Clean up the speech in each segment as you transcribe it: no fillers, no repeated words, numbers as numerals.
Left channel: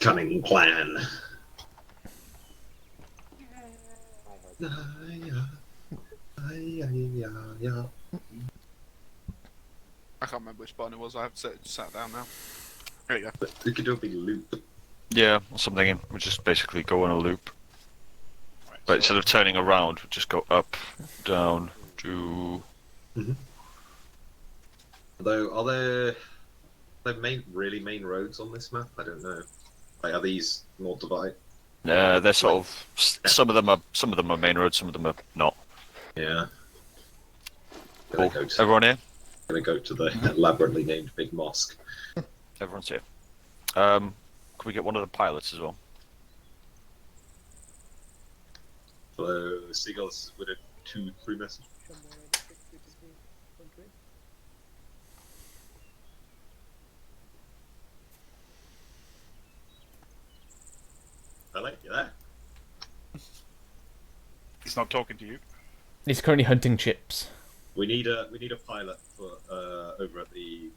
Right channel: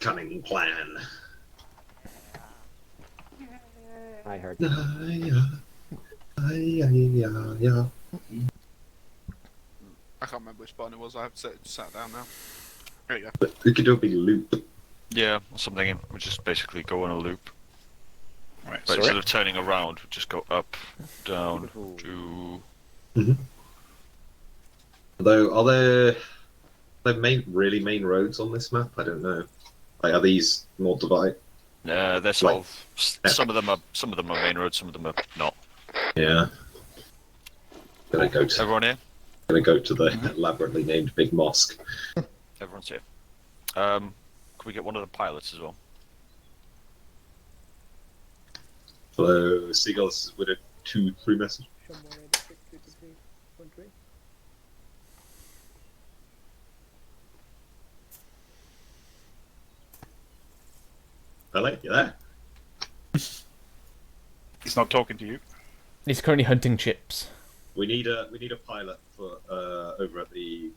Cunning plan. I heard. I can't remember which button it was. I have sat down now. There you go. We could do a big loop. Yeah, or something. We just basically go on a loop. Right, But instead sorry. of turning around, we just go up, down, to... Although, are there really main roads on this map? I don't know. Like, are these more divided? they're sort of... Some of them are main roads, some of them are not. Yeah. Cool. Everyone here? Gonna go to the elaborately named Big Mosque. Everyone's here. Can we get one of the pilots as well? Hello, Seagulls with a 2-3 message. Hello, you there? He's not talking to you. He's currently hunting chips. We need a pilot for over at the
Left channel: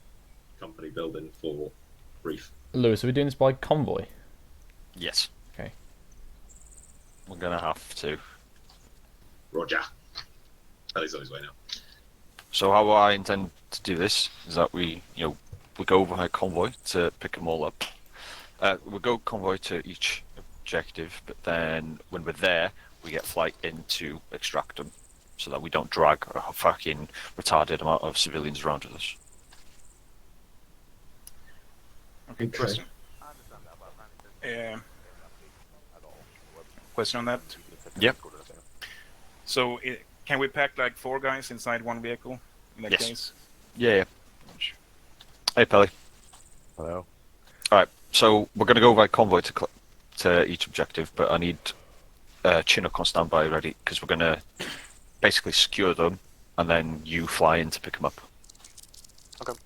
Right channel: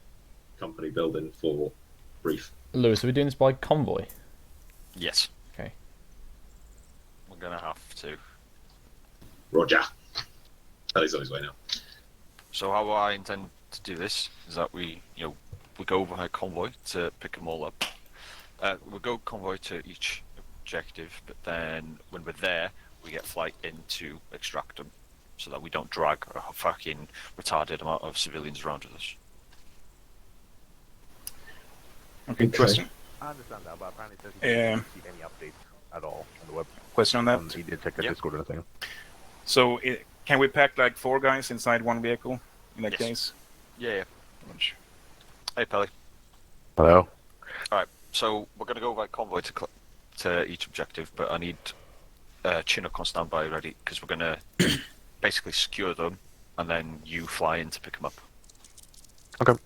company building for brief. Lewis, are we doing this by convoy? Yes. Okay. We're gonna have to. Roger. Oh, he's on his way now. So how I intend to do this is that we go via convoy to pick them all up. We'll go convoy to each objective, but then when we're there, we get flight in to extract them, so that we don't drag a fucking retarded amount of civilians around with us. Okay, question. I understand that, but apparently there's not any updates at all on the web. Question on that. He did check the Yeah. Discord or anything. So, can we pack like 4 guys inside one vehicle in that Yes. case? Yeah. Hey, Pelly. Hello. Alright, so we're going to go by convoy to each objective, but I need Chinook on standby ready, because we're going to basically secure them, and then you fly in to pick them up. Okay.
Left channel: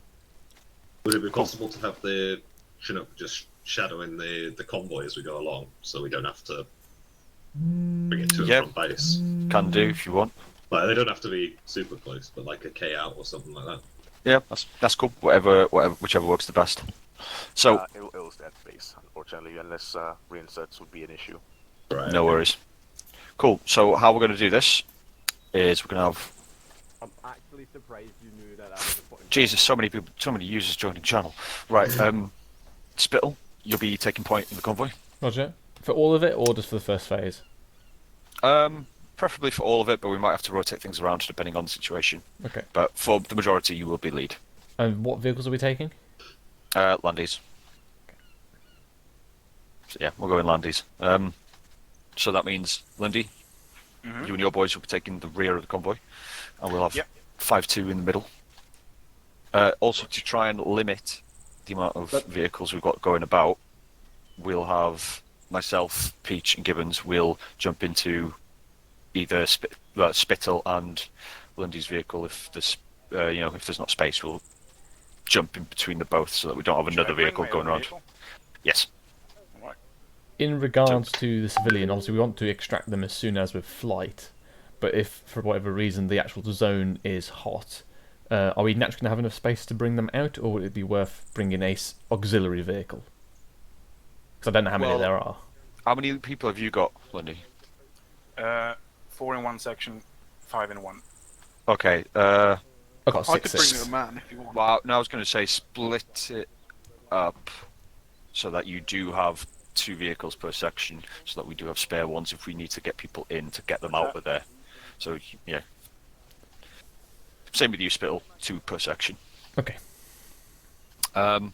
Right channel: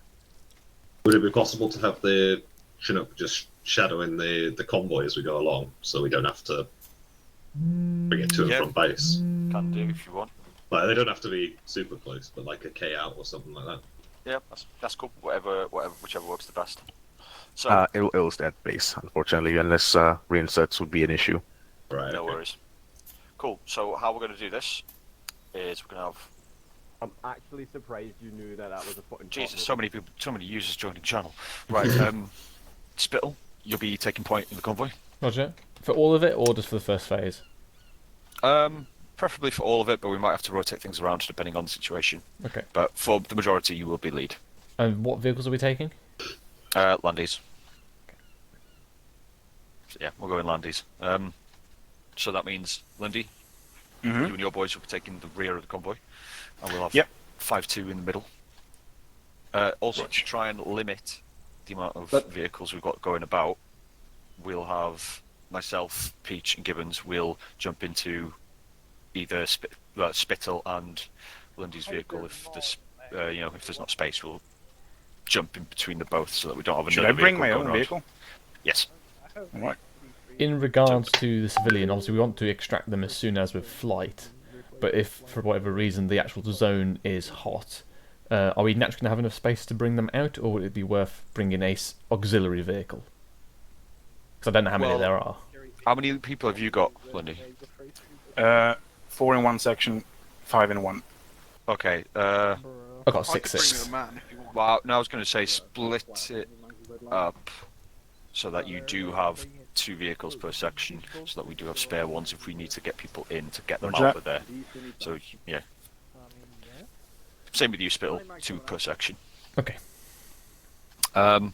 Would it be possible to have the Chinook just shadowing the convoy as we go along, so we don't have to bring it to and Yeah. from base? Can do if you want. Like, they don't have to be super close, but like a K out or something like that. Yeah, that's cool. Whichever works the best. So It'll stay at base, unfortunately, unless reinserts would be an issue. Right. no okay. worries. Cool. So how we're going to do this is we're going to have. I'm actually surprised you knew that was a fucking Jesus, so many people, so many users joining the channel. Right, Spittle, you'll be taking point in the convoy. Roger. For all of it, or just for the first phase? Preferably for all of it, but we might have to rotate things around depending on the situation. Okay. But for the majority, you will be lead. And what vehicles are we taking? Landies. So yeah, we'll go in Landies. So that means, Lindy, you and your boys will be taking the rear of the convoy, and we'll have 5-2 in the middle. Also, to try and limit the amount of vehicles we've got going about, we'll have myself, Peach, and Gibbons will jump into either Spittle and Lindy's vehicle. If there's, if there's not space, we'll jump in between the both so that we don't have Should I another bring vehicle my going own around. vehicle? Yes. Right. In regards to the civilian, obviously we want to extract them as soon as with flight. But if, for whatever reason, the actual zone is hot, are we naturally going to have enough space to bring them out, or would it be worth bringing a auxiliary vehicle? Because I don't know how many there are. How many people have you got, Lindy? 4 in one section, 5 in one. Okay. I've got I could bring 6-6. you a man if you want. Well, now I was going to say split it up so that you do have 2 vehicles per section, so that we do have spare ones if we need to get people in to get them out of there. So yeah. Same with you, Spittle. 2 per section. Okay. But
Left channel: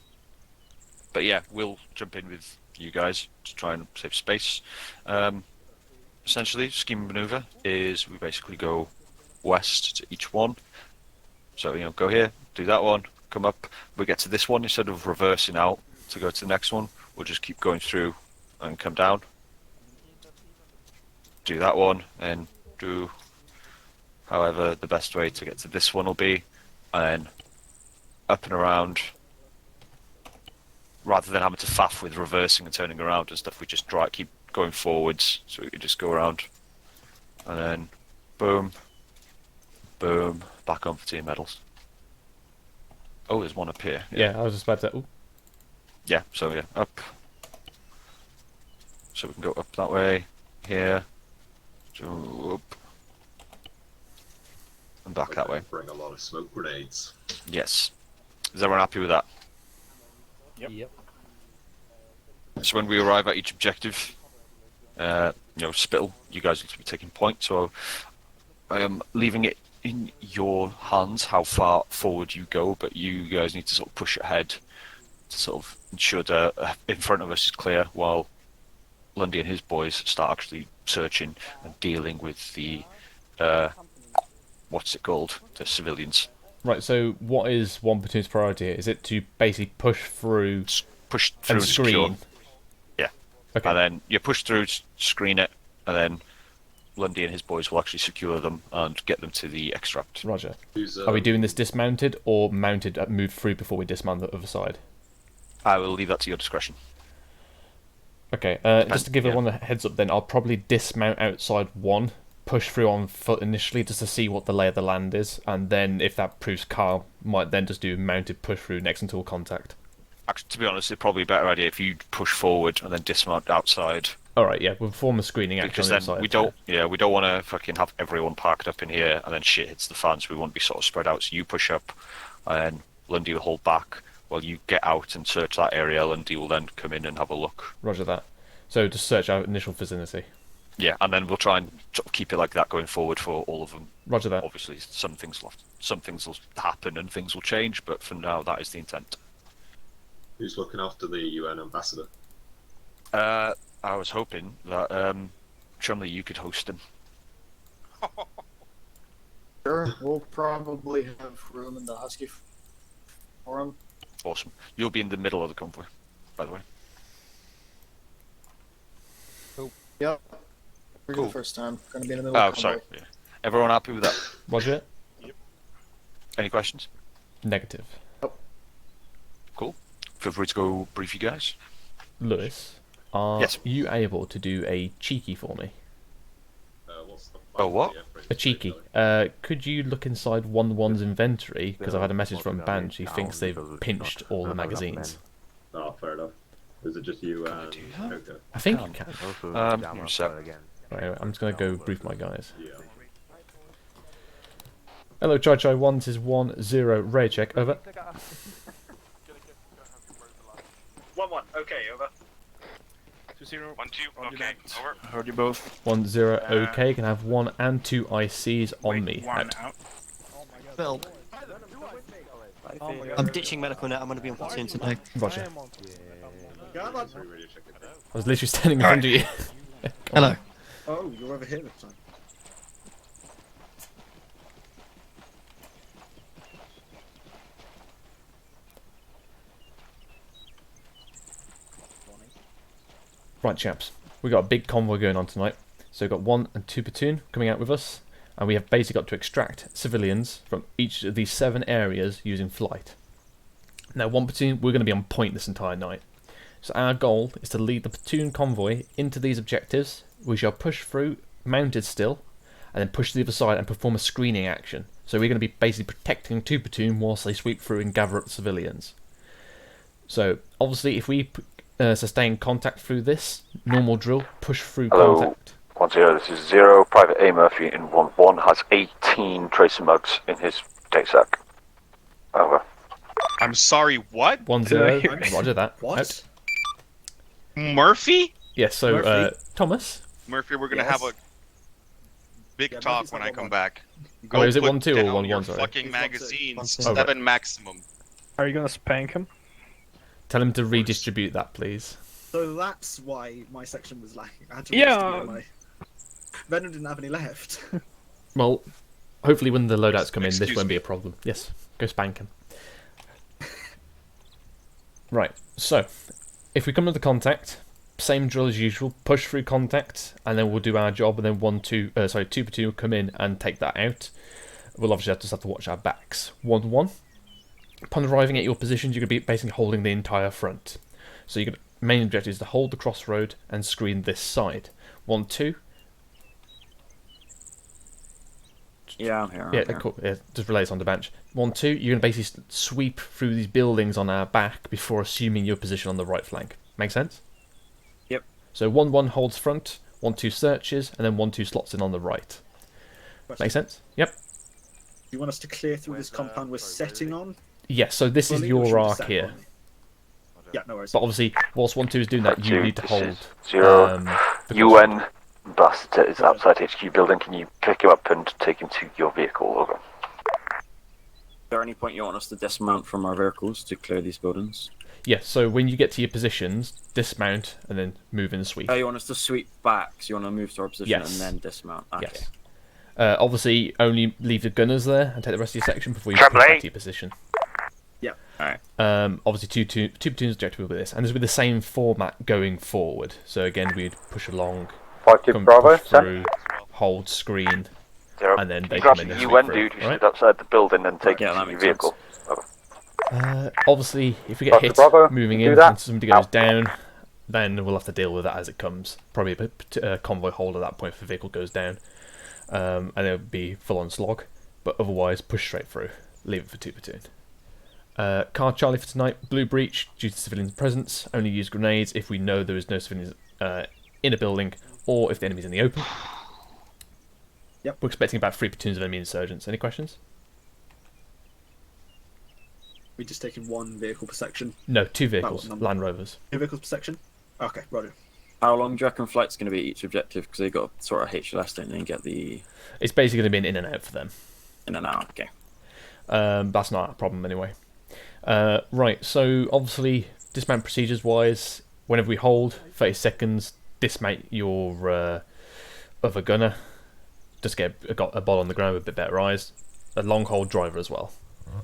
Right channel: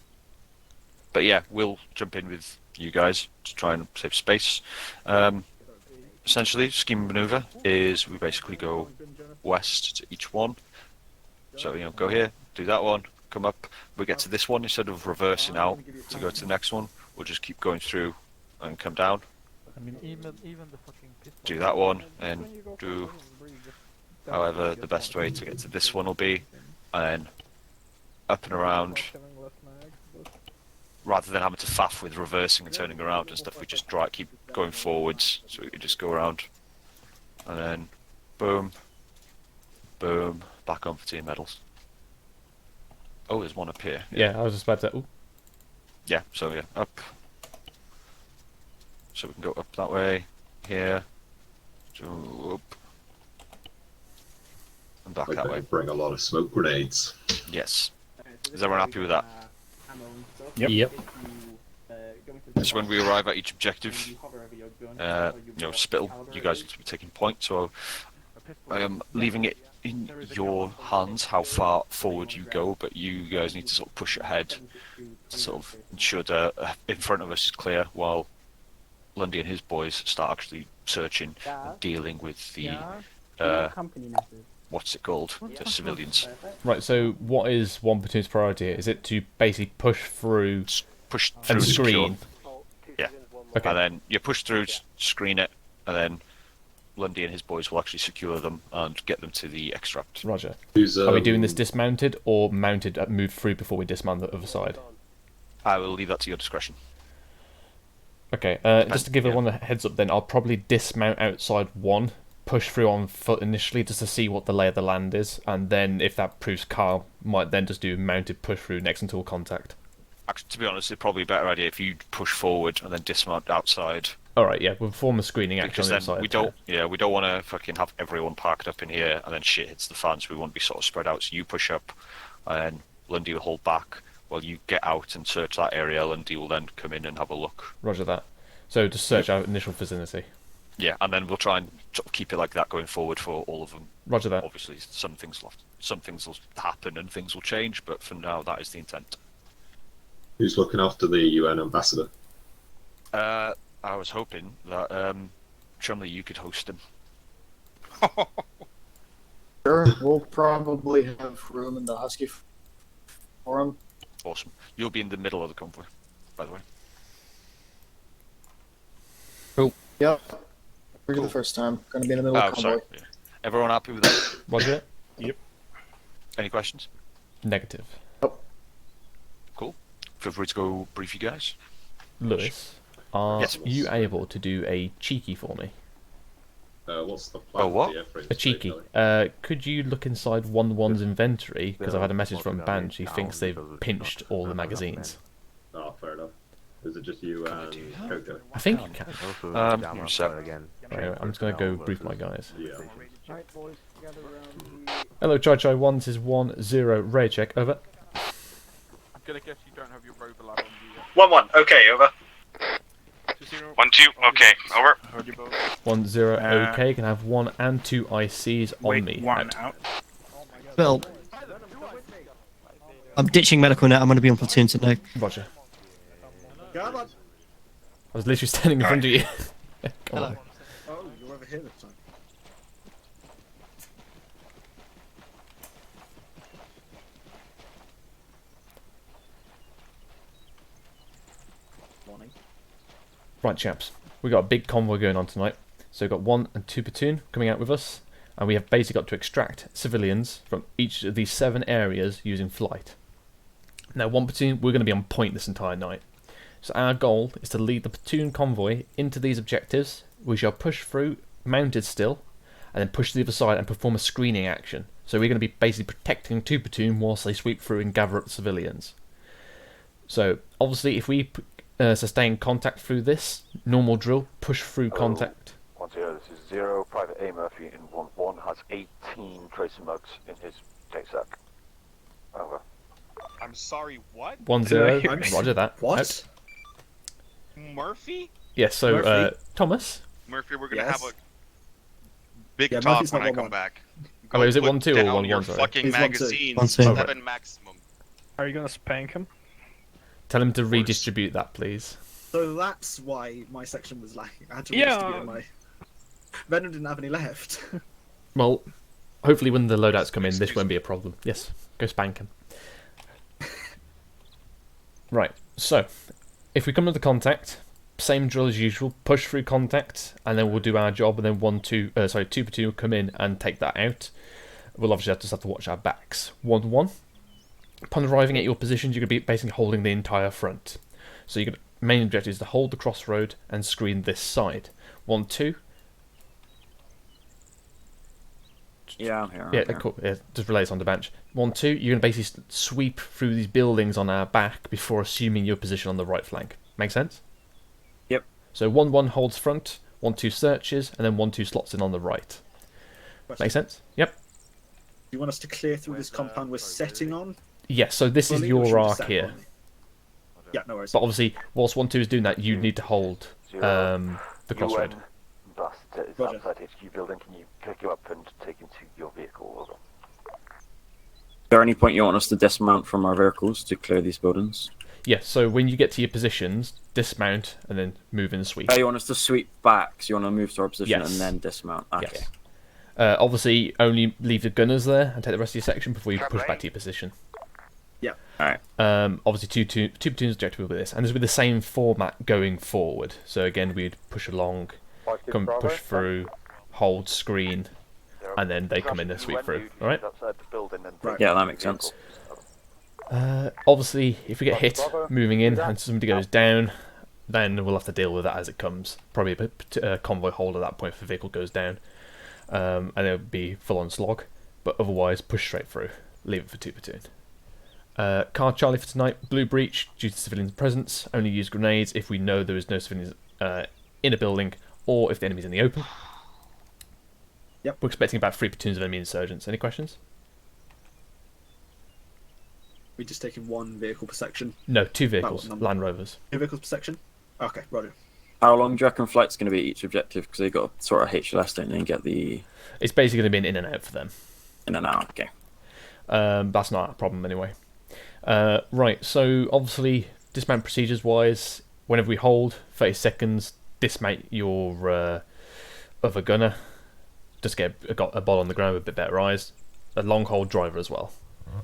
yeah, we'll jump in with you guys to try and save space. Essentially, scheme of maneuver is we basically go west to each one. So, go here, do that one, come up. We get to this one, instead of reversing out to go to the next one, we'll just keep going through and come down. Do that one, and do however the best way to get to this one will be, and then up and around. Rather than having to faff with reversing and turning around and stuff, we just keep going forwards, so we can just go around, and then boom, boom, back on for 2 medals. Oh, there's one up here. Yeah, I was just about to... Ooh. Yeah, so yeah, up, So we can go up that way, here, up, and back that way. Bring a lot of smoke grenades. Yes. Is everyone happy with that? Yep. So when we arrive at each objective, Spittle, you guys need to be taking point. So I am leaving it in your hands how far forward you go, but you guys need to sort of push ahead to sort of ensure that in front of us is clear while Lundy and his boys start actually searching and dealing with the what's it called? The civilians. Right, so what is one platoon's priority here? Is it to basically push through and screen? Yeah. Okay. And then you push through, screen it, and then Lundy and his boys will actually secure them and get them to the extract. Roger. Are we doing this dismounted or mounted, move through before we dismount the other side? I will leave that to your discretion. Okay, just to give everyone a heads up then, I'll probably dismount outside one, push through on foot initially just to see what the lay of the land is, and then if that proves calm, might then just do mounted push through next until contact. Actually, to be honest, it's probably a better idea if you push forward and then dismount outside. Alright, yeah, we'll perform a screening action Because on the then side. we don't want to fucking have everyone parked up in here and then shit hits the fan, so we want to be sort of spread out. So you push up, and Lundy will hold back while you get out and search that area. Lundy will then come in and have a look. Roger that. So just search our initial vicinity. Yeah, and then we'll try and sort of keep it like that going forward for all of them. Roger that. Obviously, some things will happen and things will change, but for now, that is the intent. Who's looking after the UN ambassador? I was hoping that Chumley, you could host him. Sure, we'll probably have room in the Husky for him. Awesome. You'll be in the middle of the convoy, by the way. Yep. For Cool. the first time. Gonna be in the middle of the Sorry. convoy. Yeah. Everyone happy with that? Roger? Any questions? Negative. Cool. Feel free to go brief you guys. Lewis, are Yes. you able to do a cheeky for me? What's the Oh, what? A cheeky. Could you look inside 1-1's inventory? Because I've had a message from Banch. He thinks they've pinched all the magazines. Oh, fair enough. Is it just you and Coco? I think you can. So- Right, I'm just going to go brief my guys. Yeah. Hello, Chai Chai 1, this is 1-0, Ray check, over. I'm gonna guess you don't have your overlap. 1-1. Okay, over. 2-0. 1-2. Okay, over. Heard you both. 1-0, okay, can have 1 and 2 ICs on me. One Out. out. Bill, I'm ditching medical net. I'm going to be on platoon tonight. Roger. I was literally standing in front of you. Come on. Hello. Oh, you're over here this time. Right, chaps. We got a big convoy going on tonight. So we've got 1 and 2 platoon coming out with us, and we have basically got to extract civilians from each of these 7 areas using flight. Now, 1 platoon, we're going to be on point this entire night. So our goal is to lead the platoon convoy into these objectives. We shall push through, mounted still, and then push to the other side and perform a screening action. So we're going to be basically protecting 2 platoon whilst they sweep through and gather up the civilians. So obviously, if we sustain contact through this normal drill, push through Hello. contact. 1-0, this is 0. Private A. Murphy in 1-1 has 18 tracer mugs in his day sack. Over. I'm sorry, what? 1-0. Roger that. What? Out. Murphy? Yes. So Murphy? Thomas. Murphy, we're gonna Yes? have a big Yeah, talk Murphy's when not I come 1-1. back. Oh, wait, is it put 1-2 or down 1-1, your sorry? Fucking It's 1-2. magazines, 1-2. 7 Oh, right. maximum. Are you gonna spank him? Tell him to redistribute that, please. So that's why my section was lacking. I had to Yeah. redistribute my... Venom didn't have any left. Well, hopefully when the loadouts come in, this Excuse won't me. be a problem. Yes, go spank him. Right, so, if we come to the contact, same drill as usual, push through contact, and then we'll do our job, and then 2 platoon will come in and take that out. We'll obviously just have to watch our backs. 1-1. Upon arriving at your positions, you're going to be basically holding the entire front. So your main objective is to hold the crossroad and screen this side. 1-2. Yeah, I'm here. Yeah, cool. Yeah, just relay this on the bench. 1-2, you're going to basically sweep through these buildings on our back before assuming your position on the right flank. Make sense? Yep. So 1-1 holds front, 1-2 searches, and then 1-2 slots in on the right. Question. Make sense? Yep. Do you want us to clear through this compound we're setting on? Yes, so this is fully, or should your we just arc set here. on? Yeah, no worries. But obviously, whilst 1-2 is doing that, you need to hold the UN crossroad. bus is Roger. outside HQ building. Can you pick him up and take him to your vehicle? Over. Is there any point you want us to dismount from our vehicles to clear these buildings? Yes, so when you get to your positions, dismount and then move in the sweep. Oh, you want us to sweep back, so you want to move to our position Yes. and then dismount? Okay. Yes. Obviously, only leave the gunners there and take the rest of your section before you push back to your position. Yeah. Alright. Obviously, two platoons objective will be this, and this will be the same format going forward. So again, we'd push along, come push through, hold, screen, and then they come in and sweep through. Dude, Right? outside the building and take Yeah, him that to your makes vehicle. Obviously, if we get Roger, hit Bravo. moving Do in that. and somebody goes down, then we'll have to deal with that as it comes. Probably a convoy hold at that point if the vehicle goes down, and it'll be full on slog. But otherwise, push straight through. Leave it for 2 platoon. Car Charlie for tonight. Blue breach due to civilian presence. Only use grenades if we know there is no civilians in a building or if the enemy's in the open. Yep. We're expecting about 3 platoons of enemy insurgents. Any questions? We're just taking 1 vehicle per section. No, 2 vehicles. number? Land Rovers. 2 vehicles per section? Okay, roger. How long do you reckon flight's going to be each objective? Because they got sort of HLS, don't they, and get the It's basically going to be an in and out for them. in and out. Okay. That's not a problem anyway. Right, so obviously, dismount procedures wise, whenever we hold 30 seconds, dismount your other gunner. Just get a ball on the ground with a bit better eyes. A long hold driver as well.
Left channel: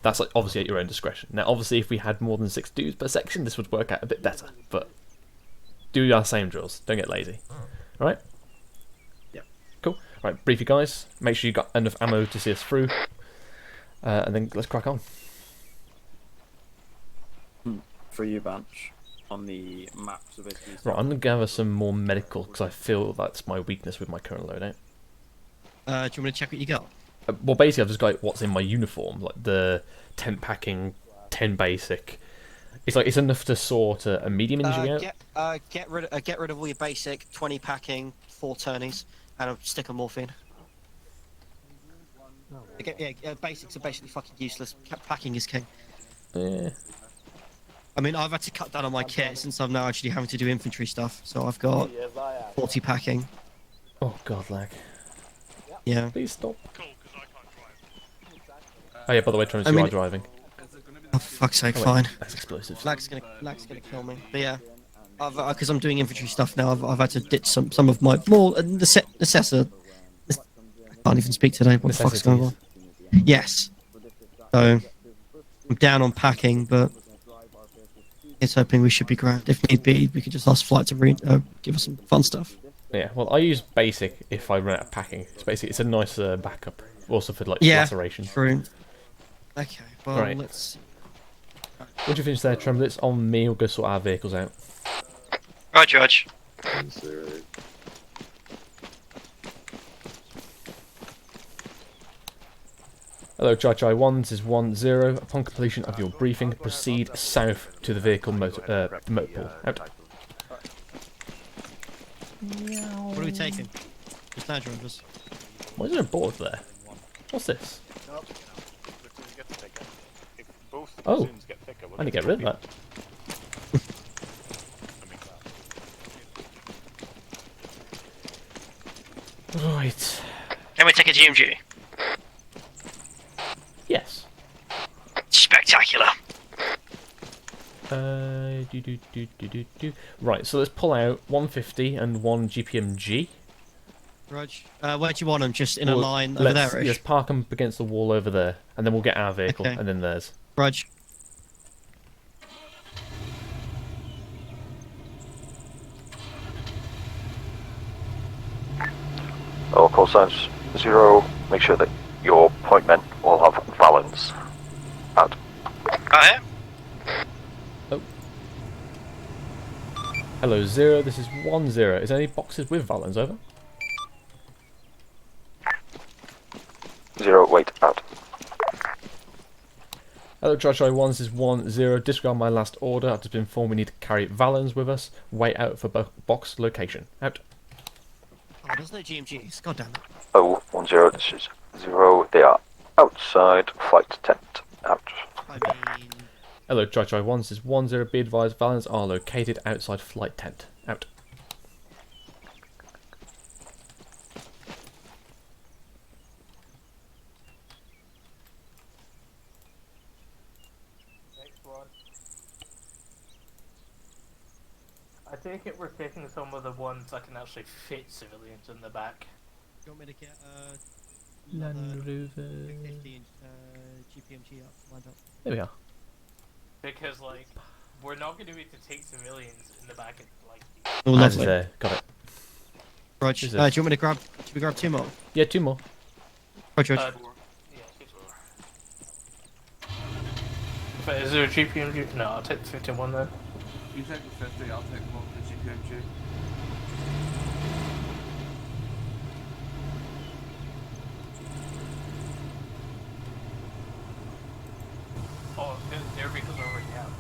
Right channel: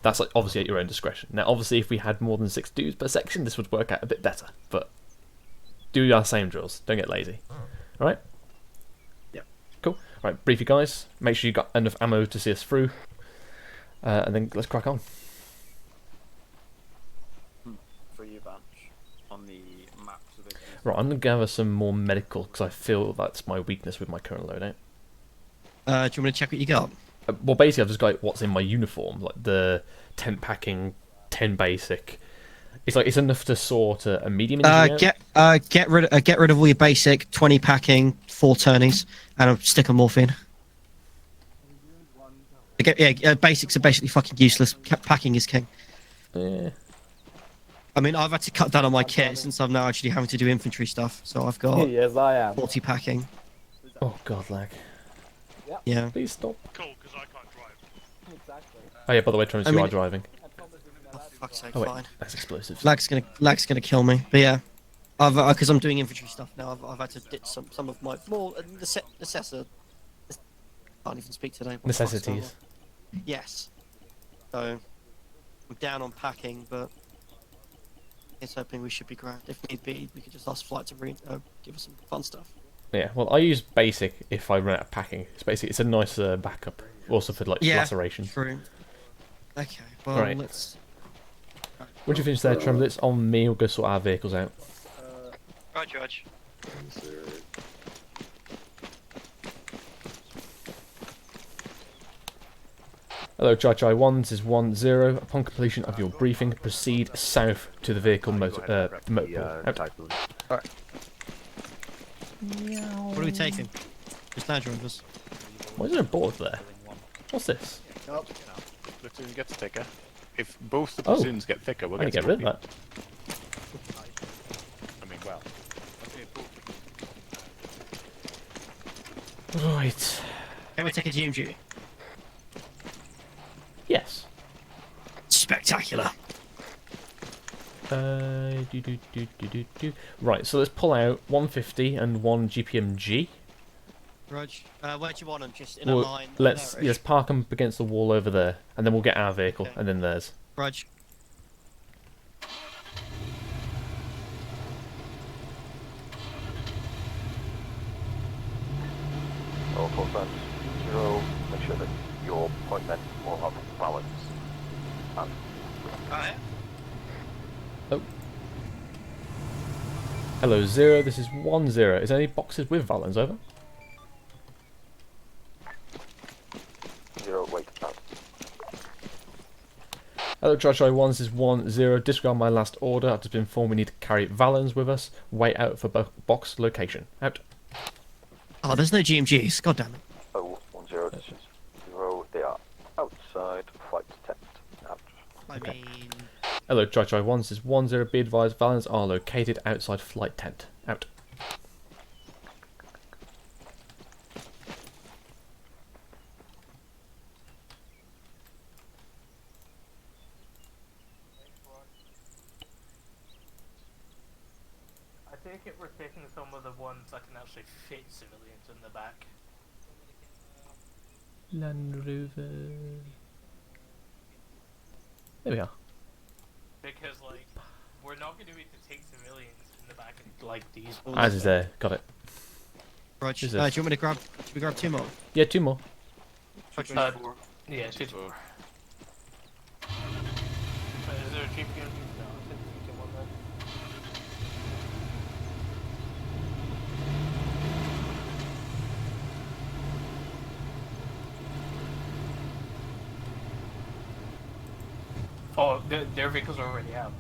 That's obviously at your own discretion. Now, obviously, if we had more than 6 dudes per section, this would work out a bit better. But do our same drills. Don't get lazy. All right? Yeah. Cool. All right, brief you guys. Make sure you got enough ammo to see us through. And then let's crack on. For you, Banch, on the map. Right, I'm going to gather some more medical because I feel that's my weakness with my current loadout. Do you want me to check what you got? Well, basically, I've just got what's in my uniform, like the tent packing, 10 basic. It's enough to sort a medium injury out. Get rid of all your basic 20 packing, 4 turnies, and a stick of morphine. Basics are basically fucking useless. Packing is king. Yeah. I mean, I've had to cut down on my kit since I'm now actually having to do infantry stuff. So I've got 40 packing. Oh god, lag. Yeah. Please stop. Oh yeah, by the way, Travis, you are driving. Oh, for fuck's sake, Oh, wait, fine. that's explosives. Lag's gonna kill me. But yeah, because I'm doing infantry stuff now. I've had to ditch some of my more necessity. I can't even speak today. What the fuck's going on? Yes. So I'm down on packing, but it's hoping we should be grand. If need be, we could just ask flight to give us some fun stuff. Yeah, well, I use basic if I run out of packing. It's a nice backup, also for like laceration. True. Okay, well, right. let's... Once you finish there, Tremble, it's on me. We'll go sort our vehicles out. Right, Judge. Hello, Chai 1, this is 1-0. Upon completion of your briefing, proceed south to the vehicle motor pool. Out. What are we taking? It's now joined us. Why is there a board there? What's this? Platoon gets thicker. If both the platoons get thicker, we'll I need to get rid of that. Right. Can we take a GMG? Yes. Spectacular. Right, so let's pull out 150 and 1 GPMG. Rog, where do you want them? Just in a line over let's, there? let's park them against the wall over there, and then we'll get our vehicle, Okay. and then theirs. Rog. All call signs 0. Make sure that your point men will have balance. Out. Yeah. Oh. Hello, 0. This is 1-0. Is there any boxes with Valens over? 0. Wait. Out. Hello, Try 1, this is 1-0. Disregard my last order. I've just been informed we need to carry Valens with us. Wait out for box location. Out. Oh, there's no GMGs. God damn it. Oh, 1-0, this is 0. They are outside flight tent. Out. I mean... Hello, Try 1, this is 1-0. Be advised, Valens are located outside flight tent. Out. I take it we're taking some of the ones that can actually fit civilians in the back. Do you want me to get, Land Rover. 15, GPMG lined up? There we are. Because, like, we're not going to be able to take civilians in the back of, like, these. Oh, As is there. Got it. Right, do you want me to grab, we grab 2 more? Yeah, 2 more. Right, George. Yeah, 2 But is there a GPMG? No, I'll take the 51 then. Oh, their vehicles already have.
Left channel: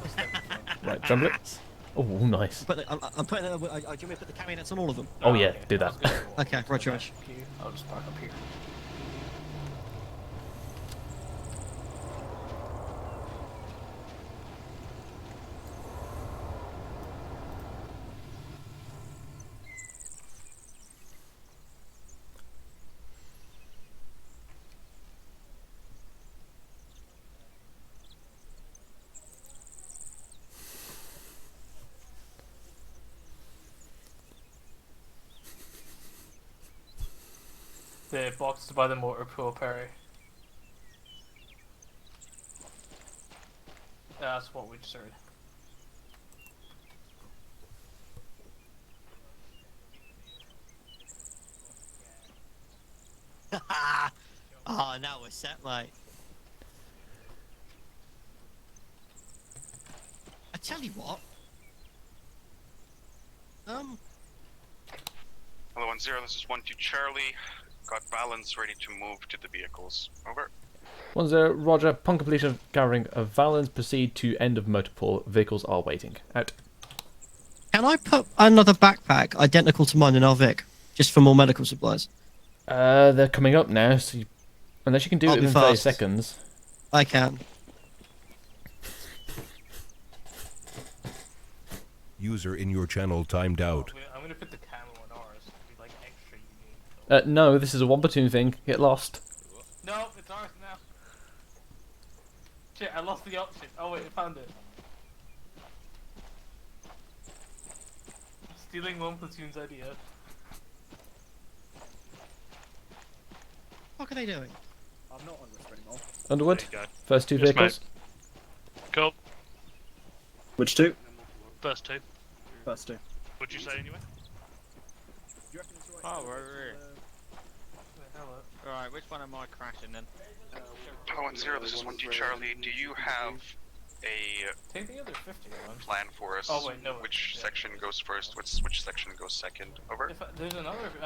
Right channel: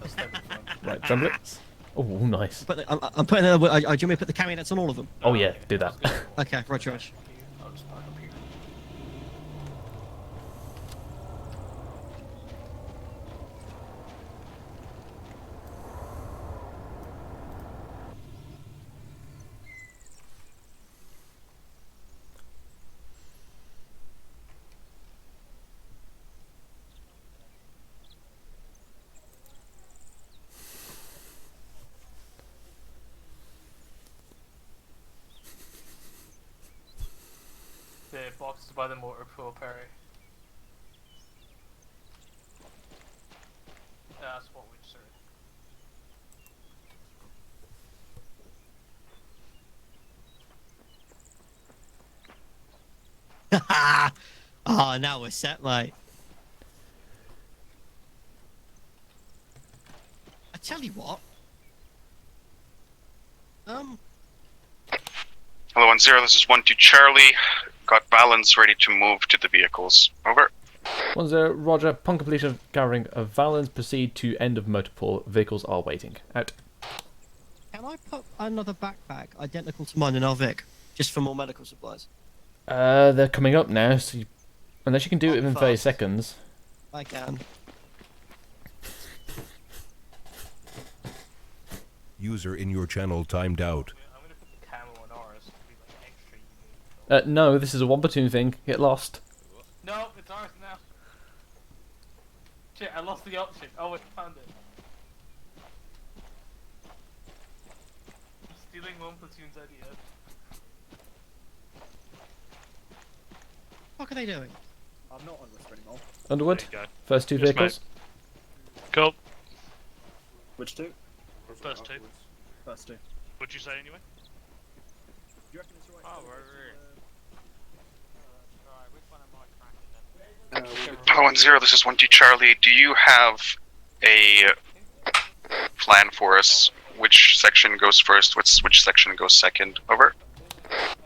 Right, Tremblets. Oh, nice. But I'm putting do you want me to put the camionets on all of them? Oh yeah, do that. Okay, right, George. I'll just park up here. The box by the motor pool, Perry. That's what we just heard. Oh, now we're set, mate. I tell you what. Hello, 1-0. This is 1-2 Charlie. Got Valens ready to move to the vehicles. Over. 1-0, Roger. Upon completion of gathering of Valens, proceed to end of motor pool. Vehicles are waiting. Out. Can I put another backpack identical to mine in our Vic, just for more medical supplies? They're coming up now, so unless you can do it within 30 fast. seconds. I can. User in your channel timed out. I'm gonna put the camo on ours to be like extra unique. No, this is a 1 platoon thing. Get lost. No, it's ours now. Shit, I lost the option. Oh wait, I found it. I'm stealing 1 platoon's idea. What are they doing? I'm not on risk anymore. Underwood. There you go. First 2 Yes, vehicles. Cool. Which 2? First 2. First 2. What'd you say anyway? Do you reckon it's right? Oh, right. Alright, which one am I crashing then? Hello, 1-0. This is 1-2 Charlie. Do you have a plan for us? Which section goes first? Which section goes second? Over.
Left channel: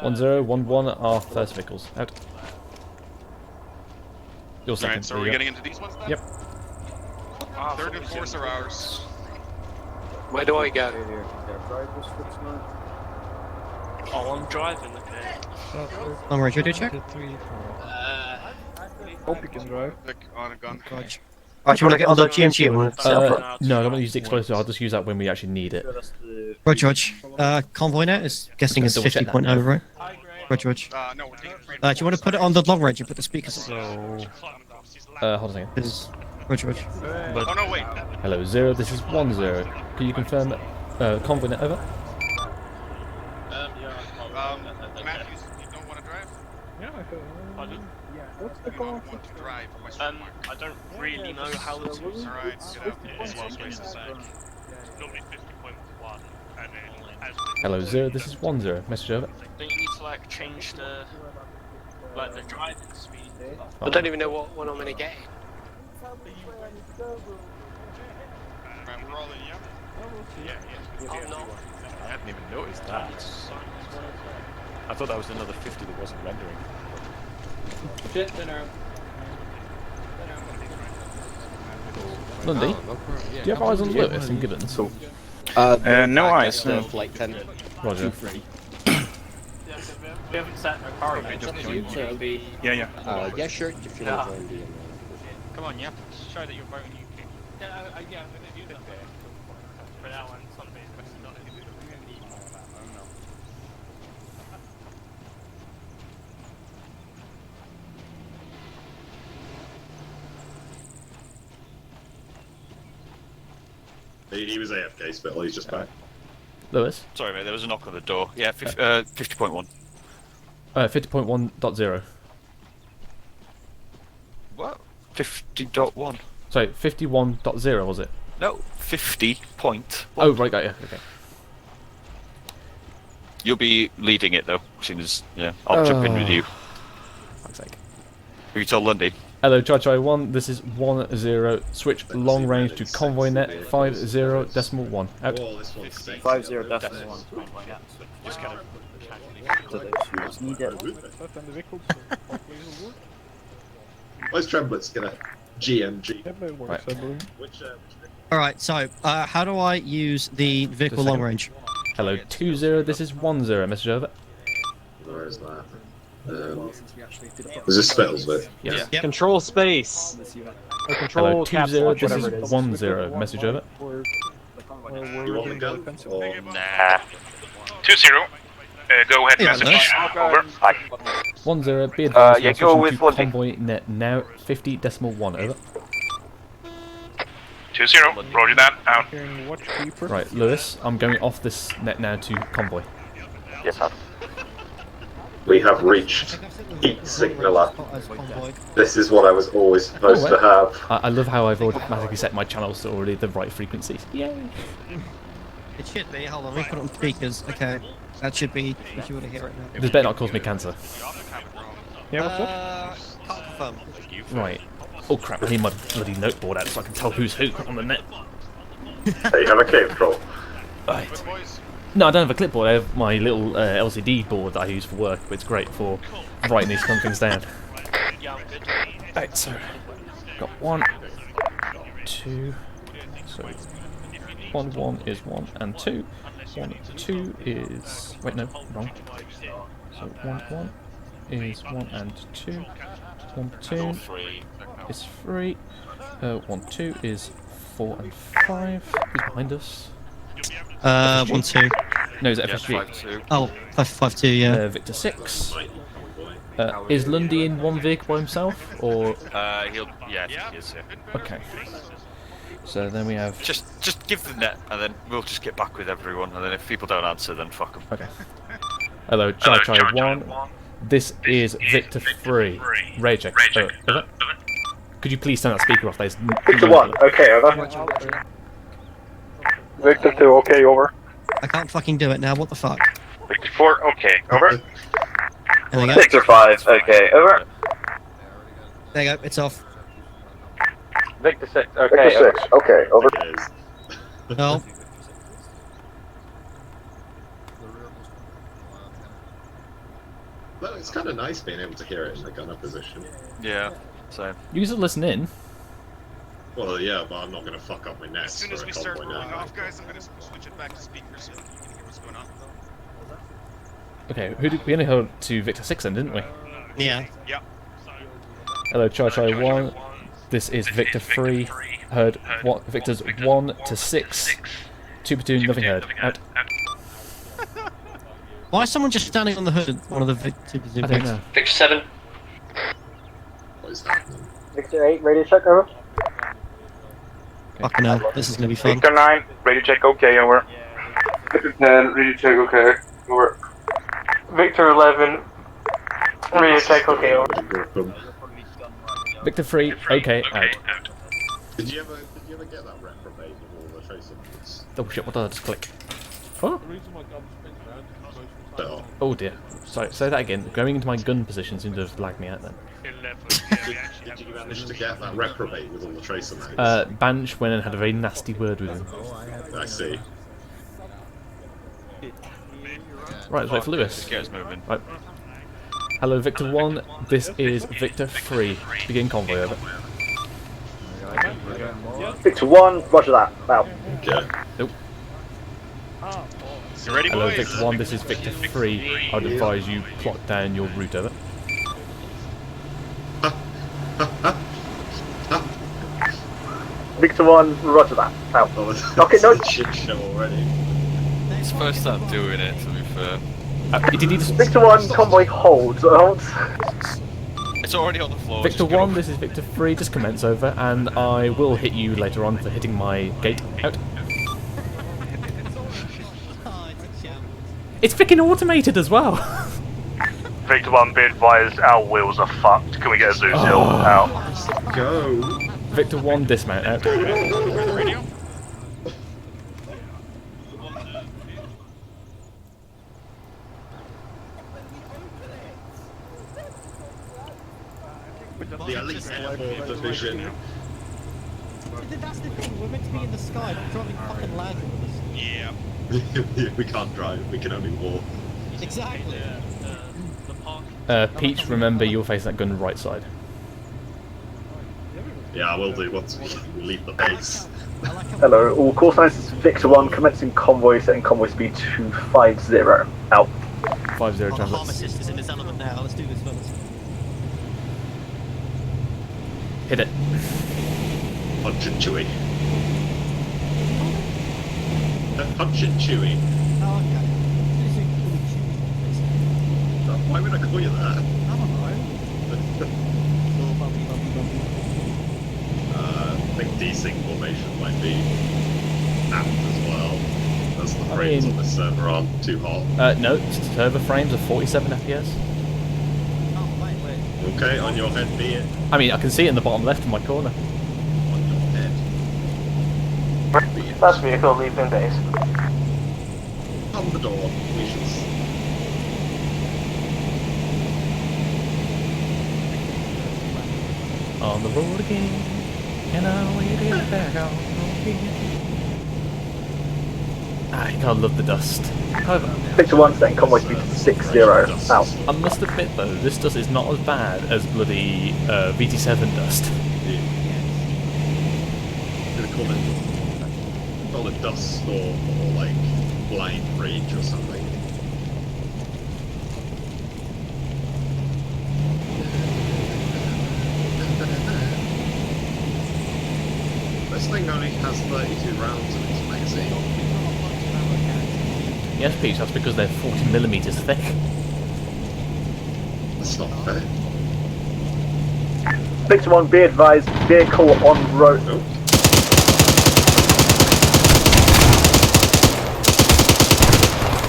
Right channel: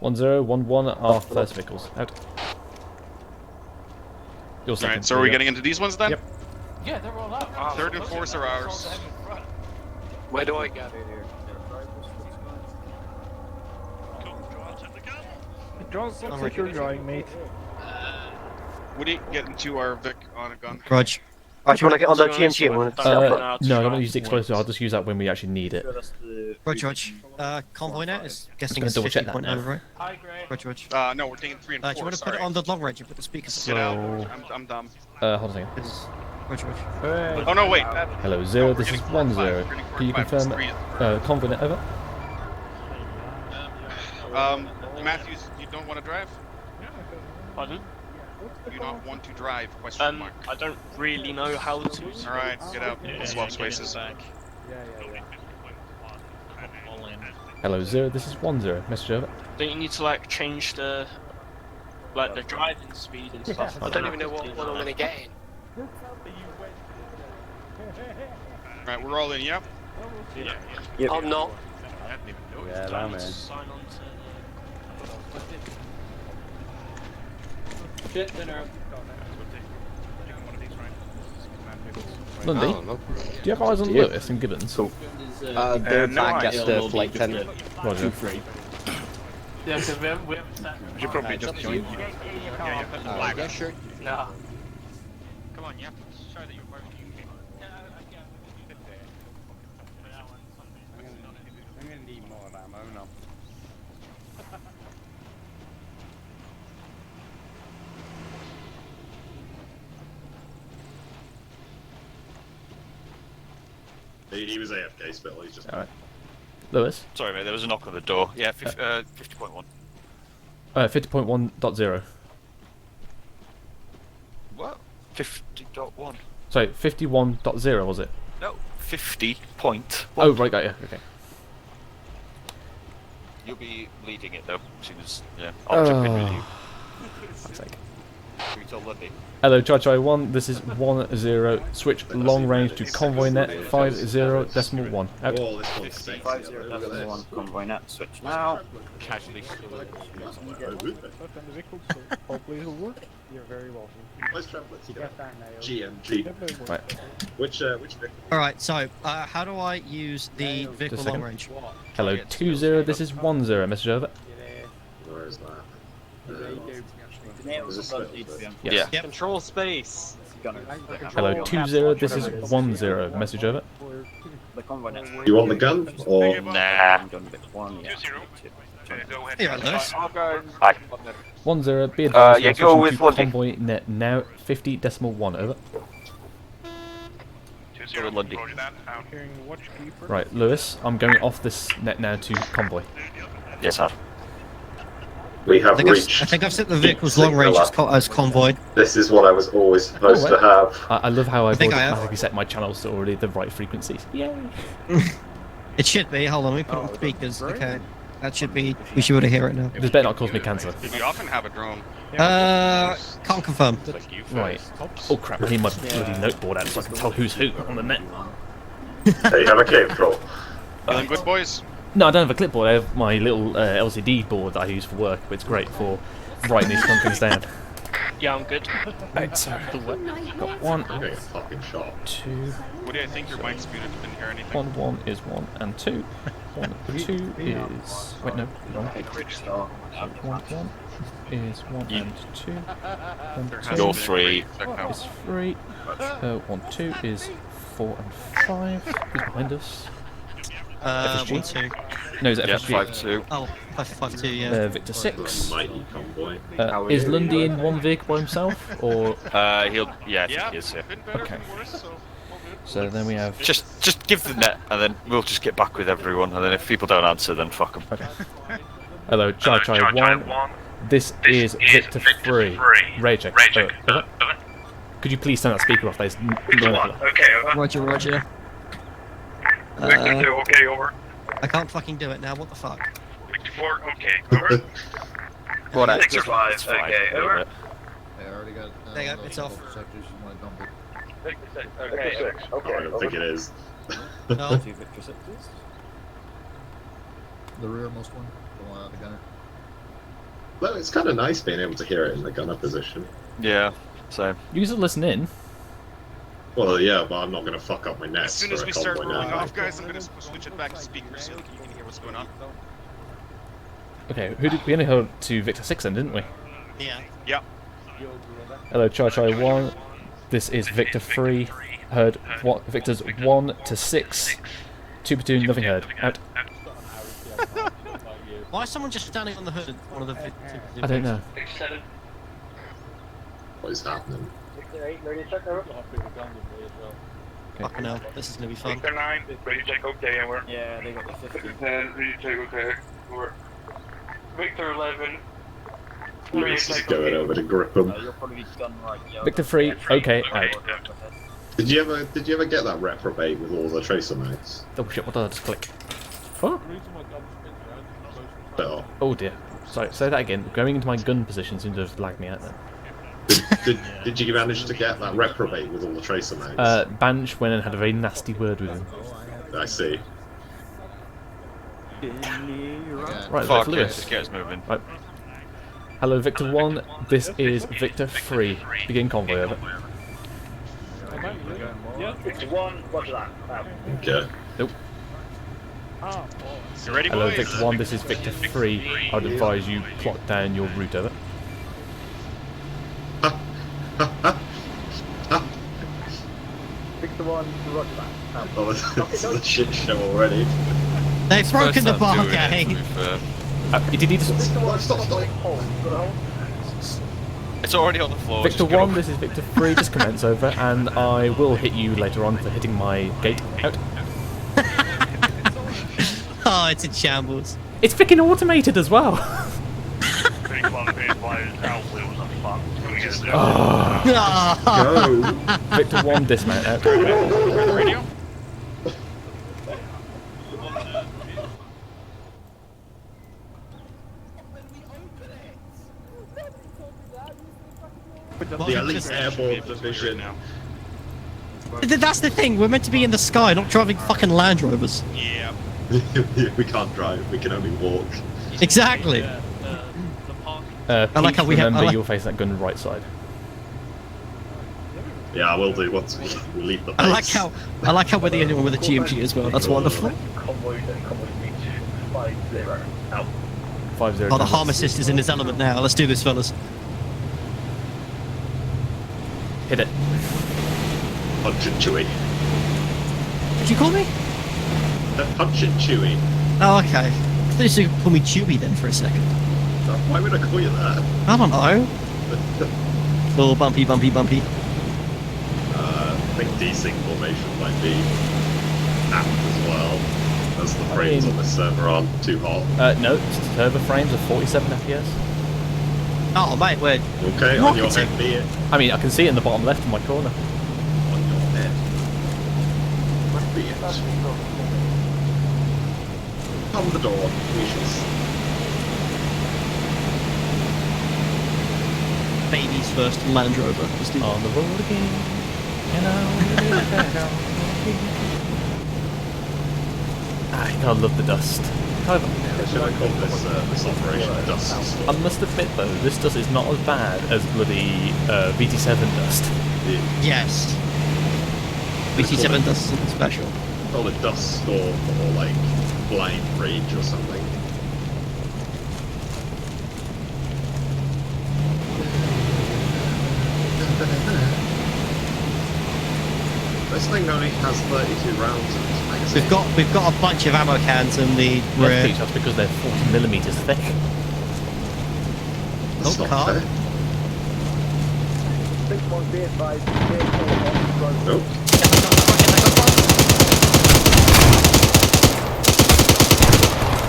1-0, 1-1 are first vehicles. Out. Your second. Alright, so are we getting into these ones then? Yep. Yeah, they're all out. Third and fourth are ours. Where do I go? Oh, I'm driving. I'm ready to check. Would you get to our Vic on a gun? Raj. Right, do you want to get on the GMG? No, I don't want to use the explosive. I'll just use that when we actually need it. Right, Raj. Convoy net is guessing it's Double check that 50.0, right? Hi, Greg. Right, Raj. No, we're taking 3 and 4. Do you want to put it on the long range and put the speakers on? So, I'm dumb. hold on a second. Is Raj, Raj. Oh no, wait. Hello, 0. This is 1-0. Can you confirm convoy net over? Matthews, you don't want to drive? Pardon? You don't want to drive? I don't really know how to. Alright, get out. Slow spaces. Hello, 0. This is 1-0. Message over. Don't you need to like change the driving speed and stuff? I don't even know what one I'm going to get in. Alright, we're all in, yeah? Yeah. I'm not. I hadn't even noticed that. I thought that was another 50 that wasn't rendering. Bit thinner. One of these, right? Lundy, do you have eyes on Lewis and Gibbons? Cool. No eyes. The flight 10. Roger. Yeah, because we haven't sat in our car. Yeah. Yeah, sure. Yeah. Come on, yeah. Show that you're voting. Yeah, I'm gonna do that for that one. Sunday. He was AFK Spittle, he's just... Alright. Lewis? Sorry, mate, there was a knock on the door. Yeah, 50.1. 50.1.0. What? 50.1. Sorry, 51.0 was it? No, 50 point. Oh, right, got you. Okay. You'll be leading it, though, as soon as... Yeah, I'll jump in with you. Fuck's sake. Will you tell Lundy? Hello, Chai 1, this is 10, switch long range to convoy net 50.1, out. 50.1 convoy net, switch now. Where's Tremblitz? He's gonna GMG. Right. Which Alright, so, how do I use the vehicle Just a long second. range? Hello, 20, this is 10, message over. Where is that? Is this Spittle's bit? Yes. Yep. Control space. Hello, 20, this is 10, message over. You want the gun? Or... Nah. 2-0. Go ahead, Yeah, message. nice. Over. 10, be advised, yeah, we're go switching with to one thing. convoy net now 50.1, over. 2-0. Roger that. Out. Right, Lewis, I'm going off this net now to convoy. Yes, sir. We have I reached. think I've set the vehicle's long range as convoy. This is what I was always supposed to have. I love how I've think I automatically set my channels to already the right frequencies. Yay! It should be. Hold on, let me put it on speakers. Okay. That should be. We should be able to hear it now. This better not cause me cancer. We often have a drone. Can't confirm. Right. Oh crap, I need my bloody noteboard out so I can tell who's who on the net. Hey, have a cave troll. Good boys. No, I don't have a clipboard, I have my little LCD board that I use for work, but it's great for writing these kind of things down. Yeah, I'm good. Right, so, got 1, 2, What do you think your So- mic's muted? Didn't hear anything. 1 is 1 and 2. 1 2 is... wait, no, wrong. So 1 is 1 and 2. 1 2 You're 3. is 3. 1 2 is 4 and 5. Who's behind us? FSG? 1 2. No, is it Yeah, FSG? 5-2. Oh, 5 2. Yeah. Victor 6. Is Lundy in one vehicle by himself, or...? Yeah, I think he is, yeah. Okay. So then we have... Just give the net, and then we'll just get back with everyone, and then if people don't answer, then fuck them. Okay. Hello, Chai 1. This is Victor 3. Ray check. Over. Could you please turn that speaker off? There's Victor 1. Okay, over. Roger. Victor 2. Okay, over. I can't fucking do it now. What the fuck? Victor 4. Okay, over. There you go. Victor 5. Okay, over. There you go. It's off. Victor 6. Okay, Victor 6. Okay, over. It is. No. Well, it's kind of nice being able to hear it in the gunner position. Yeah, so... You can still listen in. Well, yeah, but I'm not going to fuck up my As nets soon for as a we start convoy rolling now. off, guys, I'm gonna switch it back to speakers so you can hear what's going on. Okay, we only heard to Victor 6 then, didn't we? Yeah. Yeah. Hello, Chai 1. This is Victor 3. Heard what? Victor's 1 to 6. 2 platoon, nothing heard. Out. Why is someone just standing on the hood? One of the I don't know. Victor 7. What is happening? Victor 8, radio check over. Fucking hell, this is gonna be fun. Victor 9. Radio check. Okay, over. Victor 10. Radio check. Okay, over. Victor 11. Radio check. Okay, over. Victor 3, okay, out. Did you ever get that reprobate with all the tracer mates? Oh shit, what did I just click? Oh, oh dear. Sorry, say that again. Going into my gun position seems to have lagged me out then. Did you manage to get that reprobate with all the tracer mates? Banch went and had a very nasty word with him. I see. Right, Fuck, Victor Lewis. get us moving. Right. Hello, Victor 1. This is Victor 3. Begin convoy, over. Victor 1, roger that. Out. Okay. Nope. You ready, Hello, boys? Victor 1, this is Victor 3. I'd advise you plot down your route over. Victor 1, roger that. Out. Okay, no. It's a shit show already. They've broken the bar gang. Did he just... Victor 1, convoy holds. It's already on the floor. Victor 1, this is Victor 3, just commence over, and I will hit you later on for hitting my gate out. Oh, it's a shambles. It's freaking automated as well! Victor 1, be advised, our wheels are fucked. Can we get a zoom Oh. out? Go! Victor 1, dismount out. Radio? The elite airborne division. That's the thing, we're meant to be in the sky, not driving fucking Land Rovers. Yeah. We can't drive, we can only walk. Exactly. Peach, remember you'll face that gun right side. Yeah, I will do once we leave the base. I like how we're dealing with the GMG as well. Victor 1, commencing convoy, setting convoy speed to 50. Out. 50 Oh, the translates. harm assist is in his element now. Let's do this, fellas. Hit it. Punch and chewy. Did you call me? Punch and chewy. Oh, okay. I thought you said call me Chewy then for a second. Why would I call you that? I don't know. Oh, bumpy. I think desync formation might be apt as well. As the frames on the server aren't too hot. No, server frames are 47 FPS. Oh, mate, wait. Okay, on your head, be it. I mean, I can see it in the bottom left of my corner. That's vehicle leaving base. On the door, Jesus. Baby's first Land Rover. On the road again, and I will be back on again. I love the dust. However, Victor 1, setting convoy speed to 60. Out. I must admit though, this dust is not as bad as bloody VT7 dust. Yes. VT7 dust is special. Not a dust storm or like blind rage or something. This thing only has 32 rounds in its magazine. We've got a bunch of ammo cans in the Yes, rear. Peach, that's because they're 40mm thick. That's not fair. Victor 1, be advised, vehicle on road. Oh.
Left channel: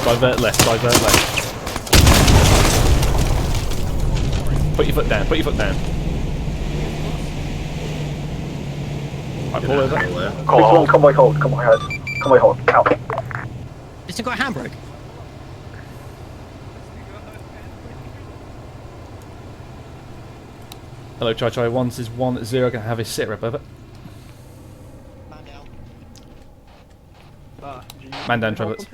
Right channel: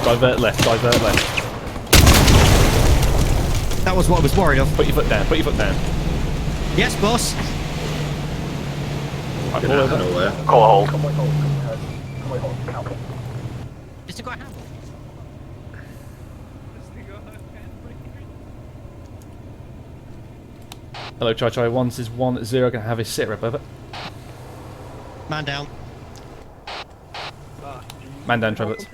Divert left. That was what I was worried of. Put your foot down. Yes, boss. Right, pull over. Convoy hold. Out. Has he got a handbrake? Hello, Chai. 1 is 1-0. Gonna have his sit rep over. Man down. Man down, Travelers.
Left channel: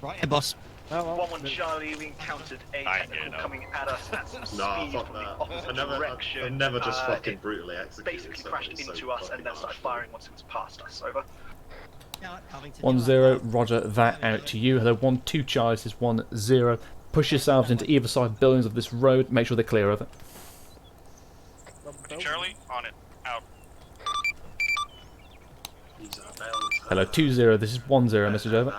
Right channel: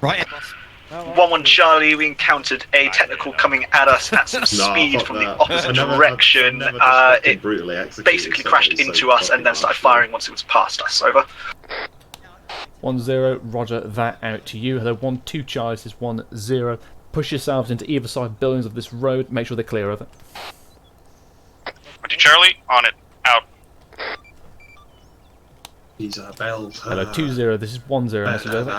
Right here, boss. 1-1 Charlie, we encountered a technical coming at us at some speed from the opposite direction. It basically crashed into us and then started firing once it was past us. Over. 1-0. Roger that out to you. Hello, 1-2 Charlie is 1-0. Push yourselves into either side buildings of this road. Make sure they're clear of it. Charlie, on it. Out. These are bells. Hello, 2-0. This is 1-0. Message over.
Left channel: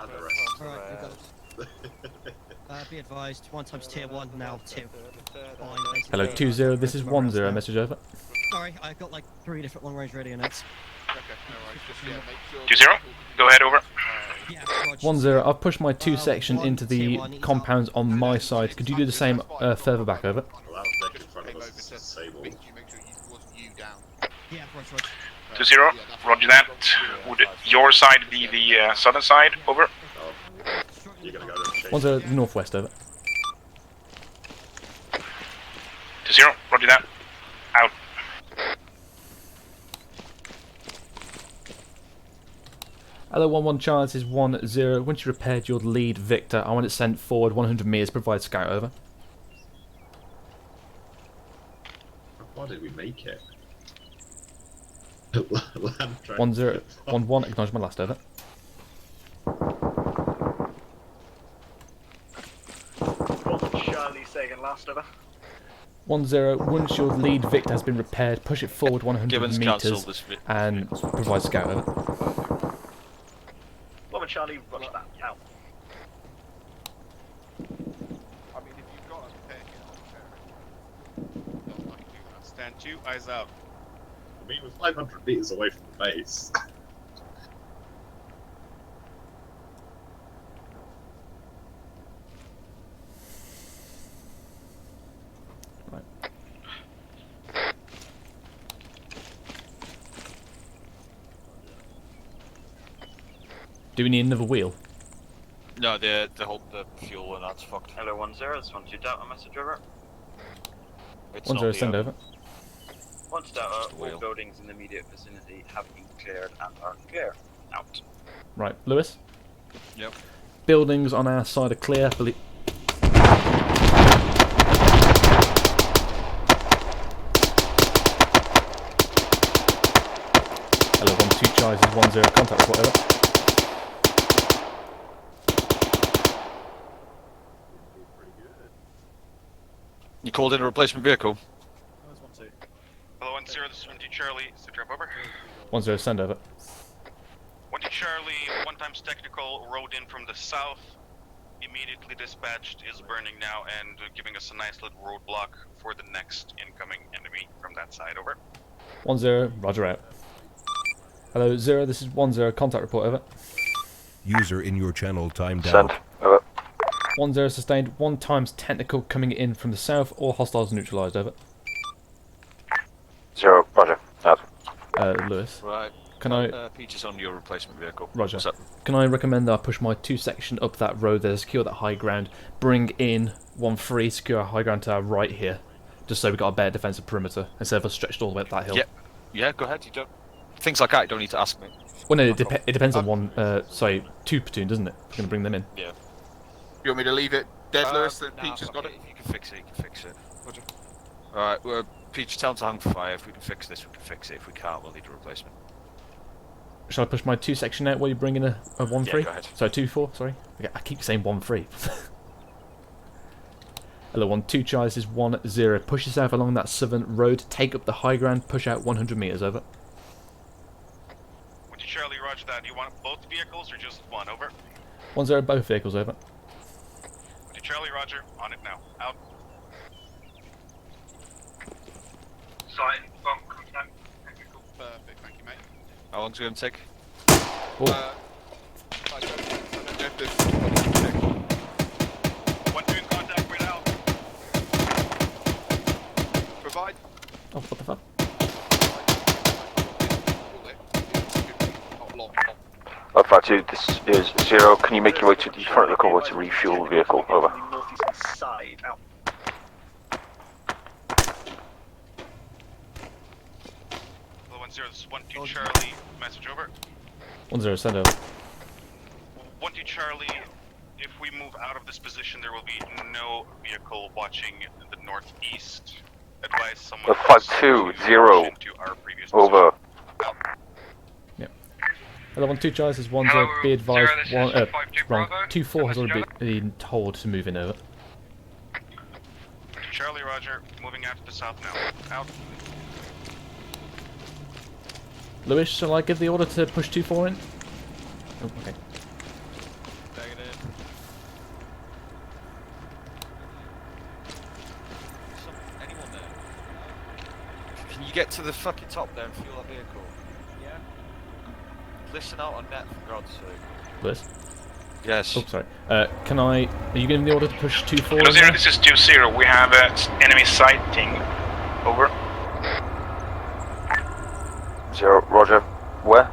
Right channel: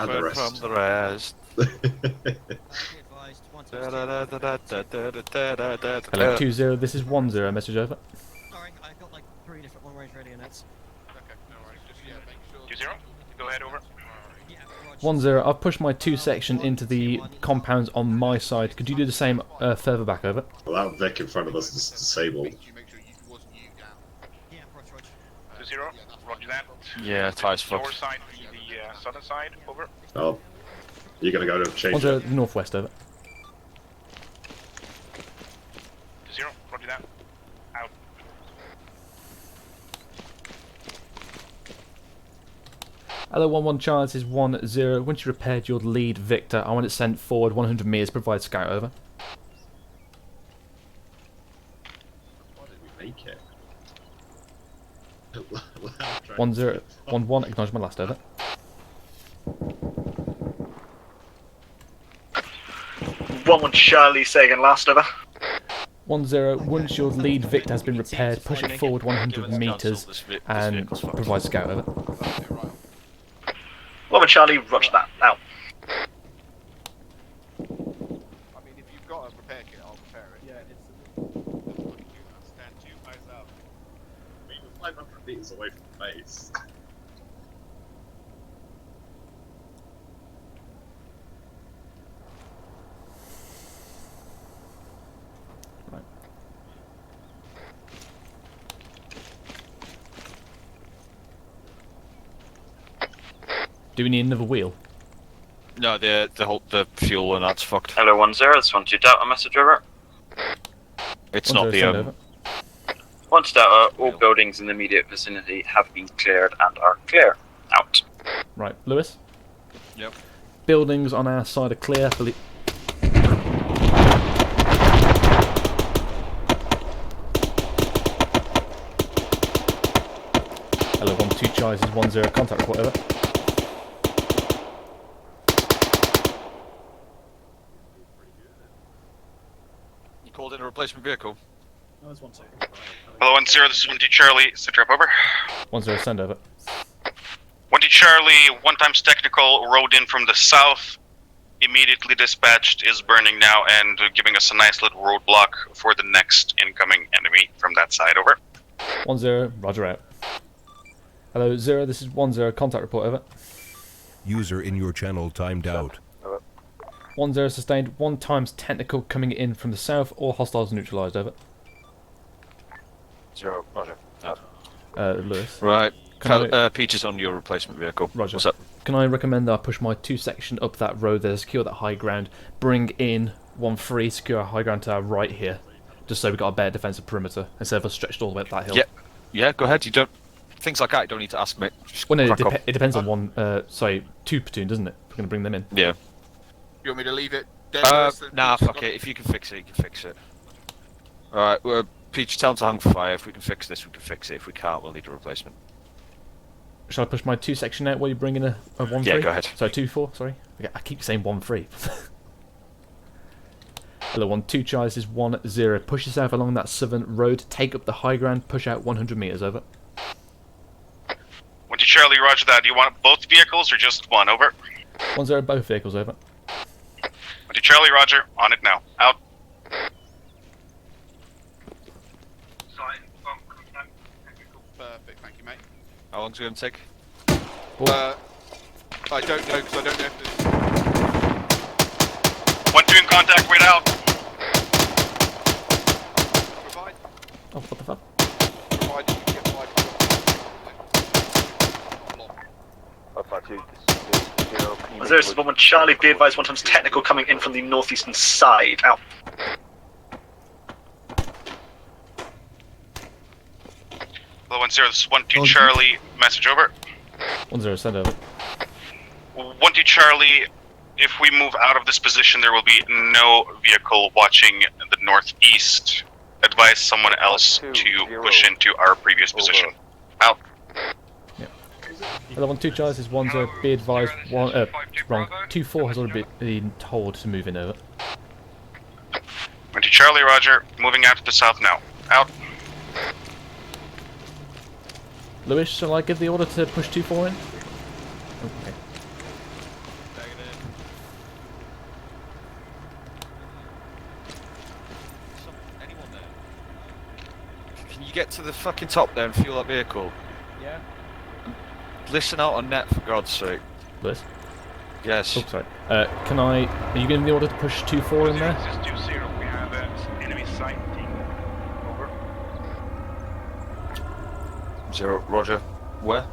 Hello, 2-0. This is 1-0. Message over. Sorry, I've got like 3 different long-range radio notes. 2-0. Go ahead, over. 1-0. I've pushed my 2 section into the compounds on my side. Could you do the same further back over? Well, that deck in front of us is disabled. 2-0. Roger that. Yeah, Would your side be the southern side? Over. Oh, you're gonna go to change. 1-0. Northwest over. 2-0. Roger that. Out. Hello, 1-1 Charles is 1-0. Once you repaired your lead, Victor, I want it sent forward 100 meters. Provide scout over. Why did we make it? 1011, acknowledge my last, over. 1-1 Charlie, say again, last over. 10, once your lead Victor has been repaired, push it forward 100 metres and provide scout, over. 1-1 Charlie, roger that, out. Stand 2, eyes out. We were 500 metres away from the base. Right. Do we need another wheel? No, the fuel and that's fucked. Hello 10, this 12 Delta, message over. It's not the send over. 1 Delta, all buildings in the immediate vicinity have been cleared and are clear. Out. Right, Lewis? Yep. Buildings on our side are clear. Hello, 1-2 Chise is 10, contact report, over. You called in a replacement vehicle? Hello 10, this is 1-2 Charlie, sit rep over. 10, send over. 1-2 Charlie, 1 times technical, rode in from the south, immediately dispatched, is burning now and giving us a nice little roadblock for the next incoming enemy from that side, over. 10, roger out. Hello 0, this is 10, contact report, over. User in your channel timed out. 10 sustained, 1 times technical coming in from the south, all hostiles neutralised, over. 0, roger, out. Lewis. Right. Can Peach is on your replacement vehicle. Roger. Can I recommend that I push my 2 section up that road there, secure that high ground, bring in 1-3, secure a high ground to our right here, just so we've got a better defensive perimeter, instead of us stretched all the way up that hill. Yeah, go ahead. You don't... Things like that you don't need to ask me. Well, no, it depends on 2 platoon, doesn't it? We're going to bring them in. Yeah. You want me to leave it dead? Nah, fuck it. If you can fix it, you can fix it. Alright, well, Peach, tell them to hang fire. If we can fix this, we can fix it. If we can't, we'll need a replacement. Shall I push my 2 section out while you bring in a 1-3? Yeah, go ahead. So 2-4, sorry. I keep saying 1-3. Hello, 1-2 Chise is 10. Push yourself along that southern road, take up the high ground, push out 100 metres, over. 1-2 Charlie, roger that. Do you want both vehicles or just one, over? 10, both vehicles, over. 1-2 Charlie, roger. On it now. Out. Perfect, thank you, mate. How long's it going to take? I don't know, because I don't know if this... 1-2 in contact, wait out. Provide. Oh, what the fuck? Alpha 2, this is 0. Can you make your way to the Charlie, be advised, fuel 1 times technical coming in from the northeastern side. Out. Hello 10, this is 1-2 Charlie, message over. 10, send over. 1-2 Charlie, if we move out of this position, there will be no vehicle watching the northeast. Advise someone else to push into our previous position. Out. Yep. Hello, 1-2 Chise is 10. Be advised, wrong. 2-4 has already been told to move in, over. 1-2 Charlie, roger. Moving out to the south now. Out. Lewis, shall I give the order to push 2-4 in? Oh, okay. Anyone there? Can you get to the fucking top there and fuel that vehicle? Yeah. Listen out on net, for God's sake. Lewis? Yes. Oh, sorry. Are you giving the order to push 2-4 in there? This is 2-0. We have enemy sighting. Over. 0, roger. Where?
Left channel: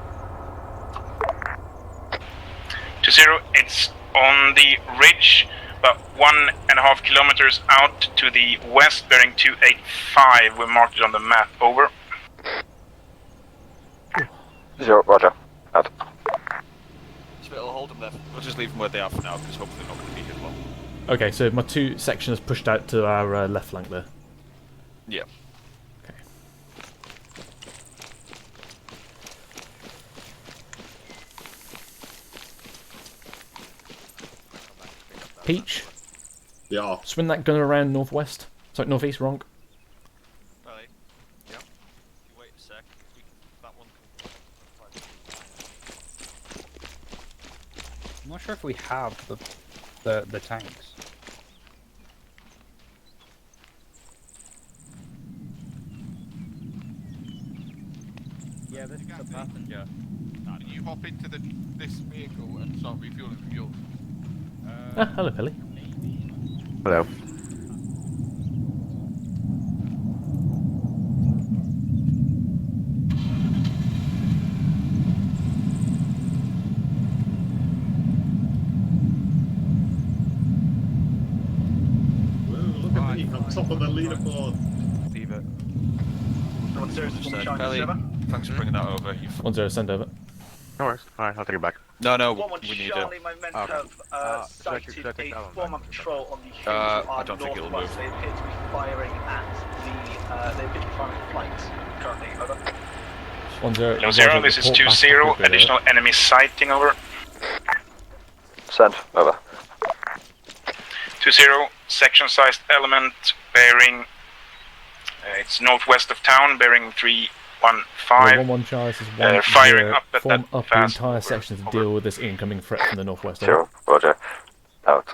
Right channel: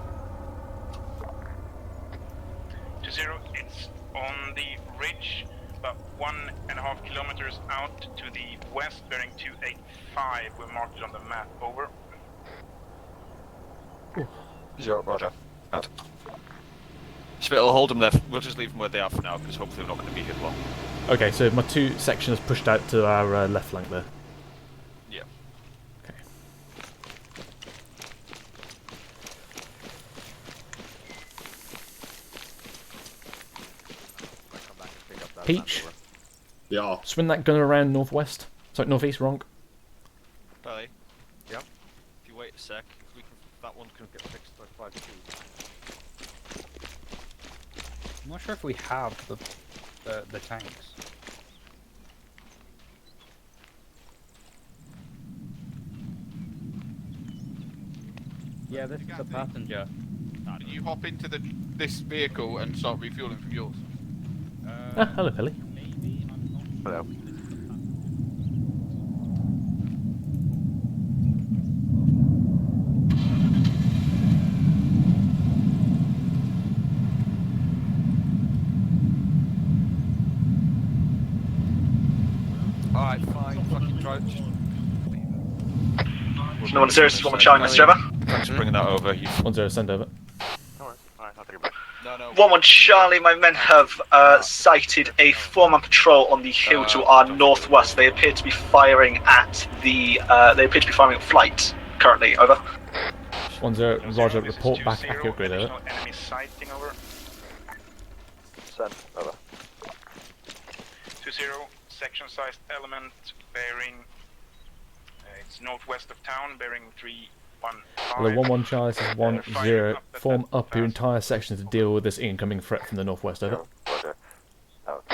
2-0. It's on the ridge, about 1.5 kilometers out to the west, bearing 285. We marked it on the map. Over. 0, roger. Out. So it'll hold them there. We'll just leave them where they are for now, because hopefully they're not going to be hit long. Okay, so my 2 section has pushed out to our left flank there. Yeah. Okay. Peach. Yeah. Swing that gun around northwest. Sorry, northeast, wrong. Charlie? Yeah? If you wait a sec, that one can get fixed by 529. I'm not sure if we have the tanks. Yeah, this is a passenger. You hop into this vehicle and start refueling from yours. Hello, Pilly. Hello. Top of the leaderboard. No 1-0, this is 1 Charlie, Mr. Trevor. Thanks for bringing that over. 1-0, send over. No worries. Alright, I'll take it back. No. 1-1 Charlie, my men have sighted a 4-man patrol on the hill to our northwest. They appear to be firing at the. They appear to be firing at flight currently. Over. 1-0. Roger, this is 2-0. Additional enemy sighting. Over. Send. Over. 2-0. Section-sized element bearing. It's northwest of town, bearing 315. 1-1 Charlie, this is 1-0. Form up your entire section to deal with this incoming threat from the northwest. Over. Roger. Out.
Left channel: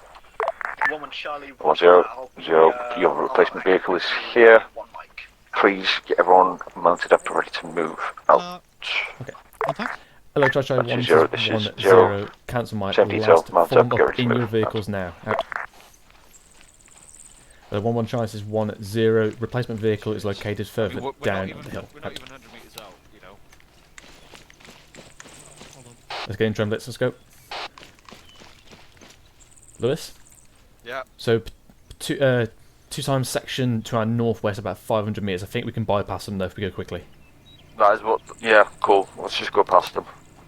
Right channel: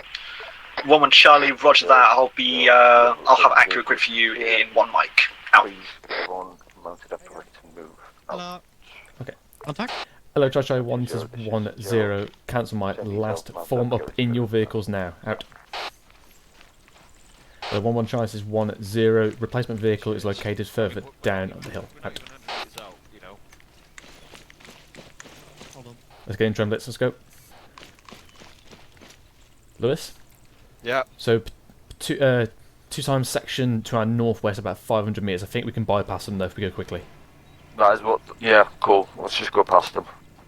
1-1 Charlie, roger that. I'll be. I'll have accurate grid for you in 1 mic. Please get everyone mounted up and ready to move. Out. Okay. Hello, Charlie 1, this is 1-0. Cancel my last. Form up in your vehicles now. Out. 1-1 Charlie, this is 1-0. Replacement vehicle is located further down the hill. Out. Let's get in trim blitz, let's go. Lewis? Yeah. So, two times section to our northwest, about 500 metres. I think we can bypass them though if we go quickly. That is what. Yeah, cool. Let's just go past them.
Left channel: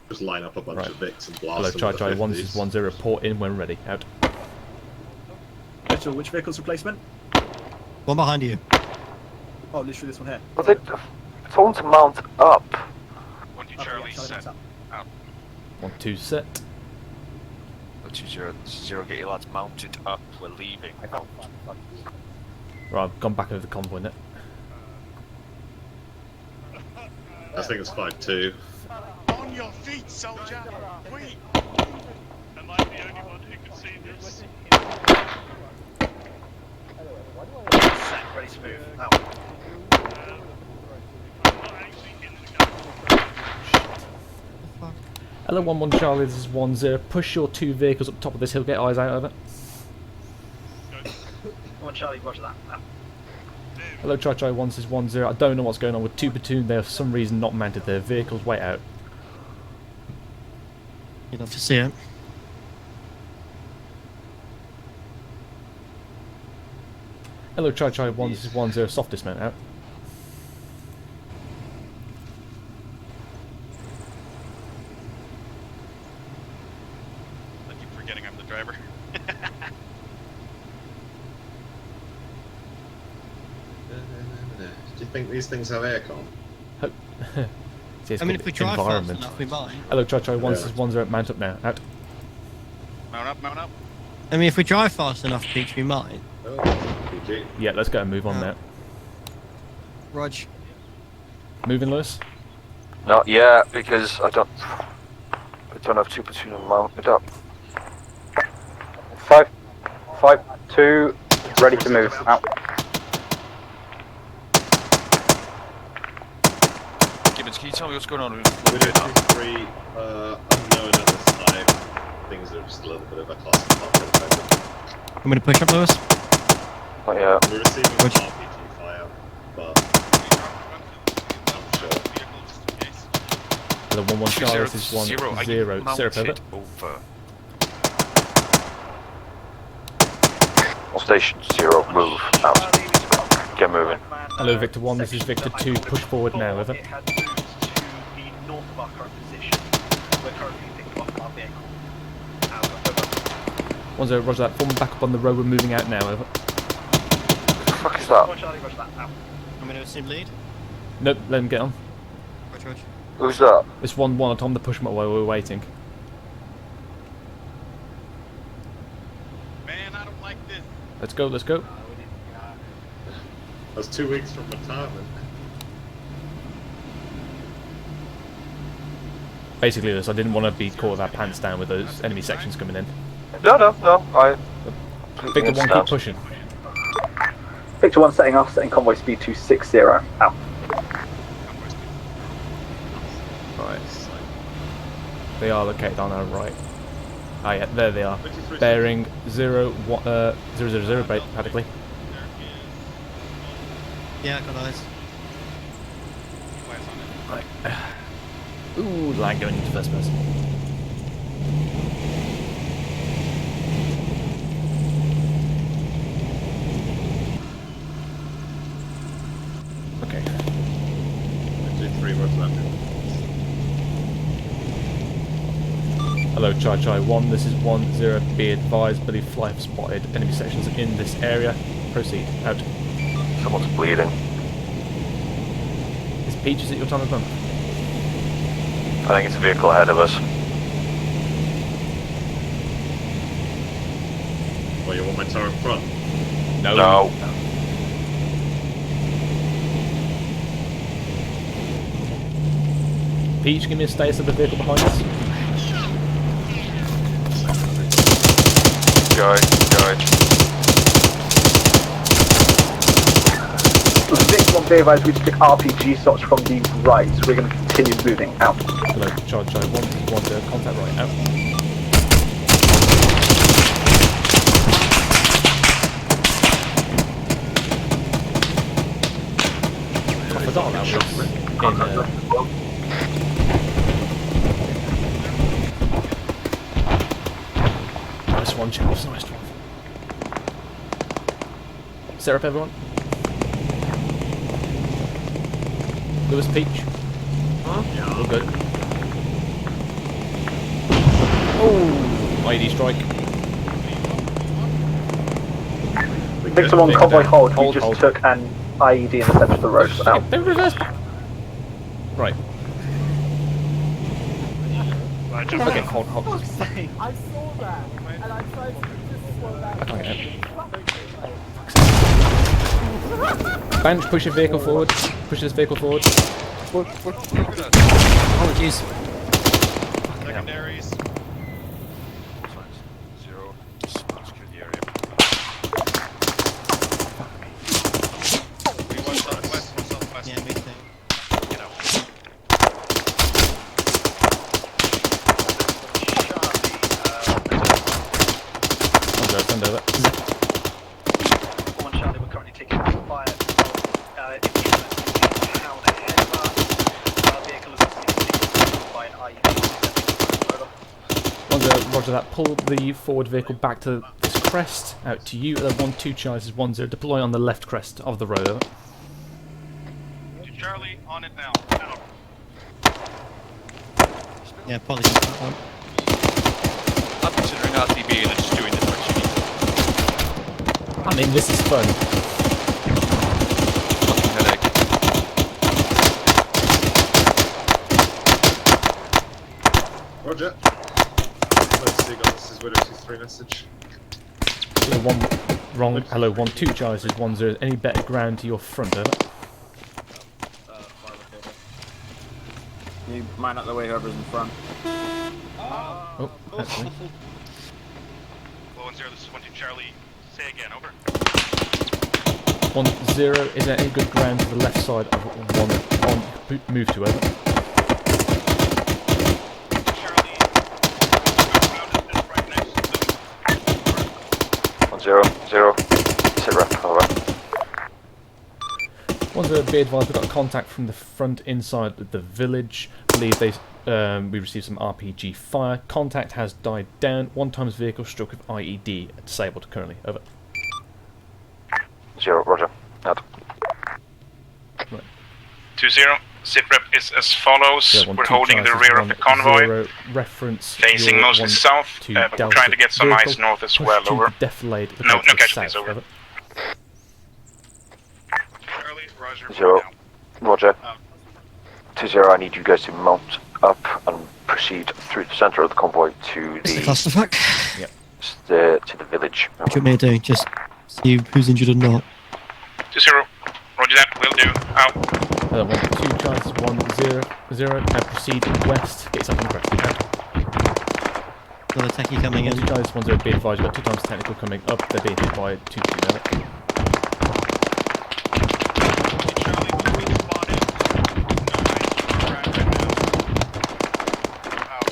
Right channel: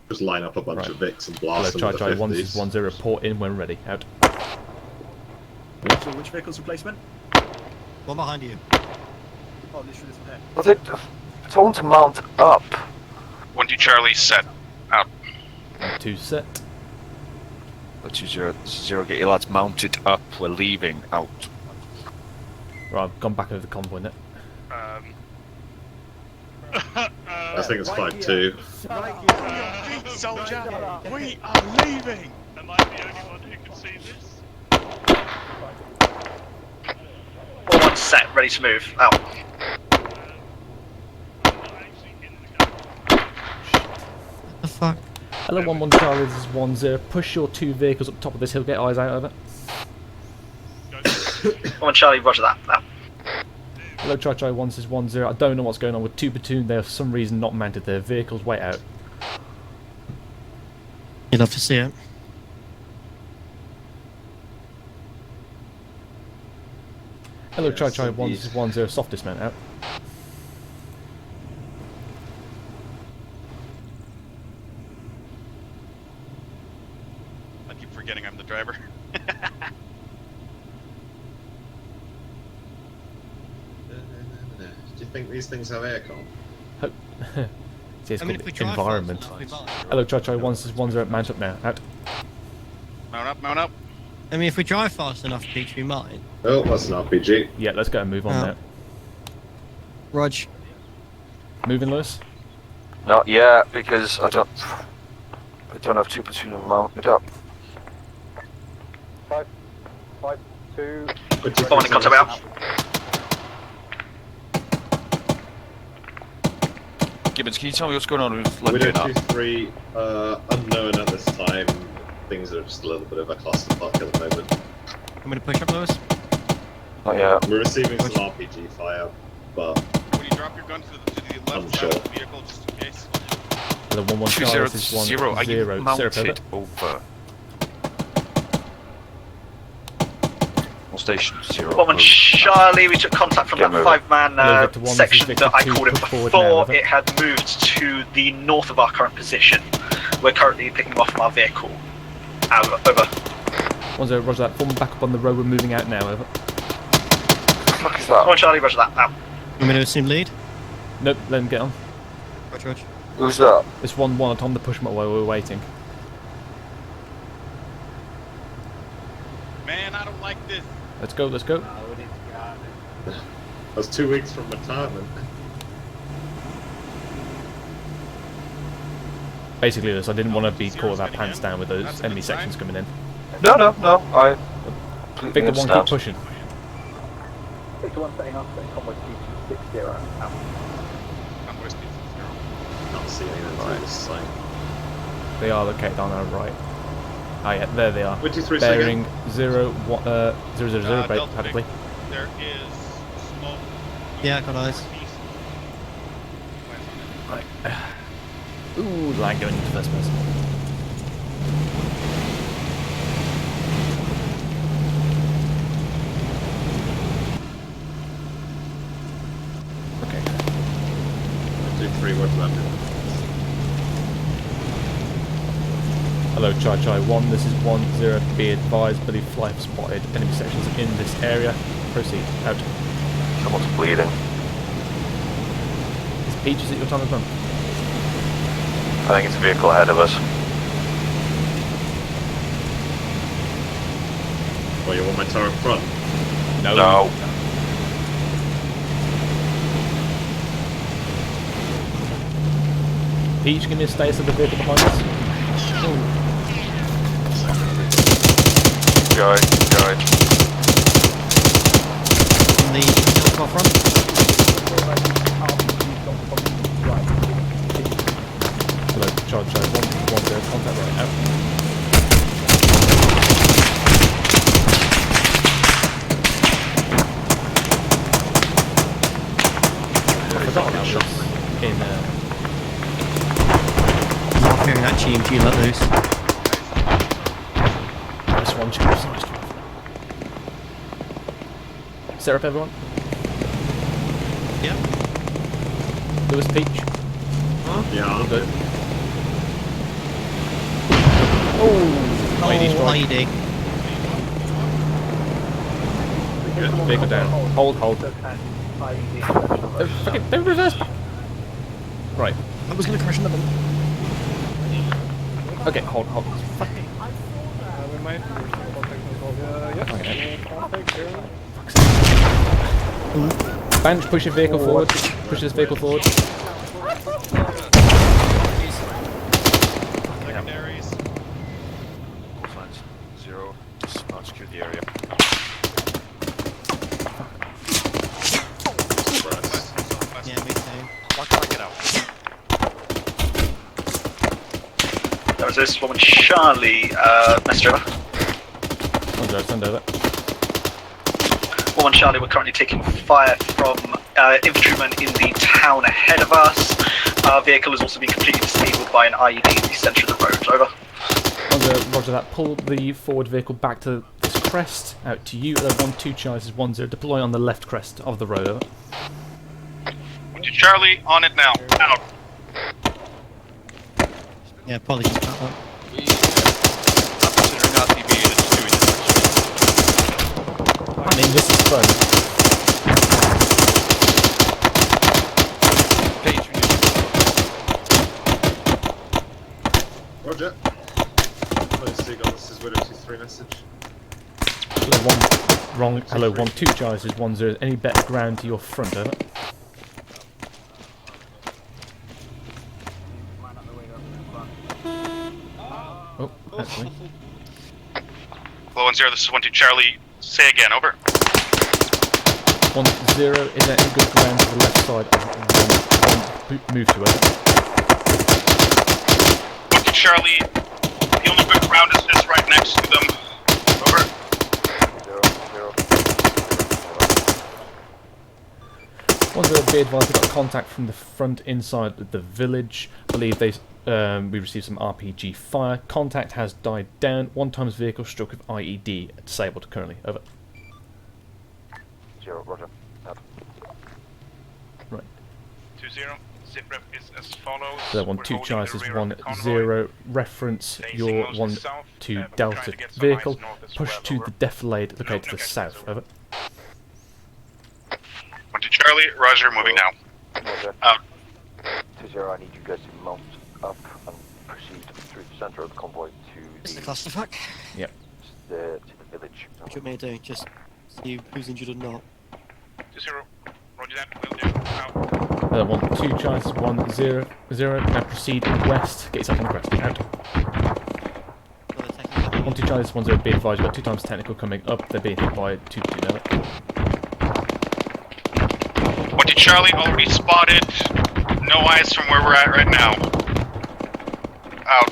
Just line up a bunch of Vics and blast Hello, them. Charlie 1, this is 1-0. Report in when ready. Out. So which vehicle's replacement? One behind you. Oh, literally this one here. Was it? Someone to mount up. 1-2 Charlie, set. Out. 1-2 set. 2-0, get your lads mounted up. We're leaving. Out. Right, I've gone back over the convoy now. I think it's 5-2. On your feet, soldier! We are leaving! Am I the only one who can see this? Set, ready to move. Out. The fuck? Hello, 1-1 Charlie, this is 1-0. Push your 2 vehicles up top of this hill, get eyes out of it. 1 Charlie, roger that. Out. Hello, Charlie 1, this is 1-0. I don't know what's going on with 2 platoon. They are for some reason not mounted. Their vehicles way out. You'd love to see it. Hello, Charlie 1, this is 1-0. Soft dismount out. I keep forgetting I'm the driver. Do you think these things have aircon? See, it's called environment. Hello, Charlie 1, this is 1-0. Mount up now. Out. Mount up, mount up. I mean, if we drive fast enough, Peach, we might. Oh, that's an RPG. Yeah, let's go and move on now. Rog. Moving, Lewis? Not yet, because I don't have 2 platoon mounted up. 5, 2, ready to move. Out. Gibbons, can you tell me what's going on with We don't choose 3 unknown at this time. Things are just a little bit of a clusterfuck at the moment. I'm going to push up, Lewis. Not yet. We're receiving some RPG fire, but I'm sure. Hello, 1-1 Charlie, this is 1-0. Syrup over. Station 0. 1 Charlie, we took contact from the 5-man Hello, Victor 1, this is section Victor that I 2. called it Push forward now, before. It had moved to the north of our current position. We're currently picking them off from our vehicle. Out, over. 1-0, roger that. Form back up on the road, we're moving out now, over. What the fuck is that? 1 Charlie, roger that. Out. You want me to assume lead? Nope, let him get on. Rog. Who's that? It's 1-1, I told him to push him up while we were waiting. Man Let's go, let's go. That's 2 weeks from retirement. Basically, Lewis, I didn't want to be caught with our pants down with those enemy sections coming in. No, I... Victor 1, keep pushing. Victor 1 setting off, setting convoy speed to 60. Out. Right. They are located on our right. Ah, yeah, there they are. Bearing 0, 000, practically. Yeah, got eyes. Right. Ooh, lag going into first person. Okay. 2, 3, what's that? Hello, Chai 1, this is 1-0, be advised, believe fly have spotted enemy sections in this area. Proceed, out. Someone's bleeding. Is Peaches at your time of gun? I think it's a vehicle ahead of us. Oh, you want my turret front? No. Peach, give me a status of the vehicle behind us. Go. Dave, I do pick RPG shots from the right, so we're going to continue moving out. Hello, Chai 1-0, contact right, out. I forgot that was in Actually, you let loose. Nice one, Chips, nice drive. Set up, everyone. Lewis, Peach. Yeah. We're good. Oh! IED strike. Victor 1 convoy hold. Hold. Took an IED in the center of the road for now. Don't reverse back. Right. I was going to crash another. Okay, hold. I can't get out. Bench, push your vehicle forward. Push this vehicle forward. Secondaries. 0, just not secure the area. Yeah, me too. That was this woman, Charlie, Mr. Over. 1-0, send over. Woman, Charlie, we're currently taking fire from infantrymen in the town ahead of us. Our vehicle has also been completely disabled by an IED in the centre of the road. Over. Roger that. Pull the forward vehicle back to this crest. Out to you. 1-2 Charlie is 1-0. Deploy on the left crest of the road. Over. Charlie, on it now. Out. Yeah, probably keep that one. I'm considering RTB and it's doing this actually. I mean, this is fun. Roger. First Seagull, this is Widow 2-3 message. Hello, 1-2 Charlie is 1-0. Any better ground to your front, over? You mine out the way, whoever's in front. Oh, actually. Hello, 1-0, this is 1-2 Charlie. Say again, over. 1-0, is there any good ground to the left side of 1 move to, over? 1-2 Charlie, the only good ground is right next to them. Over. 0, 0, 0, alright. 1-0, be advised, we've got contact from the front inside the village. I believe we received some RPG fire. Contact has died down. 1 times vehicle struck with IED. Disabled currently. Over. 0, roger. Out. Right. 2-0. Sitrep is as follows. So We're holding the rear of the convoy. 0, reference Facing your mostly south, to but Delta trying to get some vehicle. eyes north as Push well. to Over. the defilade located No to the casualties, south. over. Over. 1-2 Charlie, Roger, moving now. Roger. 2-0, I need you guys to mount up and proceed through the center of the convoy to It's the the clusterfuck. Yep. to the village. What do you want me to do? Just see who's injured or not? 2-0. Roger that. Will do. Out. 1-2 Charlie, 1-0. Now proceed west. Get yourself on the crest. Out. Got a techie coming in. 1-2 Charlie, 1-0. Be advised, you've got 2 times technical coming up. They're being hit by 2-2 now. 1-2 Charlie, will be spotted. No eyes from where we're at right now. Out.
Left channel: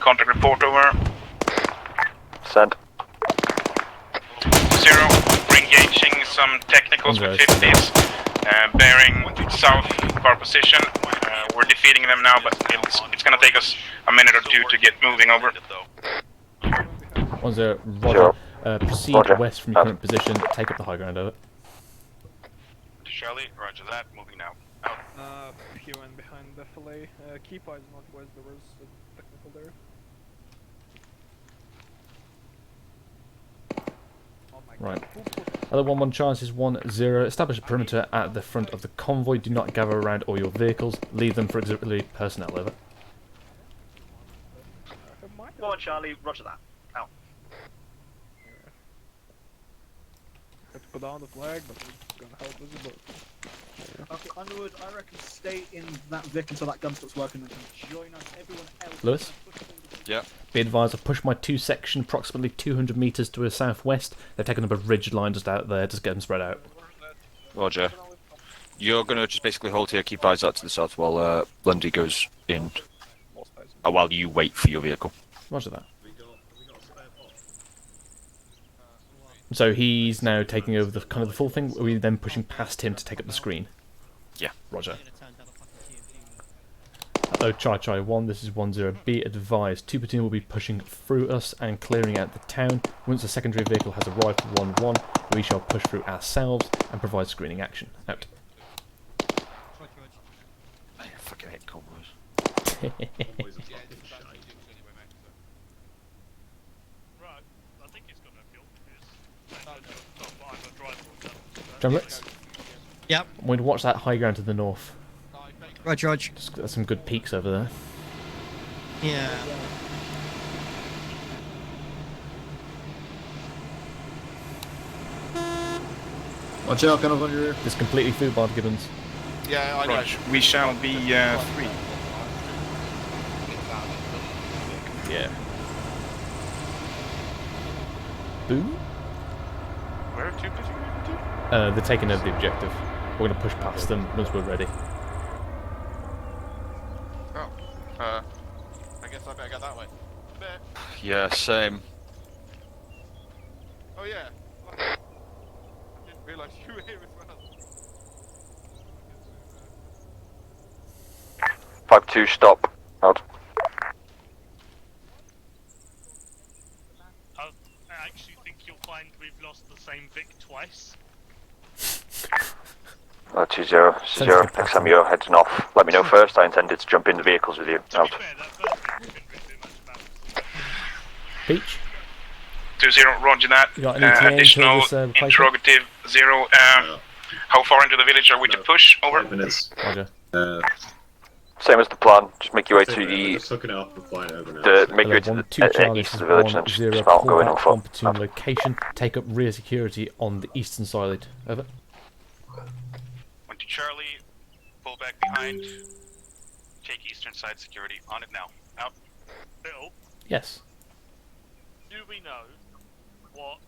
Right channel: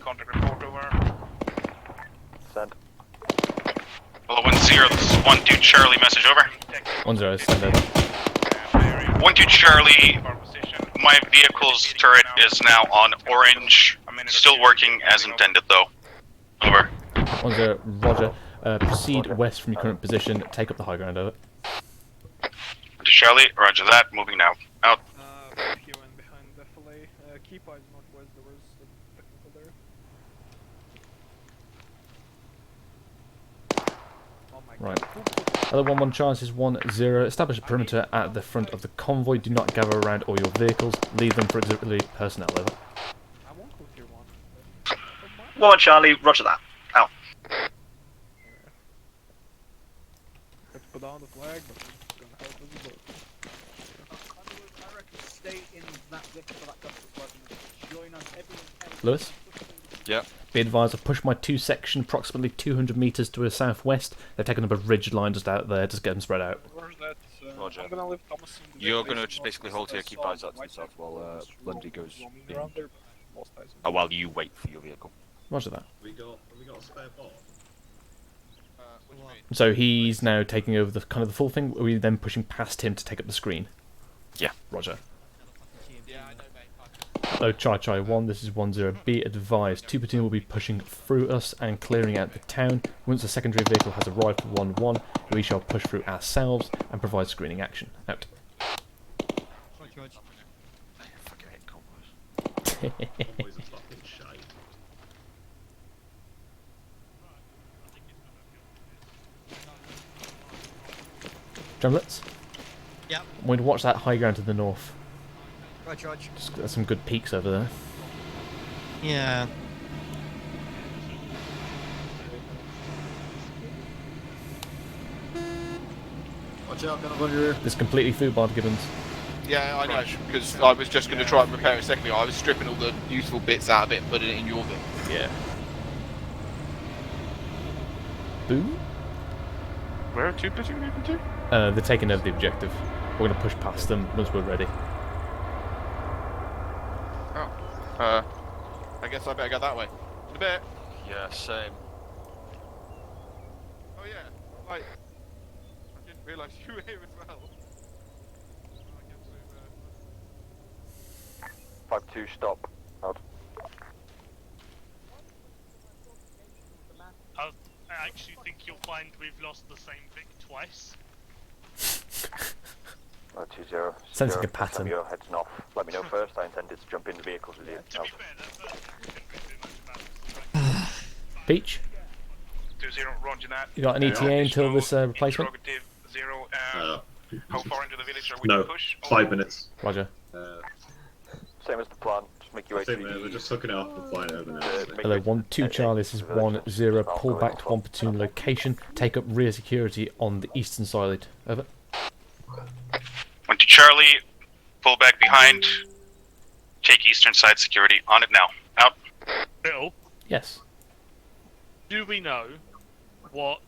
Contact report over. Send. 1-0. Charlie, message over. Some technicals for 50s. Bearing 1-2 Charlie, our position. My vehicle's turret now, is now on. It's going to take us a minute or two. Still working, moving over. Intended, though. Over. 1-0, Roger. Proceed west from your current position. Take up the high ground, over. Charlie, roger that. Moving now. Out. QN behind the fillet. Keep eyes northwest. There was a technical there. Right. Other 1-1 chance is 1-0. Establish a perimeter at the front of the convoy. Do not gather around all your vehicles. Leave them for auxiliary personnel, over. 1 Charlie, roger that. Out. Put down the flag, but it's gonna help us a bit. Underwood, I reckon stay in that vehicle until that gunshot's working. Join us, everyone else. Lewis? Yeah. Be advised, I've pushed my 2 section approximately 200 metres to the southwest. They've taken up a ridge line just out there, just get them spread out. Roger. You're going to just basically hold here, keep eyes out to the south while Lundy goes in. While you wait for your vehicle. Roger that. So he's now taking over the kind of the full thing. Are we then pushing past him to take up the screen? Yeah. Roger. Hello, Charlie 1, this is 1-0. Be advised, 2 platoon will be pushing through us and clearing out the town. Once the secondary vehicle has arrived for 1-1, we shall push through ourselves and provide screening action. Out. Drumlets? Yep. I'm going to watch that high ground to the north. Roger. Just got some good peaks over there. Yeah. Watch out, kind of on your rear. It's completely foodbarred, Gibbons. Yeah, I know. We shall I was just going to try and prepare a second. I was stripping all the useful bits out of it and putting it in your book. Yeah. Boom? Where are 2 platoon moving to? They're taking over the objective. We're going to push past them once we're ready. Oh. I guess I better go that way. A bit. Yeah, same. Oh yeah, right. I didn't realise you were here as well. 5-2, stop. Out. I actually think you'll find we've lost the same Vic twice. 2-0, next time you're heading off, let me know first. I intended to jump in the vehicles with you. Out. Peach? 2-0, roger that. You got an ETA until this replacement? Interrogative 0. How far into the village are we to push? Over. 5 minutes. Roger. Same as the plan. Just make your way to We're just hooking it off and flying over now. Hello, 1-2 Charlie, this is 1-0. Pull back 1 platoon location. Take up rear security on the eastern side. Over. 1-2 Charlie, pull back behind. Take eastern side security. On it now. Out. Bill, Yes. do we know what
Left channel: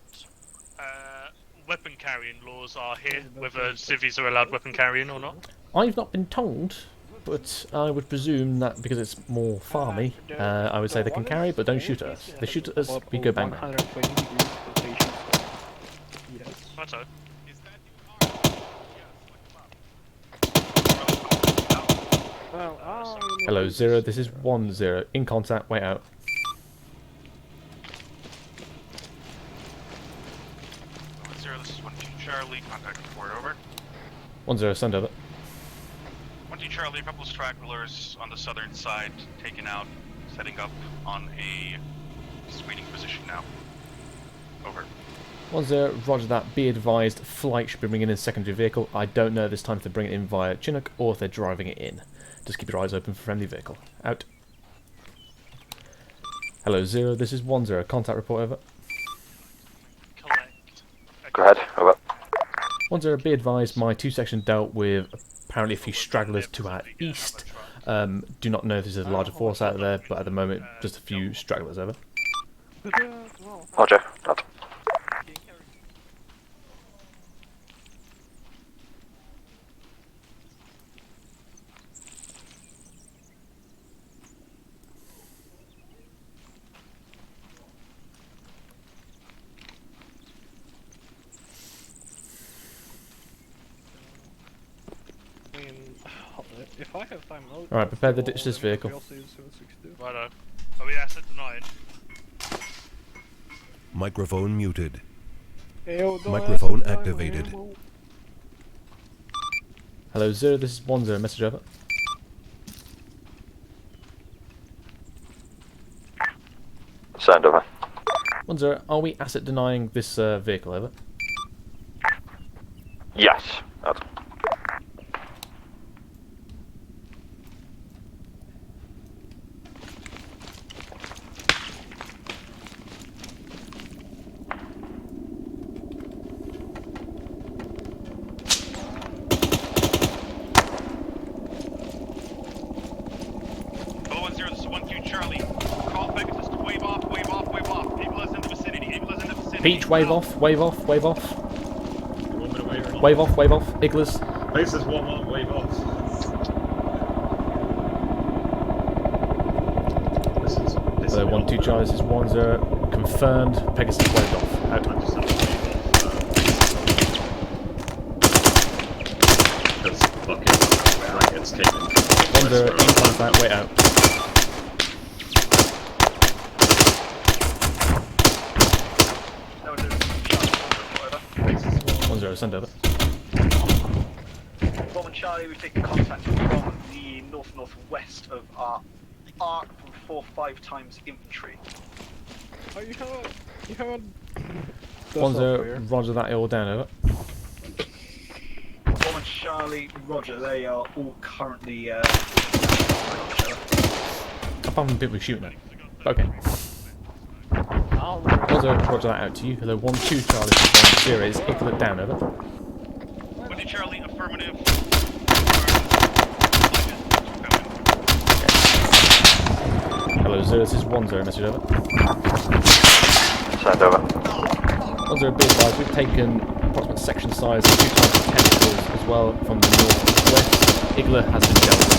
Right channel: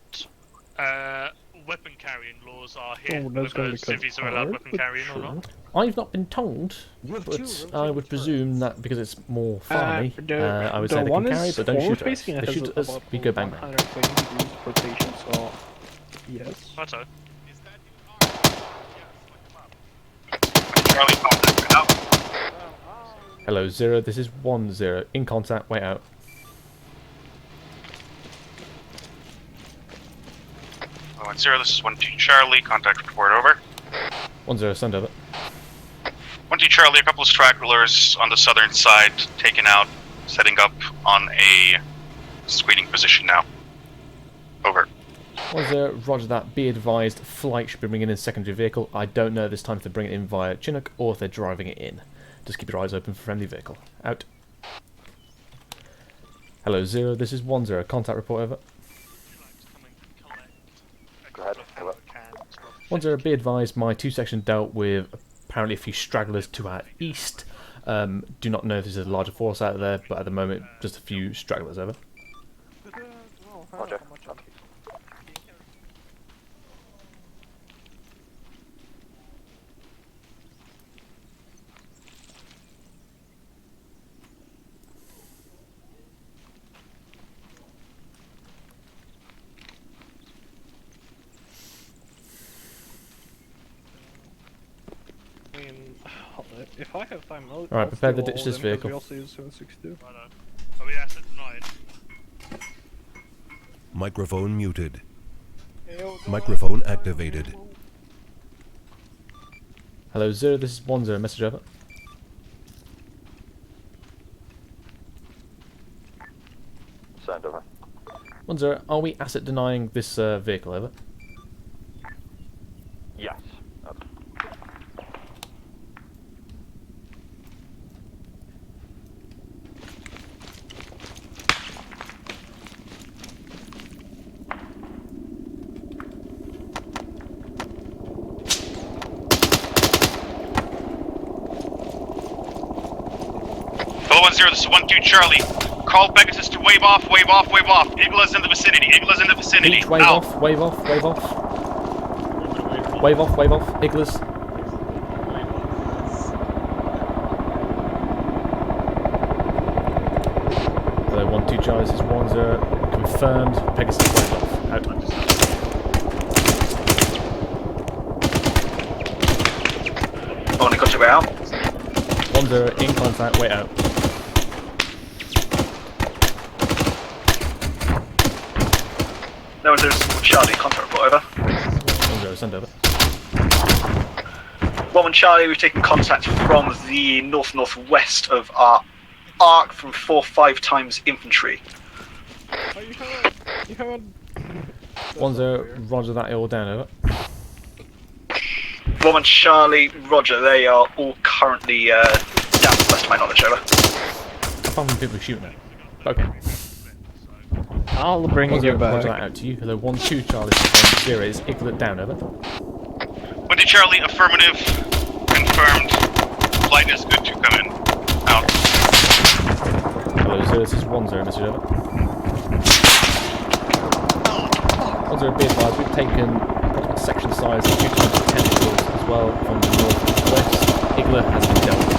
weapon carrying laws are here? Whether civvies are allowed weapon carrying or not? I've not been told, but I would presume that because it's more farmy, I would say they can carry, but don't shoot at us. They shoot at us, we go bang bang. That's so. Hello, 0, this is 1-0. In contact, wait out. Oh, 1-0, this is 1-2 Charlie, contact report over. 1-0, send over. 1-2 Charlie, a couple of stragglers on the southern side taken out, setting up on a screening position now. Over. Was there? Roger that. Be advised, flight should be bringing in a secondary vehicle. I don't know this time if they're bringing it in via Chinook or if they're driving it in. Just keep your eyes open for friendly vehicle. Out. Hello, 0. This is 1-0. Contact report, over. Go ahead, over. 1-0, be advised, my 2-section dealt with apparently a few stragglers to our east. Do not know if there's a larger force out there, but at the moment, just a few stragglers, over. Roger. If I have time, Alright, prepare to ditch this vehicle. Righto. Are we asset denied? Microphone muted. Microphone activated. Hello, 0. This is 1-0. Message, over. Send, over. 1-0, are we asset denying this vehicle, over? Yes. Hello, 1-0, this is 1-2 Charlie. Call Pegasus to wave off, wave off, wave off. Eagle is in the vicinity, Eagle is in the vicinity. Beach, wave Out. off, wave off, wave off. Wave off, wave off. Iglas. Pegasus 1-1, wave off. Hello, 1-2 Charlie, this is 1-0. Confirmed. Pegasus waved off. Out. 1-0, in contact, wait out. No, there's Charlie, contact report, over. 1-0, send over. 1-1 Charlie, we've taken contact from the north-northwest of our arc from 4-5 times infantry. Oh, you heard. 1-0, roger that, all down, over. 1-1 Charlie, roger, they are all currently down to the best of my knowledge, over. Apart from people shooting at. Okay. I'll bring 1-0, roger that out to you. Hello, 1-2 Charlie, 1-0 is Iglet down, over. 1-2 Charlie, affirmative. Confirmed. Flight is good to come in. Out. Hello, 0, this is 1-0, message, over. Send, over. 1-0, be advised, we've taken approximate section size and 2 times the tentacles as well from the northwest. Igler has been dealt with.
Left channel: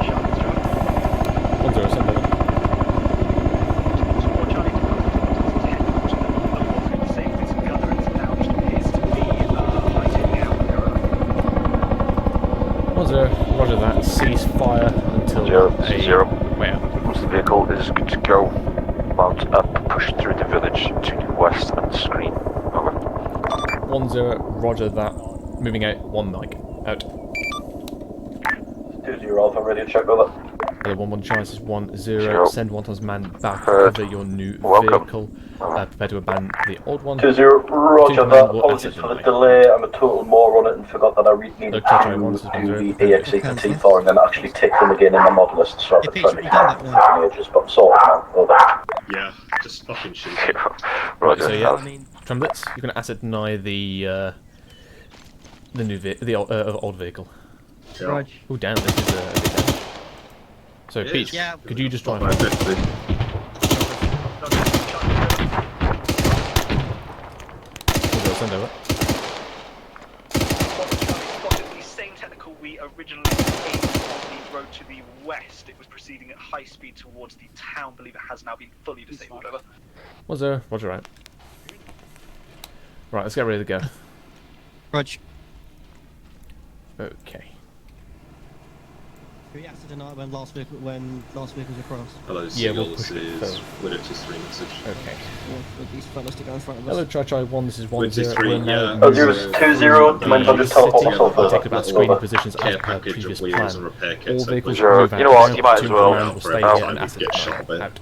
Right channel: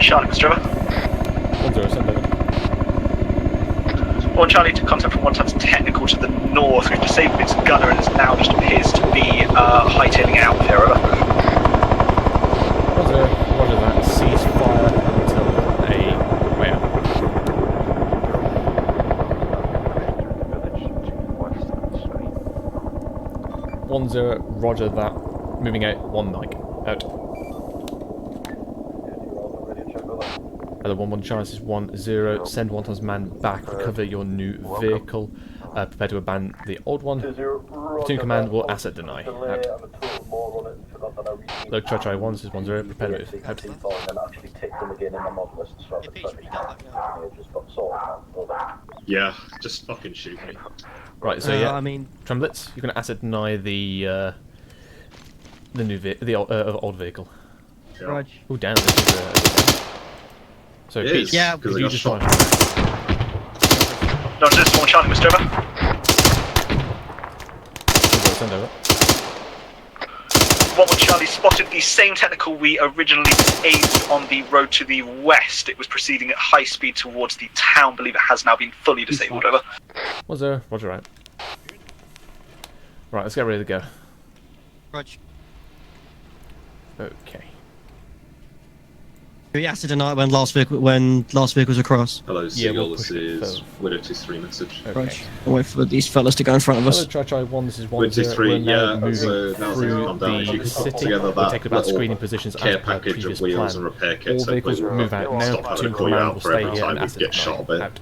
Charlie, Mr. Trevor. 1-0, send over. 1 Charlie to contact from 1 times technical to the north. We've disabled its gunner and it now just appears to be hightailing out here, over. 1-0, roger that. Cease fire until Zero. Wait out. The vehicle is good to go. Mount and push through the village to the west and screen. Over. 1-0, roger that. Moving out, 1 Nike. Out. 2-0 Alpha, ready to check over. Hello, 1-1 Charlie, this is 1-0. Send 1 times man back, cover your new vehicle. Prepare to abandon the old one. 2-0, roger 2 command that. will Apologies asset for the deny. delay. I'm a total moron on it and forgot that I recently Hello, Chacho 1, this is 1-0. the EXE4 and then actually tick them again in the mod list. So I've been trying to ages, but sorted now. Over. Yeah, just fucking shoot. Right, so yeah, I mean, Tremblets, you're going to asset deny the old vehicle. Yeah. Rog. Oh, damn, this is a bit down. So, It Pete, is, Yeah. could you just drive? No, that's 1 Charlie, Mr. Trevor. 1-0, send over. 1-1 Charlie spotted the same technical we originally aimed on the road to the west. It was proceeding at high speed towards the town. Believe it has now been fully disabled, over. 1-0, roger out. Right, let's get ready to go. Roger. Okay. We acid tonight when last vehicles across. Hello, Yeah, we'll Seagull, push this it is further. Widow 2-3 message. Okay. I'll wait for these fellas to go in front of us. Hello, Try 1, this is 1-0. 2-3, We're now yeah, moving Roger, through the city. We're taking about little screening positions as care per package previous of wheels and plan. repair kits. All vehicles Hopefully move out You know what, now. you might as Platoon well command will for stay every here time and we acid get shot a bit. out.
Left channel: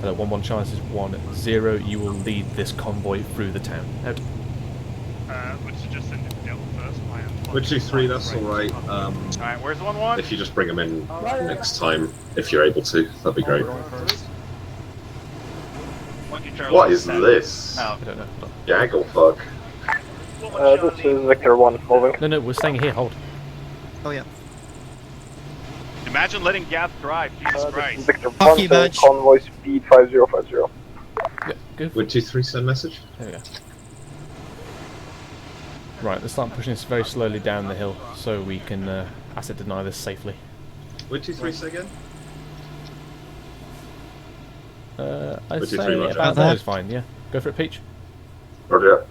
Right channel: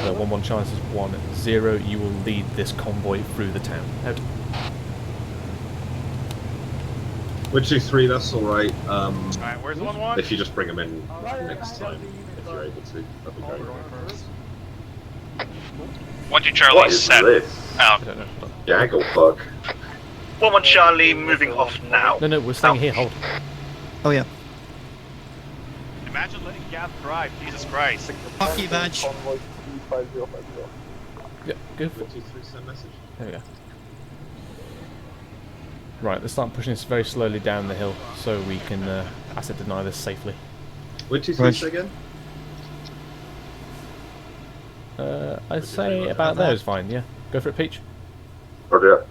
Hello, 1-1 Charles is 1-0. You will lead this convoy through the town. Out. Wood 2-3, that's alright. Alright, where's 1-1? If you just bring them in next time, if you're able to, that'd be great. 1-2 Charlie. What is set. this? I don't know. Gaggle fuck. 1-1 Charlie, moving off now. No, we're staying here. Hold. Oh yeah. Imagine letting gas drive, Jesus Christ. Fuck you, Badge. Convoy speed 5050. Yeah, good. Wood 2-3, send message. There we go. Right, let's start pushing this very slowly down the hill so we can asset deny this safely. Wood 2-3, say again? I'd say about there is fine, yeah. Go for it, Peach. Roger. Go.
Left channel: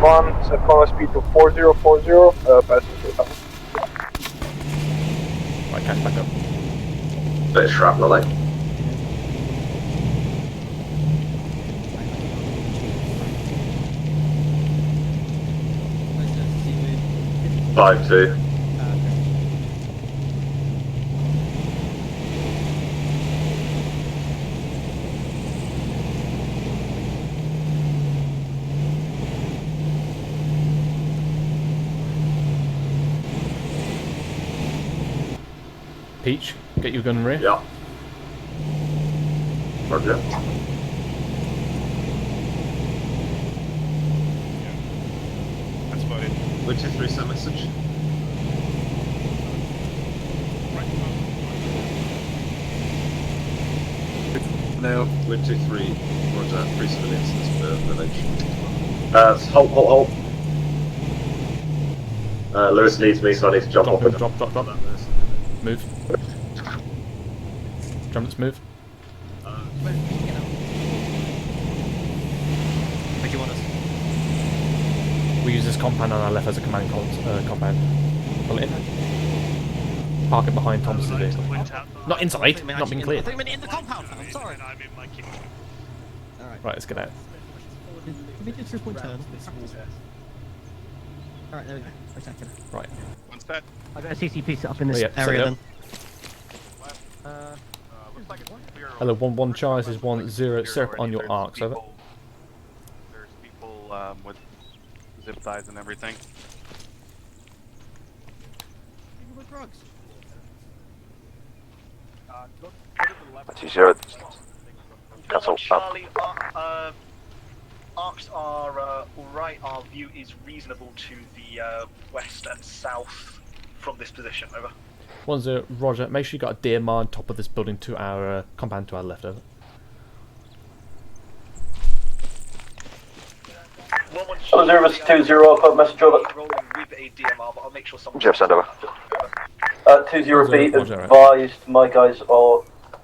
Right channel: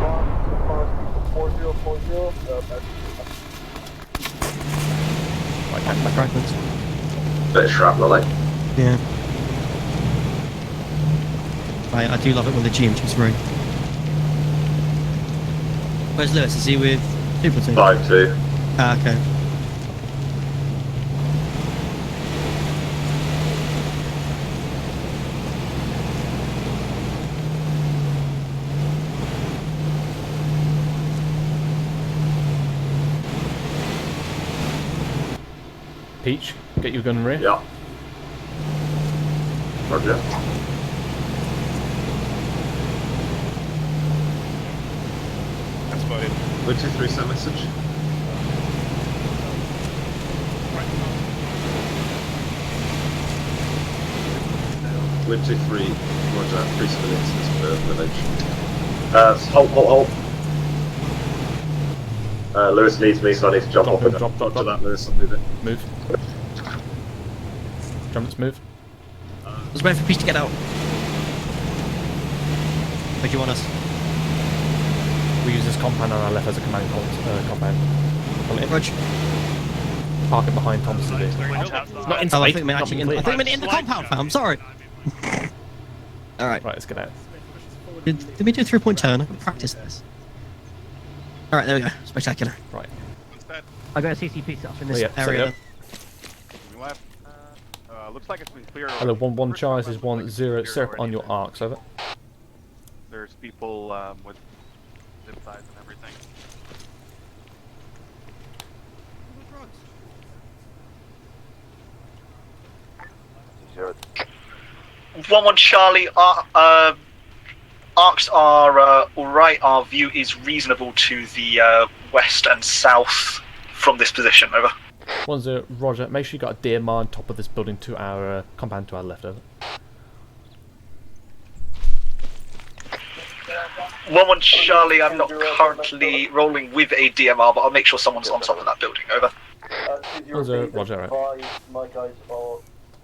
1, so convoy speed to 4040, Right, catch back right. Bit of shrapnel, eh? Yeah. I do love it when the GMG's through. Where's Lewis? Is he with people? 5-2. Ah, okay. Peach, get your gun rear. Yeah. Roger. That's about it. Wood 2-3, send message. No. Wood 2-3, Roger, 3 civilians in the village. Halt. Lewis needs me, so I need to jump off it. Drop. Lewis, I'll do it. Move. Let's move. Just wait for Peach to get out. Where do you want us? We use this compound on our left as a command compound. Pull it in. Roger. Park it behind Thomas's vehicle. Not inside, not being cleared. I think in the compound, fam. Sorry. Alright. Right, let's get out. Did we do a 3-point turn? I can practice this. Alright, there we go. Spectacular. Right. I got a CCP set up in this set area up. then. Looks like it's been clear. Hello, 1-1 Charles is 1-0. Set up on your arcs, over. There's people with zip ties and everything. Zero. 1-1 Charlie, arcs are alright, our view is reasonable to the west and south from this position, over. 1-0, Roger. Make sure you got a deer on top of this building to our compound to our left, over. 1-1 Charlie, I'm currently rolling with a DMR, but I'll make sure someone's on top of that building, over. 2-0B, advise, my guys are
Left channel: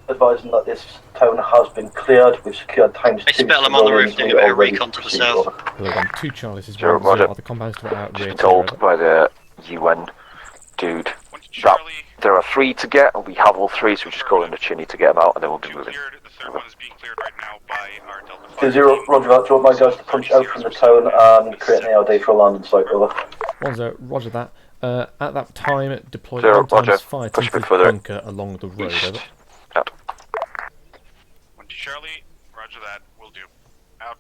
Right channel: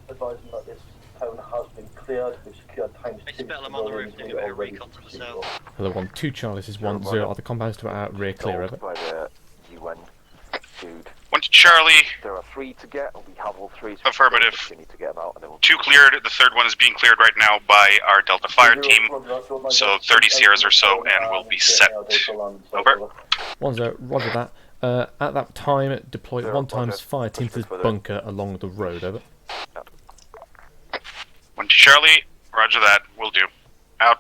advising that this town has been cleared. We've secured times 2. I'm on the roof doing a bit of recon to the south. Hello, 1-2 Charlie is 1-0. Are the compounds to our rear clear, Told over? by the UN dude. 1-2 Charlie. There are 3 to get, and we have all 3, so we're just going to Chinny to get them out, and then we'll 2 cleared, the third one is being cleared right now by our Delta Fire team. So 30 Sierras or so, and we'll be set. 1-0, Roger that. At that time, deploy 1 times fire to the bunker along the road, over. 1-2 Charlie, roger that, will do. Out.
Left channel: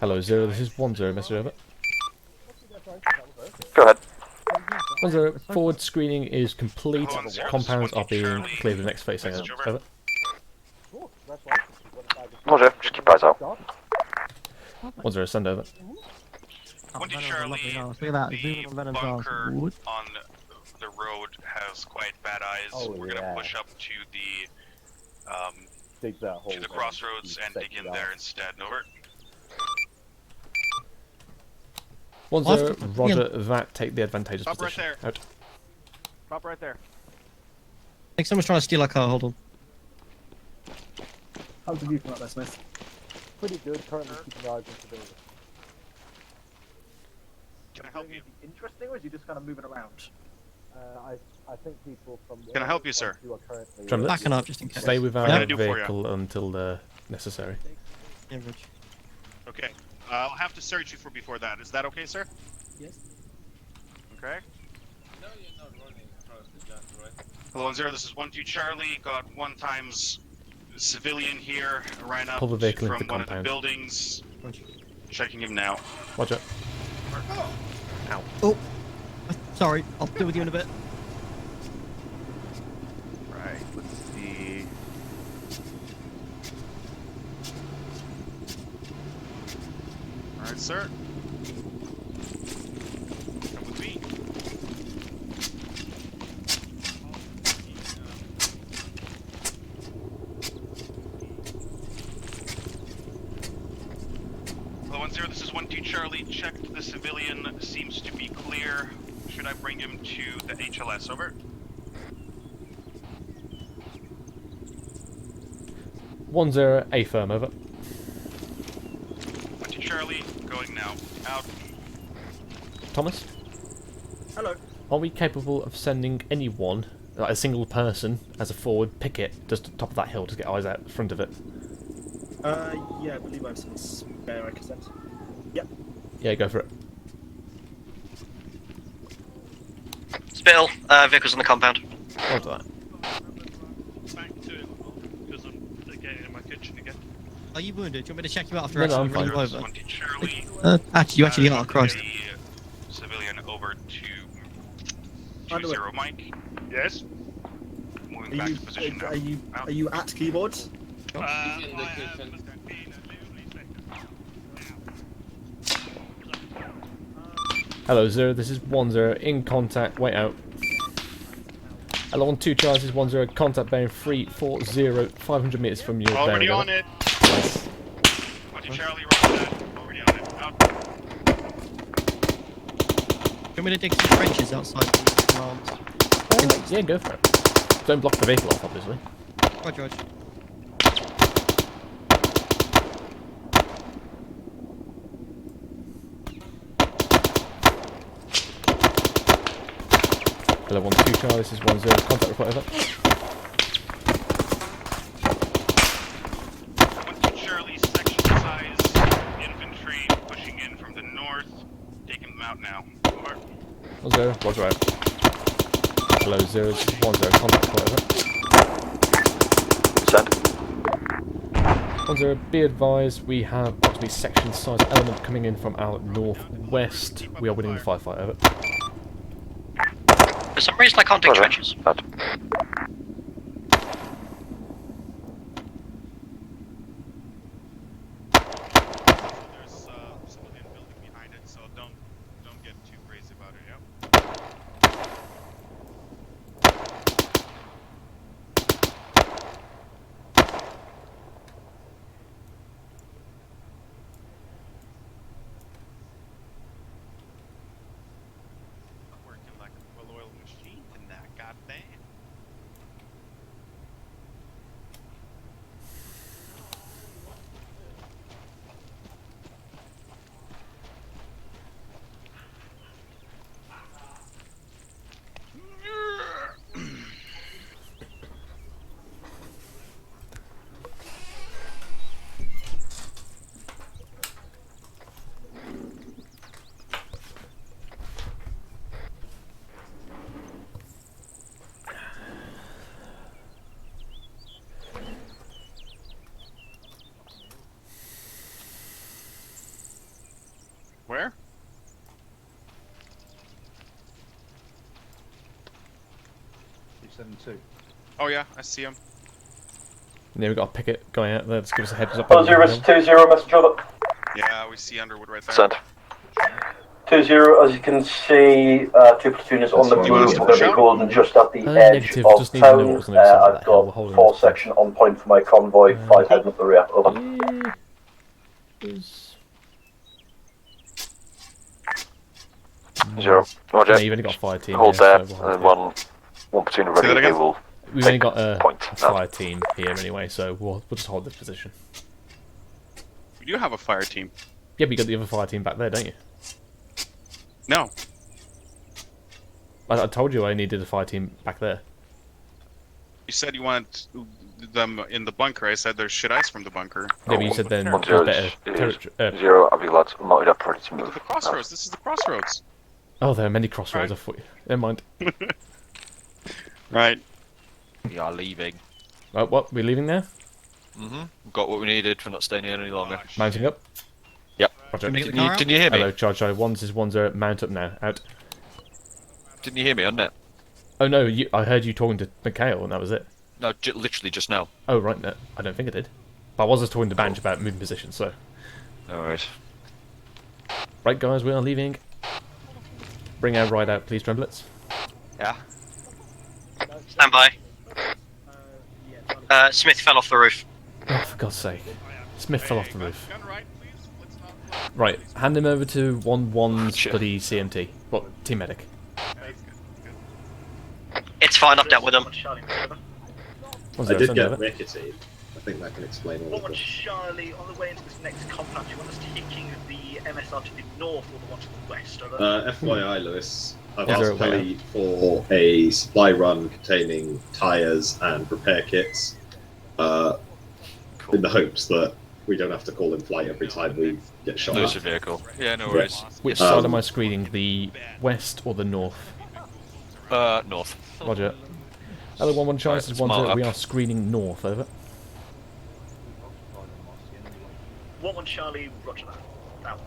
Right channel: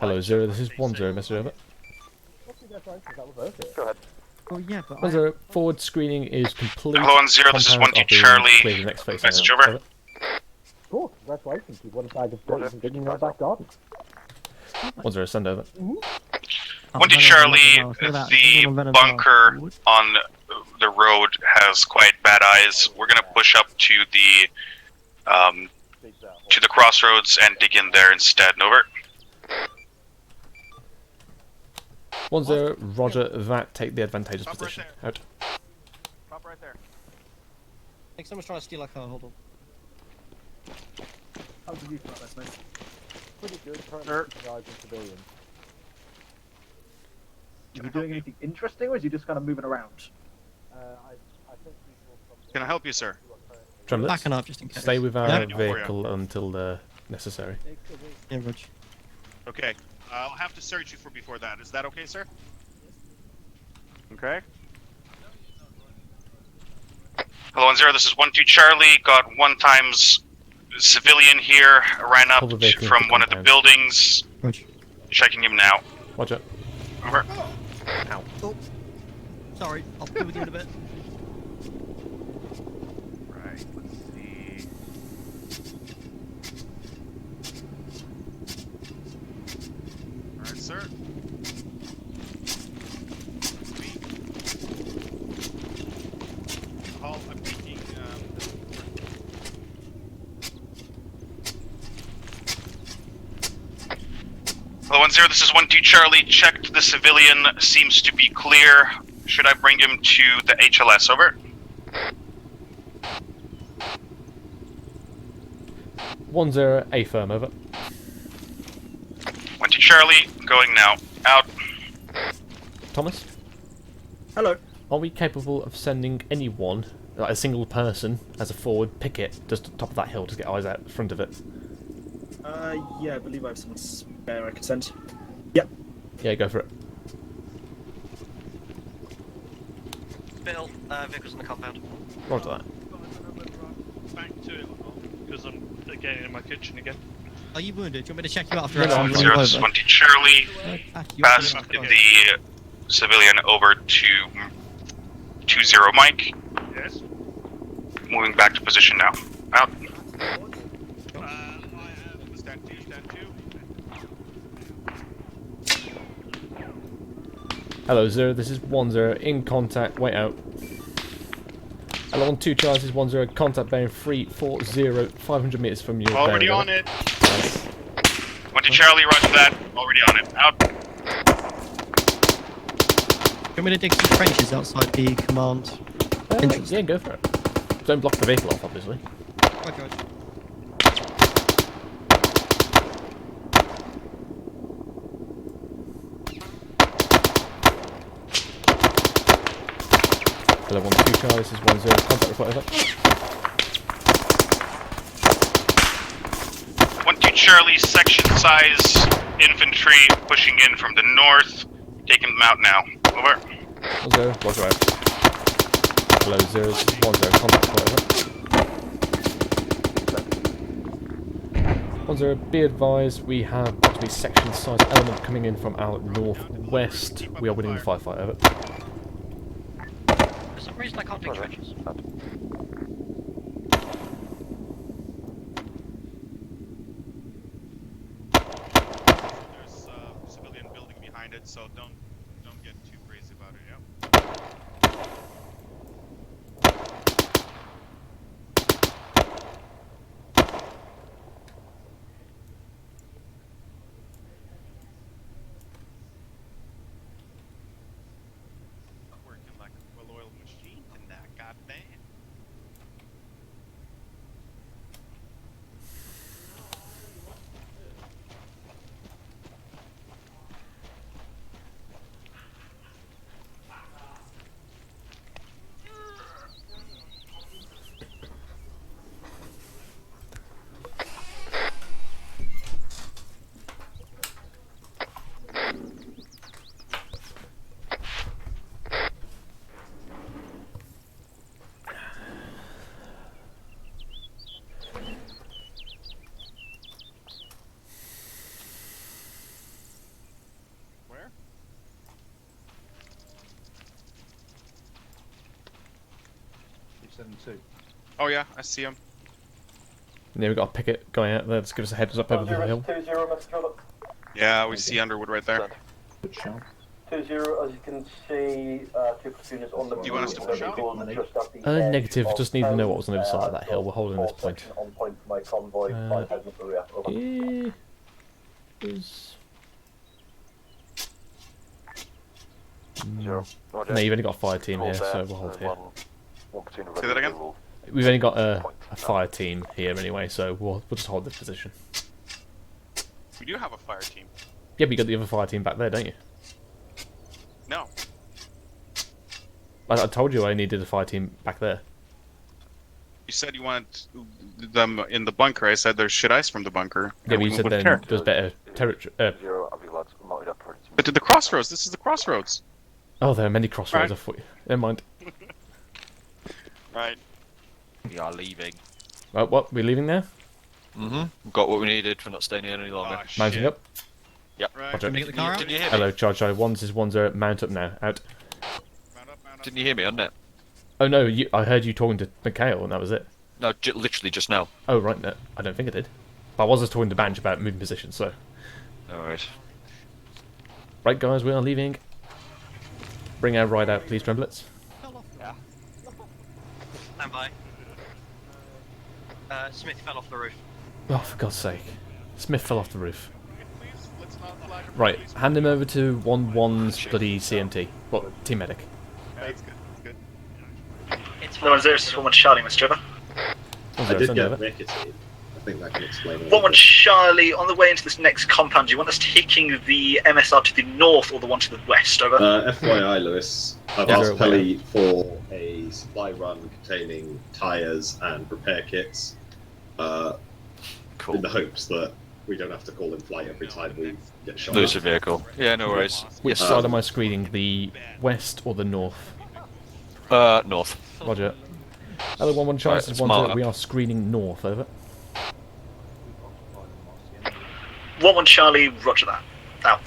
Hello, 0, this is 1-0, Mr. Over. Go ahead. 1-0, forward screening is complete. Hello, 1-0, this is Compounds 1-2 are being Charlie. cleared the next phase. Message over. Cool, congratulations. You've won a bag of Roger, just keep eyes out. 1-0, send over. 1-2 Charlie, the bunker on the road has quite bad eyes. We're gonna push up to the crossroads and dig in there instead. Over. 10, roger that. Take the advantageous Stop position. right Out. Stop right there. I think someone's trying to steal our car. Hold on. How did you come up there, Smith? Pretty good. Currently supervising civilians. Is he doing anything interesting, or is he just kind of moving around? I think people from. Can I help you, sir? Tremblets, Backing up just in case. stay with What our can I do for you? vehicle until necessary. Yeah, Reg. Okay. I'll have to search you before that. Is that okay, sir? Yes. Okay. Hello, 10. This is 12 Charlie. Got 1 times civilian here. Ran up Pull the vehicle from into one of the compound. buildings. Checking him now. Watch out. Over. Ow. Oh, sorry. I'll deal with you in a bit. Right. Let's see. Alright, sir. Speak. Call, I'm taking, Hello, 10. This is 12 Charlie. Checked the civilian. Seems to be clear. Should I bring him to the HLS? Over. 10, A firm, over. 12 Charlie. Going now. Out. Thomas? Hello. Are we capable of sending anyone, like a single person, as a forward picket, just at the top of that hill to get eyes out front of it? Yeah, I believe I have some spare I could send. Yep. Yeah, go for it. Spill, vehicles in the compound. Roger that. Back to it, because I'm getting in my kitchen again. Are you wounded? Do you want me to check you out after No, I'm fine. 20 Charlie. Actually, you actually are. Pass Christ. the civilian over to 20 Mike. Yes. Moving back to position now. Out. Are you at keyboard? Hello, 0. This is 10. In contact. Wait out. Hello, 12 Charlie. This is 10. Contact bearing 340, 500 meters from your Already bearing. on it. Nice. 20 Charlie, roger that. Already on it. Out. Do you want me to dig some trenches outside the command? Yeah, go for it. Don't block the vehicle off, obviously. Roger, roger. Hello, 12 Charlie. This is 10. Contact report, over. 12 Charlie, section size infantry pushing in from the north. Taking them out now. Over. 10. Roger out. Hello, 0. This is 10. Contact report, over. 10. Be advised, we have approximately section size element coming in from our northwest. We are winning the firefight, over. For some reason I can't dig trenches. There's a civilian building behind it, so don't get too crazy about it, yeah? Working like a well-oiled machine in that goddamn. Where? Oh yeah, I see him. Yeah, we've got a picket going out there. Just give us a heads up. 20, over the hill. 20, message over. Yeah, we see Underwood right there. Send. 20, as you can see, 2 platoons on the move. We're going to be holding just at the edge Negative. of Just need to know what was on the other side of that I've hill. got We're holding 4 this section on point for my convoy, 5 heading up the rear. Over. 0. Roger. No, you've only got a fire team Hold here, there, so we'll hold and here. one platoon ready. They will. We've only got a point fire team here anyway, so we'll just hold this position. We do have a fire team. Yeah, but you got the other fire team back there, don't you? No. I told you I needed a fire team back there. You said you wanted them in the bunker. I said there's shit ice from the bunker. Yeah, but you said then there's better territory. 0, I'll be lads. Mounted operating. But to the crossroads. This is the crossroads. Oh, there are many crossroads. I thought. Never mind. Right. We are leaving. What? We're leaving now? Mm-hmm. Got what we needed. We're not staying here any longer. Mounting up. Yep. Roger. Did you hear me? Hello, Charge. 1 is 10. Mount up now. Out. Didn't you hear me on that? Oh no, I heard you talking to Mikhail, and that was it. No, literally just now. Oh right, no, I don't think I did. But I was just talking to Banj about moving position, so. No worries. Right, guys, we are leaving. Bring our ride out, please, Tremblets. Yeah. Stand by. Smith fell off the roof. Oh, for God's sake. Smith fell off the roof. Right, hand him over to 1-1's bloody CMT. Well, Team Medic. It's fine, I've dealt with them. One Charlie, Mr. Trevor. I did get Nicotine. I think that can explain all. One Charlie, on the way into this next compound, do you want us taking the MSR to the north or the one to the west? Over. FYI, Lewis, I've asked Kelly for a supply run containing tyres and repair kits in the hopes that we don't have to call in flight every time we get shot. Lose a vehicle. Yeah, no worries. Which side am I screening? The west or the north? North. Roger. Hello, 1-1 Charles is 1-0. We up. are screening north, over. 1-1 Charlie, roger that. Out.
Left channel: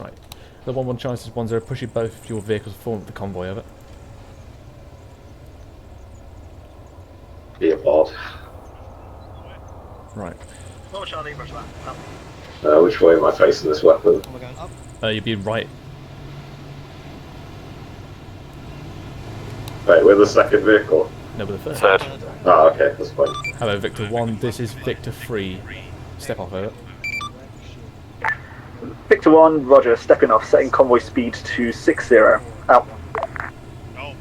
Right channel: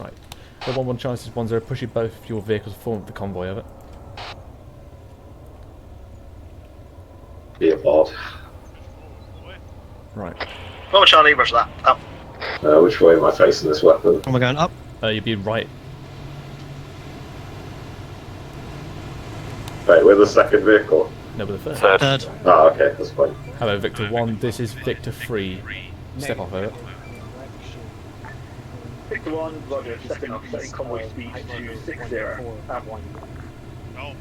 Right. Hello, 1-1 Charles is 1-0. Push both your vehicles forward the convoy, over. Be aboard. Right. 1-1 Charlie, roger that. Out. Which way am I facing this weapon? Am I going up? You'd be right. Wait, we're the second vehicle? No, we're the Third. Oh, okay, that's fine. Hello, Victor 1. This is Victor 3. Step off, over. Victor 1, roger, stepping off, setting convoy speed to 60. Out. Oh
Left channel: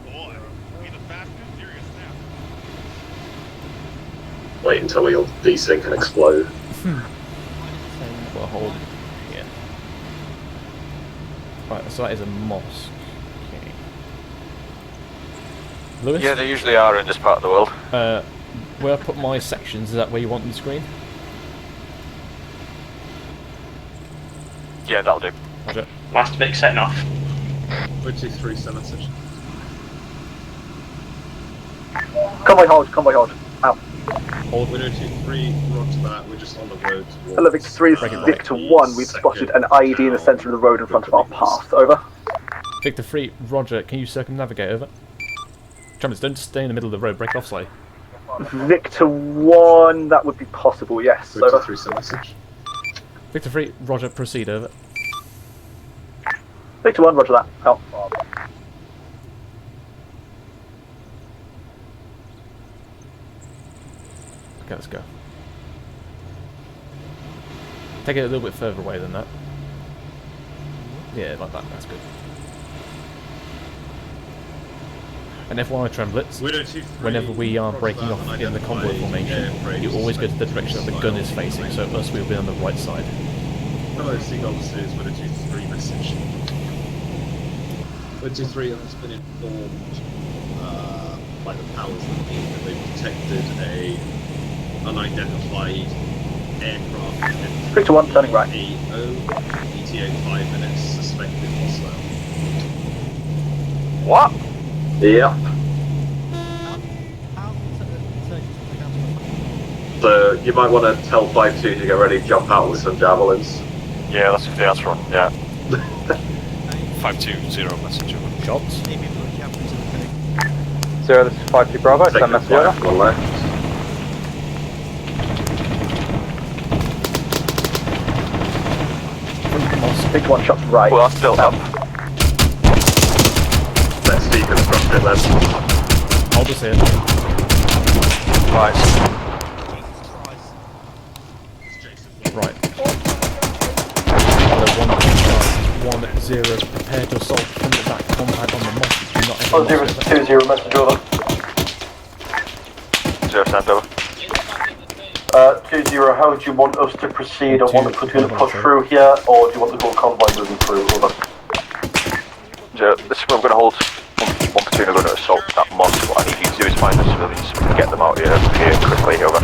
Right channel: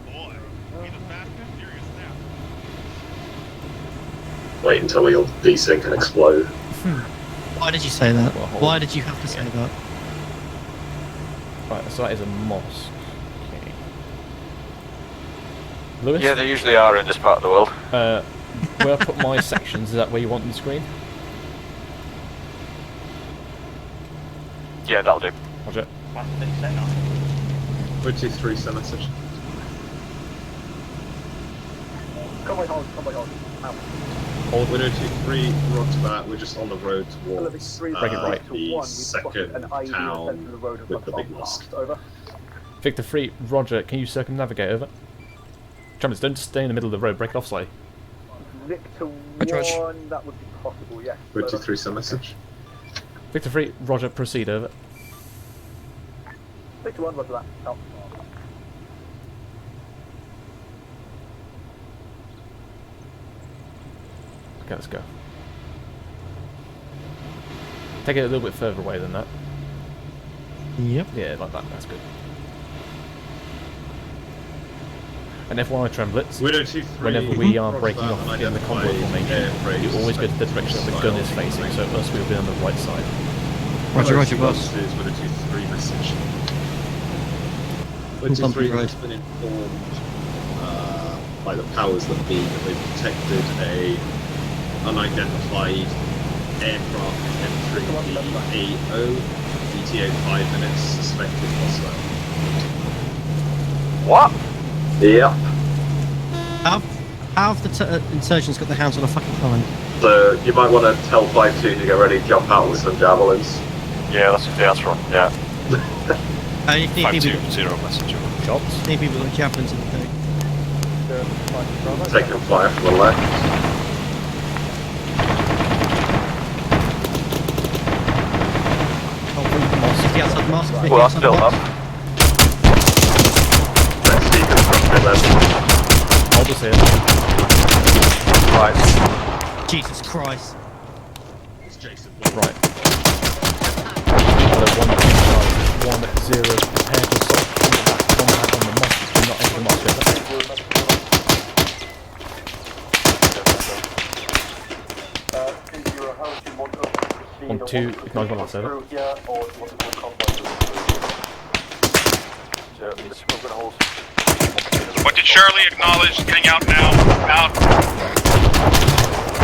boy. He's a fast and furious now. Wait until we all desync and explode. Why did you say that? Well, hold Why on. did you have to say that? Right, so that is a mosque. Okay. Lewis? Yeah, they usually are in this part of the world. Where I put my sections, is that where you want on the screen? Yeah, that'll do. Roger. Last bit setting off. 23 Senator. Convoy hold. Out. Hold. Winner 23, roger that. We're just on the road towards... Hello, Victor 3, Victor 1, we've spotted an IED in the centre of the road in front of our path. Over. Victor 3, roger. Can you circumnavigate, over? Tremors, don't stay in the middle of the road. Break off slightly. Victor 1, that would be possible, yes. Victor Over. 3 Senator. Victor 3, roger. Proceed, over. Victor 1, roger that. Out. Okay, let's go. Take it a little bit further away than that. Yep. Yeah, like that. That's good. And FYI, Tremblets, whenever we are breaking off in the convoy formation, you always go to the direction that the gun is facing, so us we'll be on the right side. Roger, Winner 23 message. Winner 23 has been informed by the powers that be that they've detected a unidentified aircraft. Victor 1, turning right. ETA 5 minutes, suspected hostile. What? Yeah. How have the insurgents got the house on a fucking line? So you might want to tell 5-2 to get ready to jump out with some javelins. Yeah, that's the answer. Yeah. 520 message. Shots. Maybe with the javelins in the thing. 0 to 5-2 Bravo. Take the fire from the left. One shot right. Well, that's still up. Let's deconstruct it then. Hold us here. Right. Jesus Christ. Right. Hello, 1-2 Charles is 1-0, prepare to assault from that compound on the mosque. Do not enter the mosque. 2-0, message order. 2-0, how do you want us to proceed? I want to quickly push through here, or do you want the whole convoy moving through? This is where I'm going to hold. What did Charlie acknowledge? Getting out now. Out. Get them out here. Quickly, over.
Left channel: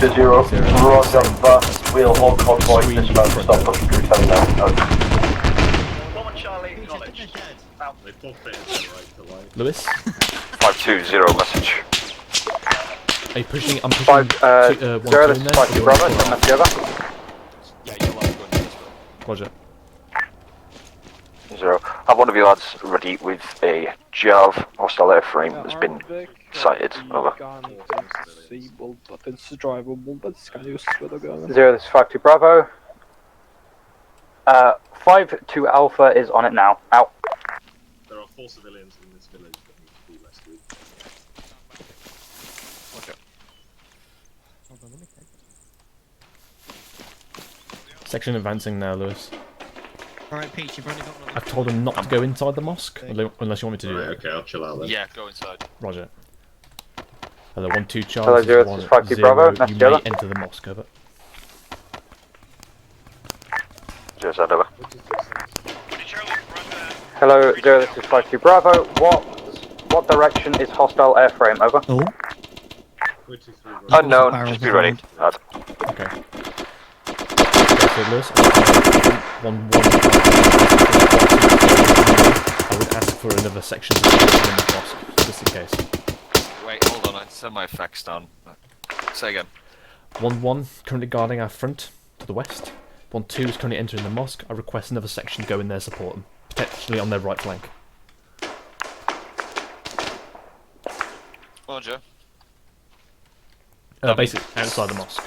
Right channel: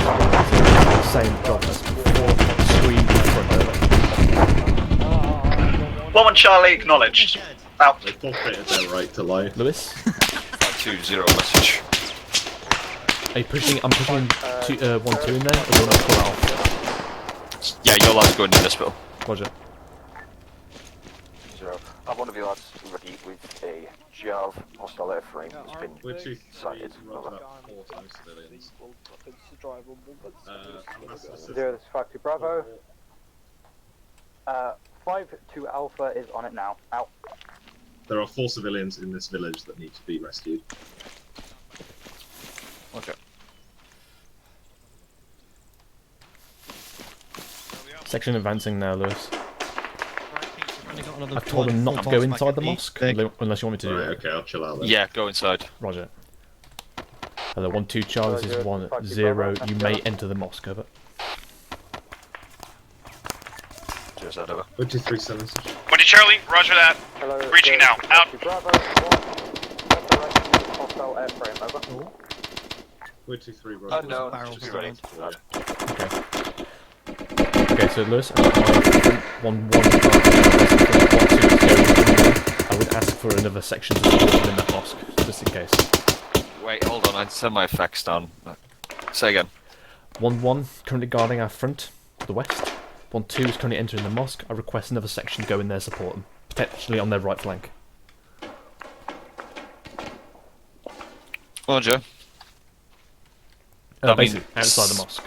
2-0, we'll hold convoy. 1-1 Charlie, acknowledged. Out. They forfeited their right to lie. Lewis? 520 message. Are you pushing? I'm pushing 1-2 in there. Yeah, your lad's going in this bill. Roger. 0. Have one of you lads ready with a Jav hostile airframe that's been sighted. Over. 0, this is 5-2 Bravo. 5-2 Alpha is on it now. Out. There are 4 civilians in this village that need to be rescued. Okay. Section advancing now, Lewis. Alright, Pete, you've only got another. I've told them not to go inside the mosque, unless you want me to do Right, that. okay, I'll chill out then. Yeah, go inside. Roger. Hello, 1-2 Charles is 1-0. You may enter the mosque, over. Cheers, over. 23 seconds. What did Charlie? Roger that. Hello, Reaching this now. is 5-2 Bravo. What direction is hostile airframe? Over. Oh. 23 Unknown. Just be ready. Okay. Okay, so Lewis, I would ask for another section to be in the mosque, just in case. Wait, hold on, I set my effects down. Say again. 1-1, currently guarding our front to the west. 1-2 is currently entering the mosque. I request another section go in there, support them, potentially on their right flank. Roger. Basically, outside the mosque.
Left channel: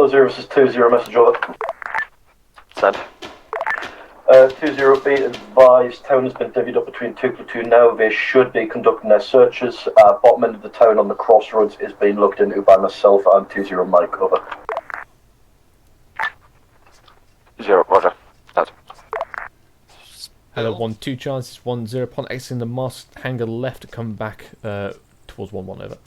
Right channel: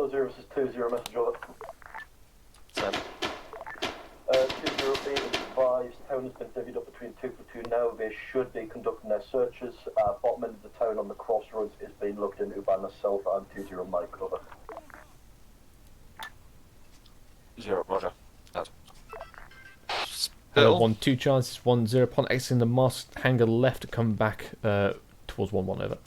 Oh, 0, this is 2-0, message over. Send. 2-0, be advised, town has been divvied up between 2 platoon now. They should be conducting their searches. Bottom end of the town on the crossroads is being looked into by myself and 2-0 Mike, over. 0, roger. That's Hello, 1-2 Charles is 1-0. Upon exiting the mosque, hangar left to come back towards 1-1, over.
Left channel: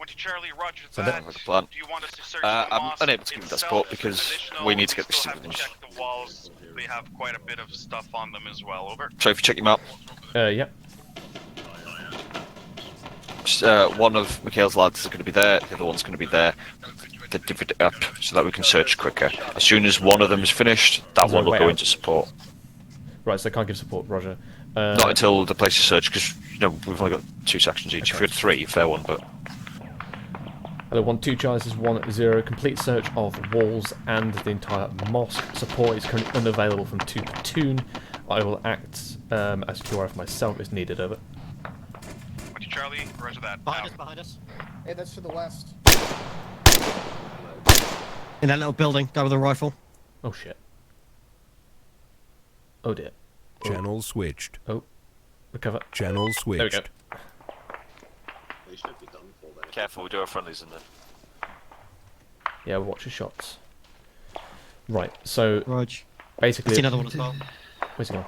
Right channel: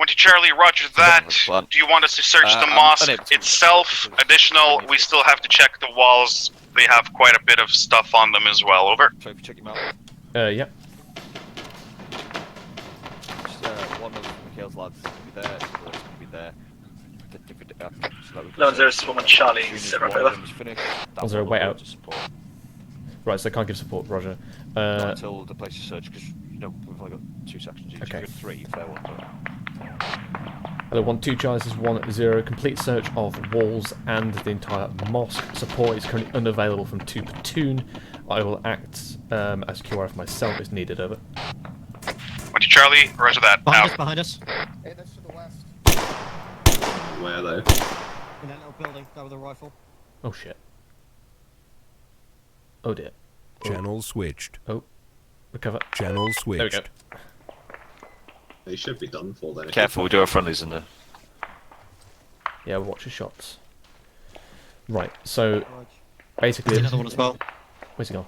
1-2 Charlie, roger that. Do you want us to search the mosque itself? Additional, we still have to check the walls. They have quite a bit of stuff on them as well, over. So if you check him out. Yep. One of Mikhail's lads is going to be there, the other one's going to be there. They divvied it up so that we can search quicker. As soon as one of them is finished, that one will go into support. Right, so they can't give support, roger. Not until the place is searched, because we've only got 2 sections each. Okay. If we had 3, fair one, but... Hello, 1-2 Charles is 1-0. Complete search of walls and the entire mosque. Support is currently unavailable from 2 platoon. I will act as QRF myself if needed, over. 1-2 Charlie, roger that. Behind us. Hey, that's to the west. Where though? In that little building, guy with a rifle. Oh shit. Oh dear. Channel switched. Oh. Recover. Channel switched. There we go. They should be done for then. Careful, we do have friendlies in there. Yeah, watch your shots. Right, so Raj. basically... Another one as well. Where's he gone?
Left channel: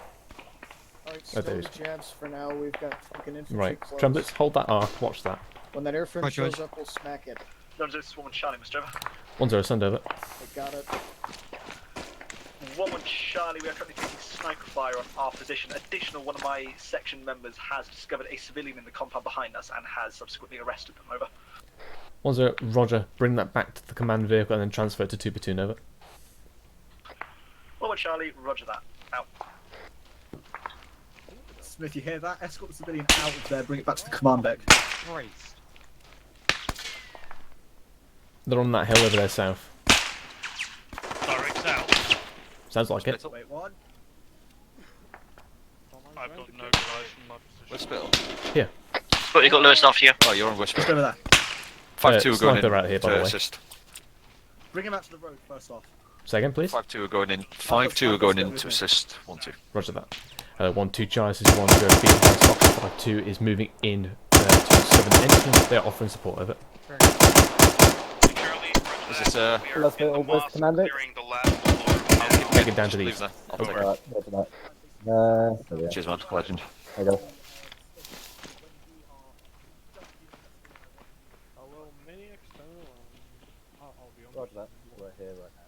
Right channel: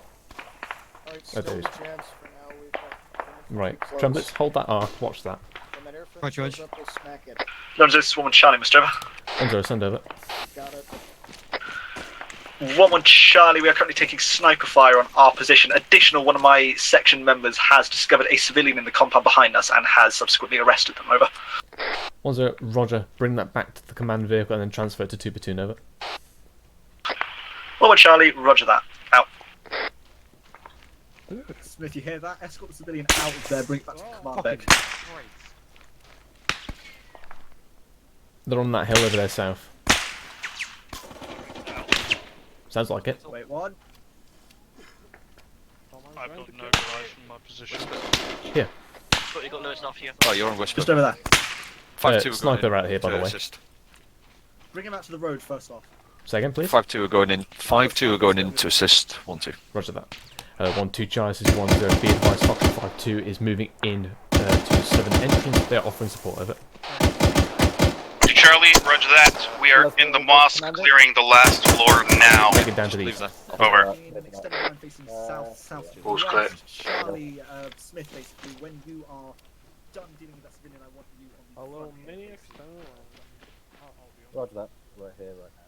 Alright, Oh, there he is. jabs for now. We've got Right, Tremblets, hold that arc, watch that. When that airframe Right, shows up, we'll smack it. London, this is 1-1 Charlie, Mr. Over. 1-0, send over. Got it. 1-1 Charlie, we are currently taking sniper fire on our position. Additional, one of my section members has discovered a civilian in the compound behind us and has subsequently arrested them, over. 1-0, roger, bring that back to the command vehicle and then transfer it to 2 platoon, over. 1-1 Charlie, roger that. Out. Smith, you hear that? Escort the civilian out of there, bring it back to the command deck. They're on that hill over there south. Sounds like it. Wait, what? I've got no guys from my position. Here. But you got Lewis off here. Oh, you're on Whisper. Just over there. 5-2 sniper out here, by the way. Bring him out to the road first off. Say again, please. 5-2 are going in. 5-2 are going in to assist 1-2. Roger that. 1-2 Charlie, this is 1-0. Be advised, Fox 5-2 is moving in to the southern entrance. They are offering support of it. Charlie, roger that. We are in the mosque, clearing the last floor now. Take it down to the east. Over. Cheers, Walsh. Clear. Hello, mini external. Roger that. We're here right now.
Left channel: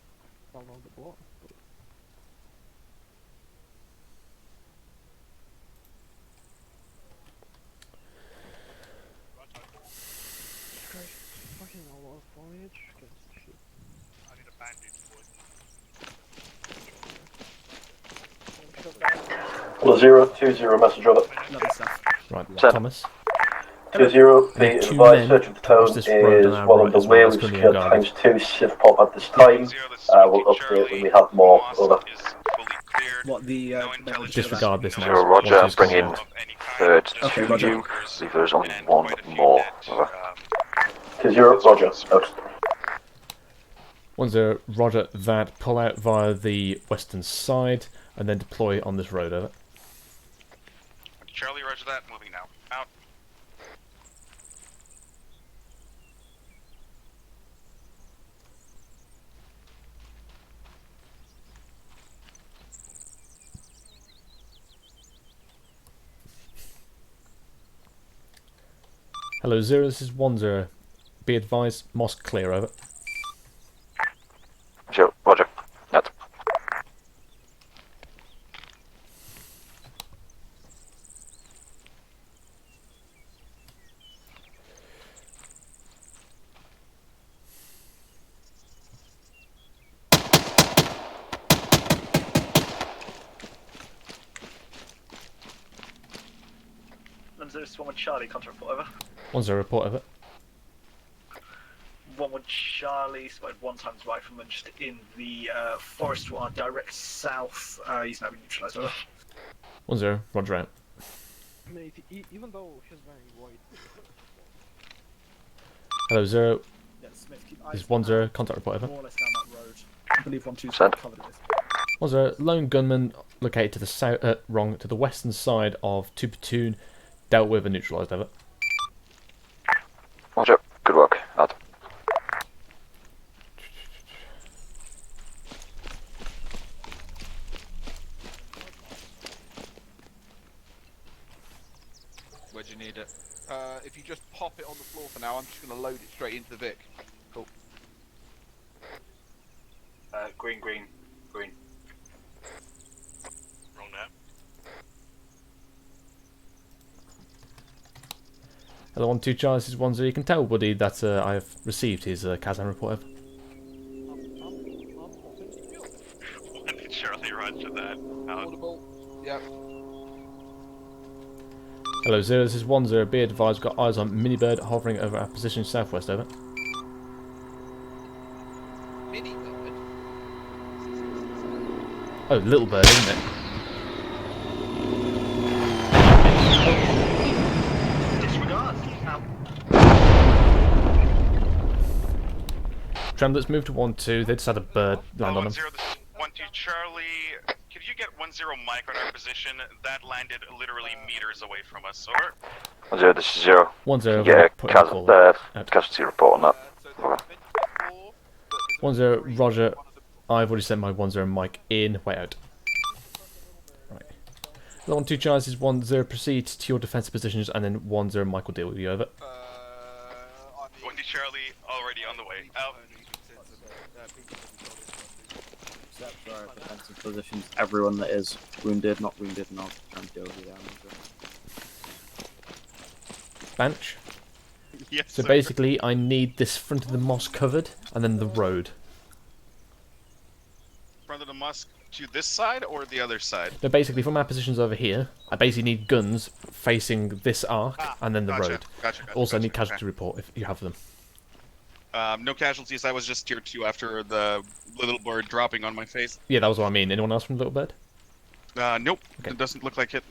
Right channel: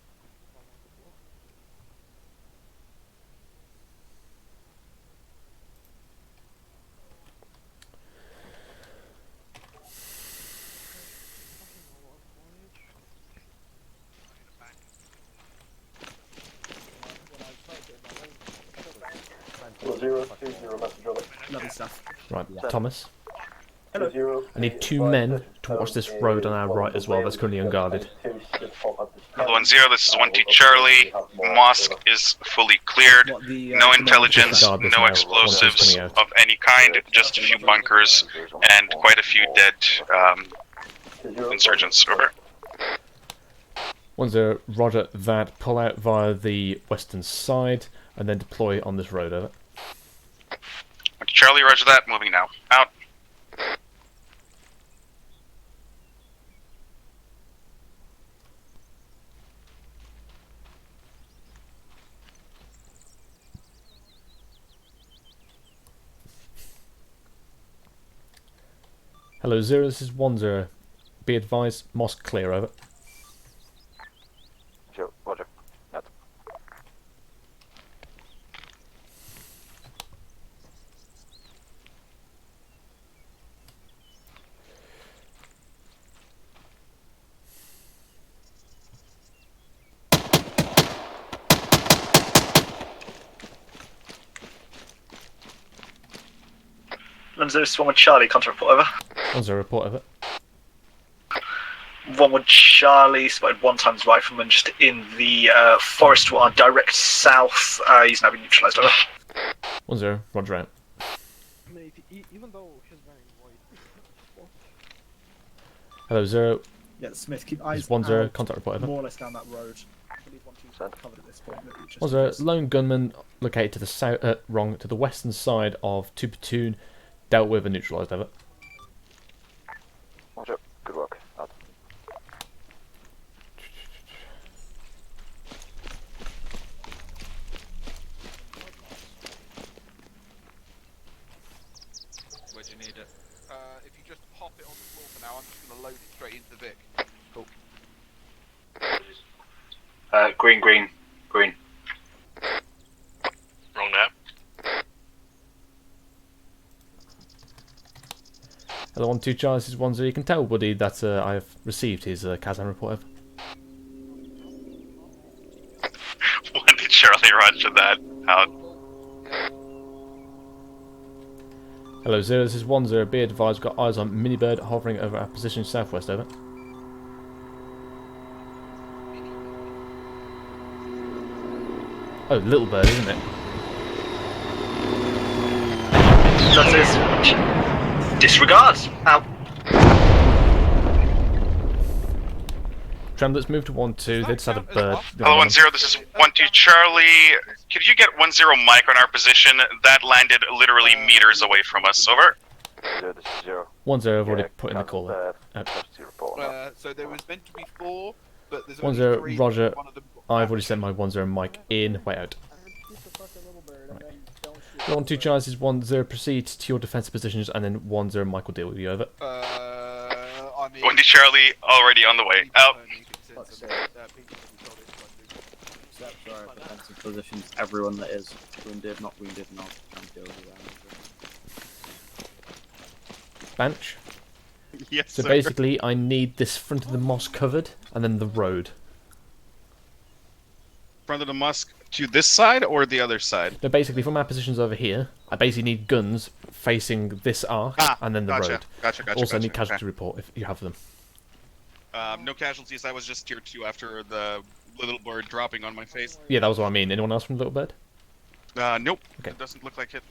Well, 020 message over. Lovely stuff. Right, Thomas. 20. I need 2 men to watch this road on our right as well as currently unguarded. 2 Sith pop at this time. 1-0, this is 1-2 Charlie. Mosque is fully cleared. No intelligence, no explosives of any kind, just a few bunkers and quite a few dead insurgents. Over. 1-0, roger that. Pull out via the western side and then deploy on this road, over. Charlie, roger that. Moving now. Out. Hello, 0, this is 1-0. Be advised, mosque clear, over. Sure, roger. Out. This one with Charlie, contact report over. 1-0, report over. One with Charlie, spotted 1 times rifleman just in the forest one, direct south. He's now been neutralised, over. 1-0, roger out. Mate, even though he's wearing white. Hello, 0. Yeah, Smith, keep eyes. This is 1-0, contact report over. More or less down that road. I believe 1-2's covered at this point. 1-0, lone gunman located to the south, to the western side of 2 platoon, dealt with and neutralised, over. Roger. Good work. Out. Where do you need it? If you just pop it on the floor for now, I'm just going to load it straight into the Vic. Cool. Green. Wrong map. Hello, 1-2 Charlie, this is 1-0. You can tell Woody that I have received his Kazan report, over. 1-2 Charlie, roger that. Out. Hello, 0, this is 1-0. Be advised, we've got eyes on Minibird hovering over our position southwest, over. Oh, Little Bird, isn't it? Disregards. Out. Trem, let's move to 1-2. They just had a bird. Hello, 1-0, this is 1-2 Charlie. Could you get 1-0 Mike on our position? That landed literally meters away from us. Over. 0, this is 0. 1-0, Yeah, put in a call. casualty report on that. So there was meant to be 4, but there's 1-0, roger. I've already sent my 1-0 Mike in. Way out. Right. 1-2 Charlie, this is 1-0. Proceed to your defensive positions, and then 1-0 Mike will deal with you, over. 1-2 Charlie, already on the way. Out. Except for our defensive positions, everyone that is wounded, not wounded, and I'll try and deal with that. Bench. Yes, So sir. basically, I need this front of the mosque covered, and then the road. Front of the mosque to this side or the other side? No, basically, from our positions over here, I basically need guns facing this arc, and then the gotcha, road. gotcha, Also, I need gotcha, casualty report if you have them. No casualties. I was just tier 2 after the little bird dropping on my face. Yeah, that was what I mean. Anyone else from Little Bird? Nope. Okay. It doesn't look like it.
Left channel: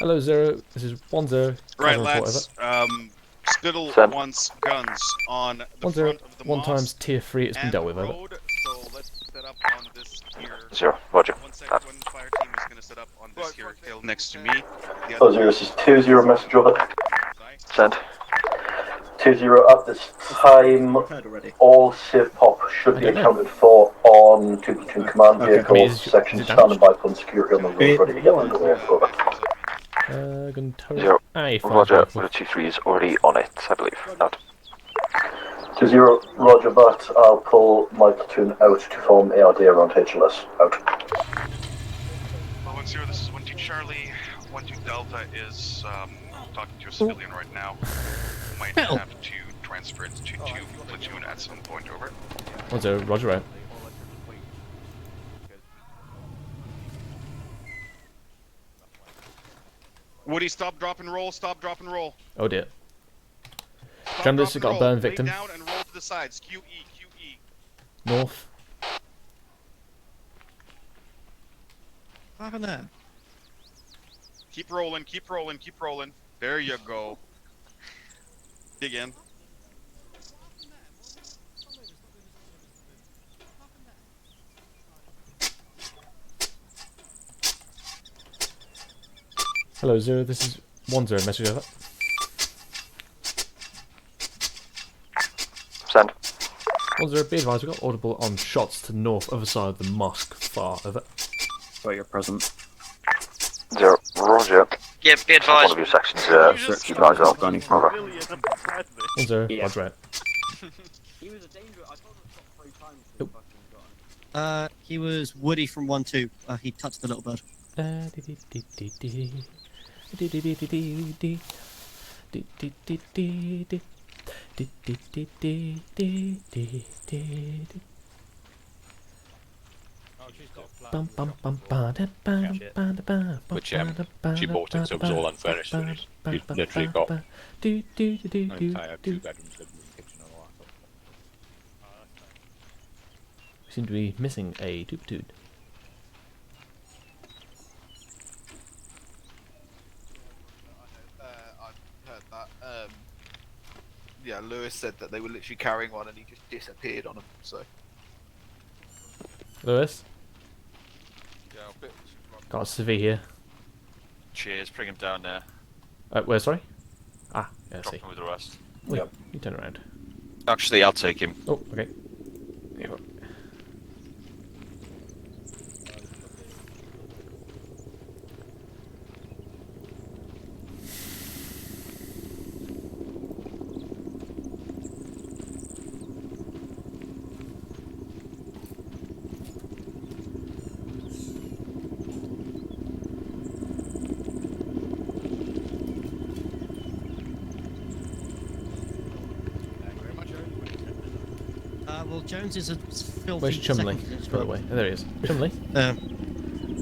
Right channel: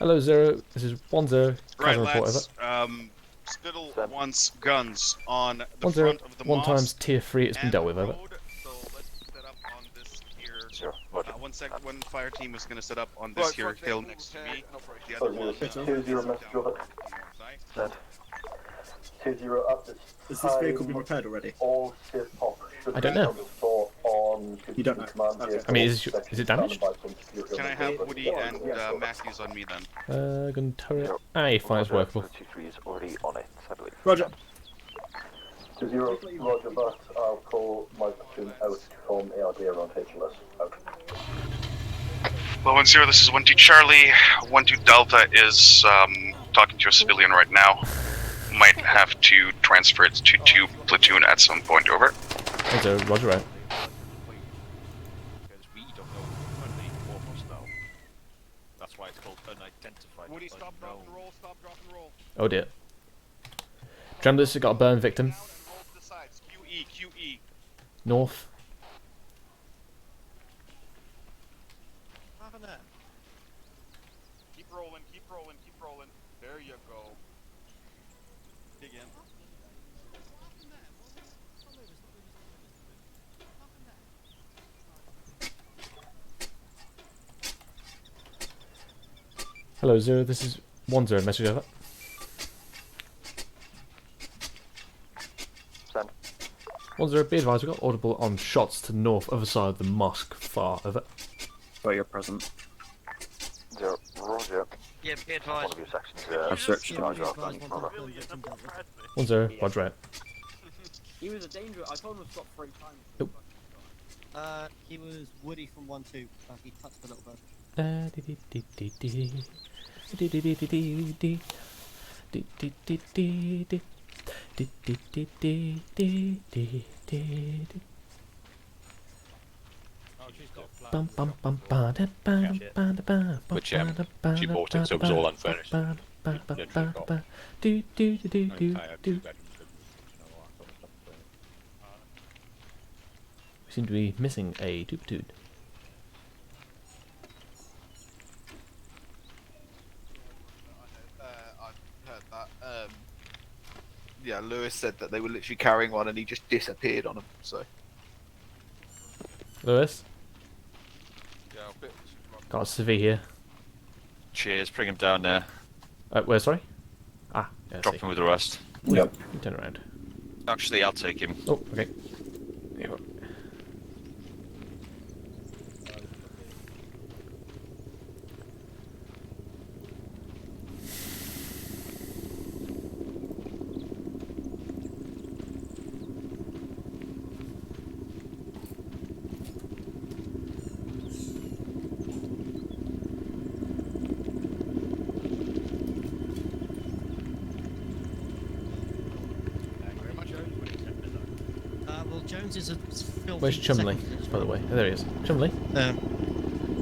Hello, 0. This is 1-0. Right, Casual report, lads. over. Spittle Send. wants guns on the 1-0. front of the One mosque times tier 3, it's been and dealt the with, over. road, so let's set up on this here. 0, roger. One fire team is going to set up on this here hill next to me. The Oh, other 0, one this is 2-0 message over. Send. 2-0 at this time. All civ pop should I be don't know. accounted for on 2 command Okay. vehicle I mean, is section it standing damaged? by on security on the road ready to get on the road over. Gun turret. 0. Aye, fine, Roger. rifle. The 2-3 is already on it, I believe. Roger. 2-0, roger that. I'll pull my platoon out to form ARD around HLS. Out. Well, 1-0, this is 1-2 Charlie. 1-2 Delta is talking to a civilian right now. Might have to transfer it to 2 platoon at some point, over. 1-0, roger out. Woody, stop, drop, and roll. Stop, drop, and roll. Oh dear. Jamblers have got a burn victim. Down and roll to the sides. QE, QE. North. What happened there? Keep rolling, keep rolling, keep rolling. There you go. Dig in. Hello, 0. This is 1-0. Message over. Send. 1-0. Be advised, we've got audible on shots to north, other side of the mosque. Far, over. Got your present. 0, roger. Yeah, be One advised. of your sections, Search lies out. Bunny. Over. 1-0. Roger out. He was a danger. I told him to stop 3 times. Nope. He was Woody from 1-2. He touched the little bird. Which she bought it, so it was all unfurnished. She literally got We seem to be missing a platoon. I heard that. Yeah, Lewis said that they were literally carrying one and he just disappeared on them. So. Lewis? Yeah, a bit. Got a civvy here. Cheers, bring him down there. Where, sorry? Ah, yeah, I Drop see. him with the rest. Yep. You turn around. Actually, I'll take him. Oh, okay. Here. Well, Jones is a filthy. Where's Chumley, by the way? Oh, there he is. Chumley? I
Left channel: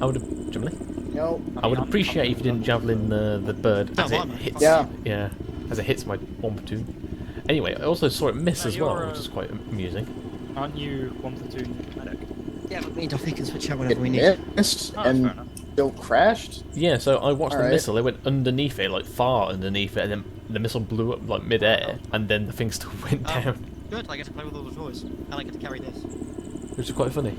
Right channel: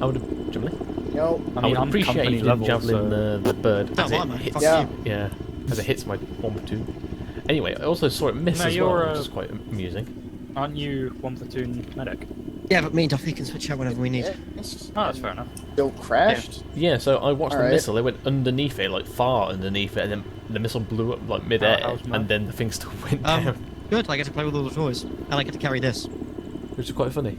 would have... Chumley? Yo. I would appreciate if you didn't javelin the bird as it hits... Yeah. Yeah, as it hits my 1 platoon. Anyway, I also saw it miss as well, which is quite amusing. Aren't you 1 platoon medic? Yeah, but me and Duffy can switch out whenever we need. Missed Oh, that's and fair enough. still crashed? Yeah, so I watched the Alright. missile, it went underneath it, like far underneath it, and then the missile blew up like mid-air, and then the thing still went down. Good, I get to play with all the toys, and I get to carry this. Which is quite funny.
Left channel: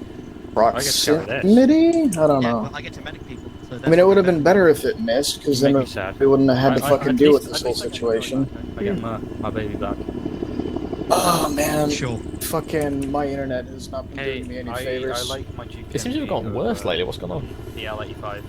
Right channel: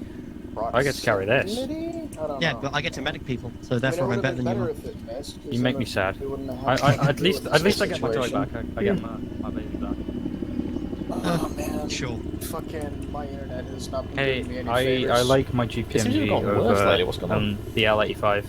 I get to carry this. Proximity? I don't Yeah, know. but I get to medic people, so I that's mean, it why would have I'm been better better than if it missed, because You then make me sad. we wouldn't have had to fucking deal with at this least whole I get my toy situation. back. I get my baby back. Oh man, sure. Fucking my internet has not been doing me any I favors. like my GPMG. It seems to have gotten worse lately, what's going on? The L85.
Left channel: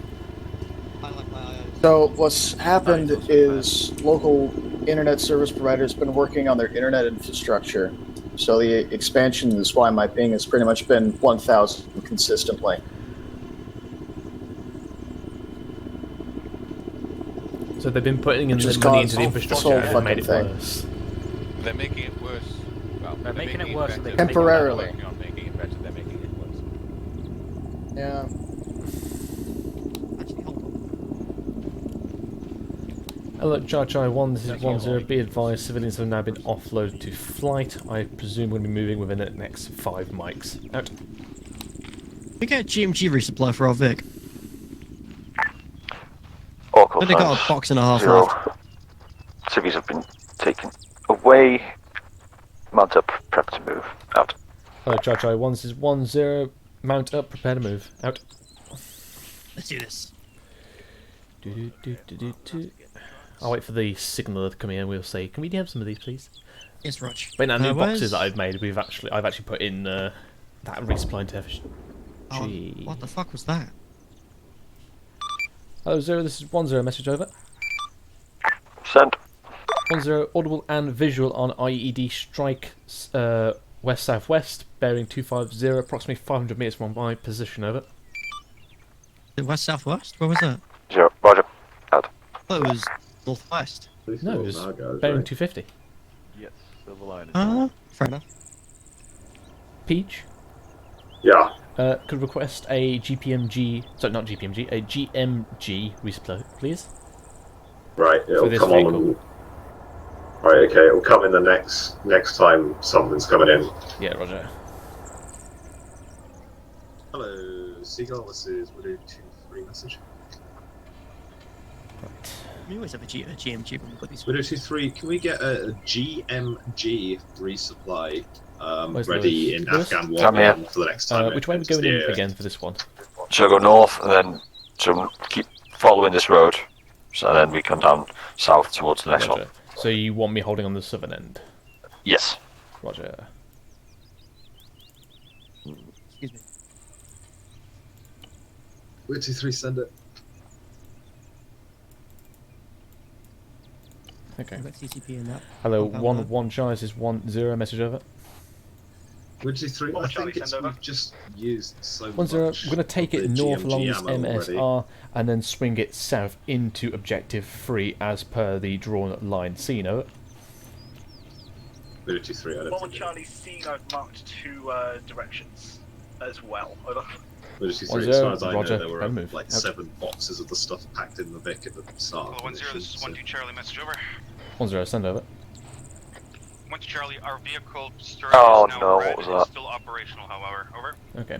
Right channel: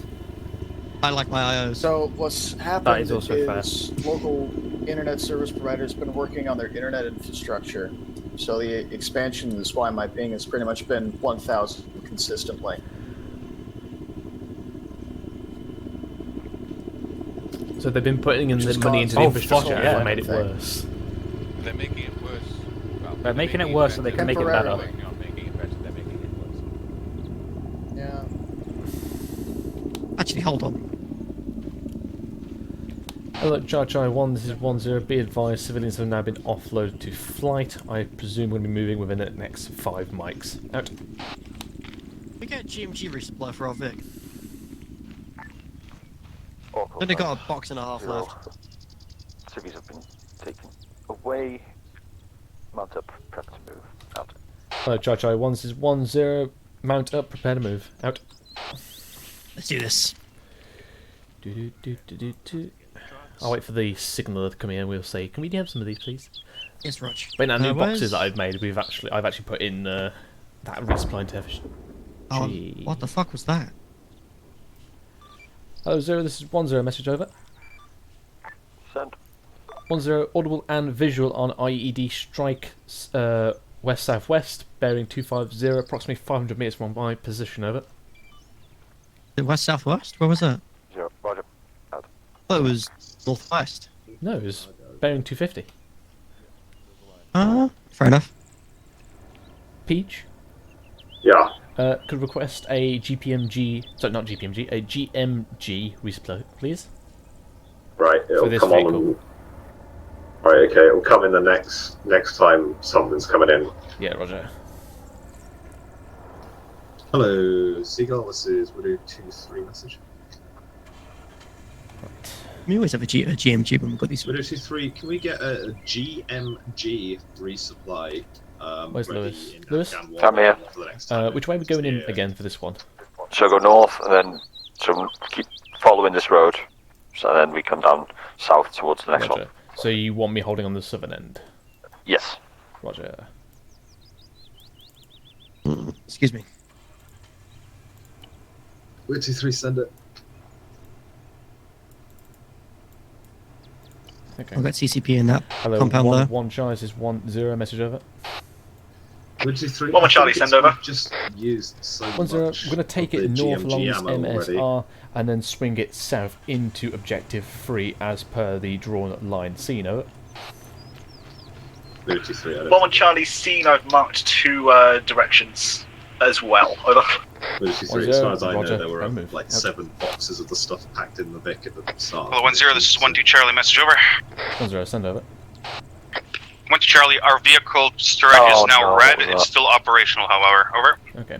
I like my IOs. So what's happened That is is local internet service providers been working on their internet infrastructure. So the expansion is why my ping has pretty much been 1,000 consistently. So they've been putting in Which the has money caused into the infrastructure and it made it everything. worse. They're making it worse. Well, They're making it worse so they can make it Temporarily. better. They're not making it better, they're making it worse. Yeah. Actually, hold on. Hello, Chai 1, this is 10. Be advised, civilians have now been offloaded to flight. I presume we're going to be moving within the next 5 mics. Out. We get GMG resupply for our Vic. Oracle But they got signs. a box and a half 0. left. Civvies have been taken away. Mount up, prep to move. Out. Hello, Chai. 1-0. Mount up, prepare to move. Out. Let's do this. I'll wait for the signaller to come in and we'll say, can we have some of these, please? Yes, Rog. But in our new boxes that I've made, I've actually put in that resupply into FG. Oh, what the fuck was that? Hello, 0. This is 1-0. Message over. Send. 1-0. Audible and visual on IED strike west-southwest, bearing 250, approximately 500 meters from my position. Over. West-southwest? Where was that? 0. Roger. Out. Oh, it was northwest. No, it was bearing 250. Fair enough. Peach? Yeah. Could request a GPMG, sorry, not GPMG, a GMG resupply, please. Right, it'll for this come vehicle. on. Right, okay, it'll come in the next time something's coming in. Yeah, Roger. Hello, Seagull. This is Widow 23 message. We always have a GMG when we've got these. Widow 23, can we get a GMG resupply Where's ready Lewis? in Lewis? Afghan I'm here. 1 for the next time? Which way are we going in again for this one? So go north and then keep following this road. So then we come down south towards the next Roger. one. So you want me holding on the southern end? Yes. Roger. Excuse me. Widow 23, send it. Okay. I've got CCP in that. Hello, compound there. 1 Charlie is 1-0. Message over. Widow 23. 1 Charlie, send over. Just used so 1-0. We're going to take it of the north GMG along this ammo MSR and then swing it south into objective 3 as per the drawn line. Seen over. Widow 23, I don't 1 Charlie, seen. I've marked 2 directions as well. Over. Widow 23, 1-0, as far as I Roger, know, there were and move. like Out. 7 boxes of the stuff packed in the Vic at the start. Hello, 1-0, this is 1-2 Charlie, message over. 1-0. Send over. 1-2 Charlie, our vehicle storage Oh, is now no, red. what was It's that? still operational, however. Over. Okay.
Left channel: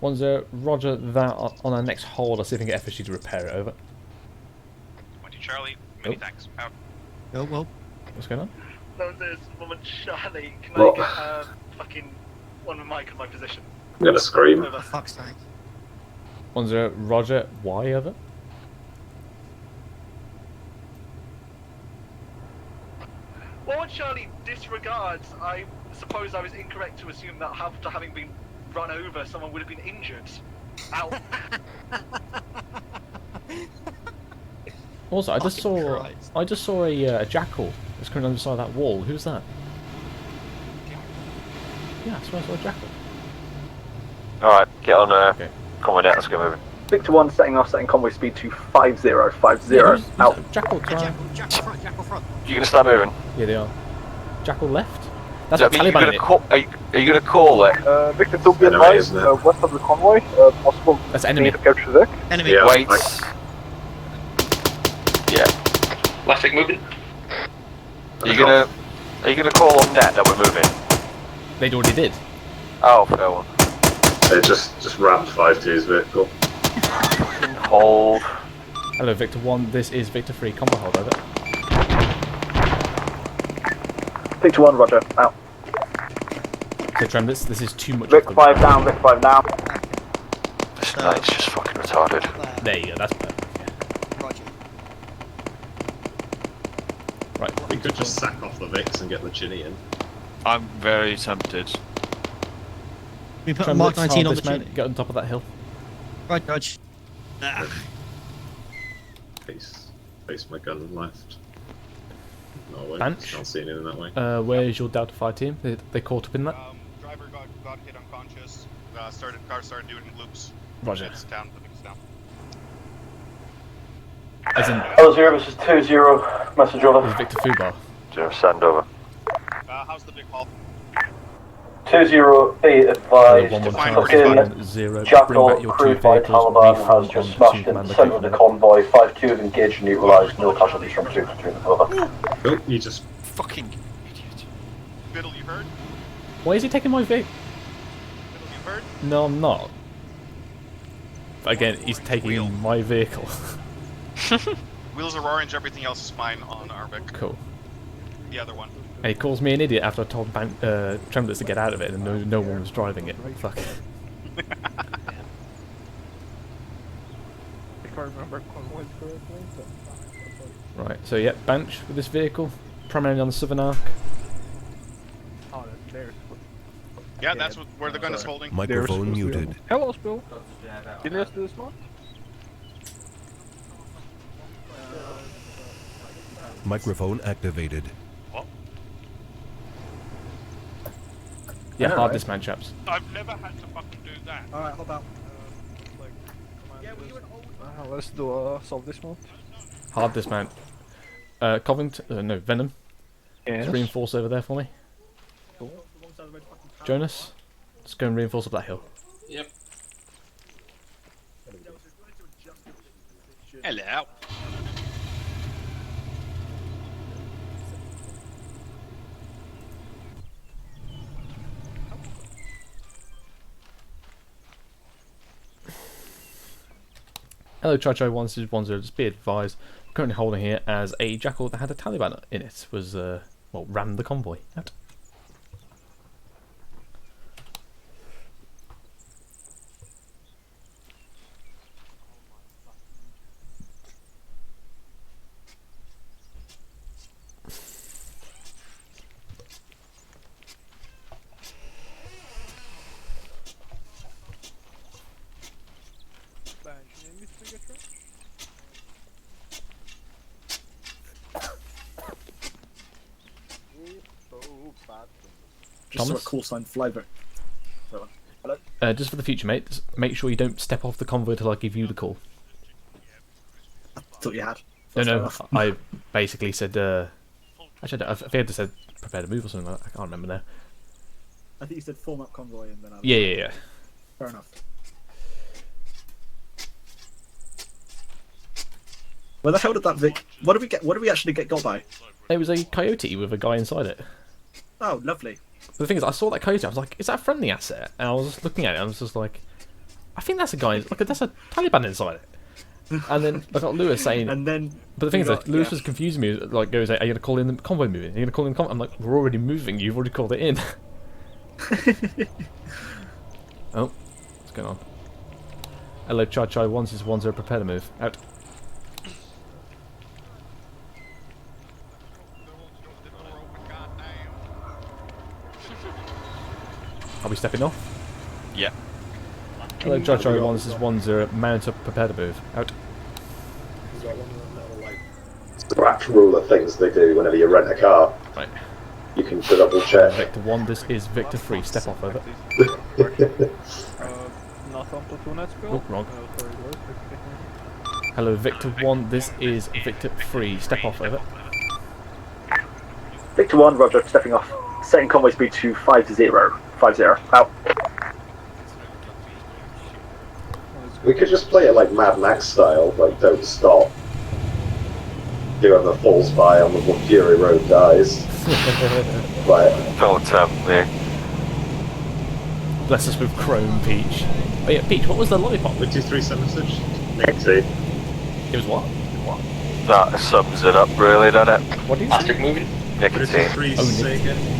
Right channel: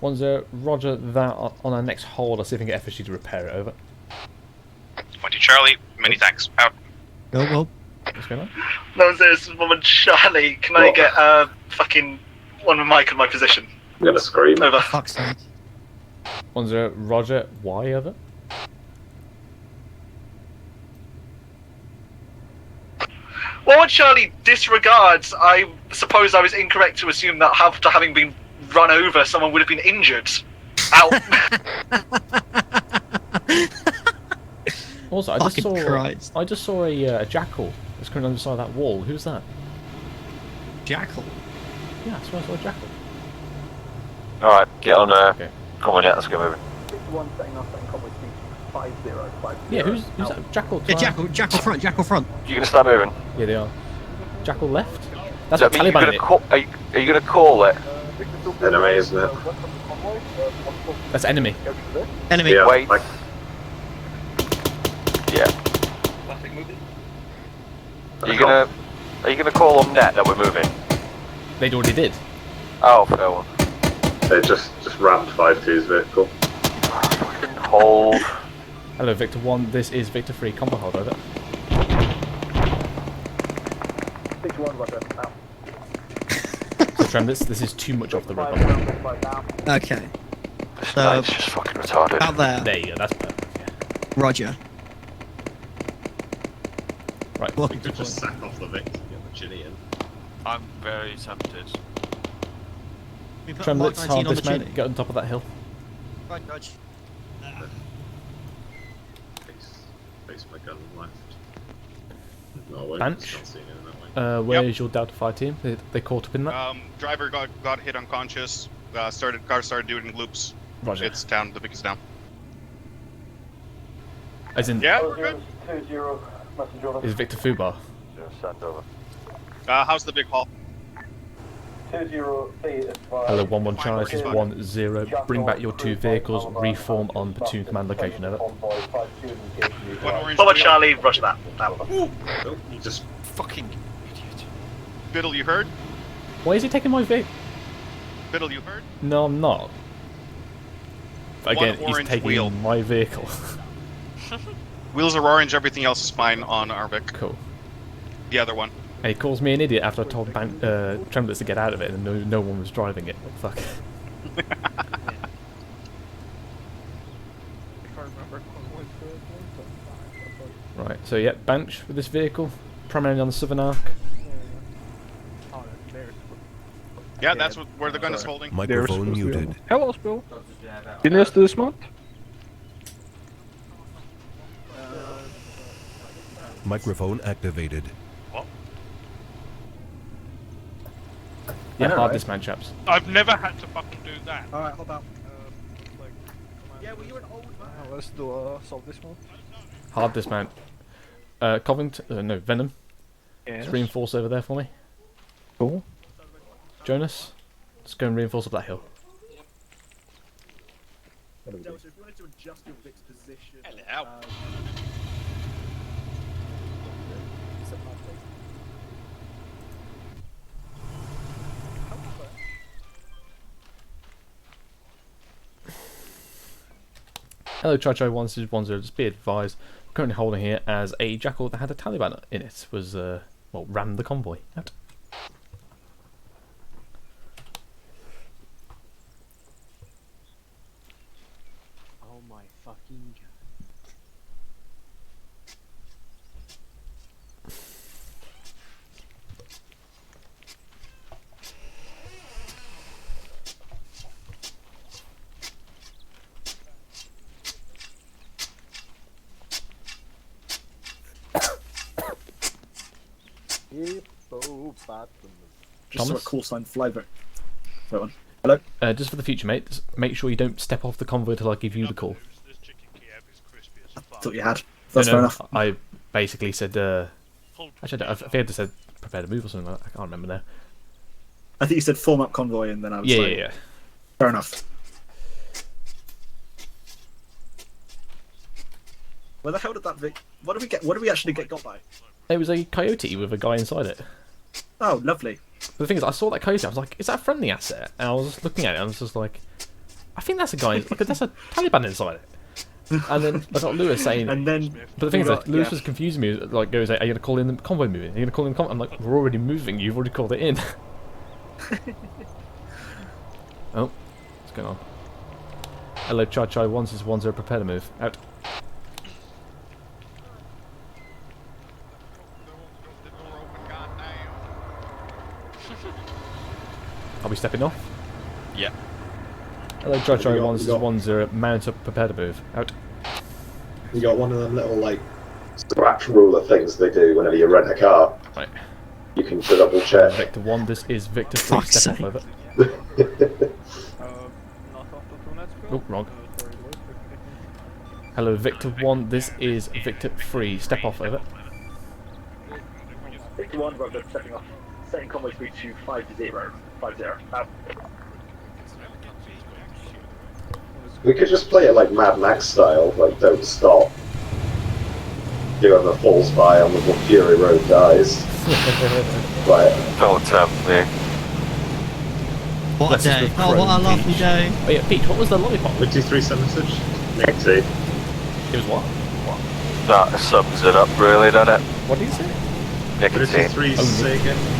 1-0. Roger that. On our next hold, I'll see if I can get FSG to repair it. Over. 1-2 Charlie, many thanks. Out. Oh, well. What's going on? No, this is 1 Charlie. Can What? I get fucking one with Mike in my position? I'm gonna scream. Over. Fuck's sake. 1-0. Roger. Why over? Well, Charlie disregards. I suppose I was incorrect to assume that after having been run over, someone would have been injured. Out. Also, I just Fucking saw Christ. a jackal that's coming on the side of that wall. Who's that? Jackal. Yeah, I saw a jackal. Alright, get on Okay. coming out, let's go moving. Victor 1 setting convoy speed to 5050. Yeah, who's that? Jackal? Yeah, Try- Jackal front. You gonna start moving? Yeah, they are. Jackal left. That's Does what that mean Taliban you're did. gonna call, are you gonna call it? Victor 2 be Enemy, advised, isn't it? west of the convoy, possible That's enemy. to capture Vic. Enemy. Yeah, Wait. like- Yeah. Plastic moving. Are you gonna call on net that we're moving? They already did. Oh, fair one. They just rammed 5-2's vehicle. Hold. Hello, Victor 1. This is Victor 3. Combo hold over. Victor 1, Roger. Out. So, Trem, this is too much Vic off the 5 radar. down, Vic 5 now. Okay. This So- guy's just fucking retarded. About there. There you go. That's perfect. Yeah. Roger. Right. We could just sack off the Vics and get the Chinny in. I'm very tempted. We put Trem, Mark let's 19 hard on the dismount. team. Get on top of that hill. Right, Dodge. Ah. Face my gun and left. No way. Bench. Can't see anything that way. Where's your Delta 5 team? They caught up in that? Driver got hit unconscious. Car started doing loops. Roger. It's down. The Vic's down. As in, Yeah. Hello 0, this is 2-0. Message over. is Victor Fubar. Send over. How's the big haul? 2-0, be Hello, advised. 1-1 Charlie, Okay. 1-0. Jackal, Bring back your 2 crewed by vehicles, Taliban, reform has on just platoon smashed command in the centre location. of the Over. convoy. 5-2 have engaged and neutralised. 1 Charlie, Roger that. Out. Oh, you just Fucking idiot. Biddle, you heard? Why is he taking my vehicle? Biddle, you heard? No, I'm not. Again, One he's orange taking wheel. my vehicle. Wheels are orange. Everything else is fine on our Vic. Cool. The other one. And he calls me an idiot after I told Tremblers to get out of it, and no one was driving it. Like, fuck. If I remember convoys correctly, so Right, so yeah, Banch with this vehicle, primarily on the southern arc. oh, there's. Yeah, that's where the gun is holding. Microphone muted. Hello, Spill. Did you do this month? Microphone activated. What? Yeah, know, hard right? dismount, chaps. I've never had to fucking do that. Alright, hop out. Yeah, were you an old let's do solve this one. Hard dismount. Covington, no, Venom. Yes. Just reinforce over there for me. Cool. Jonas, let's go and reinforce up that hill. Yep. Hello. Hello, Chacho 110, just be advised, I'm currently holding here as a Jackal that had a Taliban in it was, well, rammed the convoy. Out. Just saw a call sign flyback. That one. Hello? Just for the future, mate, just make sure you don't step off the convoy till I give you the call. I thought you had. No, That's fair no, enough. I basically said, actually, I think I said prepare to move or something like that. I can't remember now. I think you said form up convoy and then I was Yeah, like, yeah. Fair enough. Where the hell did that Vic... What did we get? What did we actually get got by? It was a coyote with a guy inside it. Oh, lovely. But the thing is, I saw that coyote, I was like, is that a friendly asset? And I was just looking at it, and I was just like, I think that's a guy, like, that's a Taliban inside it. And then I got Lewis saying, and then, but the thing is, got, Lewis yeah. was confusing me, like, goes, are you going to call in the convoy moving? Are you going to call in the convoy? I'm like, we're already moving, you've already called it in. Oh, what's going on? Hello, Chai 1610, prepare to move. Out. Are we stepping off? Yeah. Hello, Chai 1610, mount up, prepare to move. Out. You got one of them little, like, scratch ruler things they do whenever you rent a car. Right. You can double check. Victor 1, this is Victor 3, step off over. Not after 2 nets, Spill. Oh, wrong. Hello, Victor 1, this is Victor 3, step off over. Victor 1, roger, stepping off. Setting convoy speed to 50. 50. Out. We could just play it like Mad Max style, like don't stop. Do have a false buy on the Fury Road dies. Right. Don't tempt me. Bless us with Chrome, Peach. Oh yeah, Peach, what was the lollipop? 5376? Nicotine. It was what? That sums it up really, doesn't it? What do you say? Nicotine. Oh, nicotine.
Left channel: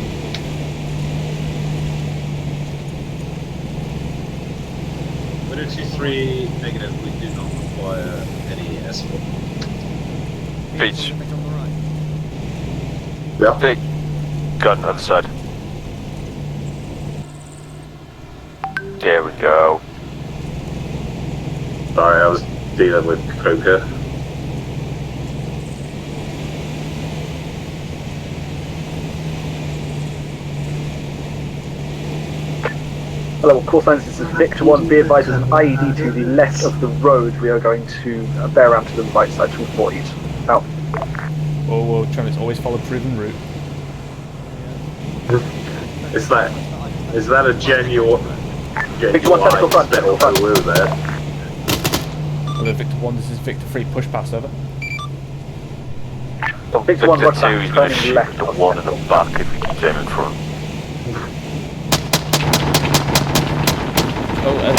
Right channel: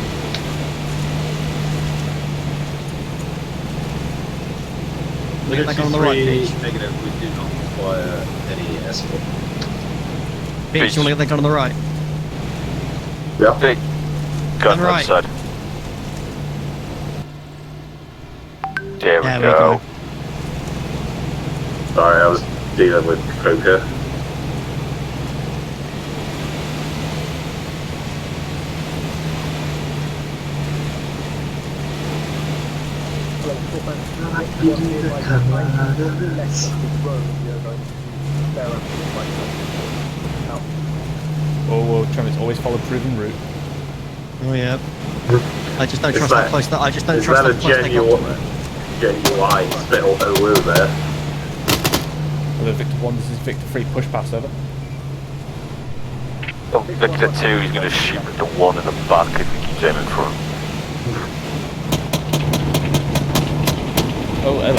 Negative, we do not require any escort. Peach, you want to get that gun on the right? Yeah. Big gun Right. outside. There we Yeah, go. Sorry, I was dealing with Croker. Hello, call sign Victor 1, be advised, i.e. to the left of the road, we are going to bear out to the right side to the 40s. Out. Oh, Travis, always follow proven route. Oh yeah. I just don't Is trust how that, close that. I just don't is trust that a how close they genuine spittle hoo there? Hello, Victor 1, this is Victor 3, push pass over. Oh, Victor 2 is going to shoot the one in the back if he keeps aiming for him. Oh, hello.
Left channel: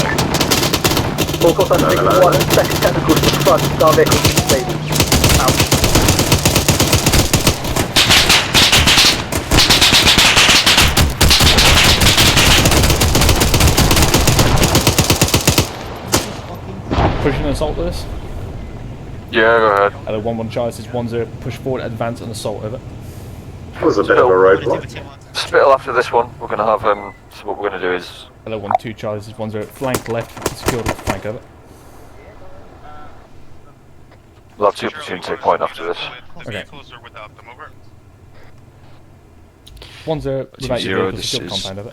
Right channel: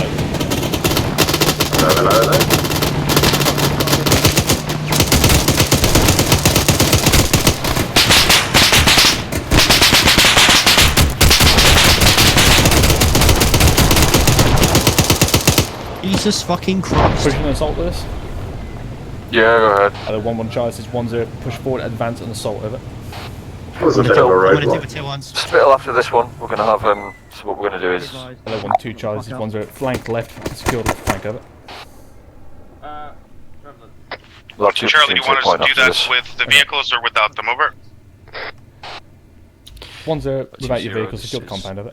fucking Christ. Pushing an assault with us. Yeah, go ahead. Hello, 1-1 Charlie, this is 1-0. Push forward, advance, and assault, over. That was a bit of a roadblock. Spittle after this one. We're gonna have so what we're gonna do is. Hello, 1-2 Charlie, this is 1-0. Flank left, secure the flank, over. We'll have two Charlie, you want us to do that with the vehicles or without them, over? 1-0, without your 0, vehicle, this secure the is- compound, over.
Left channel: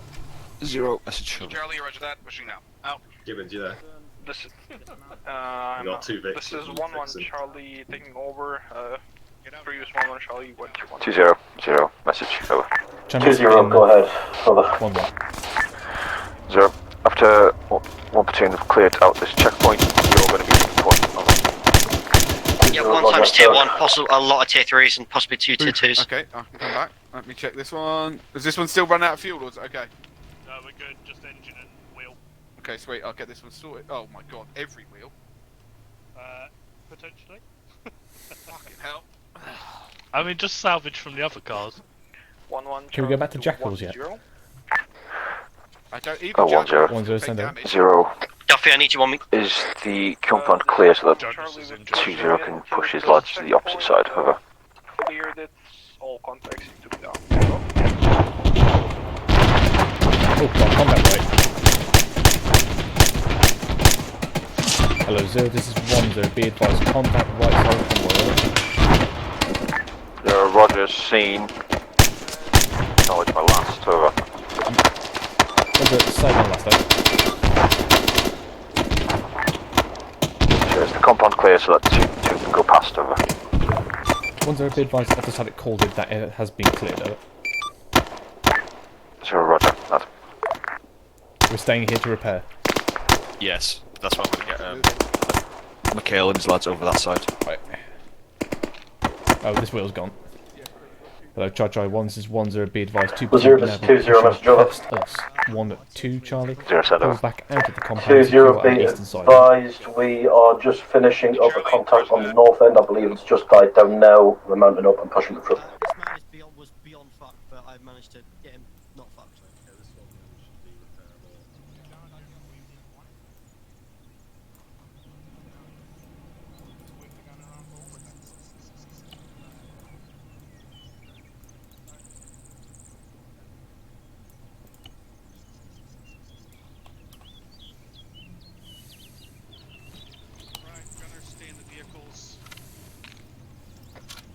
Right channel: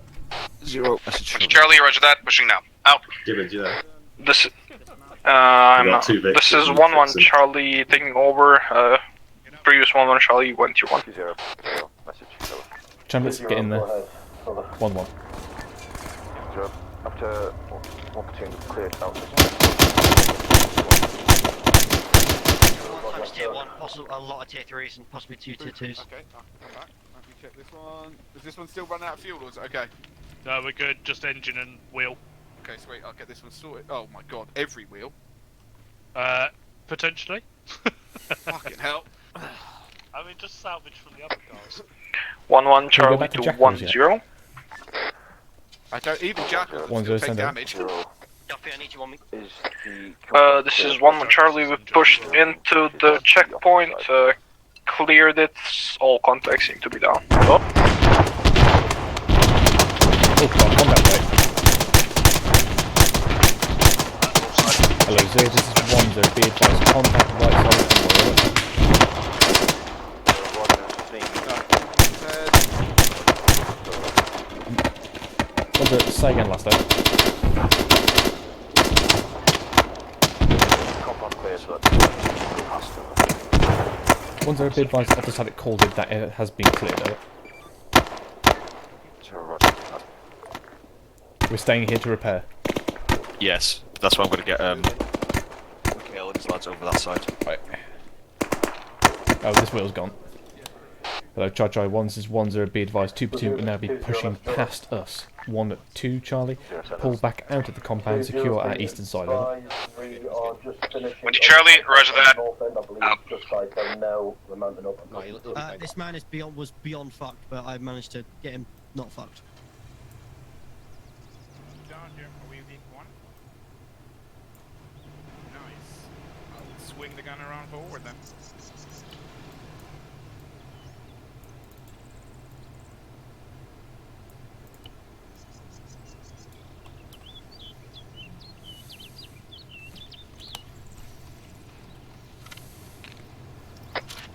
0. Charlie, roger that. Pushing now. Out. This, got two this victims is in 1-1 Texas. Charlie taking over. Previous 1-1 Charlie went to 1. 2-0. 0. Message. Over. Chambers, get 2-0, in there. go ahead. Over. 1-1. 0. After one platoon have cleared out this checkpoint, you're going to be point. Yeah, 1 times tier 1, possible a lot of tier 3s and possibly 2 tier 2s. Okay, I can come back. Let me check this one. Does this one still run out of fuel, or is it okay? No, we're good. Just engine and wheel. Okay, sweet. I'll get this one sorted. Oh my god, every wheel. Potentially. Fucking hell. I mean, just salvage from the other cars. 1-1 Can we Charlie go back to to Jackals yet? 1-0. I don't either. 1-0, send out. 0. Duffy, I need you on me. Is the compound This cleared? is 1-1 Charlie. We pushed into the checkpoint. Cleared it. All contacts seem to be down. Oh, God, combat right. Hello, 0, this is 1-0. Be advised, contact right side of convoy, over. Roger, seen. Oh, it's my last. Over. 1-0, say again last time. The compound clear, so that you can go past. Over. 1-0, be advised, I've just had it called in that it has been cleared, over. 0, Roger. That. We're staying here to repair. Yes, that's why I'm going to get Mikhail and his lads over that side. Right. Oh, this wheel's gone. Hello, Chai 1, this is 1-0, be advised, 2 platoon now be pushing past us. 1-2, Charlie. Pull back out of the compound, secure our eastern side. Advised, we are just finishing up Charlie, the compound on the north end. I believe it's just by down now. We're mounting up and pushing the front. This man is was beyond fucked, but I managed to get him not fucked. Swing the gun around forward then.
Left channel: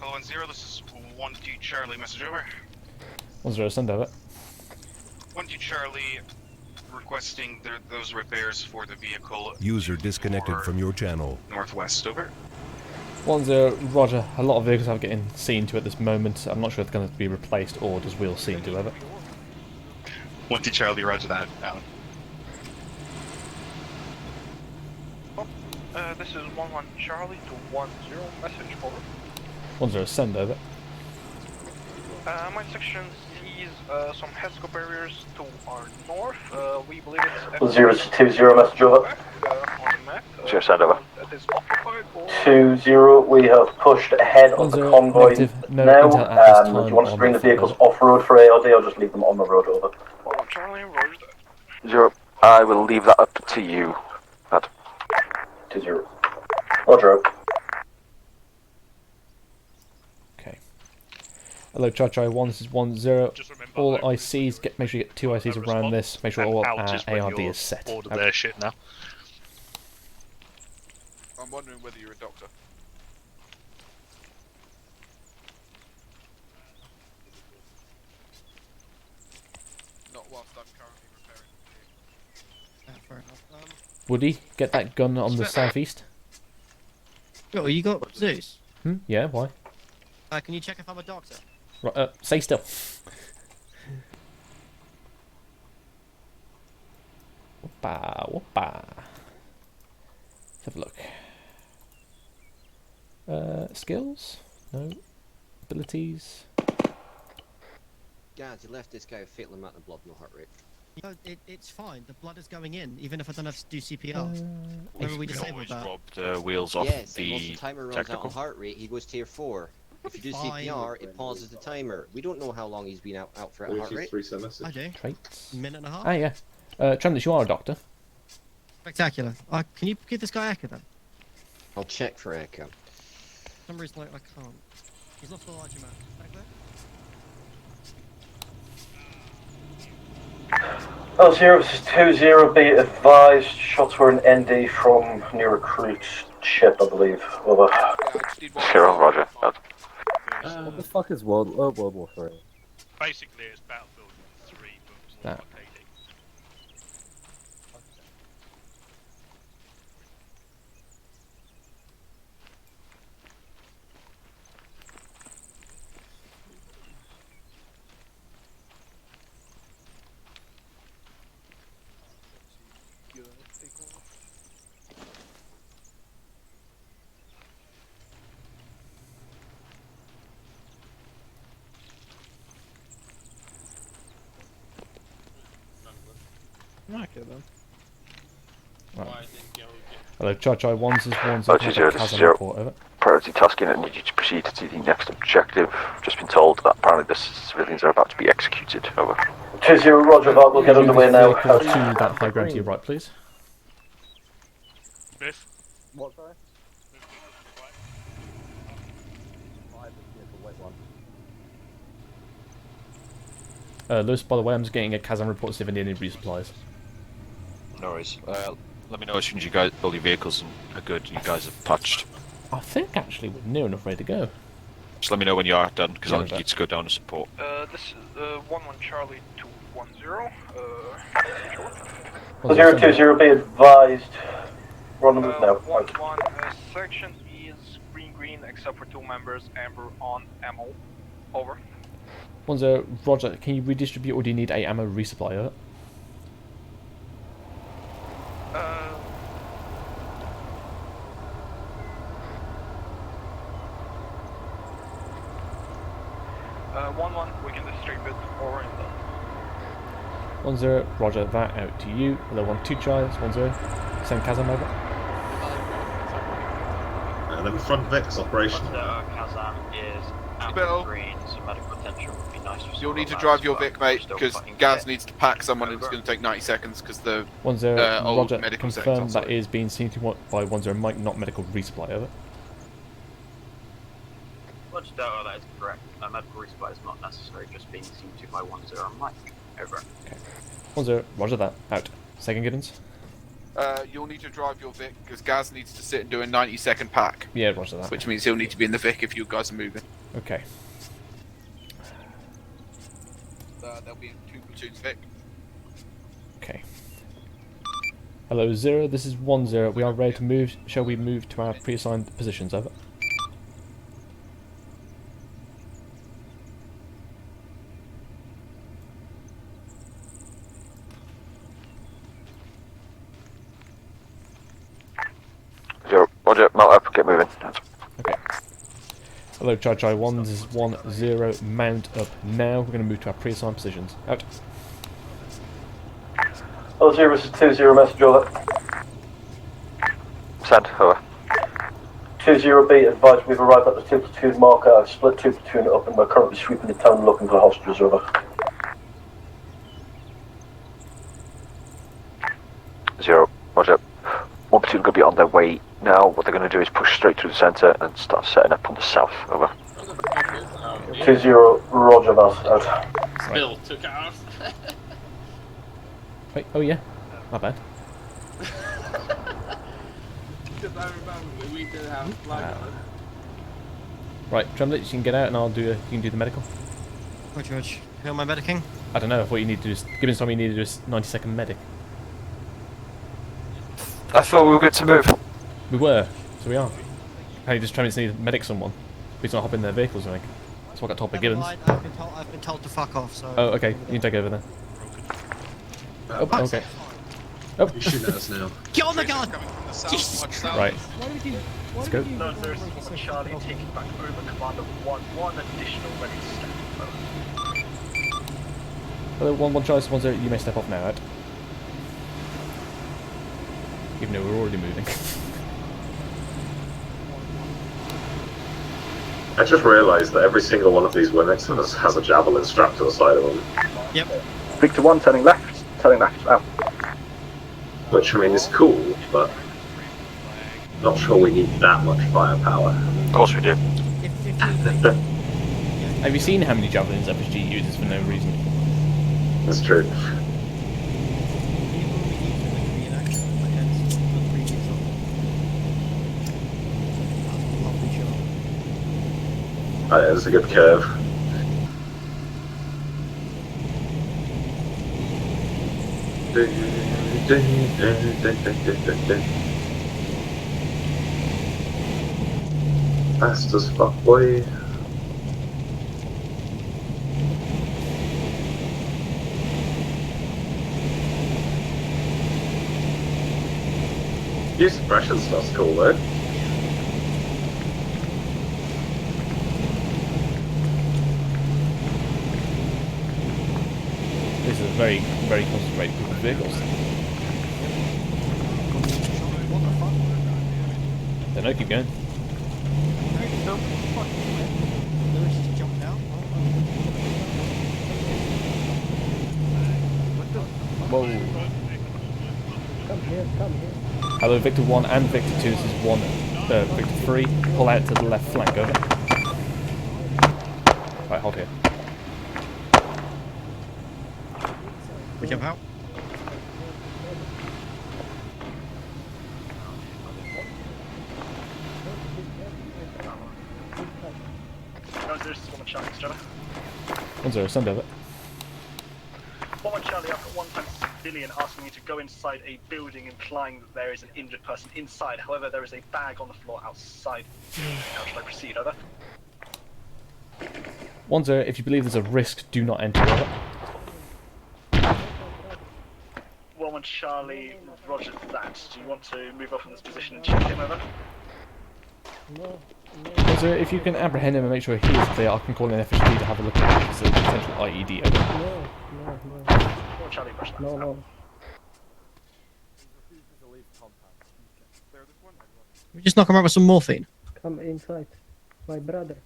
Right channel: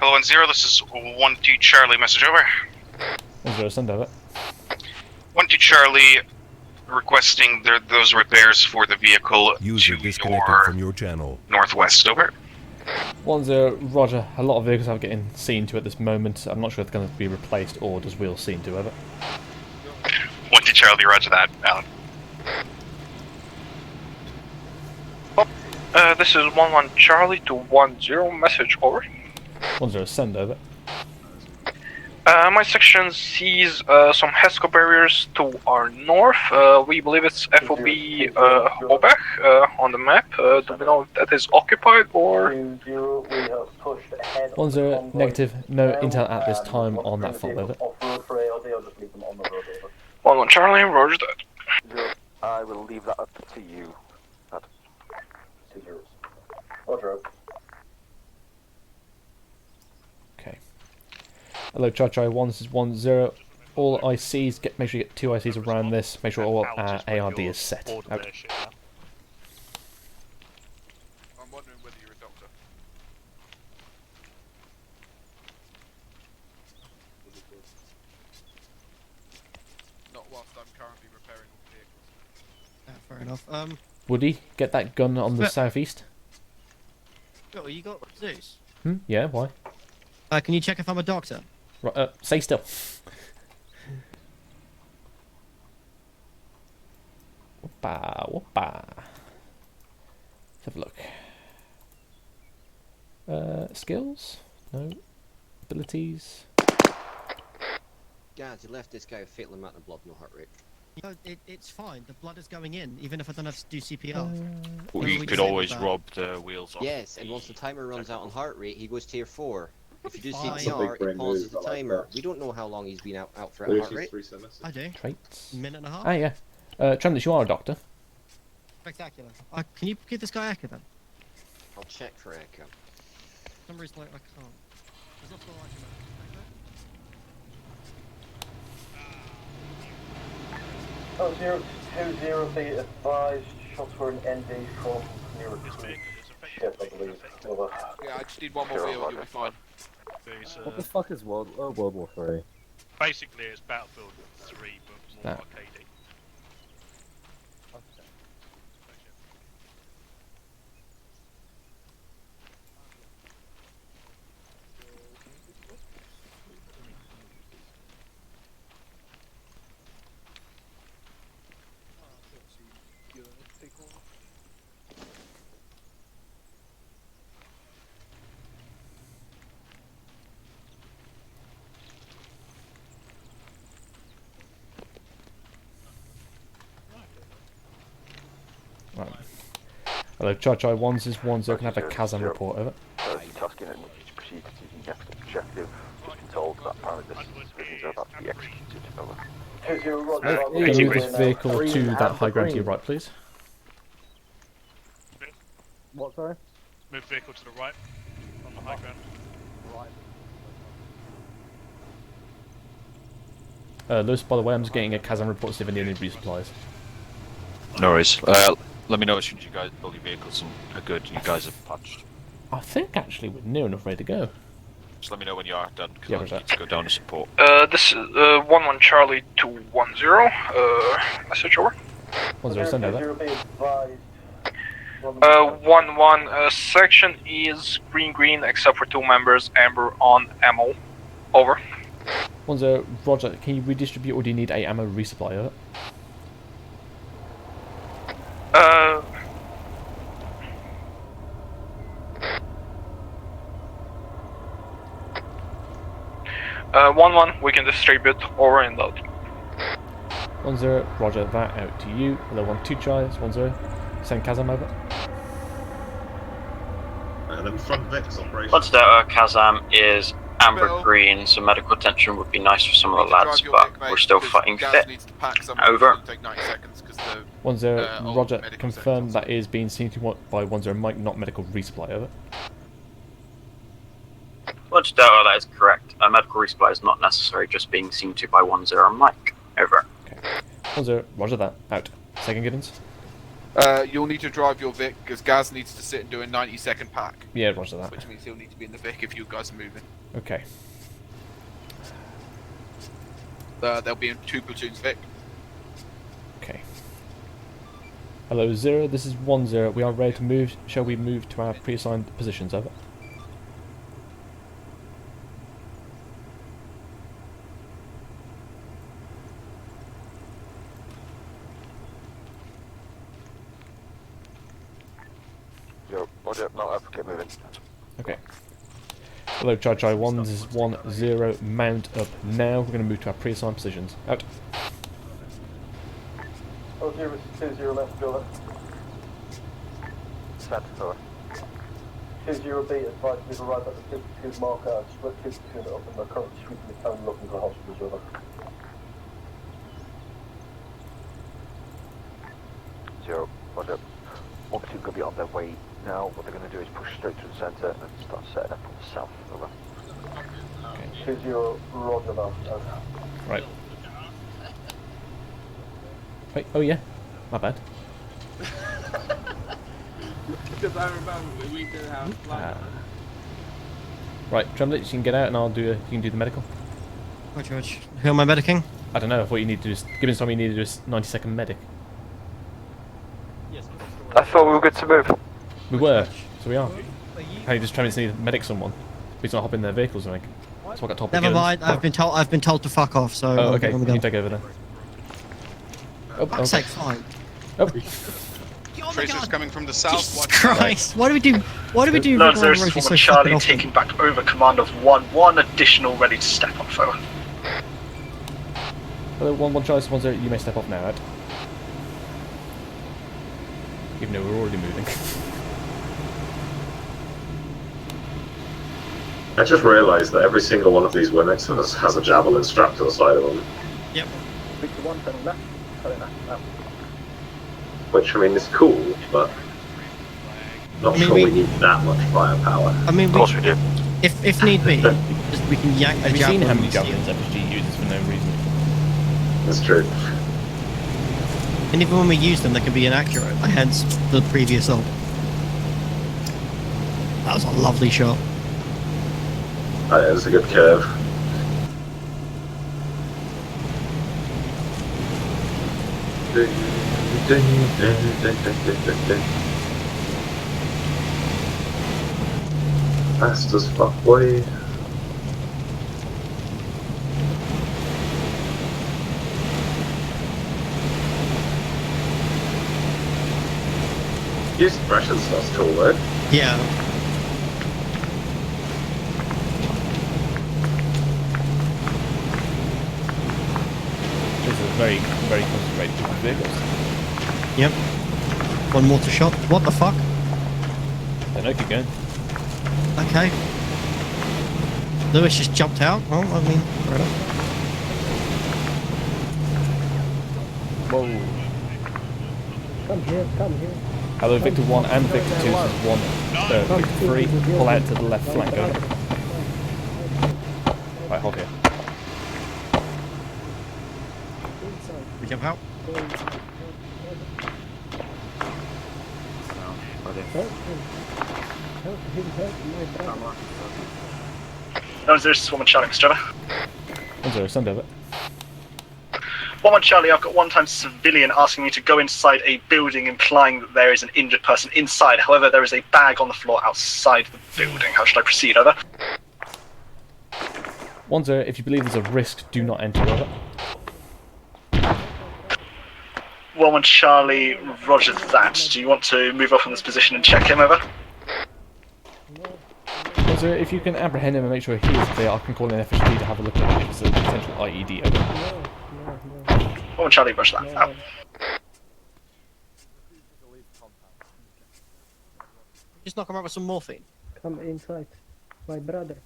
Hello, 1-0. This is 1-2 Charlie. Message over. 1-0, send over. 1-2 Charlie, requesting those repairs for the vehicle User disconnected from your channel. northwest. Over. 1-0, Roger. A lot of vehicles are getting seen to at this moment. I'm not sure if they're going to be replaced or does wheels seen to, over. 1-2 Charlie. Roger that. Out. This is 1-1 Charlie to 1-0. Message over. 1-0, send over. My section sees some HESCO barriers to our north. We believe it's FOB Quebec on the map. That is occupied or... 2-0, we have pushed ahead of the 1-0, convoy negative. No now. intel at this Do time you want to on bring the that front, vehicles over. off-road for ARD or just leave them on the road, over? 1-1 Charlie, roger that. 0. I will leave that up to you. That. 2-0. Roger out. Okay. Hello, Chai 1, this is 1-0. All ICs, make sure you get 2 ICs around this. Make sure all ARD is set. Order their shit now. I'm wondering whether you're a doctor. Not whilst I'm currently repairing the vehicle. Fair enough. Woody, get that gun on the southeast. Oh, you got Zeus? Yeah, why? Can you check if I'm a doctor? Right, stay still. Whoopa, whoopa. Let's have a look. Skills? No. Abilities? Guys, you left this guy a fatal amount of blood, no heart rate. No, it's fine. The blood is going in, even if I don't have to do CPR. We could always rob the wheels off Yes, the and once the timer runs out on technical. heart rate, he goes tier 4. If you do Fine. CPR, it pauses the timer. We don't know how long he's been out for at heart rate. I do. Traits? Minute and a half. Ah, yeah. Tremendous, you are a doctor. Spectacular. Can you give this guy Echo then? I'll check for Echo. For some reason, I can't. There's not all I can know. L0, this is 2-0, be advised, shots were an ND from new recruit ship, I believe. Over. Zero, roger. What the fuck is World War 3? Basically, it's Battlefield 3, but more That. like AD. Right. Hello, Chai 1s is 1s. I have a Kazan report, over. Priority tasking and need you to proceed to the next objective. Just been told that apparently the civilians are about to be executed. Over. 2-0, roger that. We'll get Can you underway move now. vehicle to that high ground to your right, please? Biff, What, sorry? move vehicle to the right. On the high ground. Lewis, by the way, I'm just getting a Kazan report to see if any resupplies. No worries. Let me know as soon as you guys, all your vehicles are good and you guys are patched. I think actually we're near enough ready to go. Just let me know when you are done, because Yeah, I need to go down to support. This is 1-1 Charlie 210. Message over. 0-2-0, be advised. 1-1 section is green except for 2 members, amber on ammo. Over. 1-0, Roger, can you redistribute or do you need a ammo resupply, over? One one, we can distribute over and out. 1-0, Roger, that out to you. Hello, 1-2 Chai, it's 1-0. Send Kazam over. And then front Vic's operation. What's Delta Kazam is amber green, so medical attention would be nice for some of the lads, but we're still fighting Gaz fit. needs to pack someone. Over. It's going to take 90 seconds because the 1-0, old Roger, medical confirm sector. that is being seen to by 1-0 Mike, not medical resupply, over. What's Delta, that is correct. A medical resupply is not necessary, just being seen to by 1-0 Mike. Over. Okay. 1-0, Roger that, out. Second Giddens? You'll need to drive your Vic because Gaz needs to sit and do a 90-second pack. Yeah, Roger that. Which means he'll need to be in the Vic if you guys are moving. Okay. There'll be in 2 platoons Vic. Okay. Hello, 0, this is 1-0. We are ready to move. Shall we move to our pre-assigned positions, over? Roger, mount up, get moving. Okay. Hello, Chai 1, this is 1-0. Mount up now. We're going to move to our pre-assigned positions. Out. L0, this is 2-0, message over. Send, over. 2-0, be advised, we've arrived at the 2 platoon marker. I've split 2 platoon up and we're currently sweeping the town looking for hostages, over. 0, roger. 1 platoon going to be on their way now. What they're going to do is push straight through the centre and start setting up on the south, over. 2-0, roger that, out. Right. Wait, oh yeah, my bad. Right, Tremblett, you can get out and you can do the medical. Right, George. Who am I medicing? I don't know, I thought you need to just, given time you need to do a 90-second medic. I thought we were good to move. We were, so we are. Hey, just Tremblett need to medic someone. Please not hop in their vehicles or anything. That's what I got told by Never Gibbons. mind. I've been told to fuck off. So. Oh, okay. You can take over then. Oh, Fuck's okay. sake, fine. Oh. Get on the gun! Coming from the south. Jesus Christ! Why do we do? Why do we do? Lord, there's Roger, so Charlie fucking taking back over command of 1-1, additional ready to step on foe. Hello, 1-1 Charlie, 1-0, you may step off now, Ed. Even though we're already moving. I just realised that every single one of these Winnexes has a javelin strapped to the side of them. Yep. Victor 1, turning left, out. which I mean is cool, but not sure we need that much firepower. I mean, of course we do. If need be, we can yank. Have you seen how many javelins FSG uses for no reason? That's true. And even when we use them, they can be inaccurate. Hence the previous on. That was a lovely shot. It was a good curve. Fast as fuck, boy. Use suppression stuff's cool though. Yeah. This is a very, very concentrated group of vehicles. Yep. One water shot. What the fuck? Don't know, keep going. Okay. Lewis just jumped out. Oh, I mean. Whoa. Come here, come here. Hello, Victor 1 and Victor 2. This is 1, Victor 3. Pull out to the left flank, over. Right, hold here. We jump out. No, there's 1-1 Charlie, Mr. Trevor. 1-0, send over. 1-1 Charlie, I've got one-time civilian asking me to go inside a building, implying that there is an injured person inside. However, there is a bag on the floor outside the building. How should I proceed? Over. 1-0, if you believe there's a risk, do not enter, over. 1-1 Charlie, roger that. Do you want to move off from this position and check him, over? 1-0, if you can apprehend him and make sure he is clear, I can call in FSG to have a look at it. It's a potential IED, over. 1-1 Charlie, roger that. Out. We just knock him out with some morphine. Come inside, my brother.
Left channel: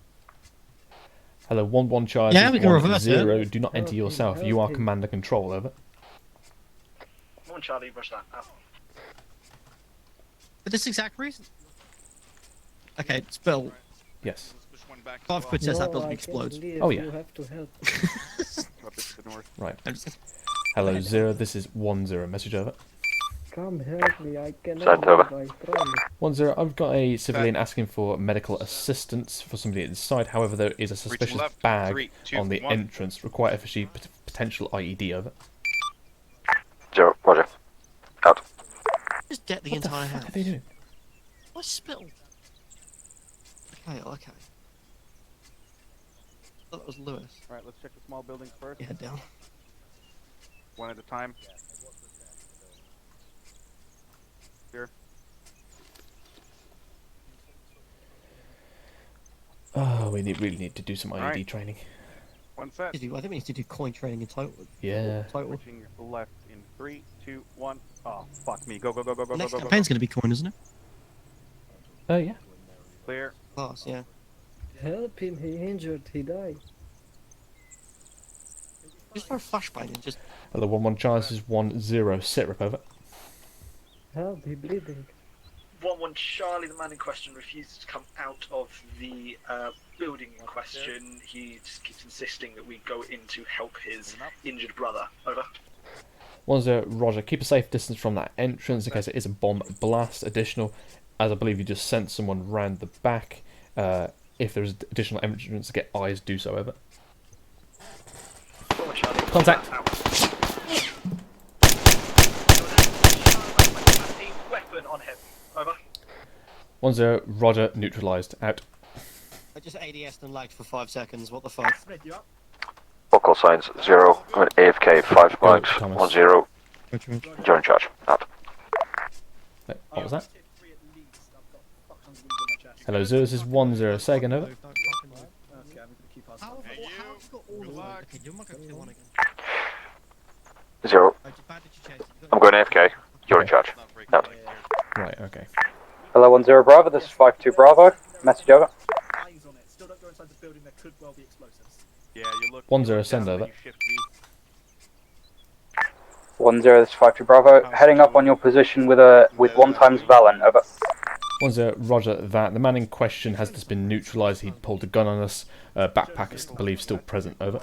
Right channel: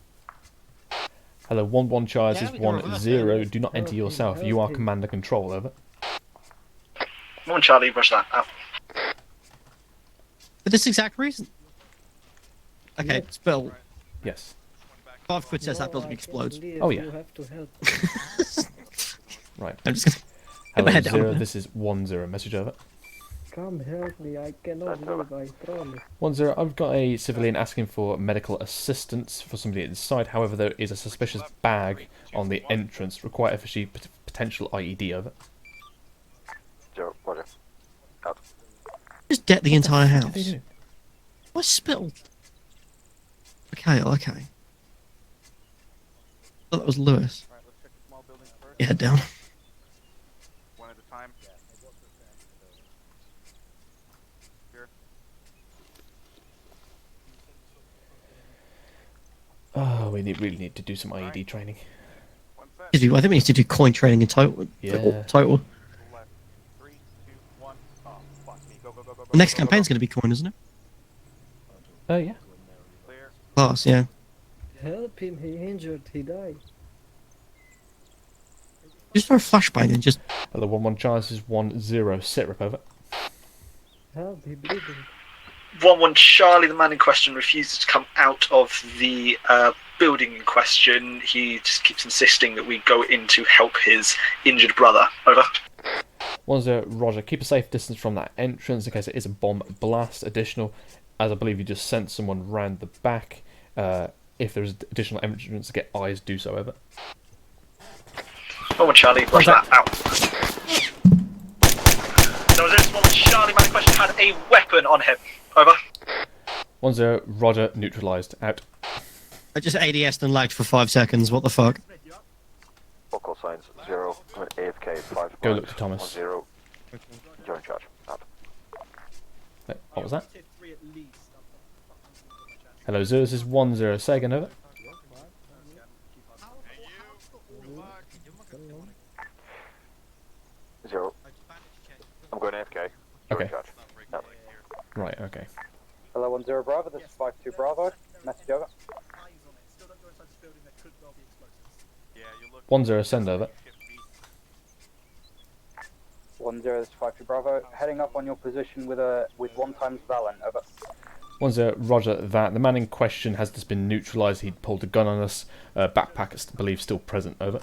Hello, 1-1 Charge Yeah, is 1-0. Do not enter yourself. You are commander control, over. 1-1 Charlie, roger that. Out. For this exact reason. Okay, spill. Yes. 5 quid says that building explodes. Oh yeah. You have to help. Right. I'm just gonna Hello, head down 0. there. This is 1-0. Message over. Come help me, I cannot Sent over. move, I promise. 1-0. I've got a civilian asking for medical assistance for somebody inside. However, there is a suspicious bag on the entrance. Require FSG potential IED, over. 0, roger. Out. Just get the entire house. What are they doing? I spilled. Okay, okay. I thought that was Lewis. Alright, let's check the small buildings first. You head down. One at a time. Here. Oh, we really need to do some IED training. One set. I think we need to do coin training in total. Yeah. Total. Left in 3, 2, 1. Oh, fuck me. Go, go, go, go, go. Next go, go, campaign's going to be coin, isn't it? Oh, yeah. Clear. Class, yeah. Help him, he injured, he died. Just for a flashbang and just... Hello, 1-1 Charge is 1-0. Sit rep, over. Help, he bleeding. 1-1 Charlie, the man in question, refuses to come out of the building in question. He just keeps insisting that we go in to help his injured brother. Over. 1-0, Roger. Keep a safe distance from that entrance in case it is a bomb blast. Additional, as I believe you just sent someone round the back. If there's additional entrance to get eyes, do so, over. 1-1 Charlie, roger that. Out. So is it 1-1 Charlie, my question had a weapon on him. Over. 1-0, Roger. Neutralised. Out. I just ADS'd and lagged for 5 seconds. What the fuck? Vocal signs 0. Going AFK 5 Go, blanks. Thomas. 1-0. You're in charge. Out. Wait, what was that? Hello, 0. This is 1-0. Say again, over. Zero. I'm going AFK. You're in charge. Out. Right, okay. Hello, 10 Bravo, this is 52 Bravo. Message over. 1-0, send over. 10, this is 5-2 Bravo. Heading up on your position with 1 times Valen, over. 10, roger that. The man in question has just been neutralised. He pulled a gun on us. Backpack is, I believe, still present, over.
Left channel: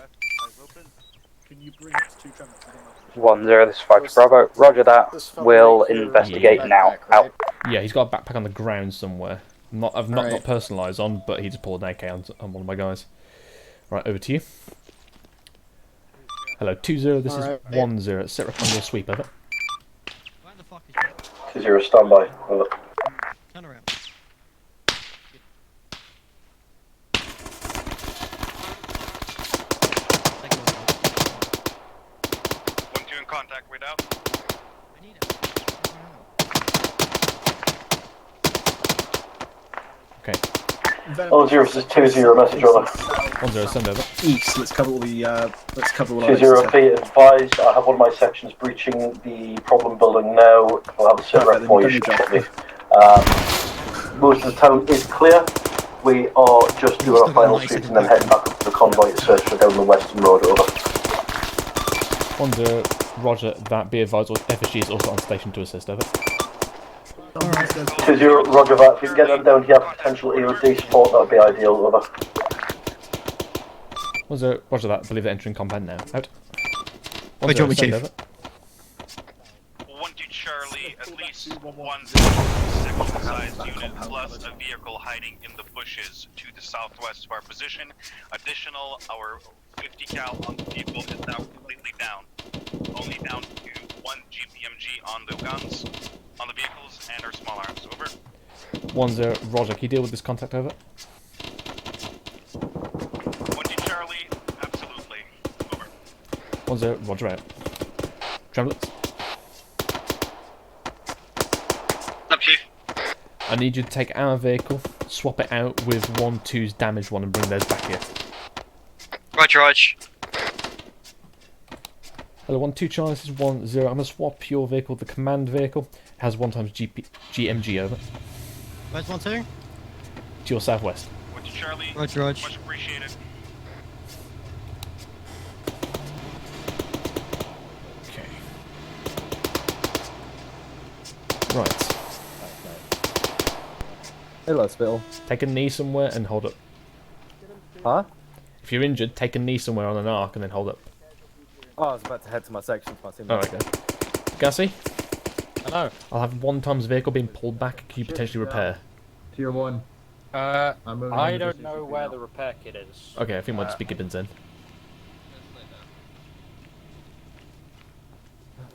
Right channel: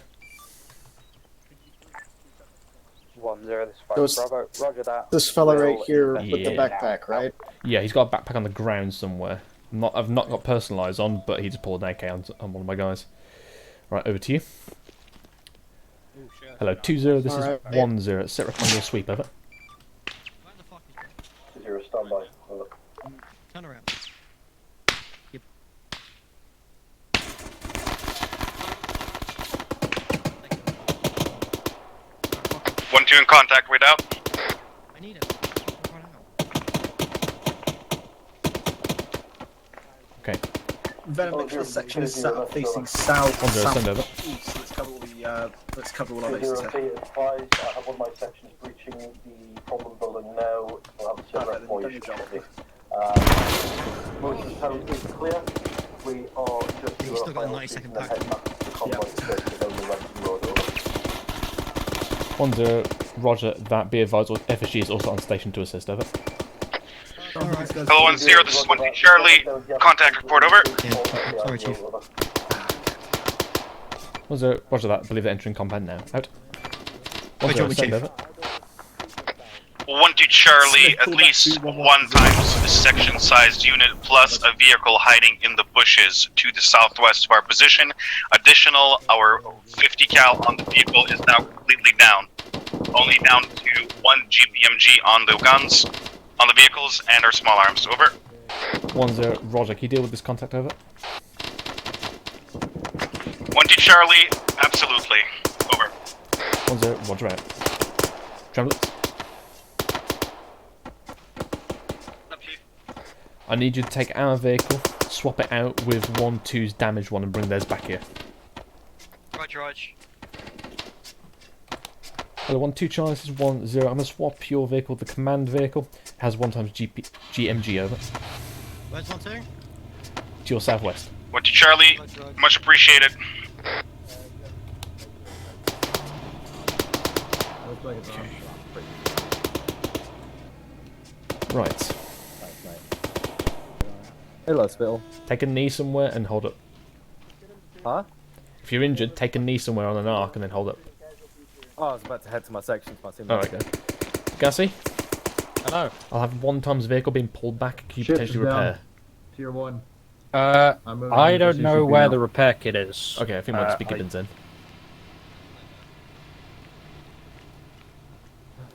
10, this is 5-2 Bravo. Roger that. We'll investigate now. Out. Yeah, he's got a backpack on the ground somewhere. I've not got personalised on, but he just pulled an AK on one of my guys. Right, over to you. Hello, 20, this is 10. Set up on your sweep, over. 20, standby. Over. Turn around. 1-2 in contact, wait out. I need it. Okay. Oh, 0 is 20, message over. 10, send over. East, let's cover all the, let's cover all 20, be advised, I have one of my sections breaching the problem building now. We'll have a sit rep for you shortly. Most of the town is clear. We are just doing our final sweep and then heading back up to the convoy to search for down the western road, over. 10, roger that. Be advised, FSG is also on station to assist, over. Hello, 10, this is 1 Charlie. Contact report, over. 10, roger that. I believe they're entering compound now. Out. 10, send over. 1-2 Charlie, at least 1 times section-sized unit plus a vehicle hiding in the bushes to the southwest of our position. Additional, our 50 cal on the vehicle is now completely down. Only down to 1 GPMG on the guns, on the vehicles, and our small arms. Over. 10, roger. Can you deal with this contact, over? 1-2 Charlie, absolutely. Over. 10, roger out. Tremblets. I need you to take our vehicle, swap it out with 1-2's damaged one, and bring theirs back here. Roger, Raj. Hello, 1-2 Charlie, this is 10. I'm going to swap your vehicle, the command vehicle. It has 1 times GMG, over. Where's 1-2? To your southwest. 1-2 Charlie, much appreciated. Okay. Right. Hello, Spittle. Take a knee somewhere and hold up. Huh? If you're injured, take a knee somewhere on an arc and then hold up. Oh, I was about to head to my section. Alright, go. Gassy? Hello. I'll have 1 times vehicle being pulled back. Can you potentially repair? Tier 1. I don't know where the repair kit is. Okay, I think we'll just be Gibbons then.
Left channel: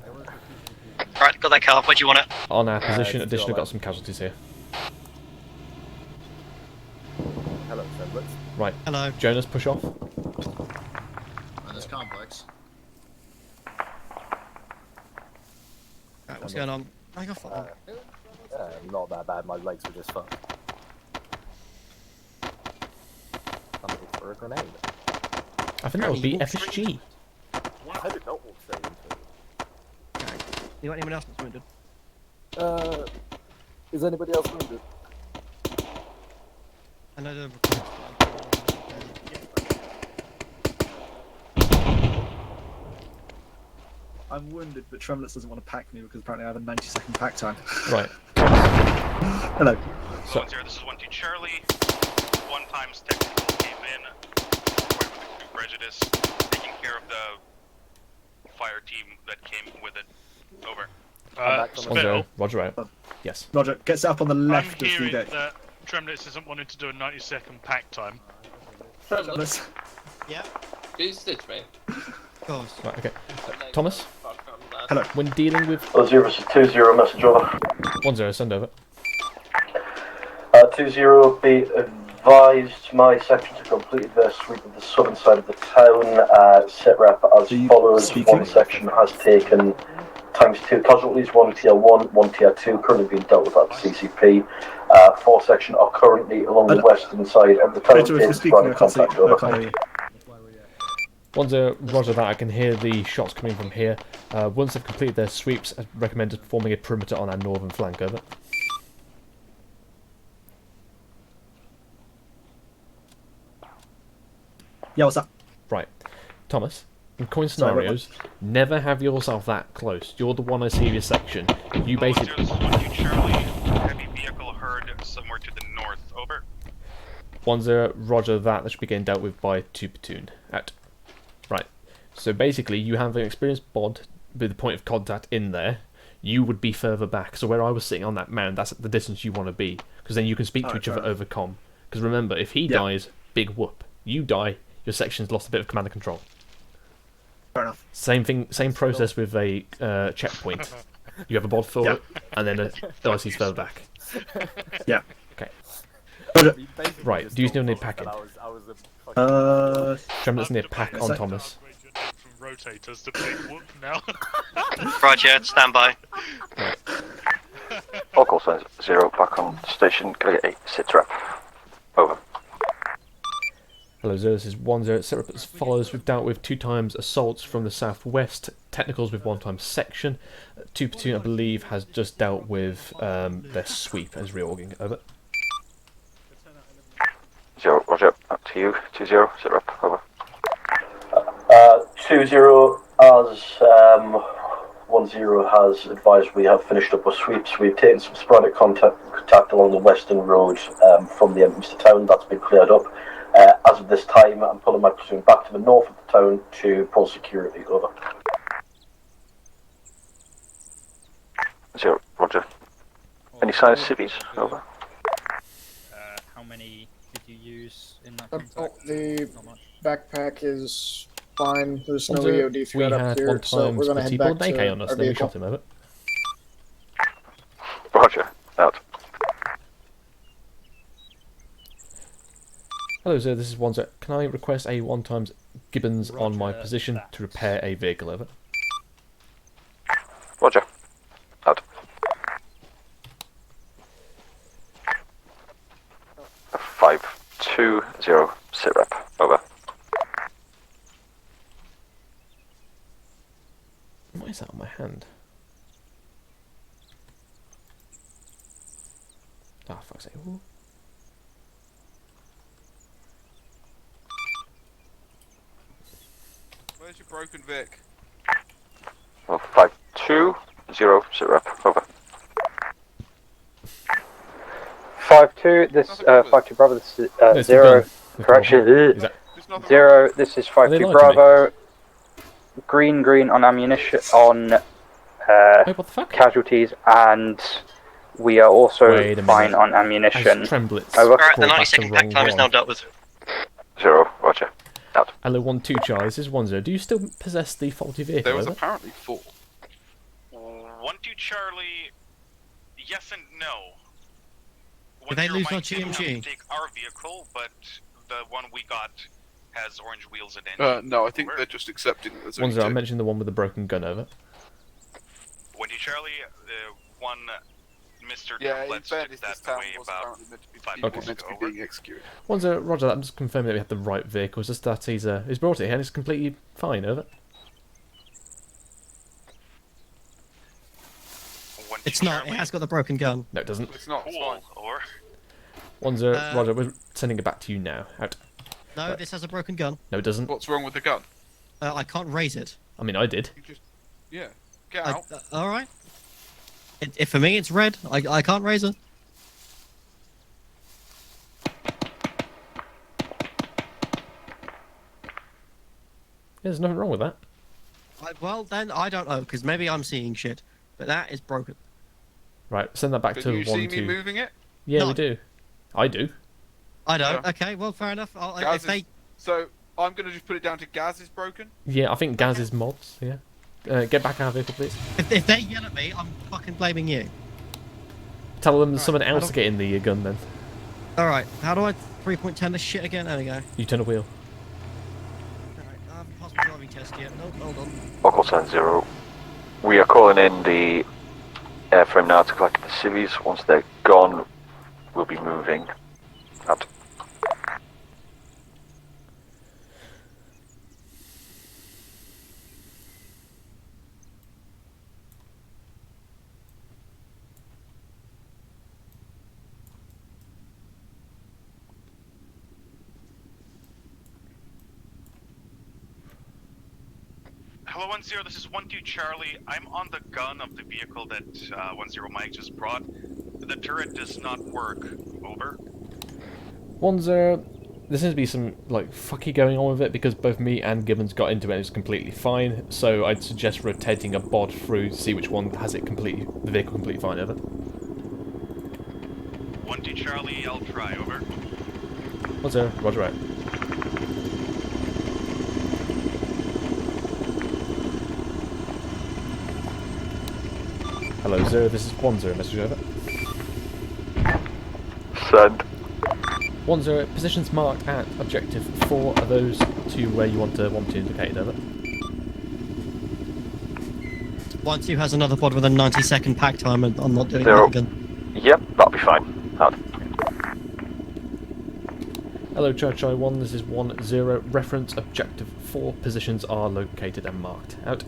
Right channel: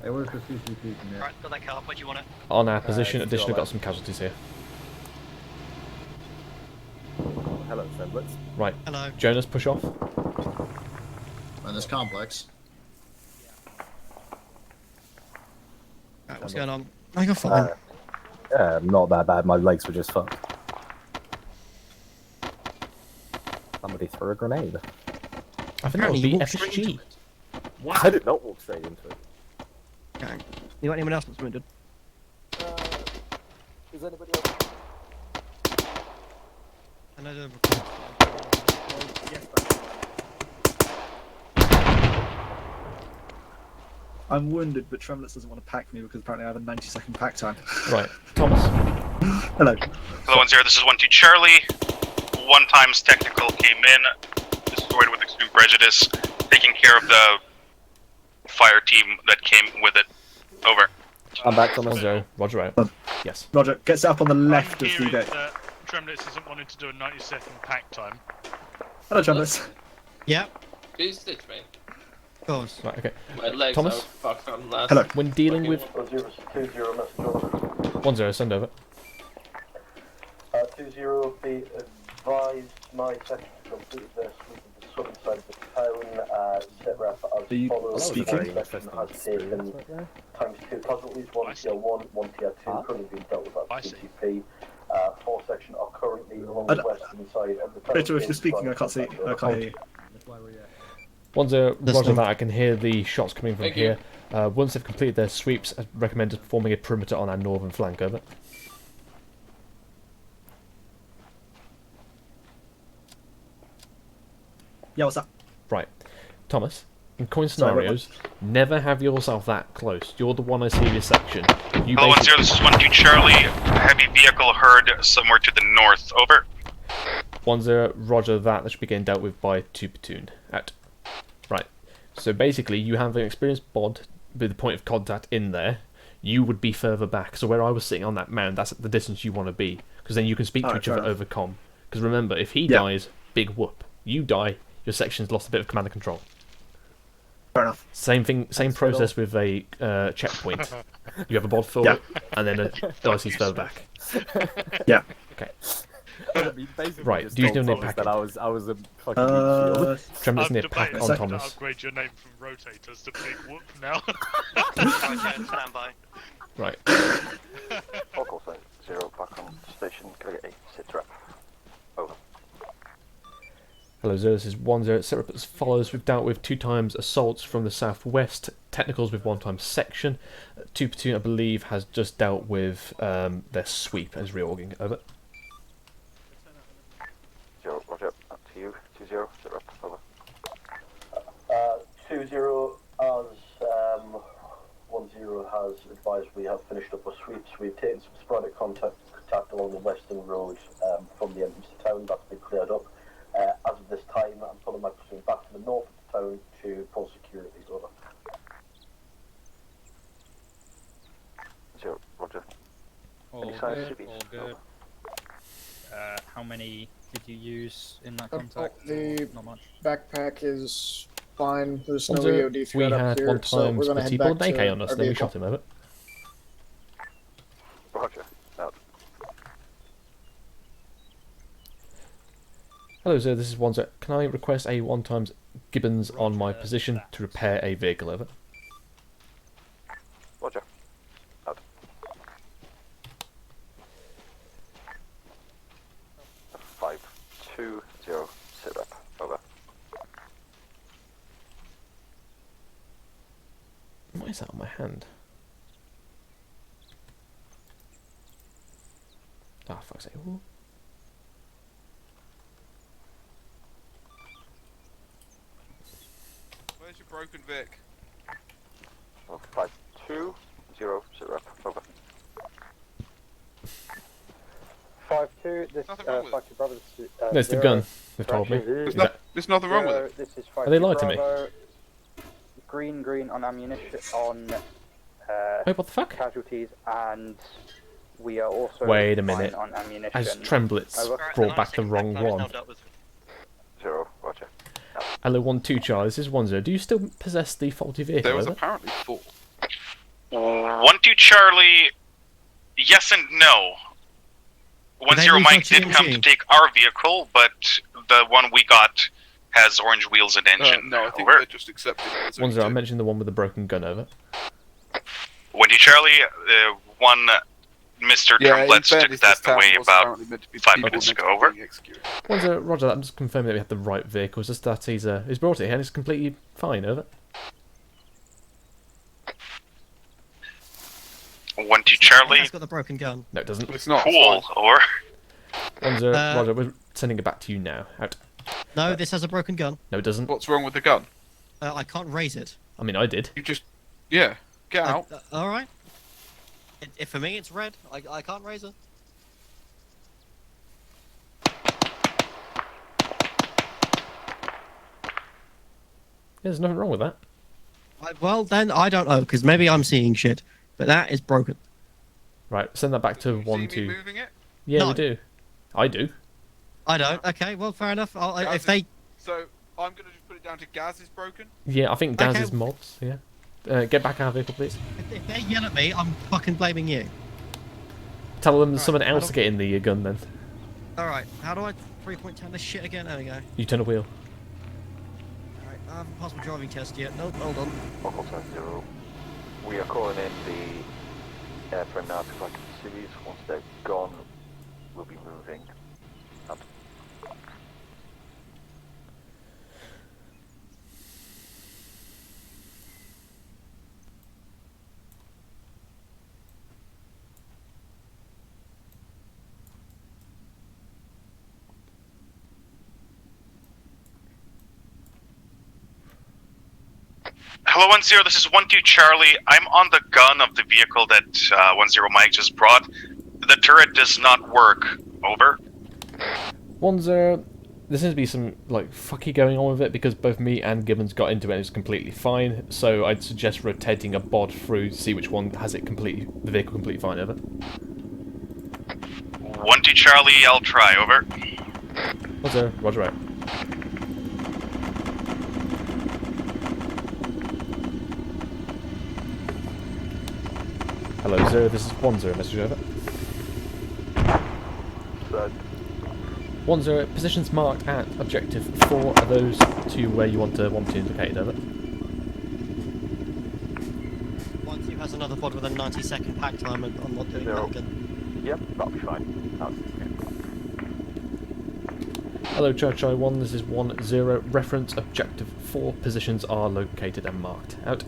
Right, got that car. Where do you want it? On our position, additionally got some casualties here. Hello, Semblance. Right. Hello. Jonas, push off. On this complex. Right, what's going on? Oh, you're fine. Not that bad. My legs were just fucked. Somebody threw a grenade. I think that would be FSG. I did not walk straight into it. Okay. You got anyone else that's wounded? Is anybody else wounded? I know the I'm wounded, but Trembless doesn't want to pack me because apparently I have a 90-second pack time. Right. Thomas. Hello. Hello, 10, this is 1-2 Charlie. 1 times technical came in, destroyed with extreme prejudice, taking care of the fire team that came with it. Over. I'm back on 10. Roger out. Yes. Roger, get set up on the left I'm of the hearing deck. that Tremblitz isn't wanting to do a 90-second pack time. Hello, Trembless. Yeah. Boosted me. Of course. Right, okay. My legs Thomas? are fucked on last. Hello. When dealing with... 0 20, message over. 10, send over. 20, be advised, my section to complete their sweep of the southern side of the town. Sit rep as follows. 1 section has taken ×2 casualties, 1 tier 1, 1 tier 2, currently being dealt with at the CCP. 4 section are currently along the western side of the town. If you're speaking, I can't see. I can't hear you. 10, roger that. I can hear the shots coming from here. Once they've completed their sweeps, I recommend forming a perimeter on our northern flank, over. Yeah, what's up? Right. Thomas, In coin scenarios, never have yourself that close. You're the one I see in your section. You Hello, basically... 1-0, this is 1-2 Charlie. Heavy vehicle heard somewhere to the north. Over. 1-0, roger that. That should be getting dealt with by 2 platoon. Out. Right. So basically, you have an experienced bod with the point of contact in there. You would be further back. So where I was sitting on that mound, that's at the distance you want to be. Because then you can speak to each other over comm. Because remember, if he dies, big whoop. You die, your section's lost a bit of command and control. Fair enough. Same thing, same process with a checkpoint. You have a bod forward, and then a IC's further back. Yeah. Okay. Right, do you still need packing? Tremblers need pack on Thomas. Upgrade your name from rotators to big whoop now. Roger, stand by. Right. All call signs 0, back on station, can I get a sit rep? Over. Hello, 0, this is 1-0. Set up as follows. We've dealt with 2 times assaults from the southwest, technicals with 1 time section. 2 platoon, I believe, has just dealt with their sweep as reorging. Over. 0, roger, up to you. 2-0, sit rep, over. 2-0, as 1-0 has advised, we have finished up with sweeps. We've taken some sporadic contact along the western road from the entrance to town. That's been cleared up. As of this time, I'm pulling my platoon back to the north of the town to pull security. Over. 0, roger. Any signs of civvies? Over. How many did you use in that contact? The Not much. backpack is fine. There's no Also, EOD we threat up had here, one so time we're gonna Spitty head pulled back an AK to on us, our then we vehicle. shot him. Over. Roger, out. Hello, sir. This is 1-0. Can I request a 1 times Gibbons on my position to repair a vehicle? Over. Roger, out. 5-2-0, sit rep, over. What is that on my hand? Ah, fuck's sake. Ooh. Where's your broken Vic? Well, 5-2-0, sit rep, over. 5-2, this 5-2 Bravo, this is There's the 0. gun. Correction, Is that... 0, this is Are they 5-2 lying to me? Bravo. Green on ammunition, on Wait, what the fuck? casualties, and we are also Wait a fine minute. on ammunition. As Tremblitz Over. called back the wrong Pack is now one. dealt with. 0, roger. Out. Hello, 1-2 Charlie. This is 1-0. Do you still possess the faulty vehicle? There was Over? apparently 4. 1-2 Charlie, yes and no. 1-0 Mike did come to take our vehicle, but the one we got has orange wheels and engine. No, I think Over. they're just accepting it as 1-0. I mentioned the one with the broken gun. Over. 1-2 Charlie, one Mr. Tremblitz took that away about 5 minutes ago. Over. 1-0. Roger that. I'm just confirming that we have the right vehicle. It's just that he's brought it here and it's completely fine. Over. 1-2 It's Charlie. It's got the broken gun. No, it doesn't. It's not. Cool. Over. 1-0. Roger, we're sending it back to you now. Out. No, this has a broken gun. No, it doesn't. What's wrong with the gun? I can't raise it. I mean, I did. You just, yeah, get out. All right. For me, it's red. I can't raise it. There's nothing wrong with that. Well, then I don't know, because maybe I'm seeing shit, but that is broken. Right, send that back But to you see 1-2. me moving it? Yeah, No. we do. I do. I don't. Okay, well, fair enough. If they... So I'm gonna just put it down to Gaz is broken. Yeah, I think Gaz Okay. is mobs. Yeah. Get back our vehicle, please. If they yell at me, I'm fucking blaming you. Tell them someone else to get in the gun then. Alright, how do I 3.10 this shit again? There we go. You turn a wheel. Alright, I haven't passed my driving test yet. Nope, hold on. Local sign 0. We are calling in the airframe now to collect the civvies. Once they're gone, we'll be moving. Out. Hello, 1-0, this is 1-2 Charlie. I'm on the gun of the vehicle that 1-0 Mike just brought. The turret does not work. Over. 1-0, there seems to be some, like, fucky going on with it because both me and Gibbons got into it and it was completely fine, so I'd suggest rotating a bod through to see which one has it completely, the vehicle completely fine, over. 1-2 Charlie, I'll try, over. 1-0, roger out. Hello, 0, this is 1-0, message over. Send. 1-0, positions marked at objective 4, are those two where you want to indicate, over? 1-2 has another pod with a 90-second pack time, and I'm not doing that again. Yep, that'll be fine. Hello, Church I-1, this is 1-0, reference objective 4, positions are located and marked. Out.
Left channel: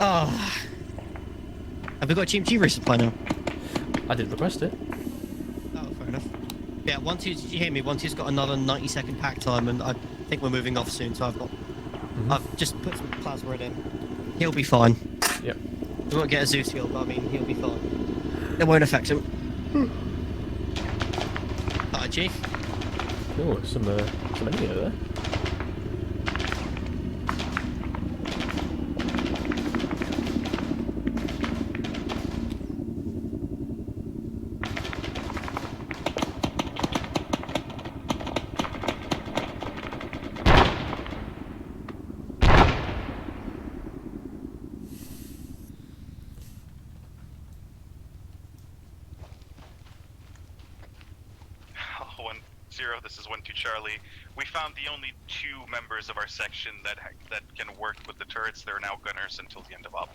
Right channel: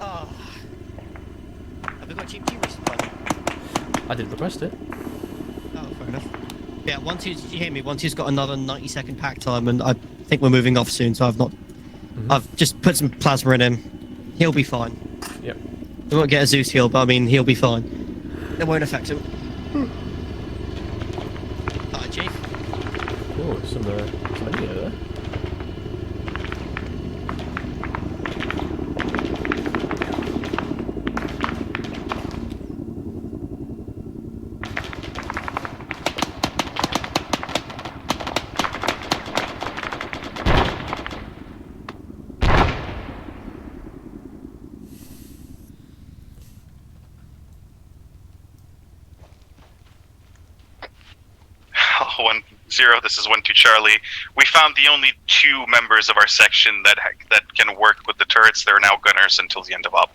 Ah. Have we got GMG resupply now? I did request it. Oh, fair enough. Yeah, 1-2, did you hear me? 1-2's got another 90-second pack time, and I think we're moving off soon, so I've just put some plasma in him. He'll be fine. Yep. We won't get a Zeus heal, but I mean, he'll be fine. It won't affect him. Hi, Chief. Oh, some enemy over there. This is 1-2 Charlie. We found the only 2 members of our section that can work with the turrets. They're now gunners until the end of out.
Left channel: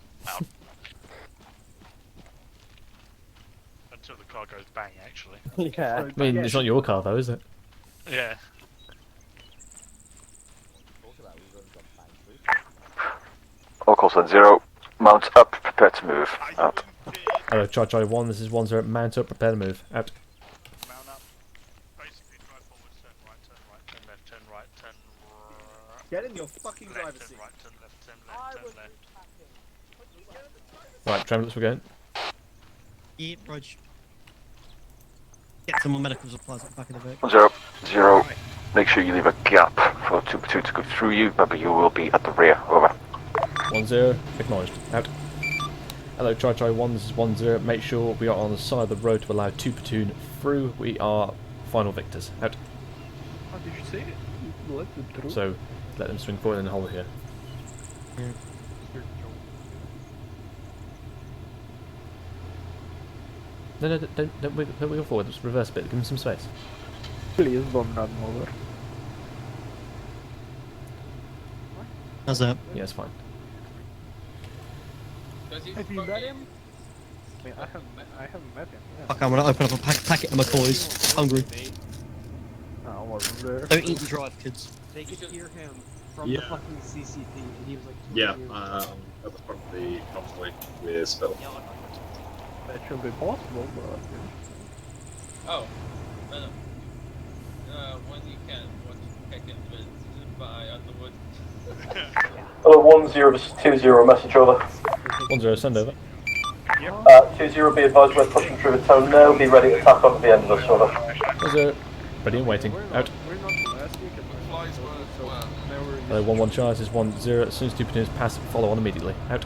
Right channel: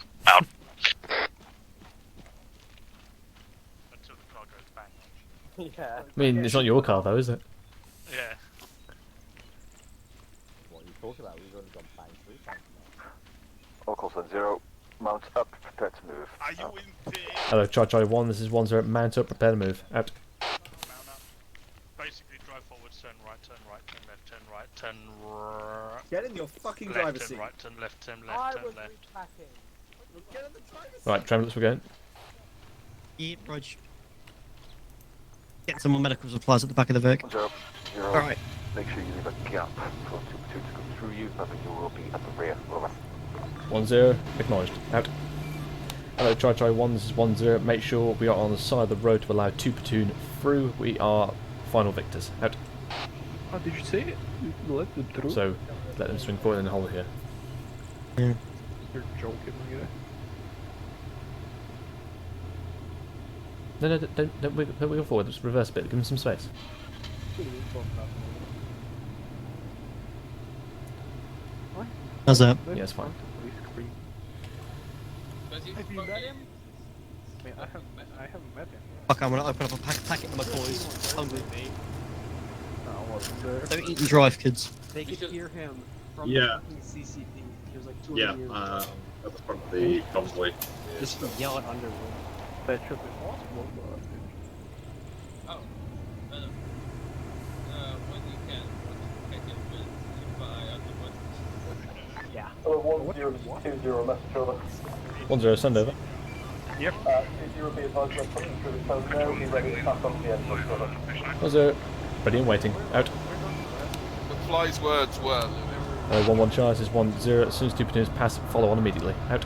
Until the car goes bang, actually. Yeah. I mean, it's not your car though, is it? Yeah. All calls on 0. Mount up, prepare to move. Out. Hello, Charge I-1, this is 1-0, mount up, prepare to move. Out. Get in your fucking driver's seat. Right, turn left, turn left, turn left. Right, Tremblets, we're going. Yeah, Rog. Get some more medical supplies at the back of the vehicle. 0. Right. Make sure you leave a gap for 2 to go through you. Remember, you will be at the rear. Over. 1-0, acknowledged. Out. Hello, Charge I-1, this is 1-0. Make sure we are on the side of the road to allow 2 platoon through. We are final victors. Out. Oh, did you see it? So, let them swing forward and hold here. Yeah. No, don't wiggle forward, just reverse a bit, give them some space. Please don't have more. How's that? Yeah, it's fine. Have you met him? I mean, I haven't met him. Yeah. Fuck, I'm gonna open up a packet of McCoys. Hungry. No, I wasn't there. Don't eat and drive, kids. They could hear him from Yeah. the fucking CCP. He was like 2 Yeah, years at the front of the convoy with Spill. That should be possible, but... Oh. No. When you can take it by afterwards. Hello, 1-0, this is 2-0, message over. 1-0, send over. Yep. 2-0, be advised we're pushing through the town now, be ready to attack off at the end of this, over. 1-0, ready and waiting. Out. Fly's words were. Hello, 1-1 charge is 1-0. As soon as 2 platoons pass, follow on immediately. Out.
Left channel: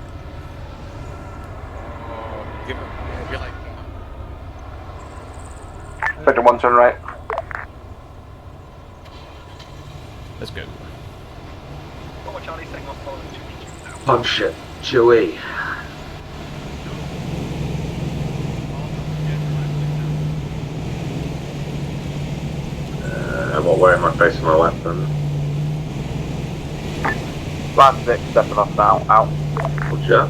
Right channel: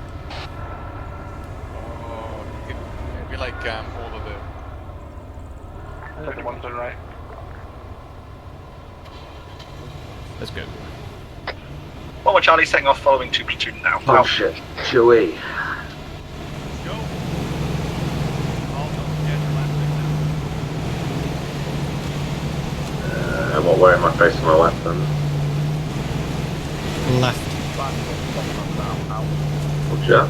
We like all of it. Sector 1, turn right. Let's go. Well, Charlie's setting off following 2 platoon now. Oh shit, Joey. I'm not wearing my face and my weapon. Last 6, stepping off now, out. Roger.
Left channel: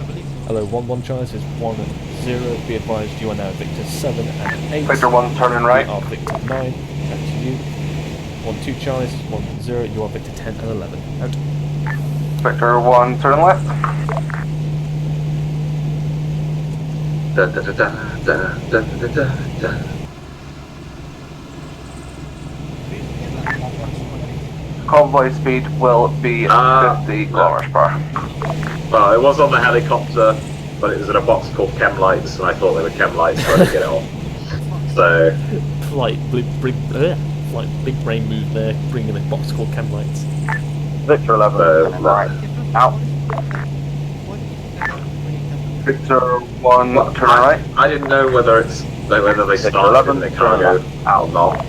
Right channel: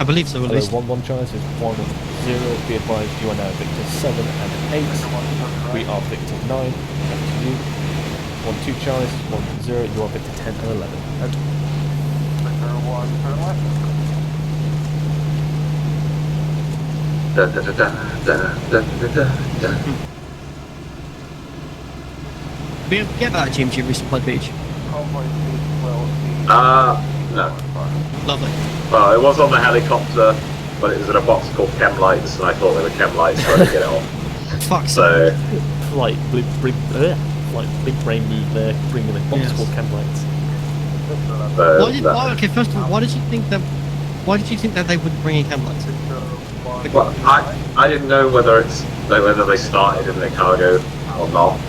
I believe so. Hello, 1-1 charge is 1-0. Be advised, you are now Victor 7 and 8. Sector 1, turning right. We are Victor 9. Back to you. 1-2 charge is 1-0. You are Victor 10 and 11. Out. Sector 1, turn left. Da da da da da da da da da. Get that GMG resupply beach. convoy speed will be 50 kilometers per hour. Well, it was on the helicopter, but it was in a box called chem lights, and I thought they were chem lights, so I didn't get it off. So, big brain move there, bringing a box called chem lights. Victor 11. Okay, first of all, why did you think that they would bring in chem lights? Victor 1, well, turn right. I didn't know whether they started in the cargo or not.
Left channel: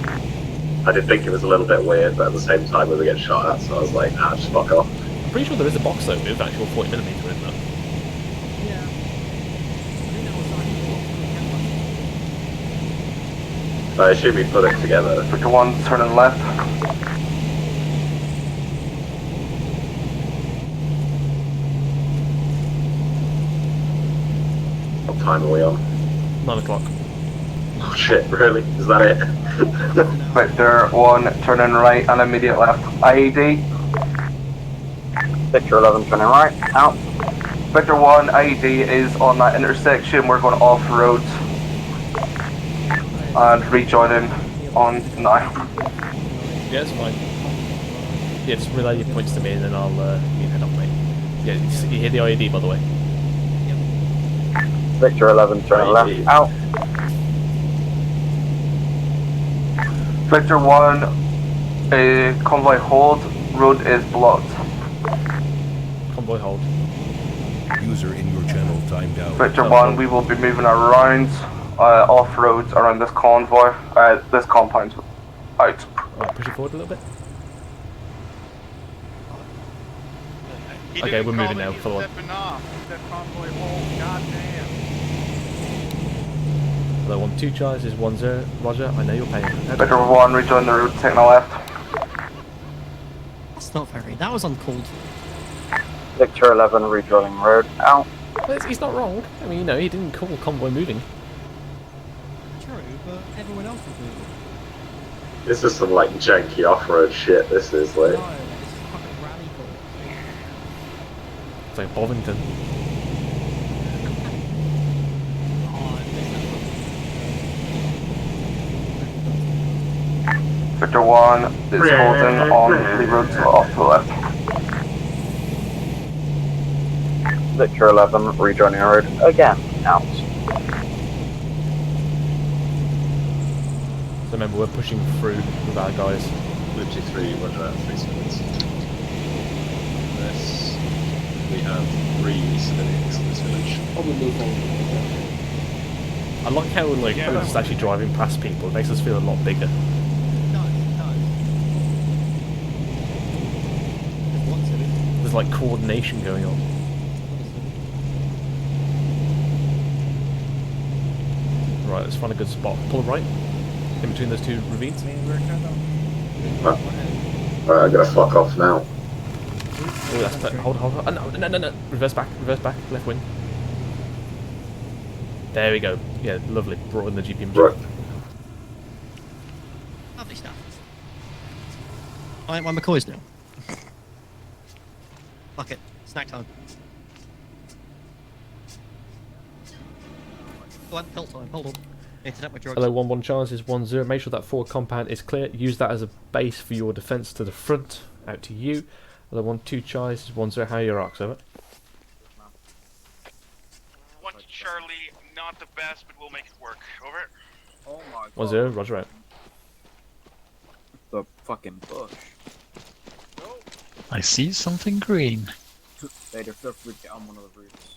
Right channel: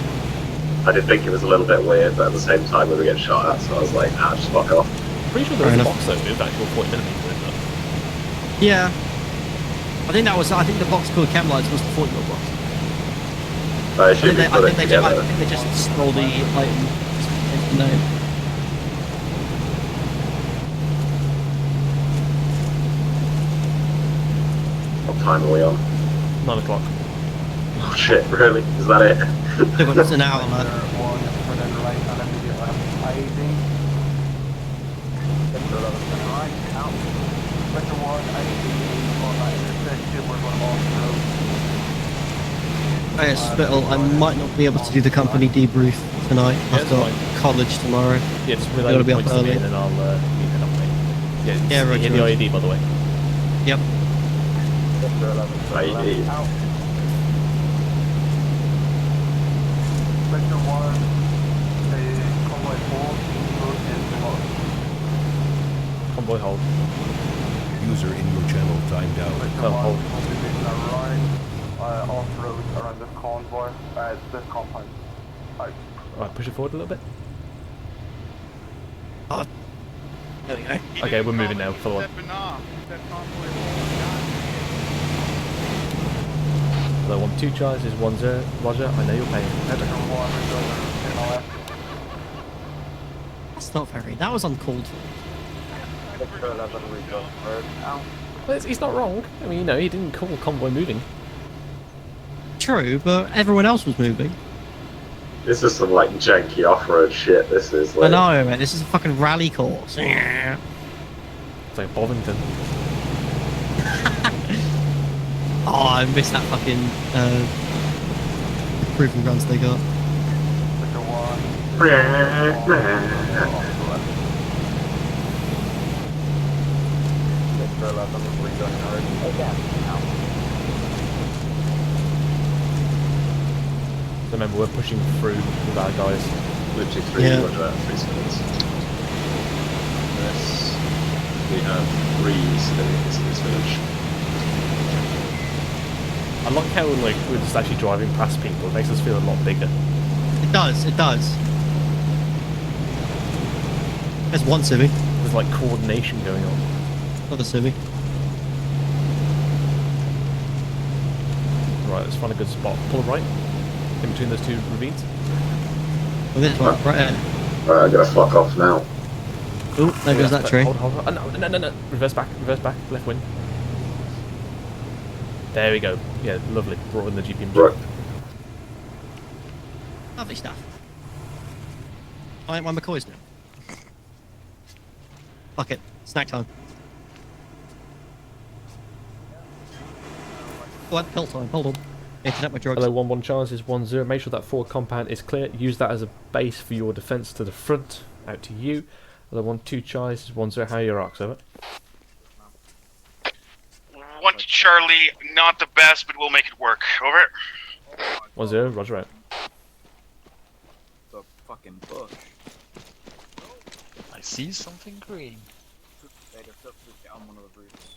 I did think it was a little bit weird, but at the same time we were getting shot at, so I was like, just fuck off. I'm pretty sure there is a box though with actual 40mm in that. Yeah. I think the box called chem lights was the 40mm box. I assume we put it together. Victor 1, turn left. No. What time are we on? 9 o'clock. Oh shit, really? Is that it? Victor 1, turn in right and immediate left. IED. Victor 11, turn in right. Out. Victor 1, IED is on that intersection. We're going off-road. I might not be able to do the company debrief tonight. Yeah, it's fine. College tomorrow. Yeah, just relay your points to me and then I'll head up, mate. Yeah, you hit the IED, by the way. Yep. Victor 11, turn left. Out. Victor 1, convoy hold. Road is blocked. Convoy hold. User in your channel timed out. Victor 1, we will be moving around off-road around this convoy, this compound. Out. Alright, push it forward a little bit. Okay, we're moving now. Follow on. Hello, 1-2 Charles is 1-0. Roger, I know you're paying. Victor 1, rejoin the route, take my left. That's not very. That was uncalled for. Victor 11, rejoining road. Out. Well, he's not wrong. I mean, he didn't call convoy moving. True, but everyone else was moving. This is some like janky off-road shit. This is like. I know, man. This is a fucking rally course. It's like Bovington. Oh, I missed that fucking proving grounds they got. Victor 1 is holding on the road off the left. Victor 11, rejoining road again. Out. So remember, we're pushing through with our guys. 53, yeah. What about 3 seconds? Yes. We have 3 steady. I like how we're just actually driving past people. It makes us feel a lot bigger. It does. There's one civic. There's like coordination going on. Another civic. Right, let's find a good spot. Pull right. In between those 2 ravines. Alright, I gotta fuck off now. Ooh, there goes that tree. Hold. No. Reverse back, left wing. There we go. Yeah, lovely. Brought in the GPMG. Right. Lovely stuff. My McCoy's now. Fuck it. Snack time. What? Pill time. Hold on. Internet my drugs. Hello, 1-1 Charles is 1-0. Make sure that forward compound is clear. Use that as a base for your defence to the front. Out to you. Hello, 1-2 Charles is 1-0. How are your arcs? Over. 1 to Charlie, not the best, but we'll make it work. Over. 1-0. Roger out. The fucking book. I see something green. Later, feel free to get on one of the roofs.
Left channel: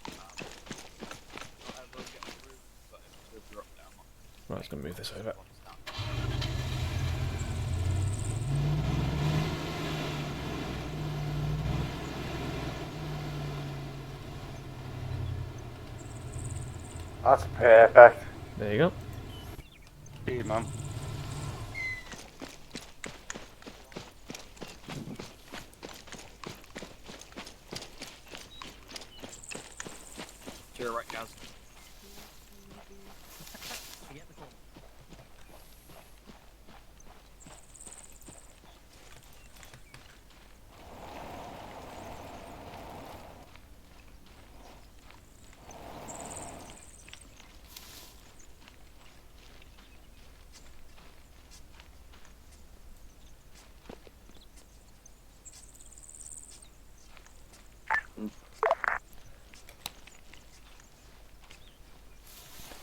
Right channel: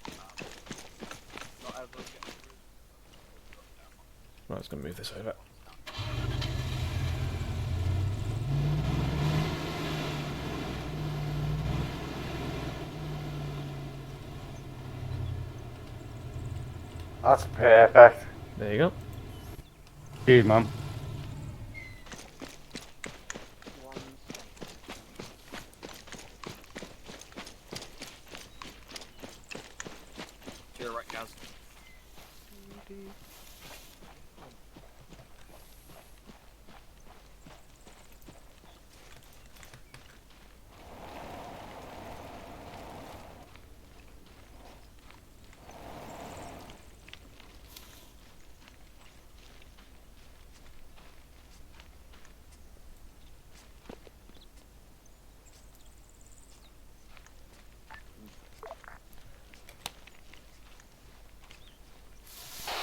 Right, let's go move this over. That's perfect. There you go. Dude, man. You're right, guys.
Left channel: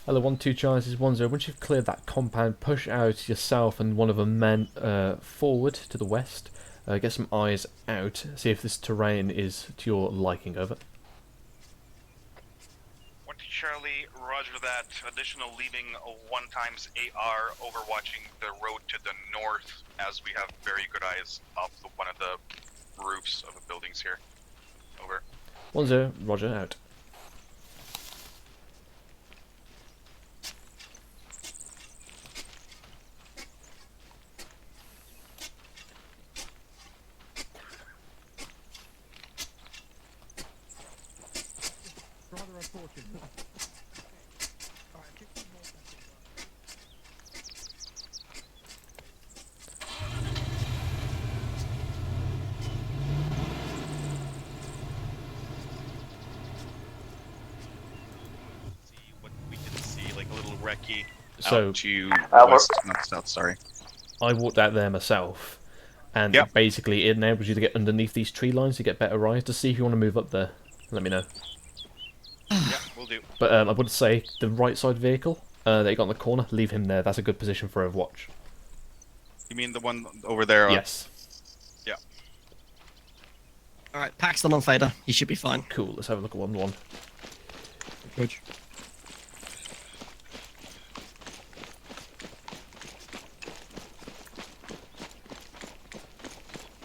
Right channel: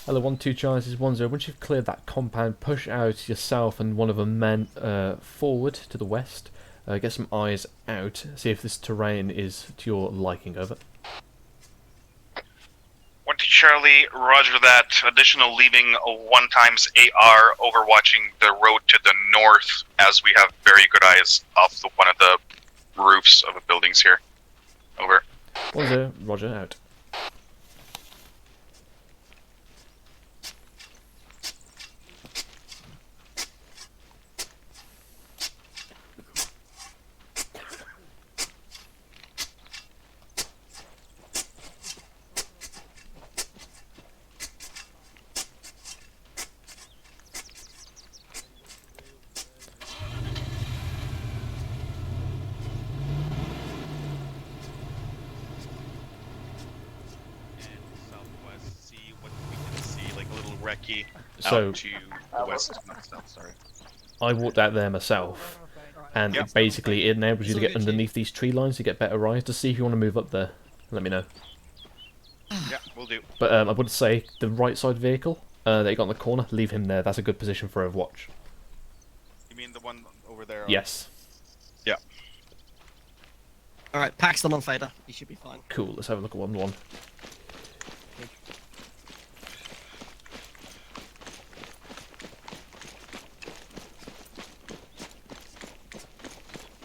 Hello, 1-2 Charlie, this is 1-0. Once you've cleared that compound, push out yourself and one of the men forward to the west. Get some eyes out. See if this terrain is to your liking. Over. 1-2 Charlie, roger that. Additional leaving 1x AR overwatching the road to the north, as we have very good eyes off one of the roofs of the buildings here. Over. 1-0, roger, out. So, south, sorry. I walked out there myself, and it basically it enables you to get underneath these tree lines to get better eyes. To see if you want to move up there, let me know. Yeah, we'll do. But I would say the right side vehicle that you got in the corner, leave him there. That's a good position for Overwatch. You mean the one over there? Yes. Yeah. Alright, Paxton on Fader. He should be fine. Cool, let's have a look at 1-1. Good.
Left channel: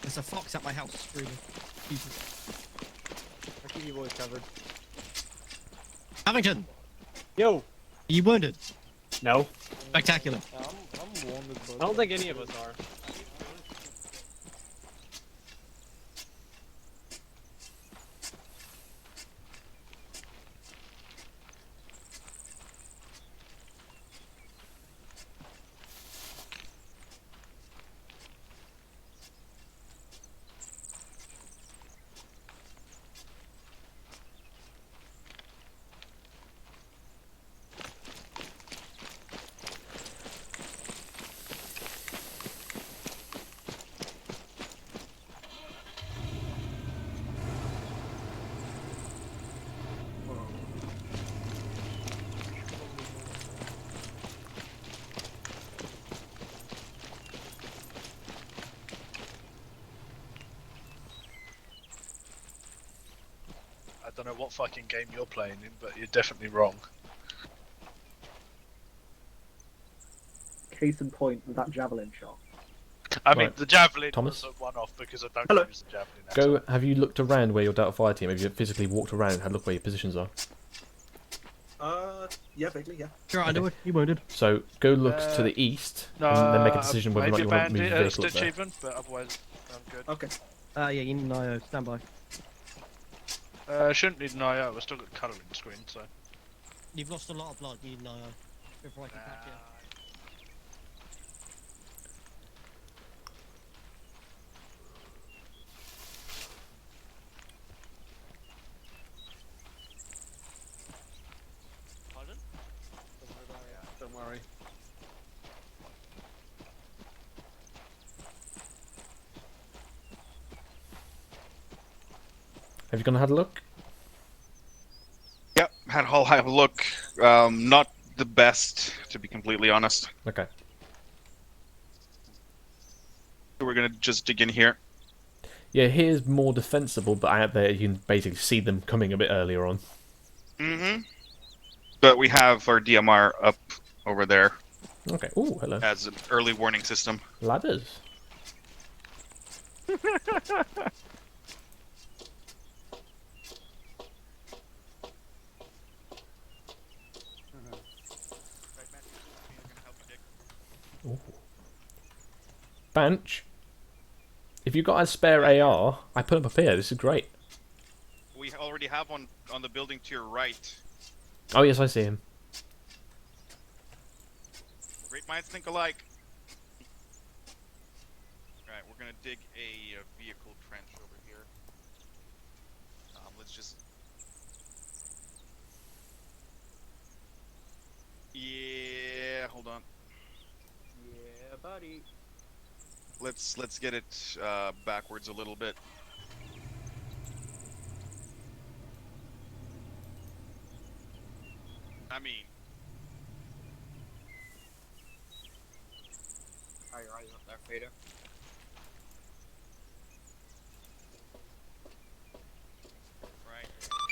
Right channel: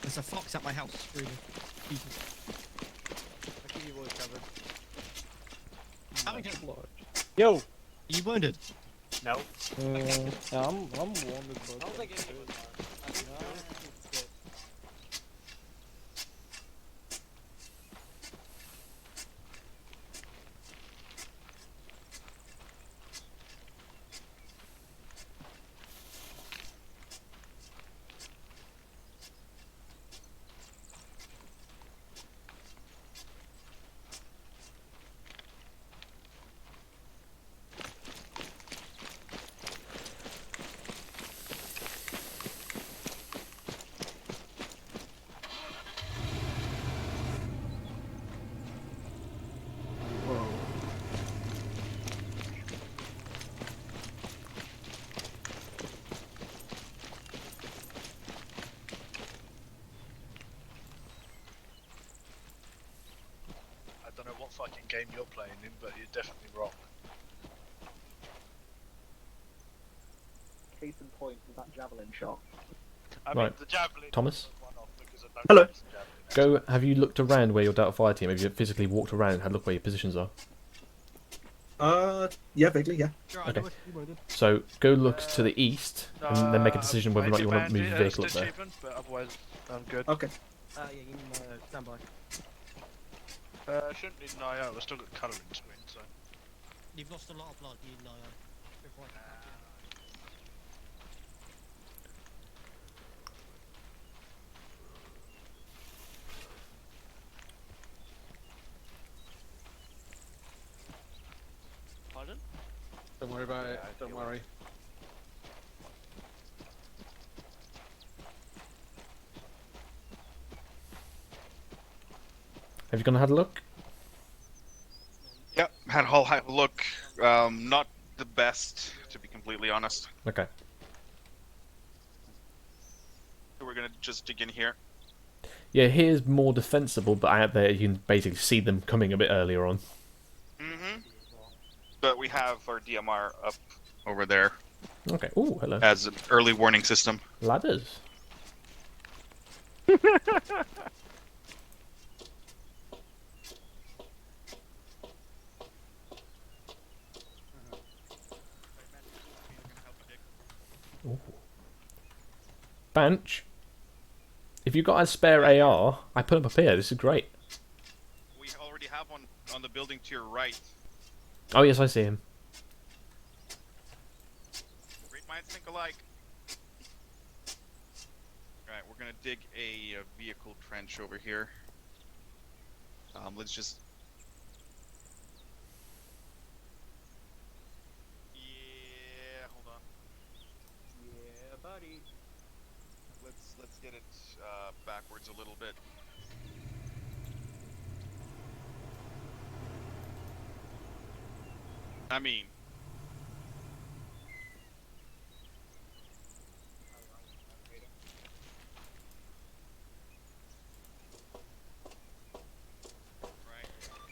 There's a fox at my house. Really. I keep your voice covered. Hamilton! Yo! Are you wounded? No. Spectacular. Yeah, I'm wounded, but... I don't think any of us are. I don't know what fucking game you're playing in, but you're definitely wrong. Case in point, that javelin shot. I mean, Right. the javelin Thomas? was a one-off because I don't Hello. use the javelin. Go. Have you looked around where your Delta Fire team? Have you physically walked around and had a look where your positions are? Yeah, vaguely, yeah. Sure, I know it. You wounded. So go look to the east and then make a decision whether or not you want to move your vehicle up there. But otherwise, I'm good. Okay. Yeah, you need an IO. Stand by. Shouldn't need an IO, I've still got colour in the screen, so. You've lost a lot of blood. You need an IO. Before I can patch you. Pardon? Don't worry about it. Don't worry. Have you gone and had a look? Yep, I'll have a look. Not the best, to be completely honest. Okay. We're gonna just dig in here. Yeah, here's more defensible, but out there you can basically see them coming a bit earlier on. Mm-hmm. But we have our DMR up over there. Okay. Ooh, hello. As an early warning system. Ladders. Ooh. Bench. If you've got a spare AR, I put them up here. This is great. We already have one on the building to your right. Oh yes, I see him. Great minds think alike. Alright, we're gonna dig a vehicle trench over here. Let's just... Yeah, hold on. Yeah, buddy. Let's get it backwards a little bit. I mean,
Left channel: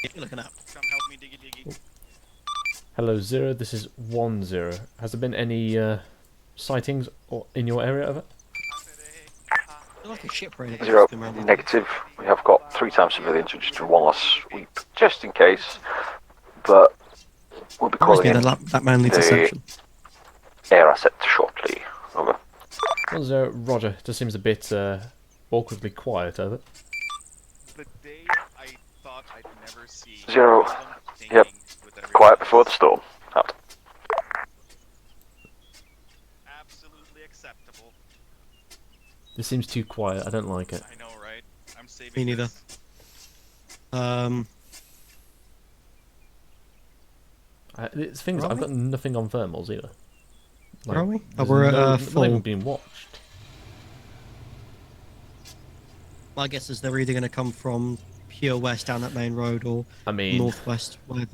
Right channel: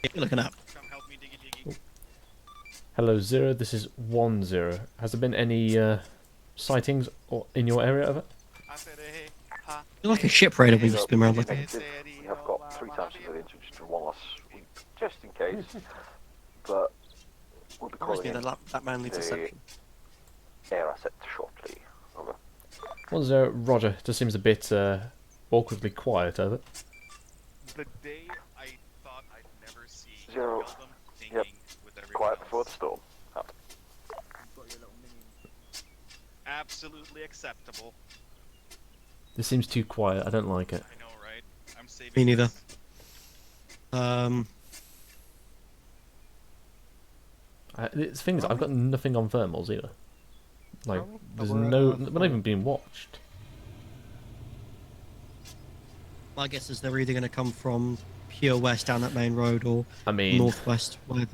You're looking at. Hello, 0. This is 1-0. Has there been any sightings in your area of it? You're like a ship raider we've 0, just been around looking at. negative. We have got 3 times civilians, which is one last sweep, just in case. But we'll be calling in that man needs a section. air asset shortly. Over. 1-0, Roger. Just seems a bit awkwardly quiet over it. The day I thought I'd never see 0. Yep. Quiet before the storm. Out. Absolutely acceptable. This seems too quiet. I don't like it. I know, right? I'm saving. Me neither. The thing is, I've got nothing on thermals either. Like, Are we? there's We're we're not even being watched. My guess is they're either going to come from pure west down that main road or northwest. Where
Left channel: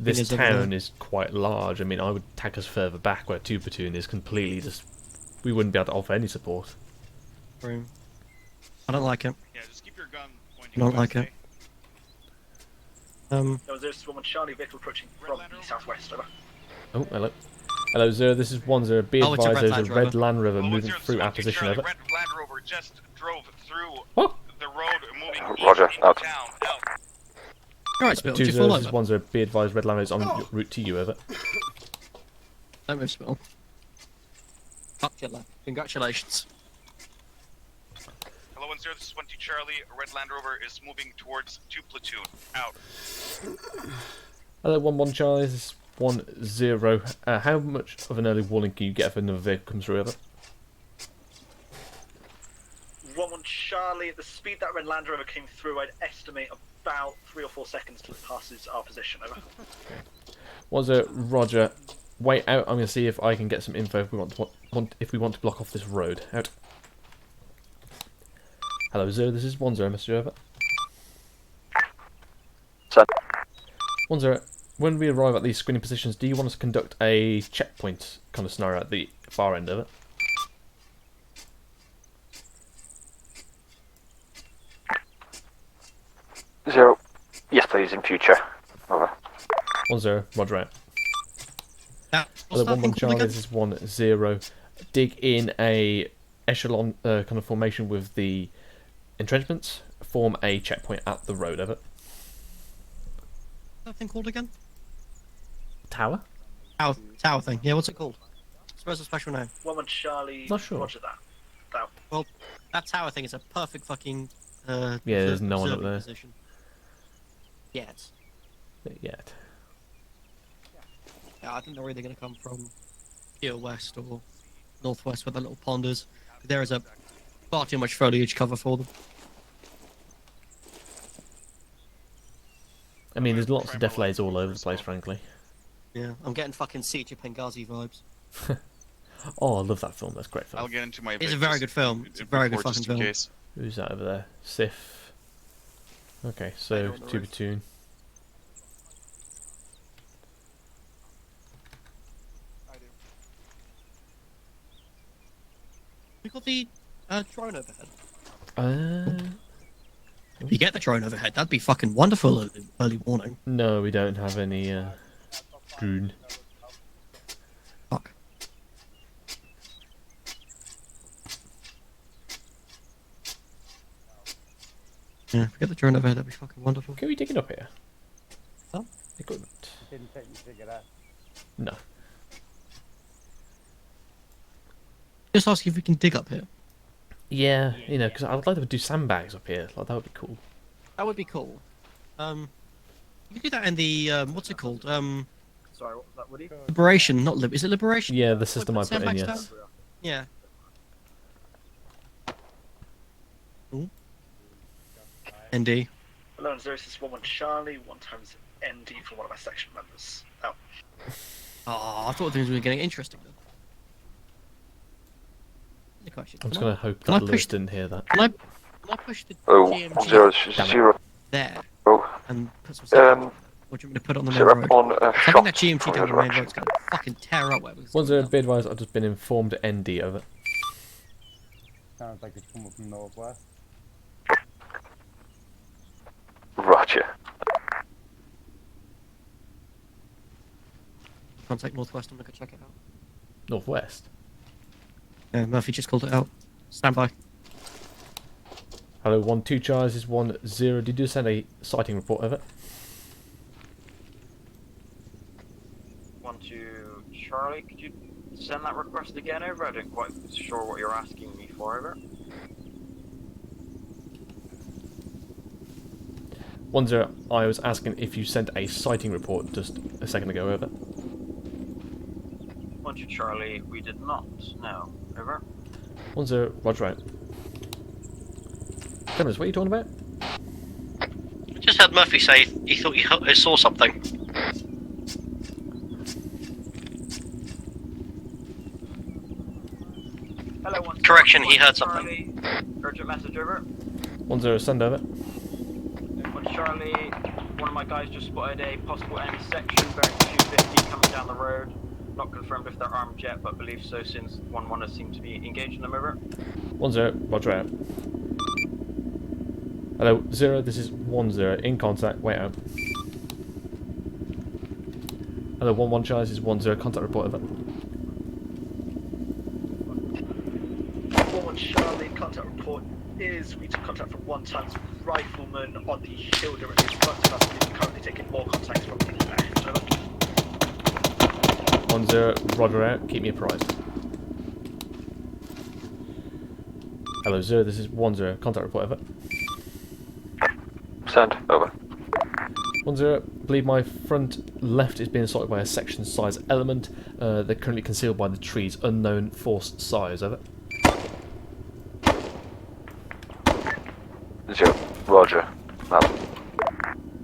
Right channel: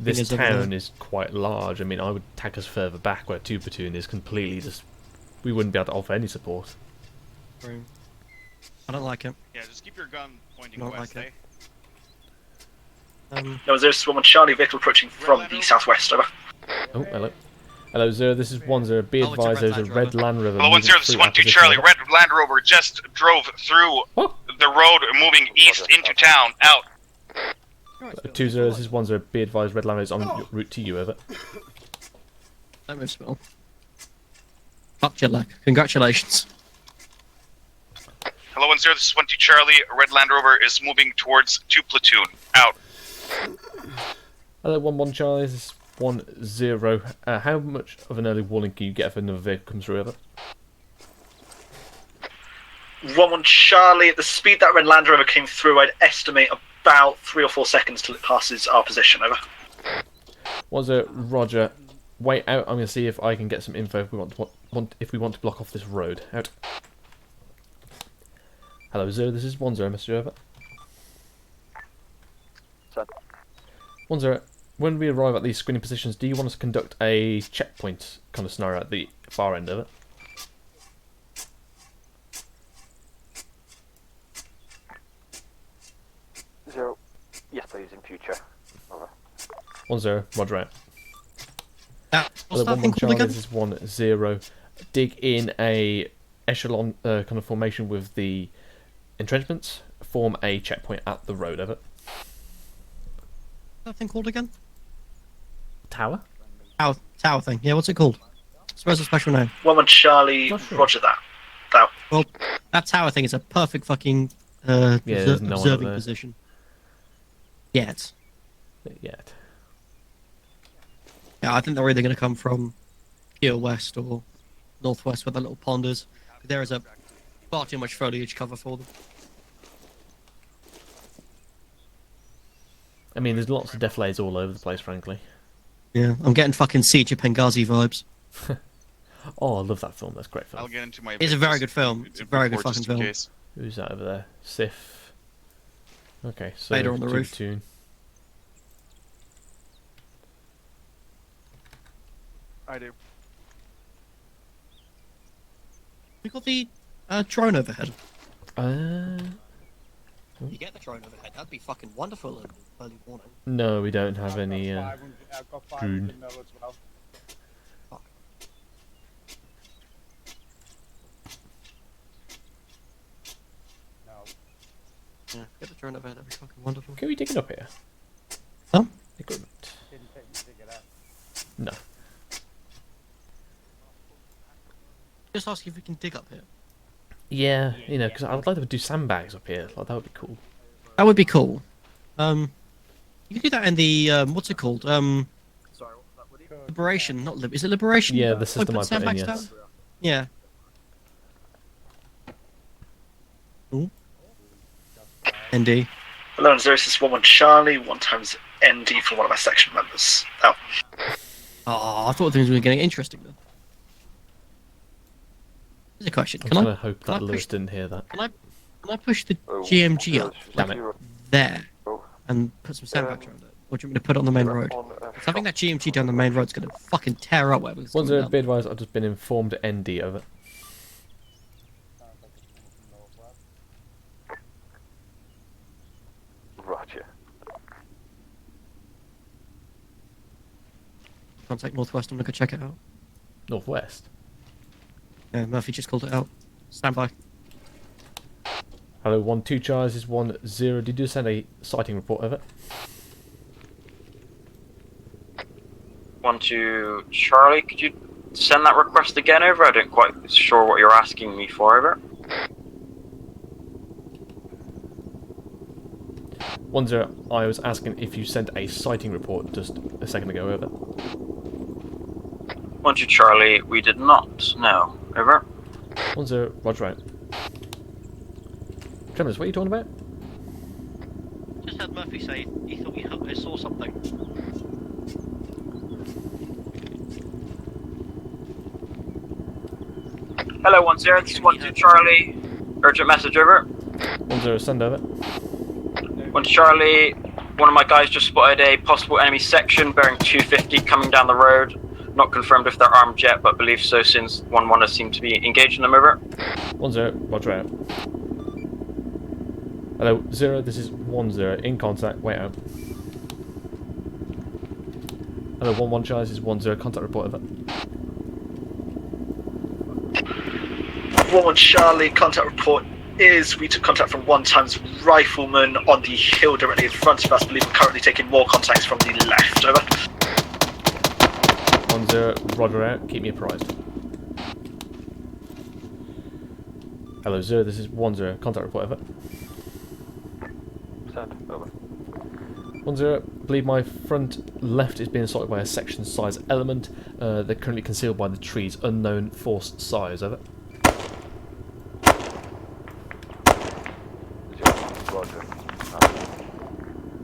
this town is quite large. I mean, I would tack us further back where 2 platoon is completely just. We wouldn't be able to offer any support. I don't like it. Yeah, just keep your gun pointing. I don't like it. No, there's one Charlie vehicle approaching from the southwest. Over. Oh, hello. Hello, 0. This is 1-0. Be advised, there's a red Land Rover moving 1-0, this is through our 1-2 position. Charlie. Red Land Rover just drove through the road, moving east into town. Out. Alright, Spill. 2-0. This is 1-0. Be advised, red Land Rover is en route to you. Over. Don't move, Spill. Fuck your luck. Congratulations. Hello, 1-0, this is 1-2 Charlie. Red Land Rover is moving towards 2 platoon. Out. Hello, 1-1 Charlie. This is 1-0. How much of an early warning can you get if another vehicle comes through? Over. 1-1 Charlie. At the speed that Red Land Rover came through, I'd estimate about 3 or 4 seconds till it passes our position. Over. 1-0 Roger. Wait out. I'm going to see if I can get some info if we want to block off this road. Out. Hello, 0. This is 1-0. Mr. Over. 1-0. When we arrive at these screening positions, do you want us to conduct a checkpoint kind of scenario at the far end of it? Zero. Yes, please, in future. Over. 1-0. Roger out. Hello, 1-1 Charlie. This is 1-0. Dig in a echelon kind of formation with the entrenchments. Form a checkpoint at the road. Over. That thing called again? Tower? Tower thing. Yeah, what's it called? Suppose a special name. 1-1 Charlie. Sure. Roger that. Out. Well, that tower thing is a perfect fucking there's no one up there. Position. Yet. Yet. Yeah, I think they're either going to come from pure west or northwest where the little pond is. There is a far too much foliage cover for them. I mean, there's lots of deflays all over the place, frankly. Yeah, I'm getting fucking Siege of Benghazi vibes. Oh, I love that film. That's a great film. I'll get into my. It's a very good film. It's a very good fucking film. Case. Who's that over there? Sif. Okay, so 2 platoon. I do. We got the drone overhead. If you get the drone overhead, that'd be fucking wonderful. Early warning. No, we don't have any drone. Fuck. Yeah, if we get the drone overhead, that'd be fucking wonderful. Can we dig it up here? Huh? Equipment. No. Just ask if we can dig up here. Yeah, you know, because I would like to do sandbags up here. Like, that would be cool. That would be cool. You can do that in the what's it called? Sorry, what would you? Liberation, not is it Liberation? Yeah, the system I put in, yes. Yeah. Ooh. ND. Hello, this is 1-1 Charlie. 1 times ND for one of our section members. Out. Oh, I thought things were getting interesting. Here's a question. I'm just going to hope that Lewis didn't hear that. Can I push the GMG there and put some sandbags on it? Or do you want me to put it on the main road? I think that GMG down the main road is going to fucking tear up whatever. 1-0 be advised, I've just been informed ND of it. Sounds like it's coming from northwest. Roger. Contact northwest. I'm gonna go check it out. Northwest. Murphy just called it out. Stand by. Hello, 1-2 Charles is 1-0. Did you send a sighting report of it? 1-2 Charlie, could you send that request again over? I don't quite sure what you're asking me for over. 1-0, I was asking if you sent a sighting report just a second ago, over. 1-2 Charlie, we did not. No, over. 1-0, roger out. Clemens, what are you talking about? I just heard Murphy say he thought he saw something. Hello, 1-0. Correction, he heard Charlie. Urgent message over. 1-0, send over. 1 Charlie, one of my guys just spotted a possible enemy section bearing 250 coming down the road. Not confirmed if they're armed yet, but believe so since 1-1 has seemed to be engaging them over. 1-0, roger out. Hello, 0, this is 1-0, in contact, wait out. Hello, 1-1 Charles is 1-0, contact report over. 1-1 Charlie, contact report is we took contact from 1x rifleman on the hill directly in front of us. I believe we're currently taking more contacts from the left. Over. 1-0, roger out, keep me apprised. Hello, 0, this is 1-0, contact report over. Send, over. 1-0, believe my front left is being assaulted by a section size element. They're currently concealed by the trees, unknown force size, over. 0, roger.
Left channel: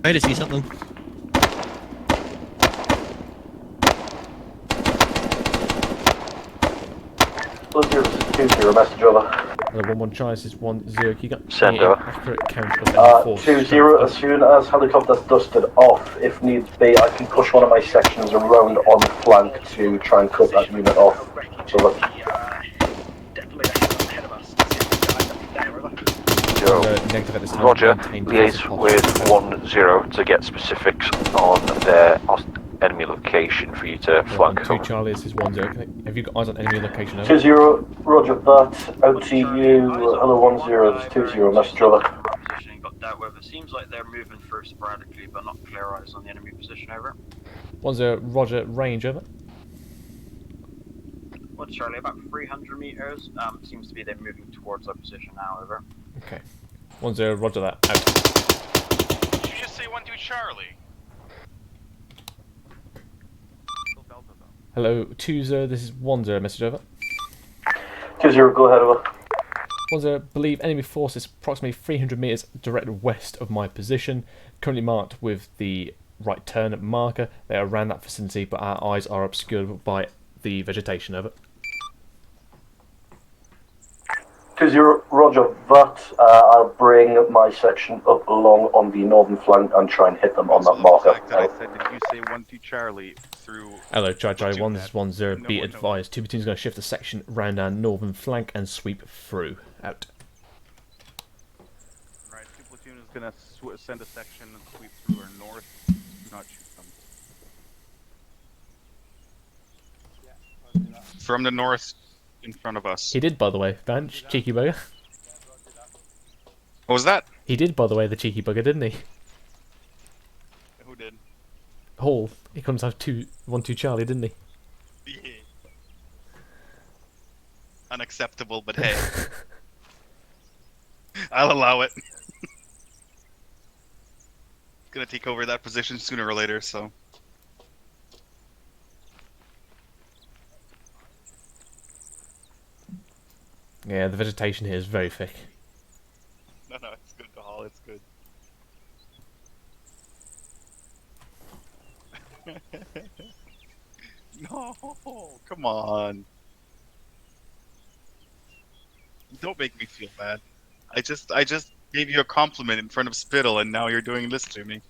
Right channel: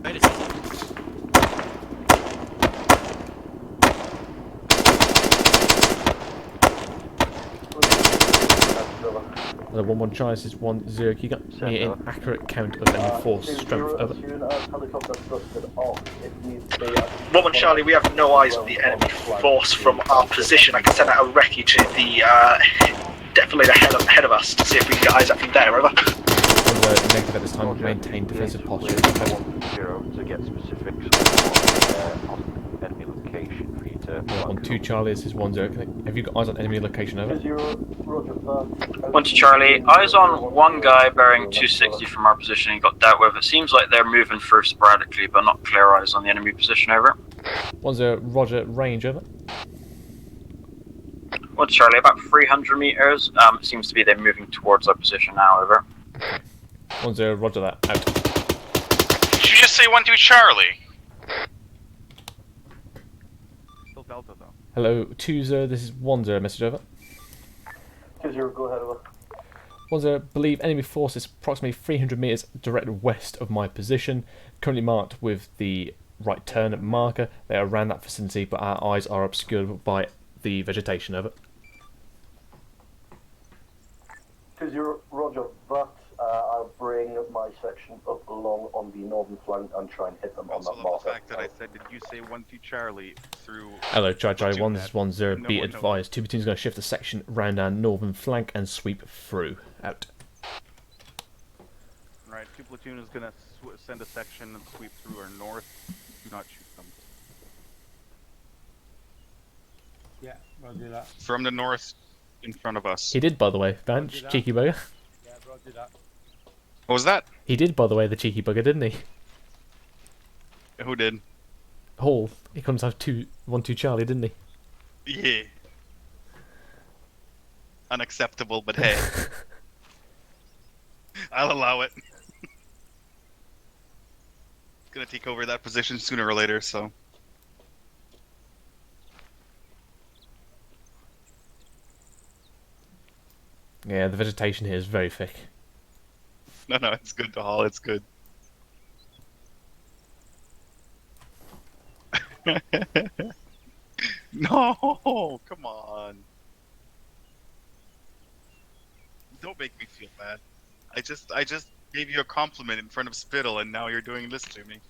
Ready to see something. Message over. Hello, 1-1 Charles is 1-0. Can you get Send me an over. accurate count of enemy force? 2-0, as soon as helicopter's dusted off, if needs be, I can push one of my sections around on the flank Force to from try our and position. I can send out a recce to the definitely ahead of us to see if we can get eyes up from there. Over. Negative at this time. Roger, Maintain defensive liaise posture. with 1-0 to get specifics on their enemy location for you to flank. 1-2 Charlie, this is 1-0. Have you got eyes on enemy location? Over. 2-0, roger that. 1-2 Charlie, eyes on one guy bearing 260 260 from our position. He got dealt with. It seems like they're moving through sporadically, but not clear eyes on the enemy position. Over. 1-0, roger, range, over. 1 Charlie, about 300 meters. It seems to be they're moving towards our position now. Over. Okay. 1-0, roger that, out. Did you just say 1-2 Charlie? Hello, 2-0, this is 1-0, message over. 2-0, go ahead, over. 1-0, believe enemy force is approximately 300 meters direct west of my position, currently marked with the right turn marker. They are around that vicinity, but our eyes are obscured by the vegetation, over. 2-0, roger that. I'll bring my section up along on the northern flank and try and hit them on that marker. I said, did you say 1-2 Charlie through... Hello, Charlie 1, this is 1-0, be advised. 2 platoons going to shift the section round our northern flank and sweep through. Out. Right, 2 platoon is going to send a section and sweep through our north. Do not shoot them. Yeah, I'll do that. From the north in front of us. He did, by the way, Bench, cheeky bugger. What was that? He did, by the way, the cheeky bugger, didn't he? Who did? Hall. He comes to have 1-2 Charlie, didn't he? Yeah. Unacceptable, but hey. I'll allow it. Gonna take over that position sooner or later, so. Yeah, the vegetation here is very thick. No, it's good to haul, it's good. No, come on. Don't make me feel bad. I just gave you a compliment in front of Spittle and now you're doing this to me.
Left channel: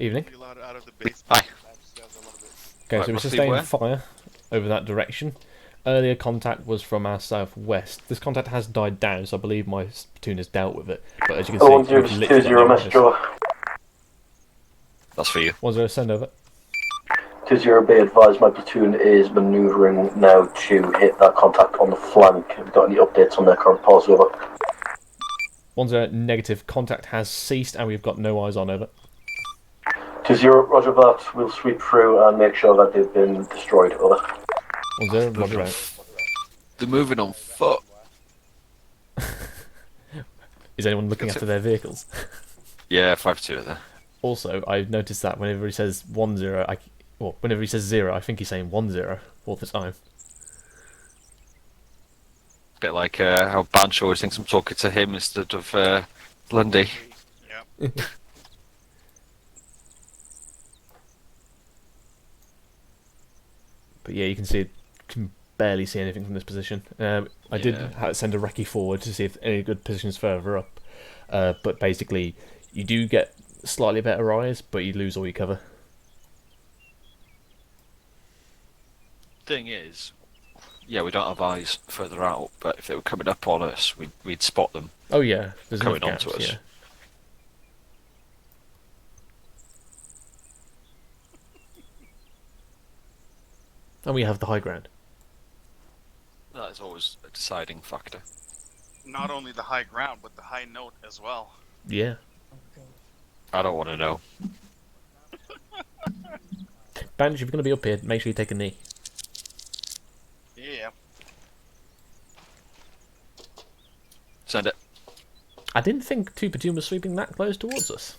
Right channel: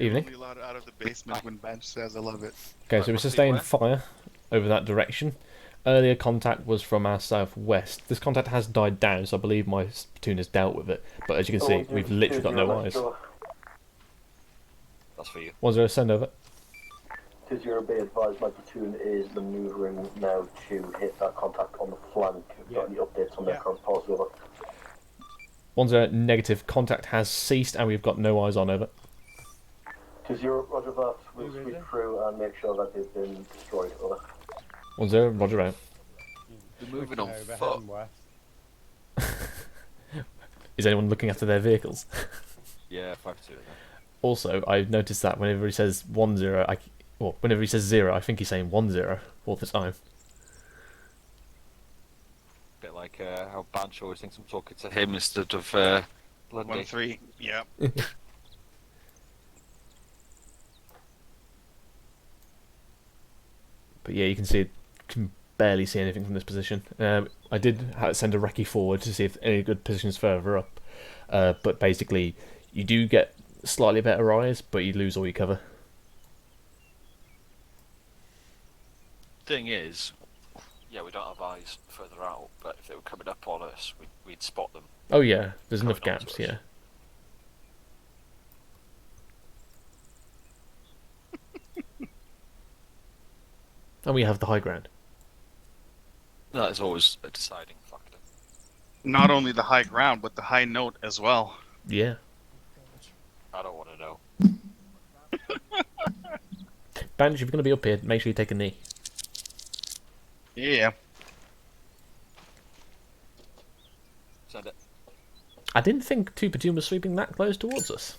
Evening. Out of the basement when Bench says I love it. Okay, so we sustain fire over that direction. Earlier contact was from our southwest. This contact has died down, so I believe my platoon has dealt with it. But as you can see, we've literally got no eyes. That's for you. 1-0, send over. 2-0, be advised my platoon is manoeuvring now to hit that contact on the flank. Have you got any updates on their current pulse? Over. 1-0, negative. Contact has ceased and we've got no eyes on, over. 2-0, roger that. We'll sweep through and make sure that they've been destroyed. Over. 1-0, roger out. They're moving on foot. Is anyone looking after their vehicles? Yeah, 5-2 there. Also, I've noticed that whenever he says 1-0, whenever he says 0, I think he's saying 1-0 all the time. Bit like how Bancho always thinks I'm talking to him instead of Lundy. Yeah. But yeah, you can barely see anything from this position. I did send a recce forward to see if any good positions further up, but basically you do get slightly better eyes, but you lose all your cover. Thing is, yeah, we don't have eyes further out, but if they were coming up on us, we'd spot them. Oh yeah, there's enough coming gaps, onto us. yeah. And we have the high ground. That is always a deciding factor. Not only the high ground, but the high note as well. Yeah. I don't want to know. Bandage, if you're going to be up here, make sure you take a knee. Yeah. Send it. I didn't think 2 platoon was sweeping that close towards us.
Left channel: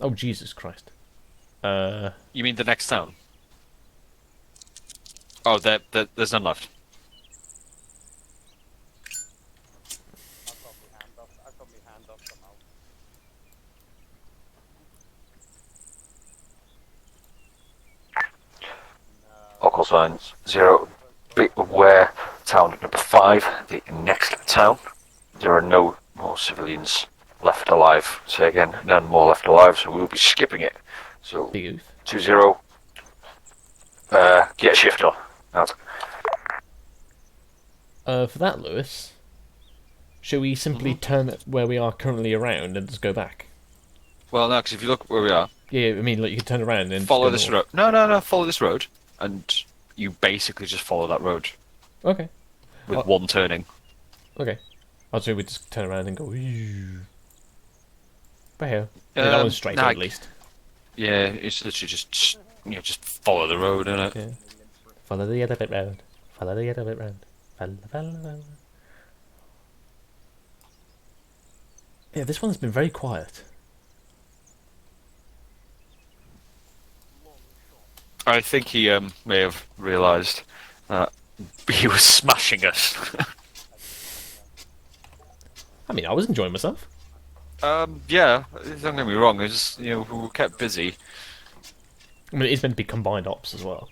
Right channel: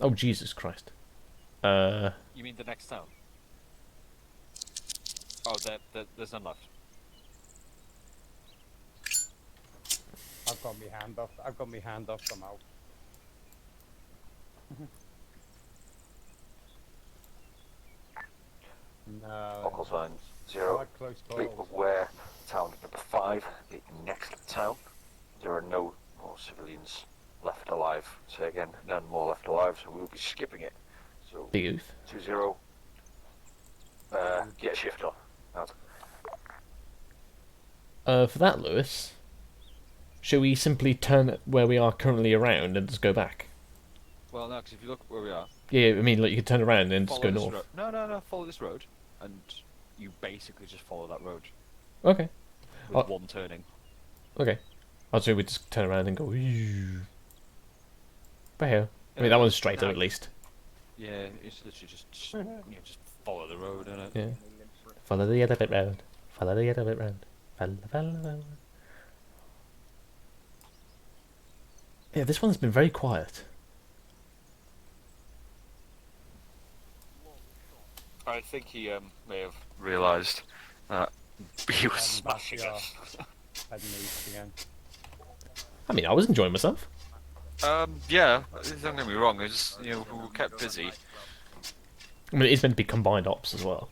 Oh, Jesus Christ. You mean the next town? Oh, there's none left. I've got my hand off. I've got my hand off somehow. Local signs 0. Be aware, town number 5, the next town. There are no more civilians left alive. Say again, none more left alive, so we'll be skipping it. So 2-0. Get a shifter. Out. For that, Lewis, shall we simply turn where we are currently around and just go back? Well, no, because if you look where we are... Yeah, I mean, like, you can turn around and follow just this go road. No, follow this road, and you basically just follow that road. Okay. With one turning. Okay. I'll say we just turn around and go... But here. That one's straight on, at least. Yeah, it's literally just follow the road, innit? Yeah. Follow the other bit round. Follow the other bit round. Follow. Yeah, this one's been very quiet. I think he may have realised that he was smashing us. I mean, I was enjoying myself. Yeah, don't get me wrong, it's just, we were kept busy. I mean, it's meant to be combined ops as well.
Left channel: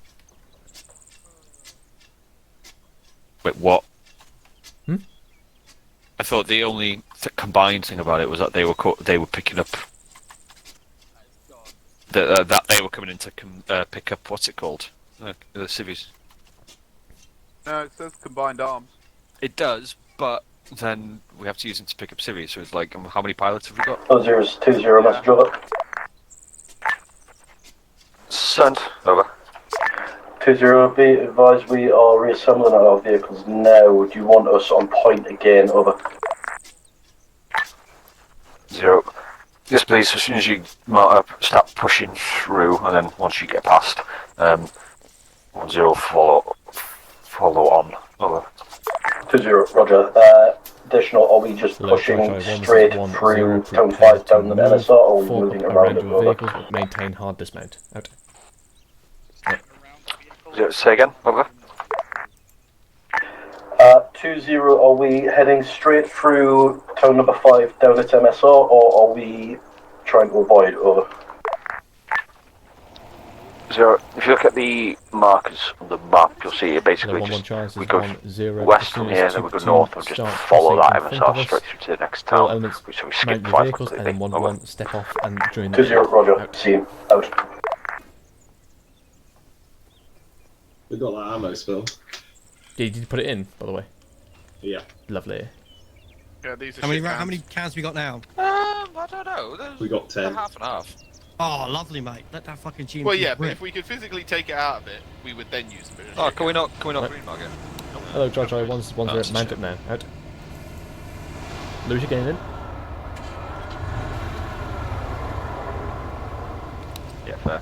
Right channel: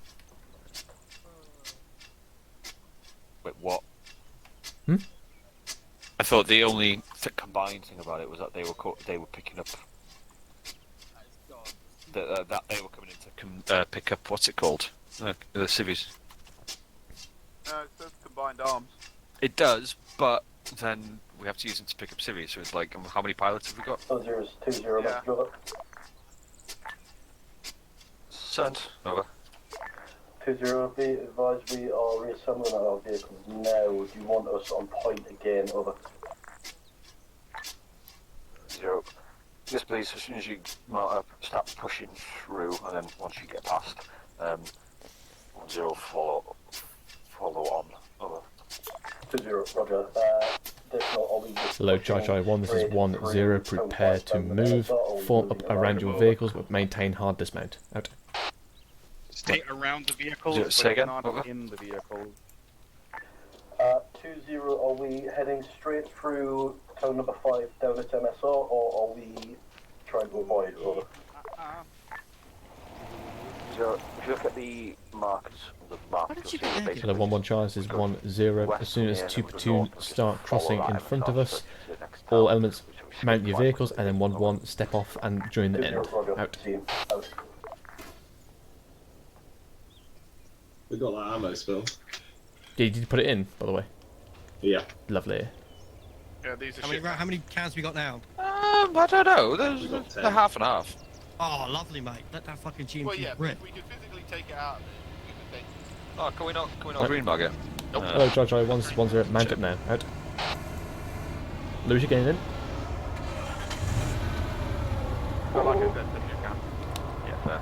Wait, what? I thought the only combined thing about it was that they were picking up... that they were coming in to pick up, what's it called? The civvies. No, it says combined arms. It does, but then we have to use them to pick up civvies, so it's like, how many pilots have we got? 2-0, message over. Sent. Over. 2-0, be advised we are reassembling our vehicles now. Do you want us on point again? Over. 0. Yes, please, as soon as you mount up, start pushing through, and then once you get past, 1-0, follow on. Over. 2-0, roger. Additional, are we just pushing straight through Town 5 down the NSR, or are we form moving up around around it? your vehicles, but maintain hard dismount. Out. Stay around the vehicle. Say again, over. 2-0, are we heading straight through Town number 5 down its MSR, or are we trying to avoid? Over. 0. If you look at the markers on the map, you'll see it basically. The 1-1 chance is 1-0. West As soon from here, as then 2 we go platoon north and just start follow crossing that in front of MSR us, straight to the next all town. elements So we mount skip your 5 vehicles and then completely. 1-1 step off and join the 2-0, roger. out. See, out. We got that ammo still. Did you put it in, by the way? Yeah. Lovely. Yeah, these are How many cans we got now? I don't know. We got 10. Half and half. Oh, lovely, mate. Let that fucking GMP Well, yeah, but rip. if we could physically take it out of it, we would then use it. Oh, can we not green bug it? Nope. Hello, Jojo. One's mount up now. Out. Lewis, you getting in? Yeah, there.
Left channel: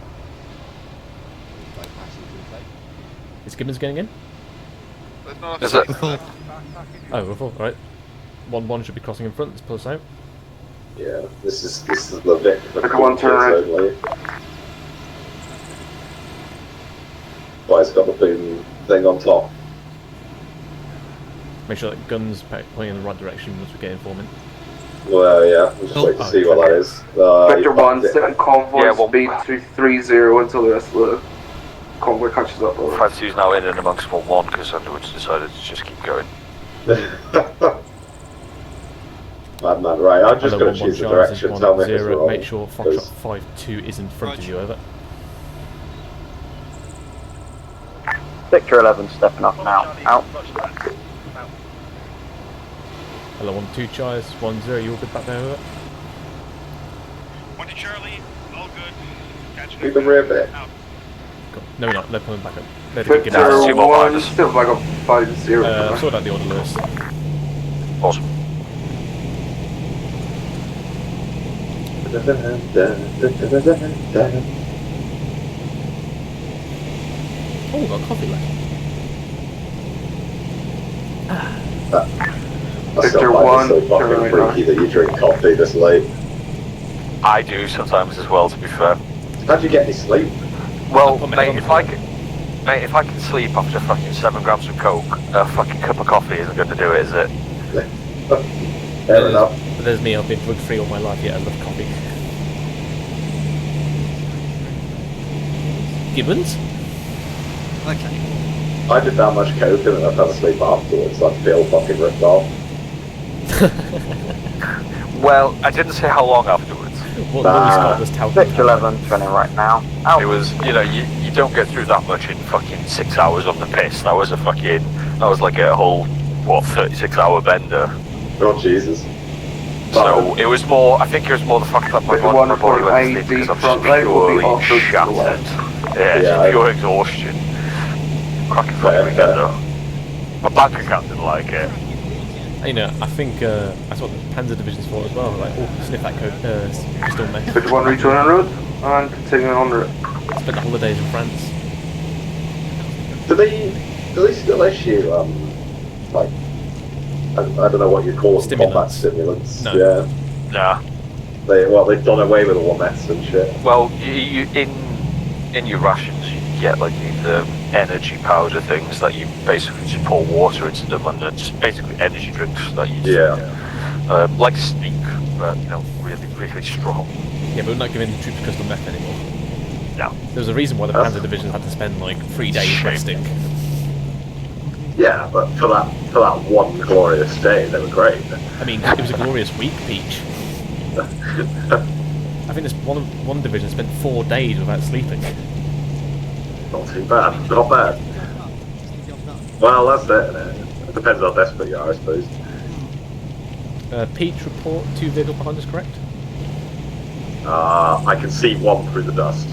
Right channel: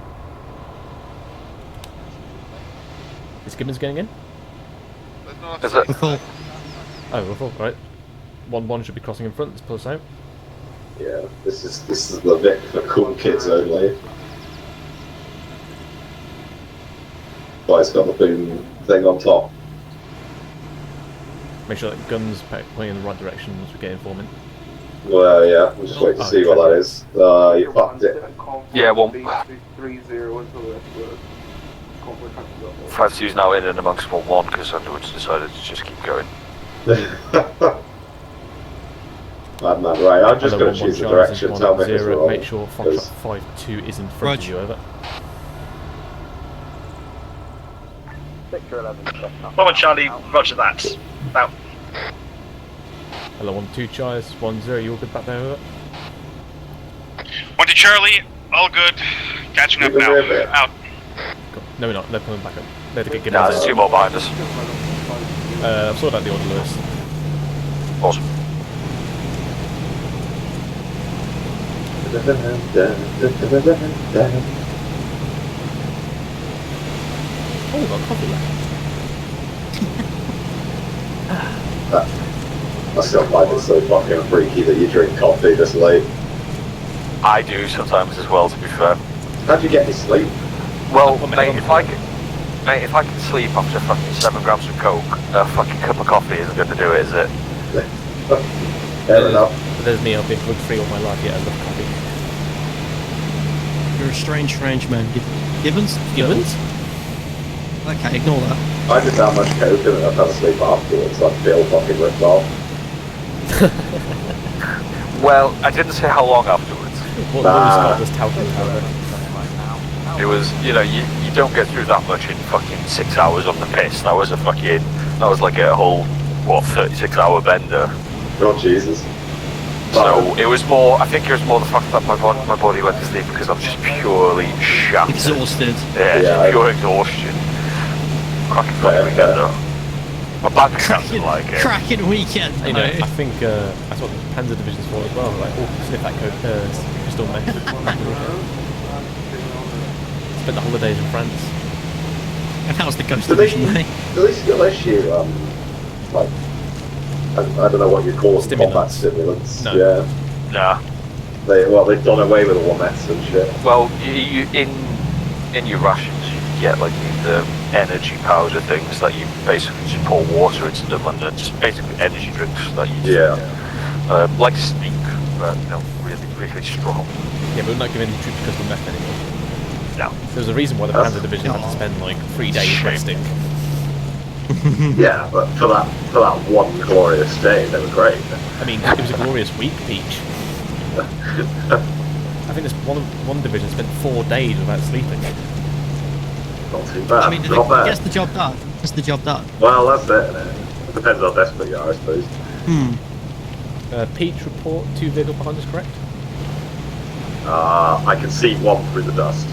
Is Gibbons getting in? Is it? Oh, we're full. Right. One should be crossing in front. Let's pull us out. Yeah, this is the Vic for cool kids only. Why it's got the boom thing on top. Make sure that gun's pointing in the right direction once we get informant. Well, yeah, we'll just wait to see what that is. Vector 1, set and convoy speed 330 until the rest of the convoy catches up. 5-2's now in and amongst 1-1 because Underwood's decided to just keep going. Madman, right, I'm just going to choose the direction, tell me if it's wrong. Make sure Foxtrot 5-2 is in front of you, over. Victor 11 stepping up. Bravo Charlie, roger that. Out. Hello, 1-2 Chais, 1-0, you all good back there, over? 1 to Charlie, all good. Catching up You can rip now. it. Out. Cool. No, we're not. They're coming back up. They're the good Nah, there's 2 more behind us. Still like a 5-0. I've sorted out the order, Lewis. Awesome. Oh, we've got coffee left. I still find it so fucking freaky that you drink coffee this late. I do sometimes as well, to be fair. How'd you get any sleep? Well, mate, if I can sleep after fucking 7 grams of coke, a fucking cup of coffee isn't going to do it, is it? Fair enough. But there's me, I've been drug-free all my life, yet I love coffee. You're a strange man. Gibbons? Gibbons? Okay, ignore that. I did that much coke and I fell asleep afterwards. I feel fucking ripped off. Well, I didn't say how long afterwards. What Lewis got was touted. 11 running right now. It was, you know, you don't get through that much in fucking 6 hours on the piss. That was like a whole, 36-hour bender. Oh, Jesus. So it was more, I think it was more the fact that my body went to sleep because I'm just purely shattered. Yeah, pure exhaustion. Cracking fucking weekend though. My bank account didn't like it. Cracking weekend. You know, I think that's what the Panzer Division's for as well. Like, oh, sniff that crystal meth. Which one reach on the road? And continuing on the road. Spent the holidays in France. And that was the ghost. Do they still issue, like, I don't know what you call them, combat stimulants? No. Yeah. Nah. They've done away with all meths and shit. Well, you in your rations you get like these energy powder things that you basically just pour water into them, and they're just basically energy drinks that you just, like Speak, but you know, really, really strong. Yeah, but we're not giving the troops crystal meth anymore. No. There was a reason why the Panzer Division had to spend like 3 days resting. Yeah, but for that one glorious day, they were great. I mean, it was a glorious week, Peach. I think this one division spent 4 days without sleeping. Not too bad. I mean, not bad. Gets the job done. Gets the job done. Well, that's it. Innit? It depends how desperate you are, I suppose. Peach, report 2 vehicles behind us, correct? I can see one through the dust.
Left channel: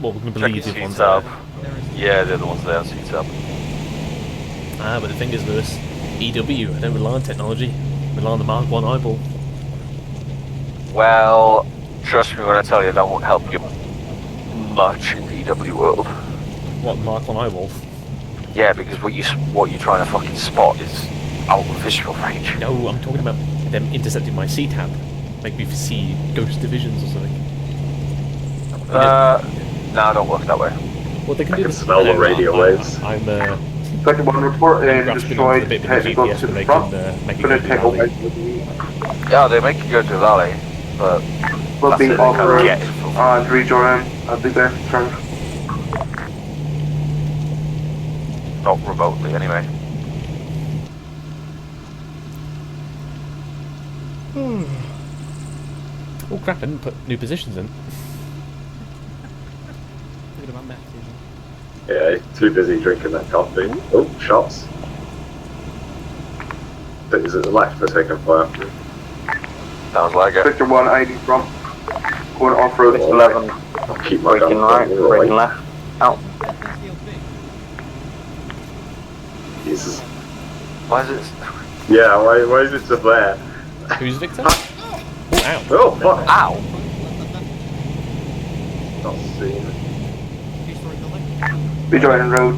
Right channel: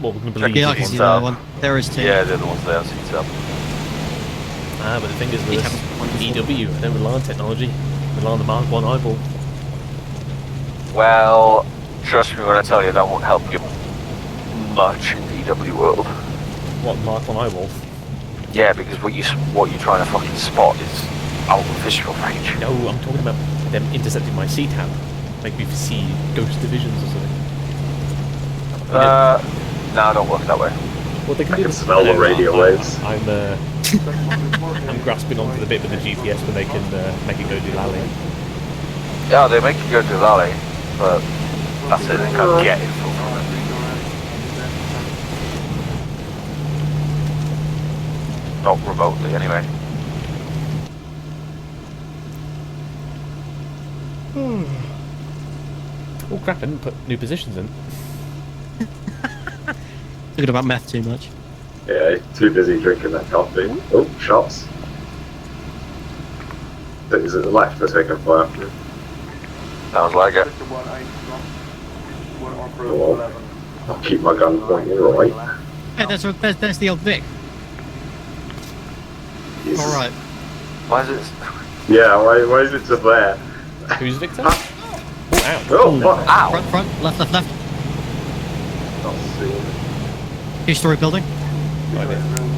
Well, we're going to believe Yeah, it's one. There is 2. Yeah, they're the ones there, see tab. But the thing is, Lewis, EW, I don't rely on technology. I rely on the Mark 1 eyeball. Well, trust me when I tell you that won't help you much in the EW world. What, Mark 1 eyeball? Yeah, because what you're trying to fucking spot is out of visual range. No, I'm talking about them intercepting my C-tab. Make me see ghost divisions or something. No, don't work that way. Well, they can I can smell the radio waves. I'm grasping onto the bit with the GPS when they can make it go to the alley. Yeah, they make you go to the alley, but that's it, they can't get it. Rejoin, I'll be there. Not remotely, anyway. Oh crap, I didn't put new positions in. Thinking about meth too much. Yeah, too busy drinking that coffee. Oh, shots. Is it the left for taking fire? Sounds like it. Sector 180 from. Going off-road 11. I'll keep my gun on the right. Yeah, that's the old Vic. Jesus. Alright. Why is it? Yeah, why is it just there? Who's Victor? Oh, ow. Oh, fuck. Ow. Front, left. Not seeing it. Two-story building. Be joining road.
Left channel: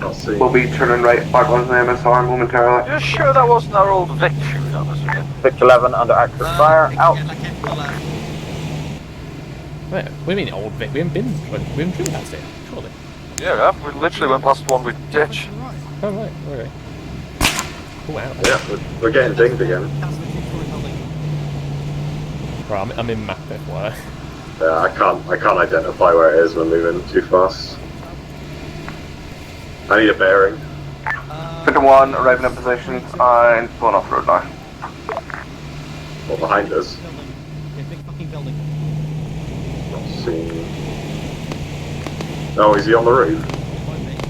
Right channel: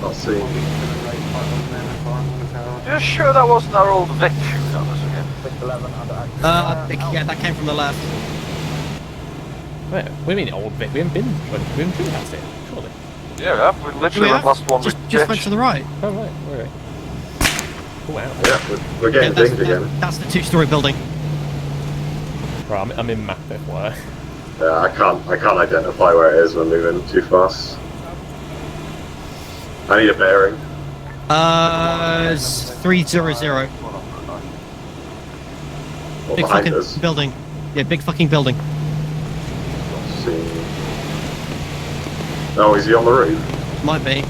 Not seeing We'll be turning right back onto the MSR momentarily. You're sure that wasn't our old Vic shooting at us again? Victor 11 under active fire. Out. Yeah, that came from the left. Wait, what do you mean old Vic? We haven't driven past it, surely. Yeah, we literally went past one with Just went ditch. to the right. Oh, right, okay. Oh, wow. Yeah, we're getting dinged again. That's the two-story building. Right, I'm in map FYI. Yeah, I can't identify where it is. We're moving too fast. I need a bearing. Sector 1, right in position. 300. Going off-road now. Or Big behind fucking us. building. Yeah, big fucking building. Not seeing. Oh, is he on the roof? Might be.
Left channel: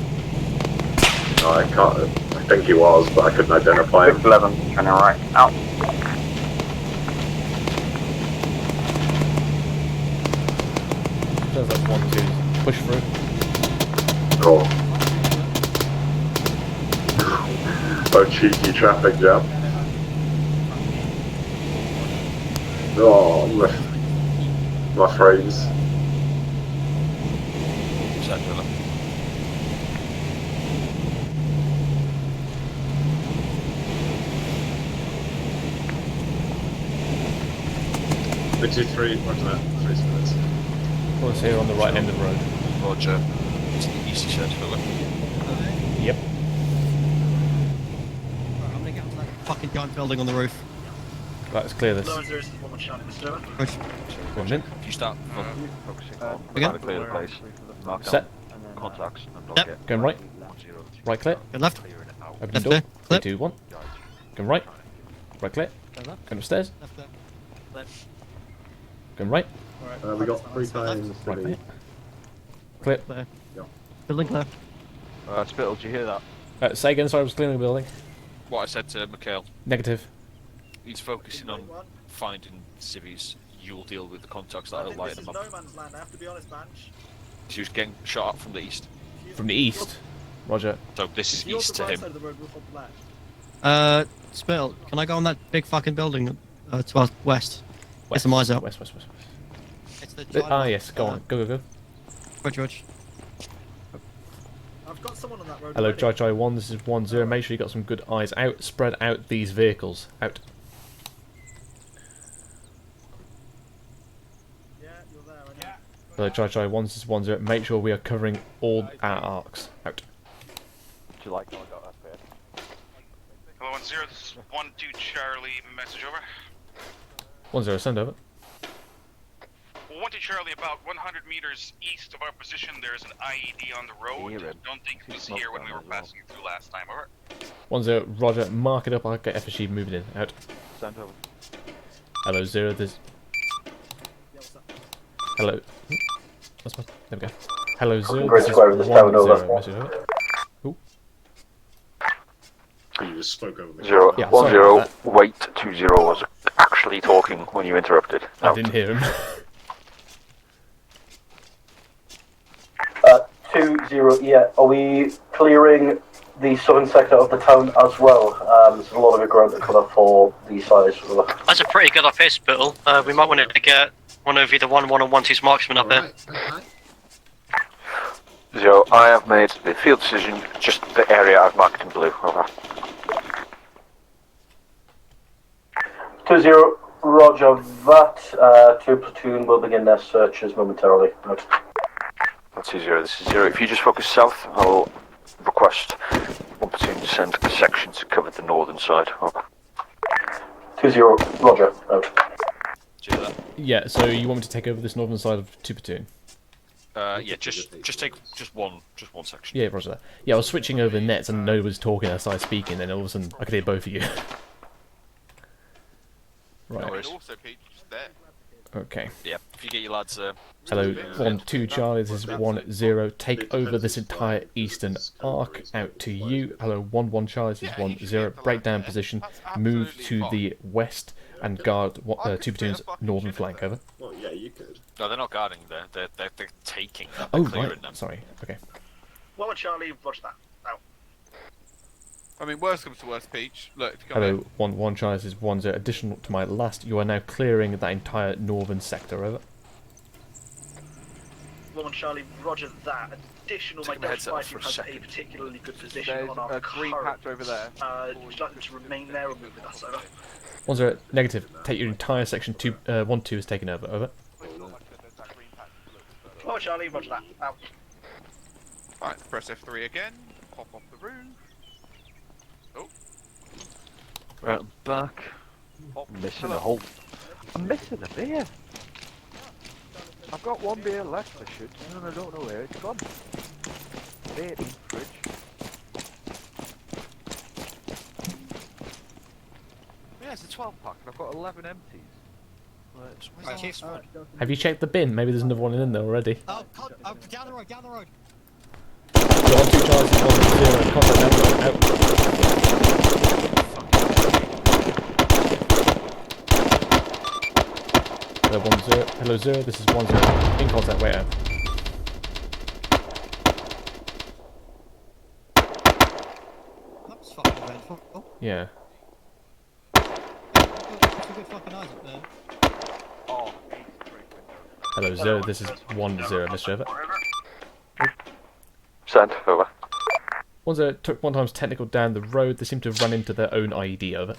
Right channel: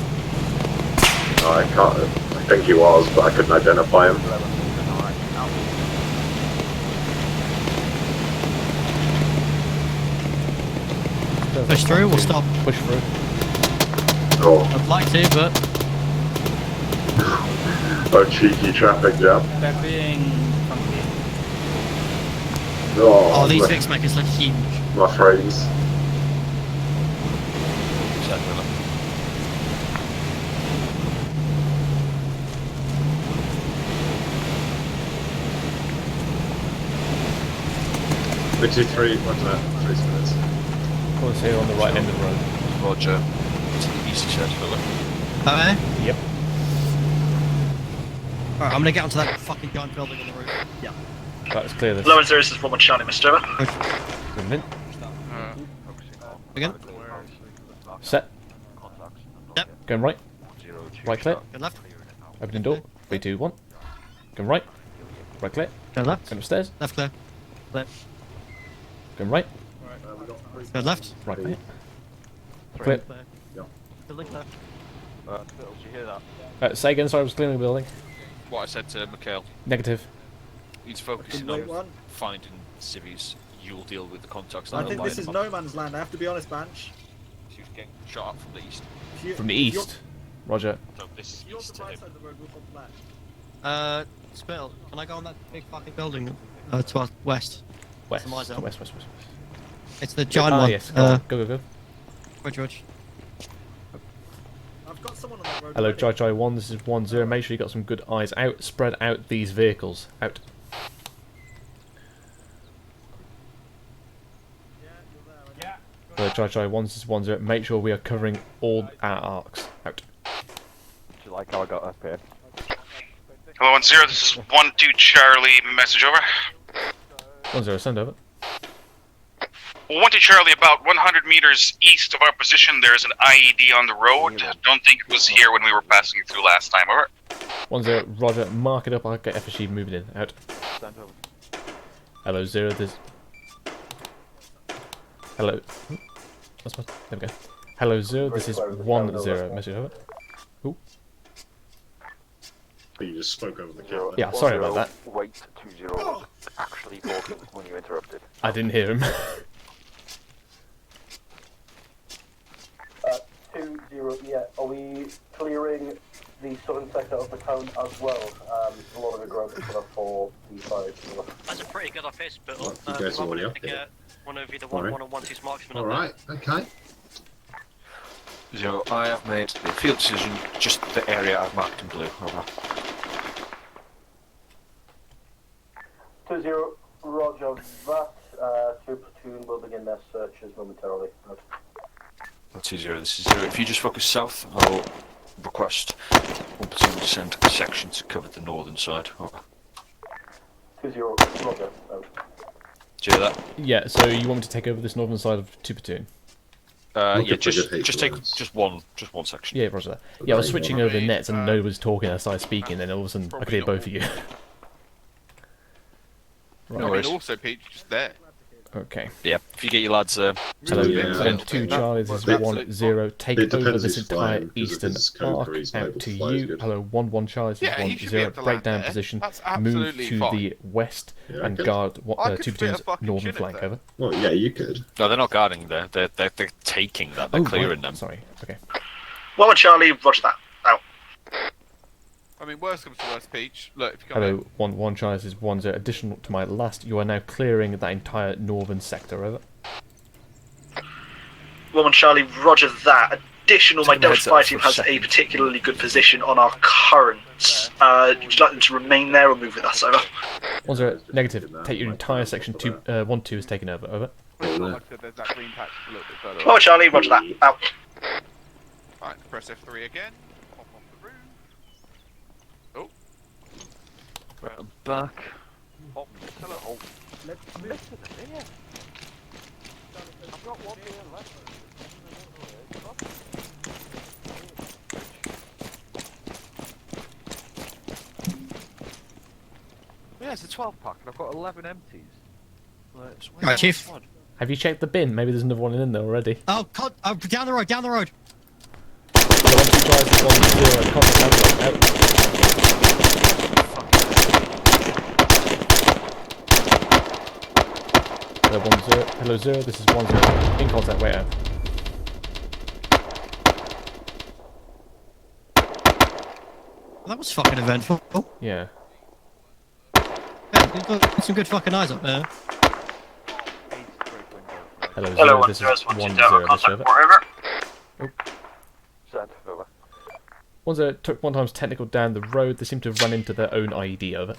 No, I can't. I think he was, but I couldn't identify him. 11, turning right. Out. Push through, we'll stop. Push through. Oh, I'd like to, but... oh, cheeky traffic jam. Oh, Oh, these things make us look huge. my frames. What's that? 3 minutes. Let's here on the right end of the road. Roger. Easy check, Philip. Okay. Yep. Alright, I'm gonna get onto that fucking giant building on the roof. Yeah. Right, let's clear this. Low and 0 is Roman Charlie, Mr. Over. Brilliant. You start. Again? Clear the place. Mark Set. out contacts. And Yep. block it. Going right. 102. Right clear. Go left. Open Left door. clear. 3, 2, 1. Going right. Right clear. Go left. Going upstairs. Left clear. Clear. Going right. We got 3 Go left. Right clear. Clear. Clear. Yeah. Building clear. Spittle, did you hear that? Say again, sorry, I was clearing the building. What I said to Mikhail. Negative. He's focusing on finding civvies. You'll deal with the contacts that I are think lighting this is them up. no man's land, I have to be honest, Banch. She was getting shot at from the east. From the east. Roger. So this is east to him. Spittle, can I go on that big fucking building to our west? West. Get some eyes out. West. It's the giant one. Yes, go on. Go. George. I've got someone on that road. Hello, already. Jai 1, this is 1-0. Make sure you got some good eyes out. Spread out these vehicles. Out. Hello, Jai 1, this is 1-0. Make sure we are covering all our arcs. Out. Do you like how I got up here? Hello, 1-0, this is 1-2 Charlie, message over. 1-0, send over. 1-2 Charlie, about 100 meters east of our position, there's an IED on the road. Don't think it was here when we were passing through last time, over. 1-0, Roger, mark it up, I'll get FSG moving in. Out. Stand over. Hello, 0, there's... Hello. That's my... There we go. Hello, 0, this is 1-0. Message over. Ooh. You just spoke over the 0, Yeah, 1 sorry 0, about wait, 2 0 was actually talking when you interrupted. I didn't hear him. 2-0, yeah. Are we clearing the southern sector of the town as well? There's a lot of ground to cover for the size. That's a pretty good up here, Spittle. We might want to get one of either 1-1 or 1-2's marksman up there. Okay. 0, I have made the field decision, just the area I've marked in blue. Over. 2-0, roger that. 2 platoon will begin their searches momentarily. Out. That's 0, this is 0. If you just focus south, I'll request 1 platoon to send a section to cover the northern side. Over. 2-0, roger. Out. Do you hear that? Yeah, so you want me to take over this northern side of 2 platoon? Yeah, just take just one section. Yeah, roger that. Yeah, I was switching over nets and nobody was talking as I was speaking, then all of a sudden I could hear both of you. I Right. mean, also, Pete, just there. Okay. Yeah, if you get your lads. Hello, Yeah. 1-2 Charlie, this is 1-0. Take over this entire eastern arc out to you. Hello, 1-1 Charlie, this is 1-0. Break down position, move to the west and guard 2 platoons northern flank, over. Well, yeah, you could. No, they're not guarding there. They're taking them. Oh, They're clearing right. them. Sorry. Okay. Well, Charlie, roger that. Out. I mean, worst comes to worst, Peach. Look, if you come Hello, 1-1 Charlie, this is 1-0. Additional to my last, you are now clearing that entire northern sector, over. Well, Charlie, roger that. Additional, my Delta Spy team has a particularly good position on our current. Would you like them to remain there or move with us, over? 1-0, negative. Take your entire section 1-2 is taken over, over. Well, Charlie, roger that. Out. Right, press F3 again. Pop off the room. Right, I'm back. Oh, Missing a whole. I'm missing a beer. I've got one beer left, and I don't know where it's gone. Yeah, it's a 12-pack, and I've got 11 empties. Right, Chief. Have you checked the bin? Maybe there's another one in there already. Oh, down the road, down the road. Hello, 1-2 Charlie, this is 1-0. Contact down the road, out. Hello, 1-0. Hello, 0. This is 1-0. In contact, wait out. That was fucking eventful. Yeah. Yeah, you've got some good fucking eyes up there. Hello, 0. This is 1-0. Mr. Over. Send, over. 1-0 took 1 times technical down the road. They seem to have run into their own IED, over.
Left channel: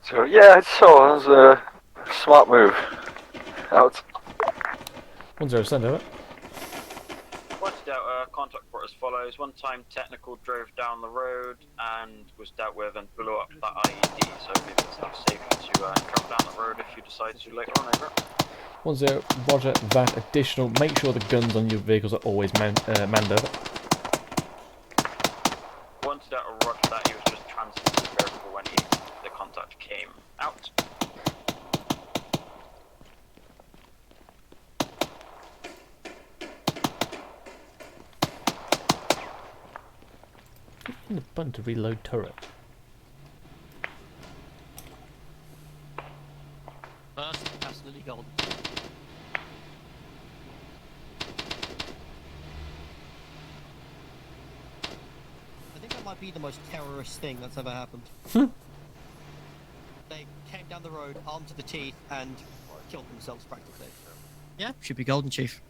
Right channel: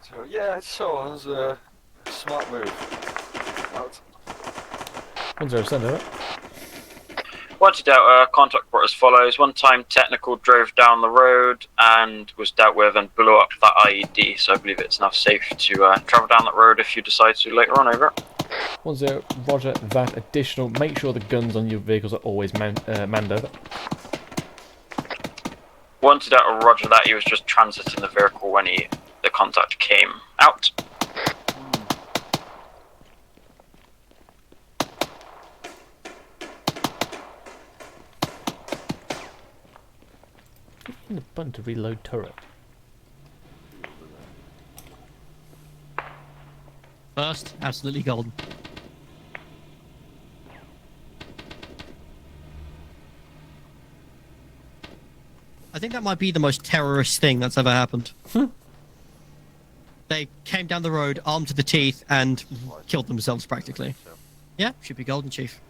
So, yeah, it's so. That was a smart move. Out. 1-0, send over. Wanted out, contact report as follows. 1 time technical drove down the road and was dealt with and blew up that IED, so I believe it's now safe to travel down that road if you decide to later on, over. 1-0, roger that. Additional, make sure the guns on your vehicles are always manned, over. Wanted out, roger that. He was just transiting the vehicle when the contact came out. The button to reload turret. First, absolutely golden. I think that might be the most terrorist thing that's ever happened. They came down the road, armed to the teeth, and killed themselves practically. Yeah, should be golden, Chief.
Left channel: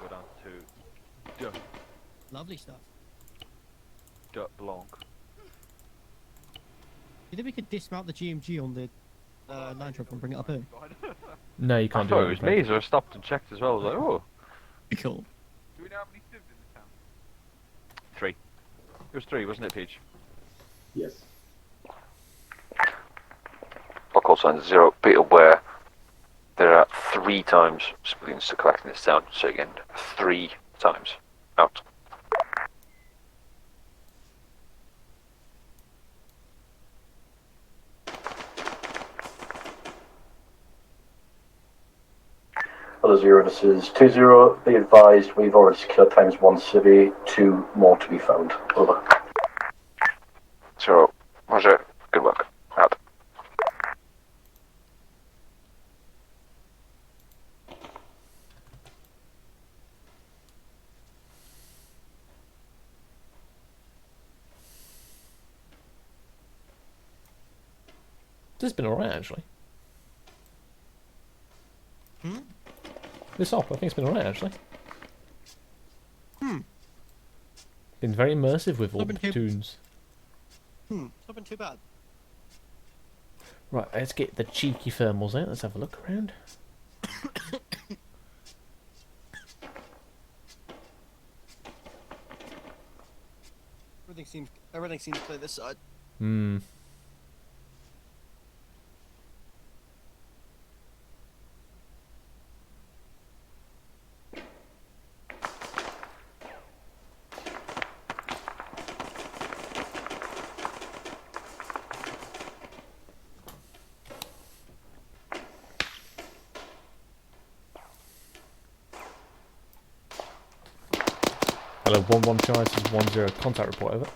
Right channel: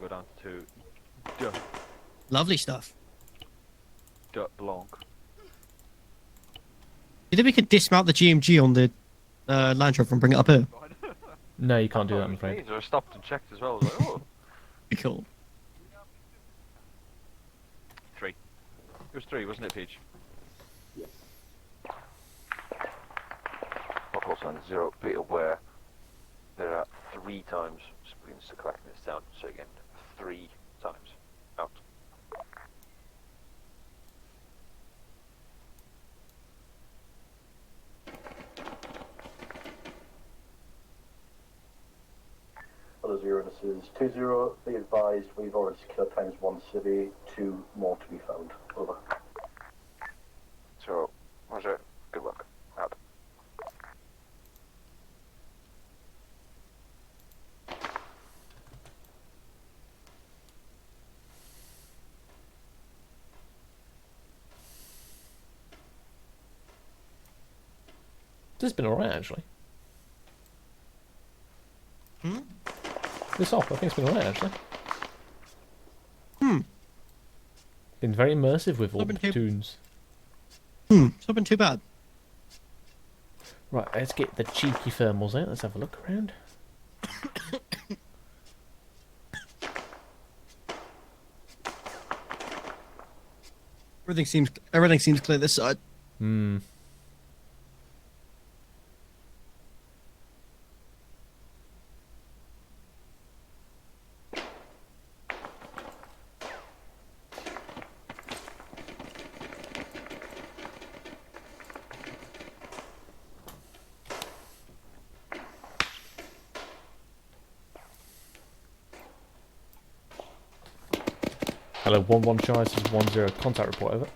Go down to Duh. Lovely stuff. Blanc. Do you think we could dismount the GMG on the Land Rover and bring it up here? No, you can't do that. It was me, so I stopped and checked as well. I was like, oh. Be cool. 3. It was 3, wasn't it, Peach? Yes. Local signs 0. Be aware there are 3 times civilians to collect in this town. So again, 3 times. Out. Hello, 0. This is 2-0. Be advised, we've already secured times 1 civvy, 2 more to be found. Over. 0. Roger. Good work. Out. This has been alright, actually. This op, I think it's been alright, actually. Been very immersive with all the platoons. It's not been too bad. Right, let's get the cheeky thermals out. Let's have a look around. Everything seems clear this side. Hello, 1-1 Charlie, this is 1-0, contact report, over.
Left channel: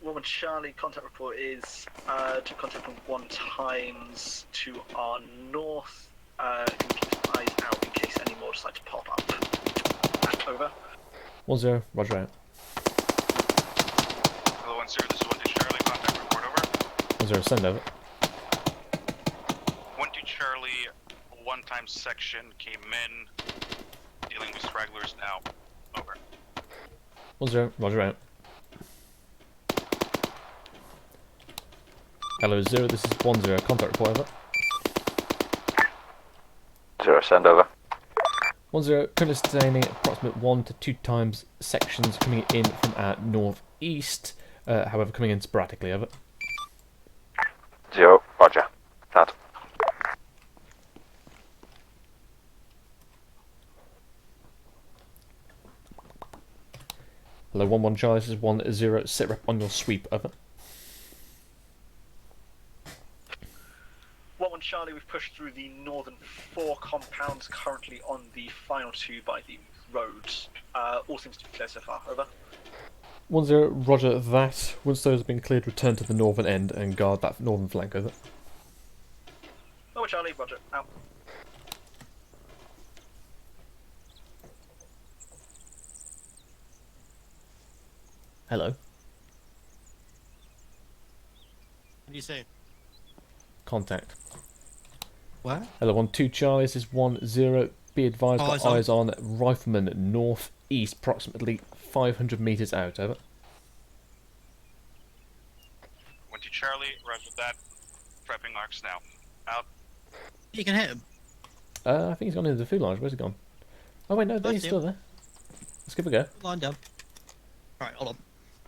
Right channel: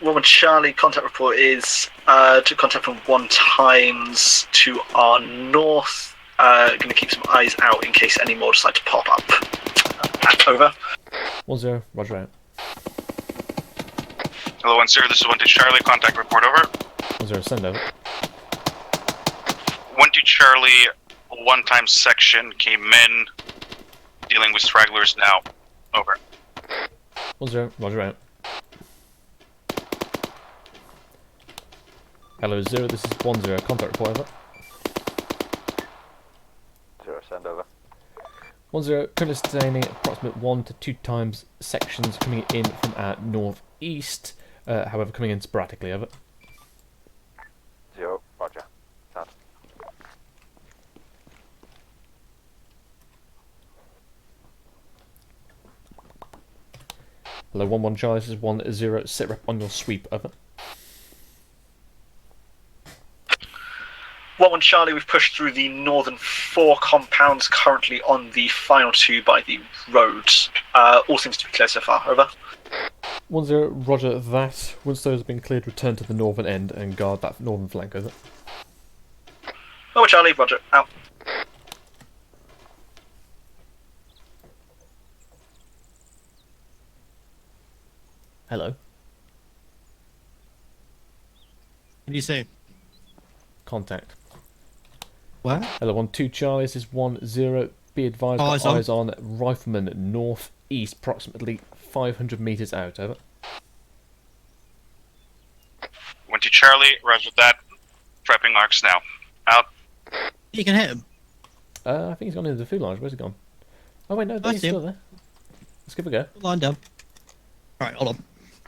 Woman Charlie, contact report is to contact from 1 times to our north. Going to keep some eyes out in case any more decide to pop up. Over. 1-0, roger out. Hello, 1-0, this is 1-2 Charlie, contact report, over. 1-0, send over. 1-2 Charlie, 1 times section came in, dealing with stragglers now, over. 1-0, roger out. Hello, 0, this is 1-0, contact report, over. 0, send over. 1-0, currently sustaining approximate 1 to 2 times sections coming in from our northeast, however coming in sporadically, over. 0, roger. That. Hello, 1-1 Charlie, this is 1-0, sit rep on your sweep, over. 1-1 Charlie, we've pushed through the northern 4 compounds, currently on the final 2 by the road. All seems to be clear so far, over. 1-0, roger that. Once those have been cleared, return to the northern end and guard that northern flank, over. 1-1 Charlie, roger, out. Hello. What do you say? Contact. Where? Hello, 1-2 Charlie, this is 1-0. Be advised, got eyes on rifleman northeast, approximately 500 metres out, over. 1-2 Charlie, roger that. Prepping arcs now. Out. You can hit him. I think he's gone into the food lounge. Where's he gone? Oh wait, no, he's still there. Let's give it a go. Line down. Alright, hold on.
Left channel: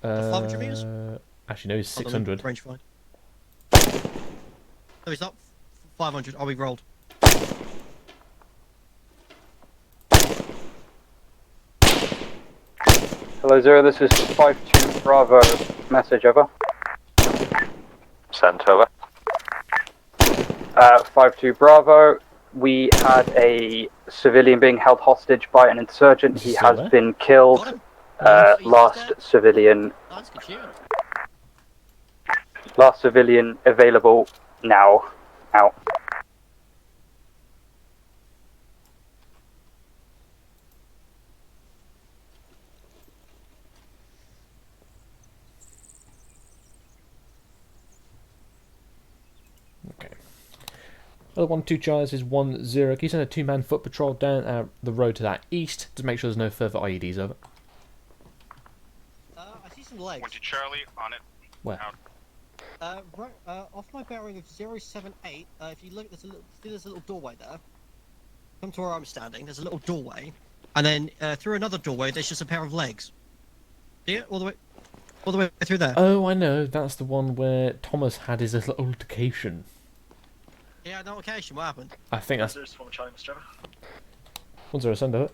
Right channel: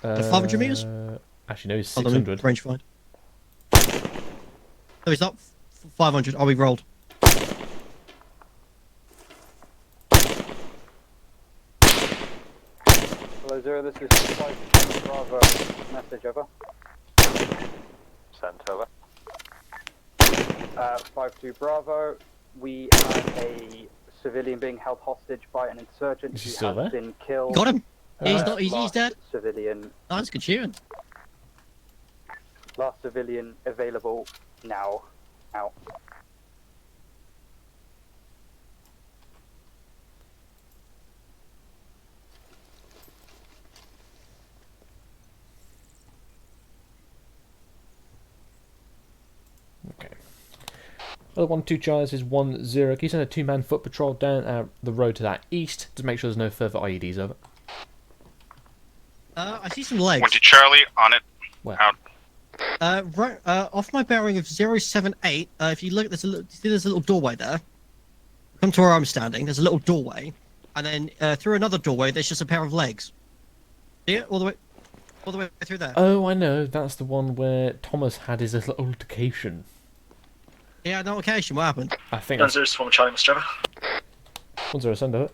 500 metres? Actually, no, he's 600. Range find. No, he's not. 500. Oh, we rolled. Hello, 0, this is 5-2 Bravo. Message, over. Sent over. 5-2 Bravo. We had a civilian being held hostage by an insurgent. He has been killed. Got him. Last civilian. That's good shooting. Last civilian available now. Out. Okay. Other 1-2 Charlie is 1-0. Can you send a 2-man foot patrol down the road to that east to make sure there's no further IEDs, over? I see some legs. 1-2 Charlie, on it. Where? Out. Right, off my bearing of 078, if you look, there's a little doorway there. Come to where I'm standing, there's a little doorway, and then through another doorway, there's just a pair of legs. See it? All the way through there. Oh, I know. That's the one where Thomas had his little altercation. Yeah, no occasion. What happened? I think that's... 1-0 from Charlie, Mr. Trevor. 1-0, send over.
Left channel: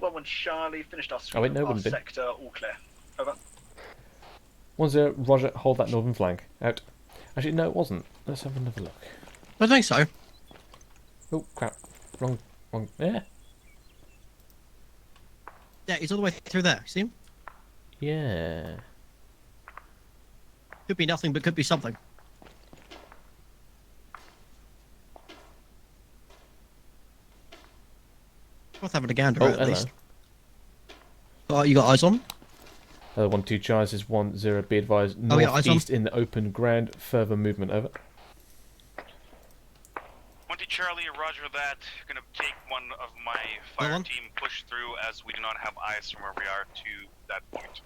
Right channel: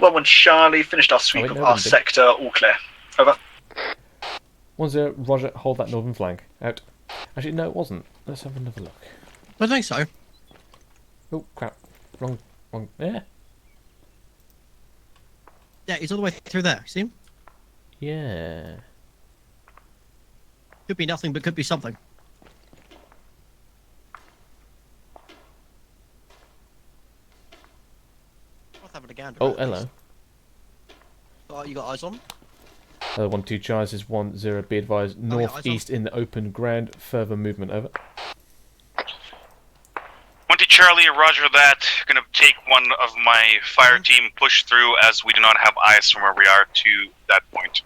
1-1 Charlie, finished our sweep of our sector, all clear. Over. 1-0, roger, hold that northern flank. Out. Actually, no, it wasn't. Let's have another look. I think so. Oh, crap. Wrong. Yeah. Yeah, he's all the way through there. See him? Yeah. Could be nothing, but could be something. Worth having a gander. Oh, hello. You got eyes on? 1-2 Charles is 1-0. Be advised, northeast in the open ground. Further movement, over. 1-2 Charlie, roger that. Gonna take one of my fire team push through as we do not have eyes from where we are to that point.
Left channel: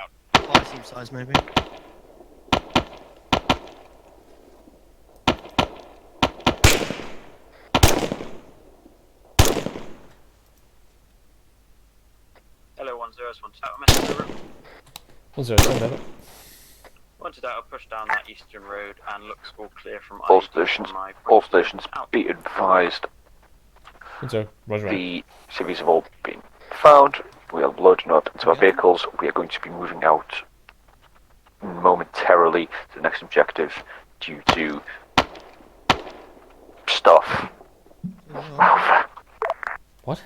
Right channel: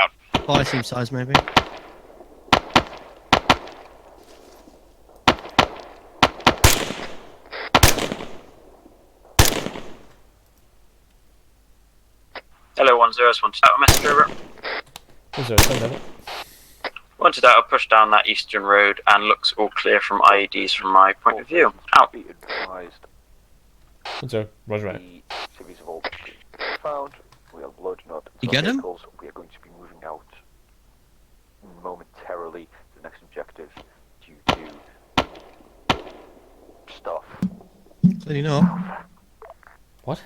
Out. Fire team size, maybe. Hello, 1-0, wanted out a message over. 1-0, send over. Wanted out, I'll push down that eastern road and looks all clear from IEDs from my point of view. Out. Be advised. 1-0, roger. The civvies have all been found. We are loading up into our vehicles. We are going to be moving out momentarily to the next objective due to stuff. Clearly not. What?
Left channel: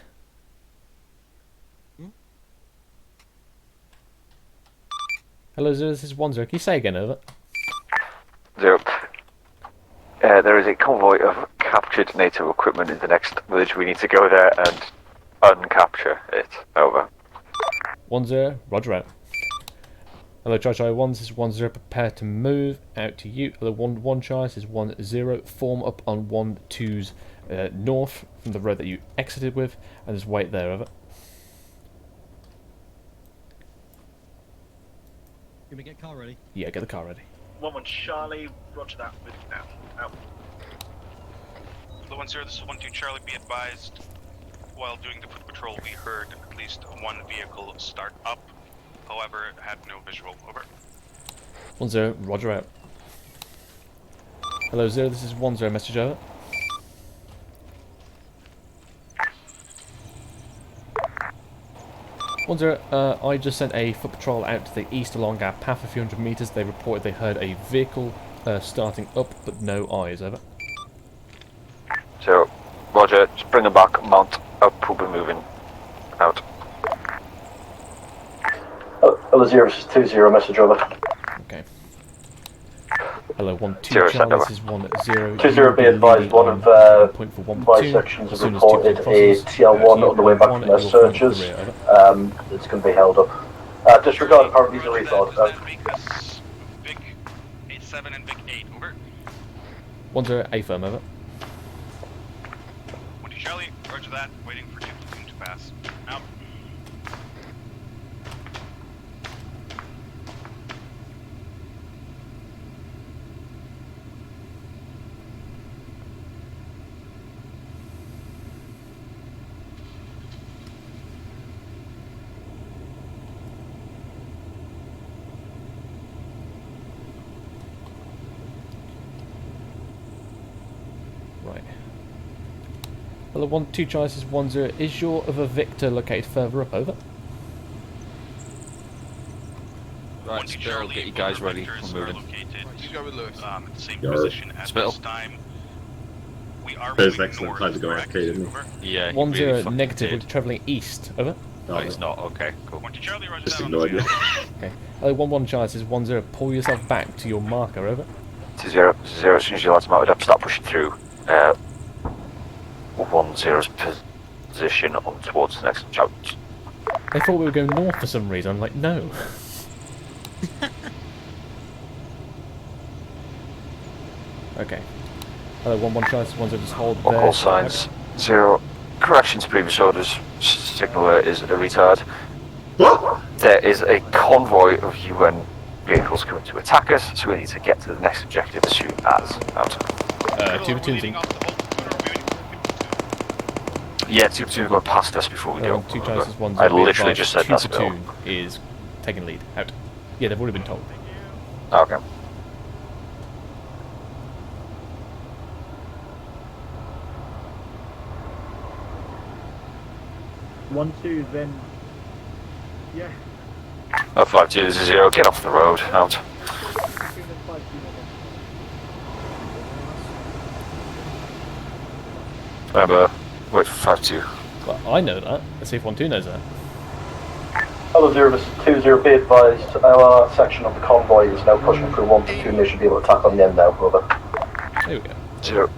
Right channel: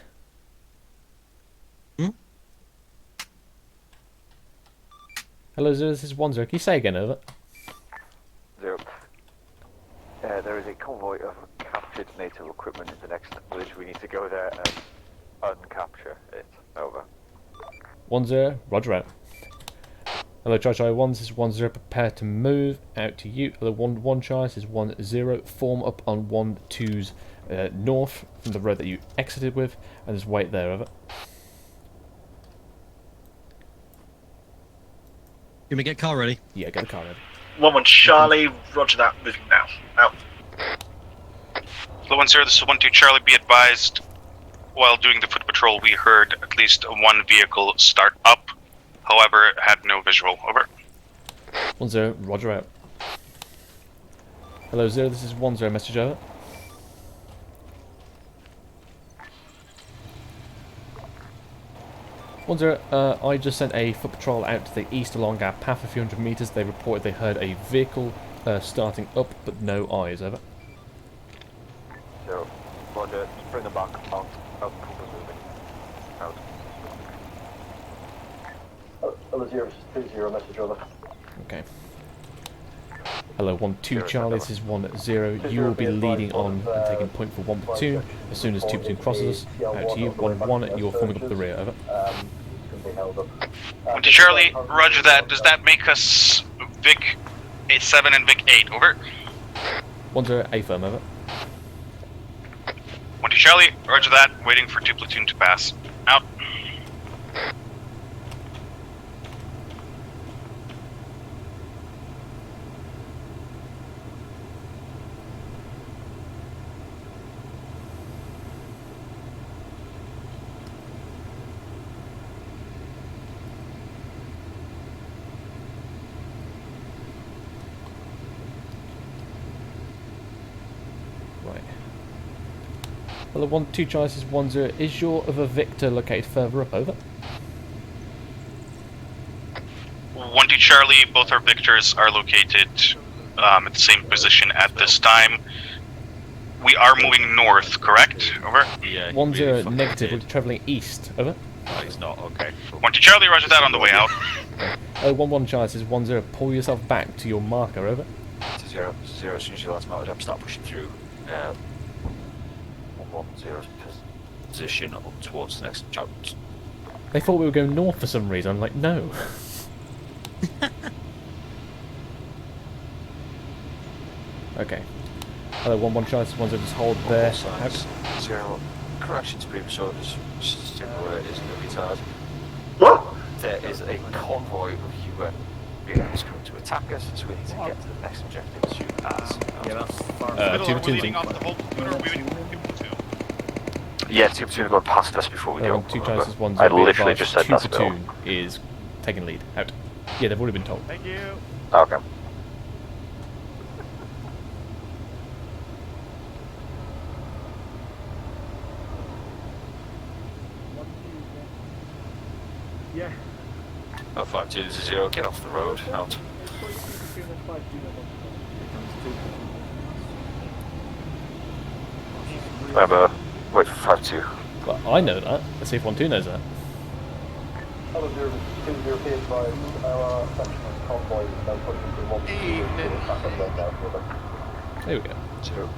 Hello, Zero, this is 1-0. Can you say again, over? 0. There is a convoy of captured NATO equipment in the next village. We need to go there and uncapture it. Over. 1-0, roger out. Hello, Charlie 1, this is 1-0. Prepare to move out to you. Hello, 1-1, Charlie, this is 1-0. Form up on 1-2's north from the road that you exited with, and just wait there, over. You want me to get car ready? Yeah, get the car ready. 1-1 Charlie, roger that, moving now. Out. Hello, 1-0, this is 1-2 Charlie, be advised. While doing the foot patrol, we heard at least one vehicle start up. However, had no visual. Over. 1-0, roger out. Hello, 0, this is 1-0, message over. I just sent a foot patrol out to the east along our path a few hundred meters. They reported they heard a vehicle starting up, but no eyes, over. 0, roger, just bring them back, mount up, we'll be moving out. Hello, 0, this is 2-0, message over. Okay. Hello, 1-2 Charlie, this is 1-0. 2-0, You will be leading on, taking point for 1 platoon. As soon as 2 platoon crosses, to you, 1-1, you're coming up the rear, over. It's going to be held up. Charlie, roger that. Does that make us Vic 7 and Vic 8, over? 1-0, A firm, over. 1-2 Charlie, roger that. Waiting for 2 platoon to pass. Out. Right. Hello, 1-2 Charlie, this is 1-0. Is your other Victor located further up, over? 1-2 Charlie, both our Victors are located at the same position at this time. We are moving north, correct? Over. Yeah. 1-0 negative, we're travelling east, over. No, he's not, okay. Cool. 1-2 Charlie, roger that on the way out. Okay. Hello, 1-1 Charlie, this is 1-0. Pull yourself back to your marker, over. 0, as soon as your lads mounted up, start pushing through 1-0's position on towards the next job. They thought we were going north for some reason. I'm like, no. Okay. Hello, 1-1 Charlie, 1-0, just hold there. All signs. 0. Correction to previous orders. Signaler is a retard. What? There is a convoy of UN vehicles coming to attack us, so we need to get to the next objective as soon as. 2 platoons in. Yeah, 2 platoons going past us before we go. 2 Charlie, this is 1-0. I literally just said 2 that's platoon is taking lead. Out. Yeah, they've already been told. Thank you. Okay. One, two, then. Yeah. 5-2-0, get off the road, out. Remember, wait for 5-2. Well, I know that. Let's see if 1-2 knows that. Hello, 0, this is 2-0, be advised, our section of the convoy is now pushing through 1-2 mission deal attack on the end now, brother. There we go. 0.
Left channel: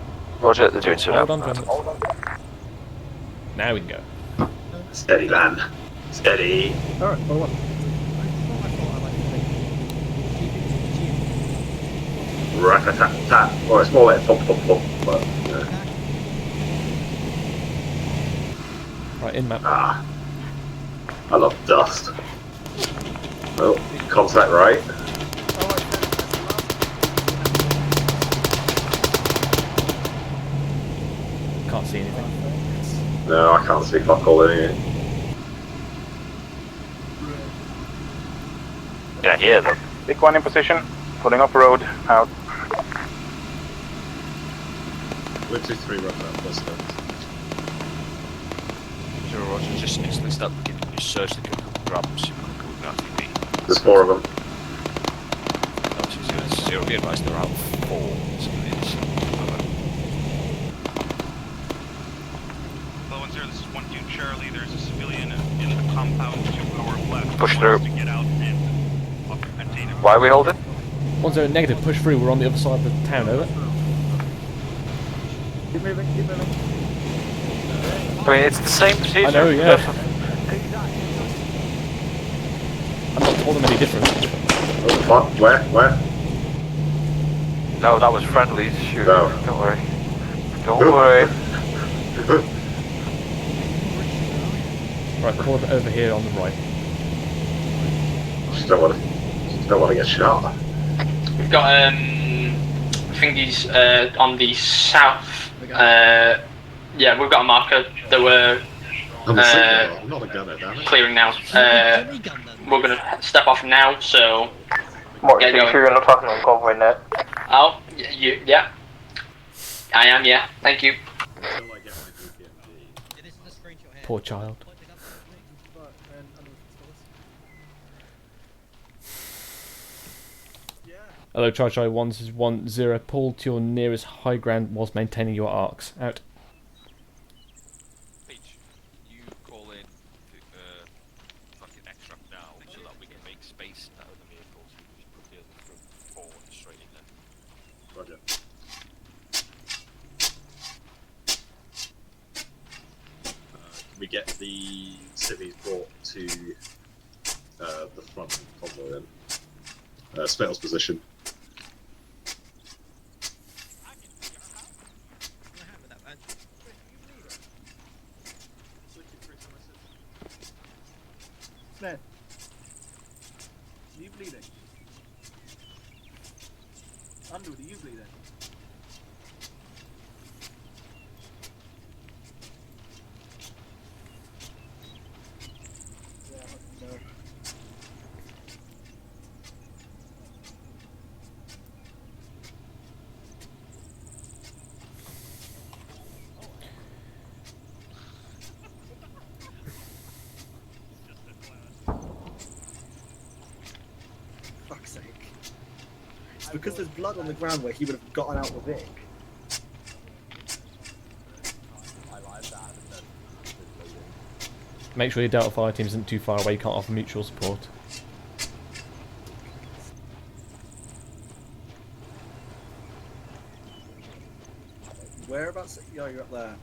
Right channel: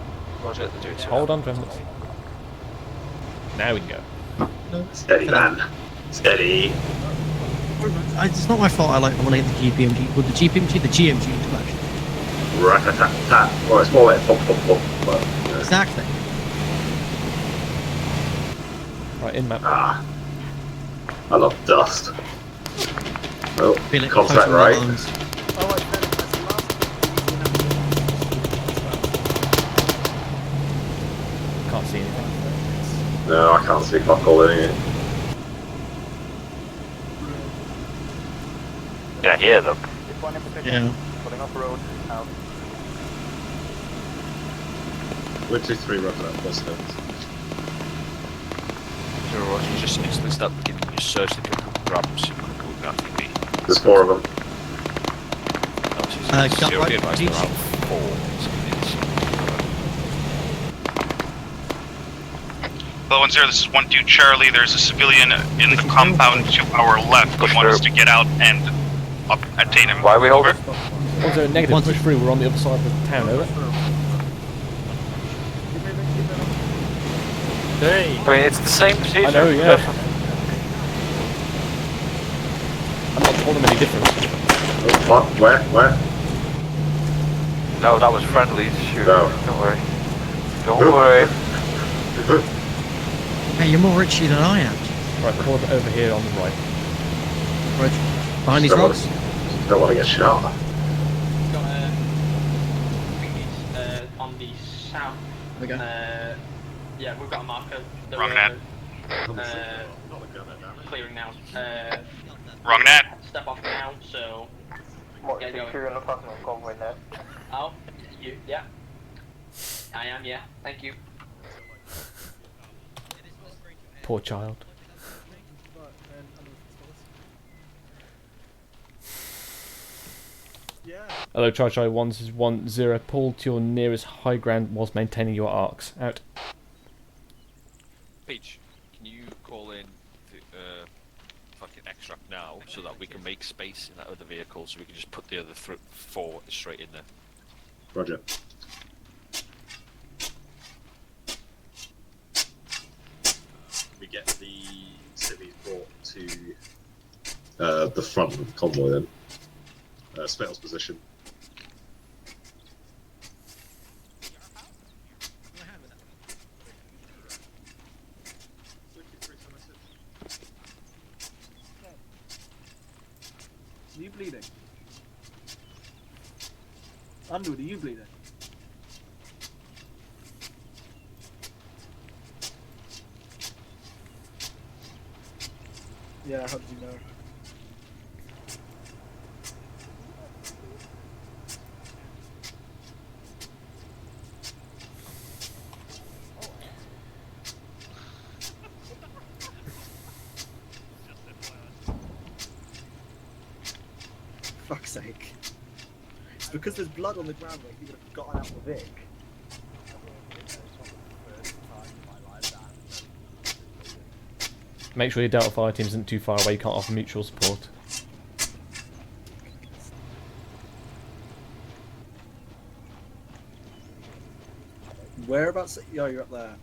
Roger, they're doing so. Hold on, Tremblers. Now we can go. Steady, man. Steady. It's not my fault I like wanting the GPMG. Well, the GPMG, the GMG. Rat-a-tat-tat. Well, it's more like thump, thump, thump, but, you know. Exactly. Right, in map. Ah. I love dust. Oh, contact right. Can't see anything. No, I can't see fuck all in it. Yeah, hear them. Big one in position, pulling off road, out. We're 2-3 right now, let's go. Just next to start beginning. just search the grab and see what comes out to be. There's 4 of them. It'll be advised there are 4. Hello, 1-0, this is 1-2 Charlie. There's a civilian in the compound to our left. We want us to get out and attain him. Why are we holding? 1-0 negative, push through, we're on the other side of the town, over. I mean, it's the same procedure. I know, yeah. I'm not told them any different. Oh, what? Where? No, that was friendly. Shoot. No. Don't worry. Don't worry. Hey, you're more richy than I am. Right, call it over here on the right. Behind these Don't rocks. Don't want to get shot. Got thingies on the south. Yeah, we've got a marker that we're clearing now. We're gonna step off now, so Get going. Sure you're not talking on convoy net. Oh, yeah. I am, yeah. Thank you. Poor child. Hello, Chai 1-0. Pull to your nearest high ground whilst maintaining your arcs. Out. Peach, can you call in fucking extract now so that we can make space in that other vehicle so we can just put the other 4 straight in there? Roger. We get the city brought to the front of the convoy then. Spittl's position. Smith, are you bleeding? Underwood, are you bleeding? Yeah, how do you know? Fuck's sake. It's because there's blood on the ground where he would have gotten out the Vic. Make sure your Delta Fire team isn't too far away, you can't offer mutual support. Whereabouts? Oh, you're up there.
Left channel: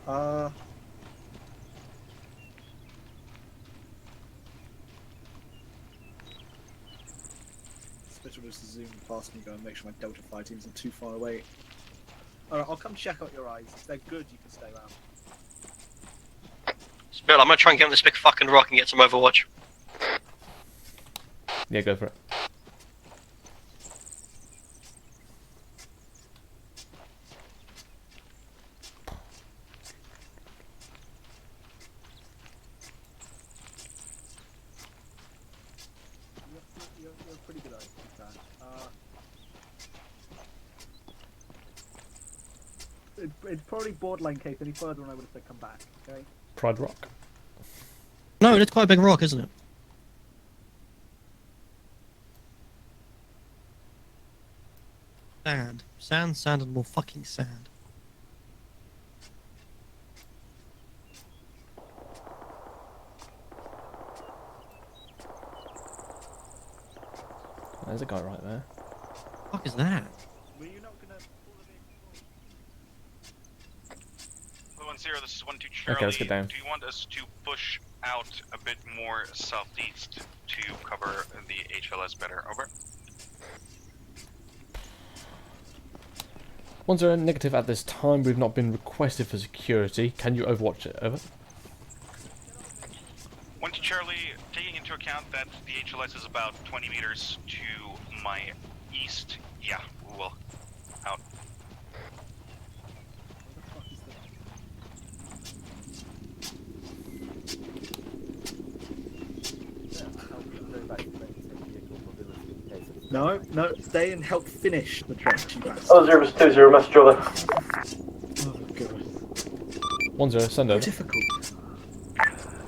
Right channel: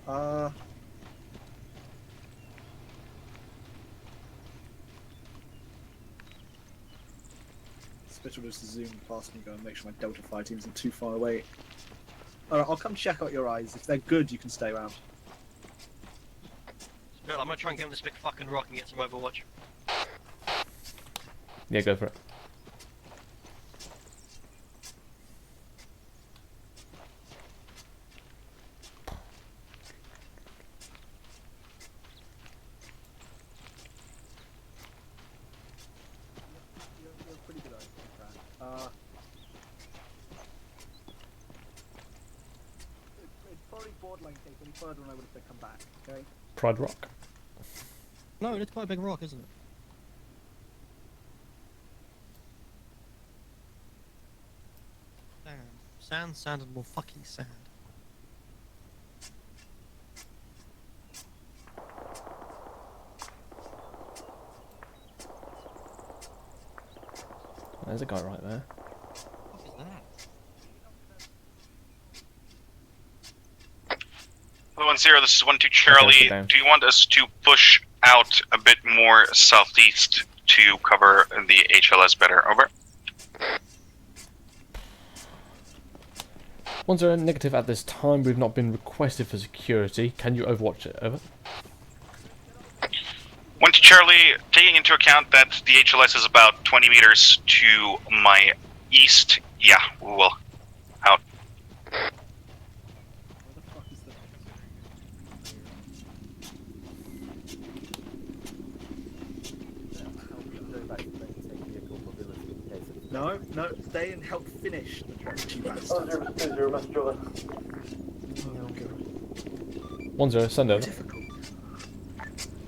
Spittle was to zoom past me, go and make sure my Delta Fire team isn't too far away. Alright, I'll come check out your eyes. If they're good, you can stay around. Bill, I'm gonna try and get on this big fucking rock and get some Overwatch. Yeah, go for it. You're pretty good at it, to be fair. It's probably borderline case. Any further than I would have said come back, okay? Pride Rock. No, it's quite a big rock, isn't it? Sand, and more fucking sand. There's a guy right there. What the fuck is that? 1-0, this is 1-2 Charlie. Do you want us to push out a bit more southeast to cover the HLS better? Over. 1-0 negative at this time. We've not been requested for security. Can you overwatch it? Over. 1-2 Charlie, taking into account that the HLS is about 20 meters to my east. Yeah, we will. Out. No, stay and help finish the truck. Oh, 0-2-0, message over. 1-0, send over.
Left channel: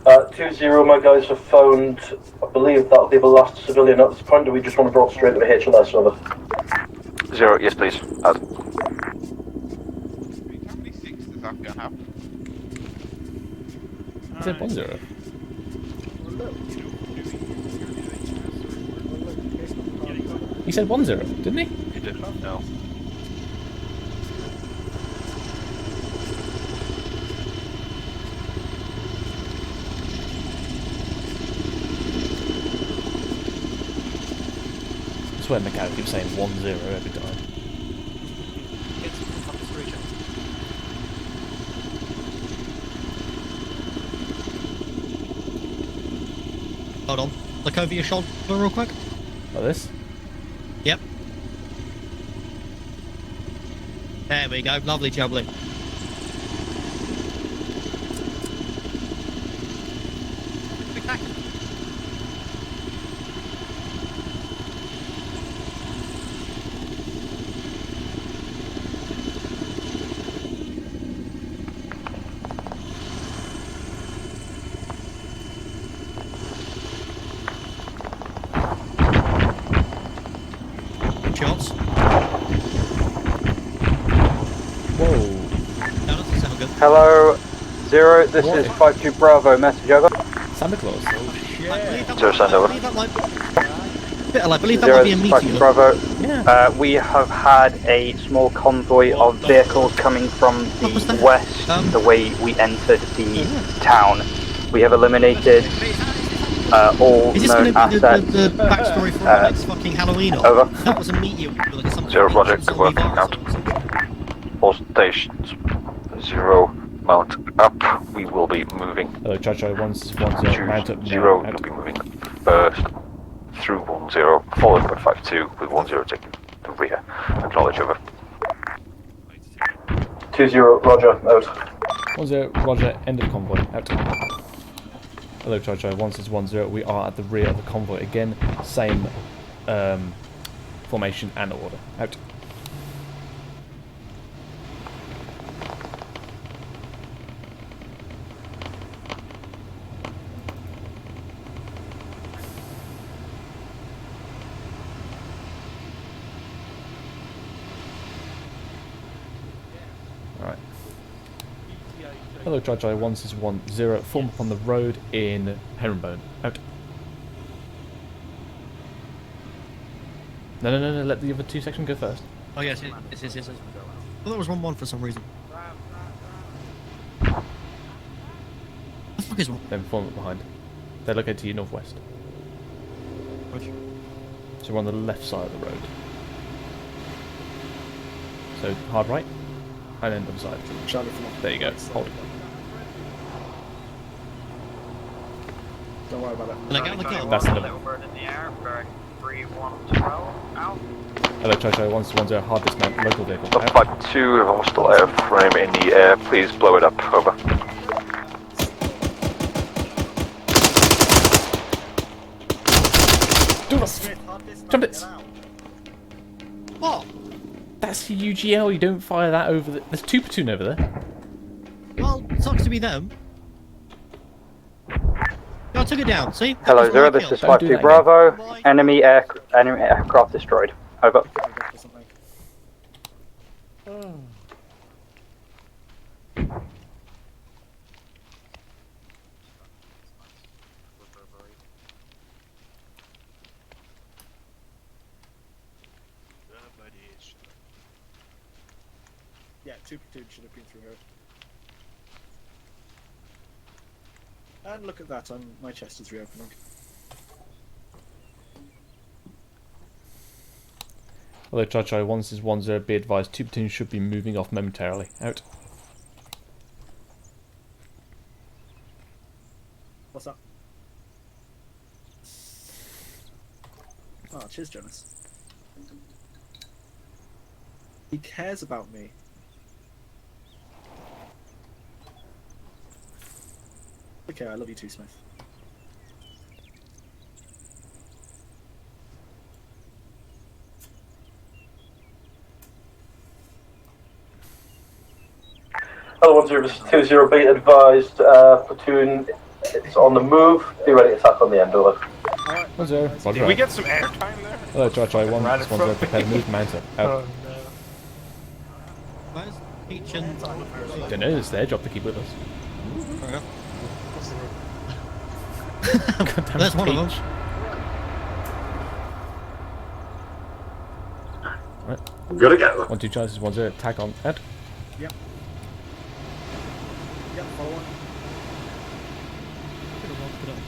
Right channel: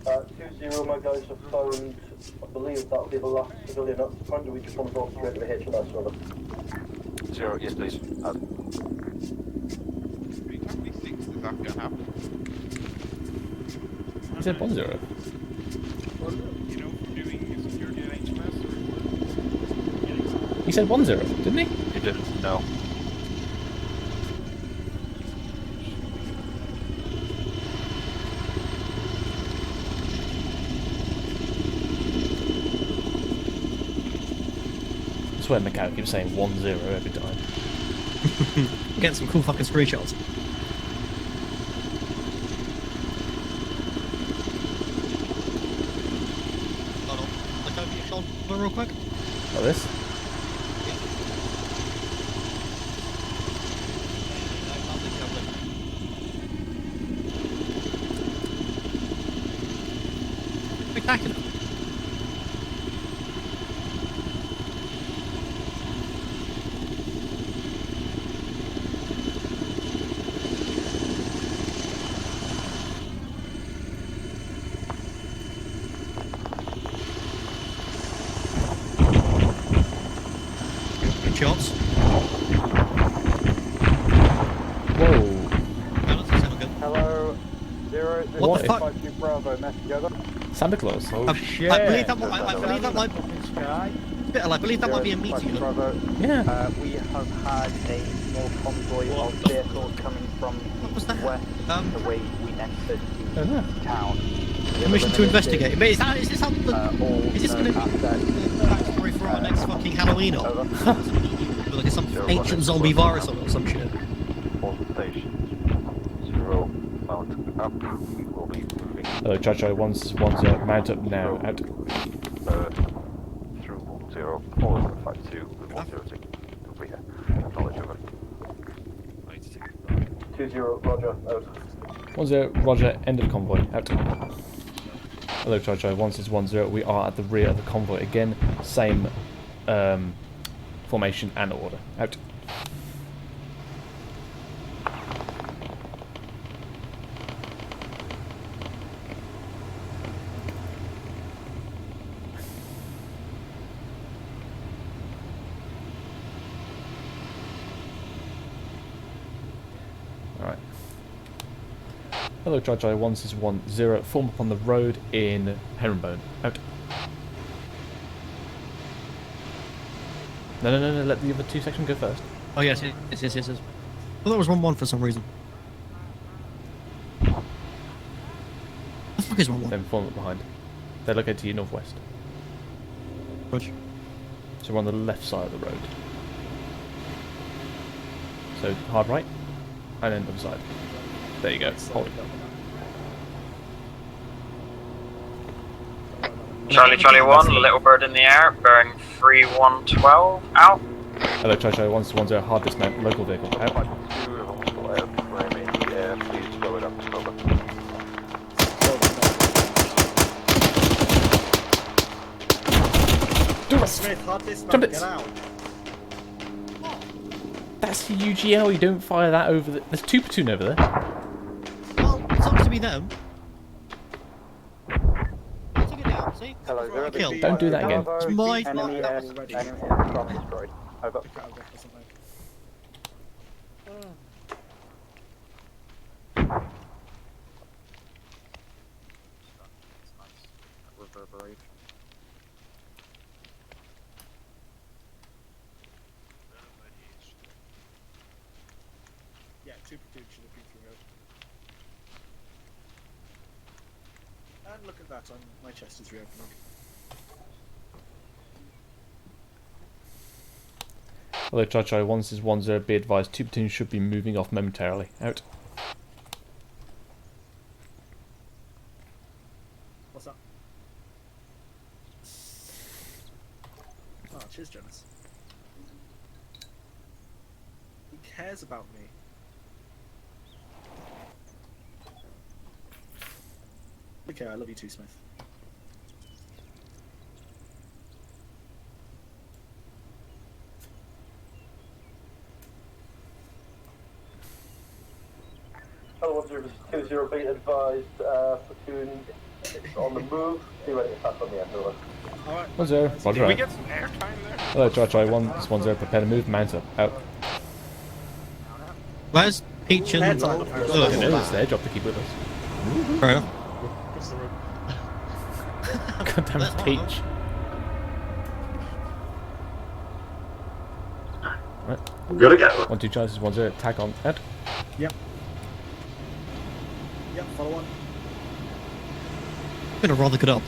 2-0, my guys have found, I believe that'll be the last civilian at this point. Do we just want to drop straight to the HLS, over? 0, yes please. Out. He said 1-0. He said 1-0, didn't he? He didn't, no. I swear Macau keeps saying 1-0 every time. Get some cool fucking screenshots. Hold on. Look over your shoulder real quick. Like this? Yep. There we go. Lovely jubbly. Good packing. Shots. Whoa. Hello, 0, this What? is 52 Bravo, message over. Santa Claus. I believe that might be a 0, meteor. Bravo. Yeah. We have had a small convoy of vehicles coming from the west, the way we entered the town. We have eliminated all known assets. The backstory for our next fucking Halloween on. Over. That was a meteor with like some 0, ancient Roger. zombie Working virus out. or some shit. All stations. 0, mount up. We will be moving. Hello, Chacho. 1-0. Mount up now. 0 Out. will be moving first through 1-0, followed by 5-2 with 1-0 taking the rear. Acknowledge over. 2-0, Roger, out. 1-0. Roger. End of convoy. Out. Hello, Chacho. 1-0. We are at the rear of the convoy again. Same formation and order. Out. Alright. Hello, Chacho. 1-0. Form up on the road in Herringbone. Out. No, let the other two sections go first. Oh, yes. Well, there was 1-1 for some reason. The fuck is 1-1? Then form up behind. They're located to your northwest. Which? So we're on the left side of the road. So hard right, and then other side. There you go. Hold it. Charlie 1, little bird in the air, bearing 3112, out. Hello, Chacho. 1-0. Hard dismount. Local vehicle. Out. 5-2, if I'm still airframe in the air, please blow it up. Over. Do it! Jump it! What? That's the UGL. You don't fire that over the... There's 2 platoon over there. Well, it's not to be them. I took it down, see? Hello, 0, this is 52 Bravo. Enemy aircraft destroyed. Over. Yeah, 2 platoons should have been through here. And look at that, my chest is reopening. Hello, Chacho. 1-0. Be advised, 2 platoons should be moving off momentarily. Out. What's that? Oh, cheers, Jonas. He cares about me. Okay, I love you too, Smith. Hello, 1-0, 2-0, be advised, platoon It's on the move. Be ready to attack on the end. Over. 1-0. Roger. Can we get some airtime there? Hello, try 1. This 1-0. Prepare to move. Mount up. Out. Where's Peach and... Don't know, it's their job to keep with us. Fair enough. Goddamn That's Peach. Right. I'm gonna go. 1-2 chances, 1-0. Tag on. Ed. Yep. Yep, follow on. Been a rather good up.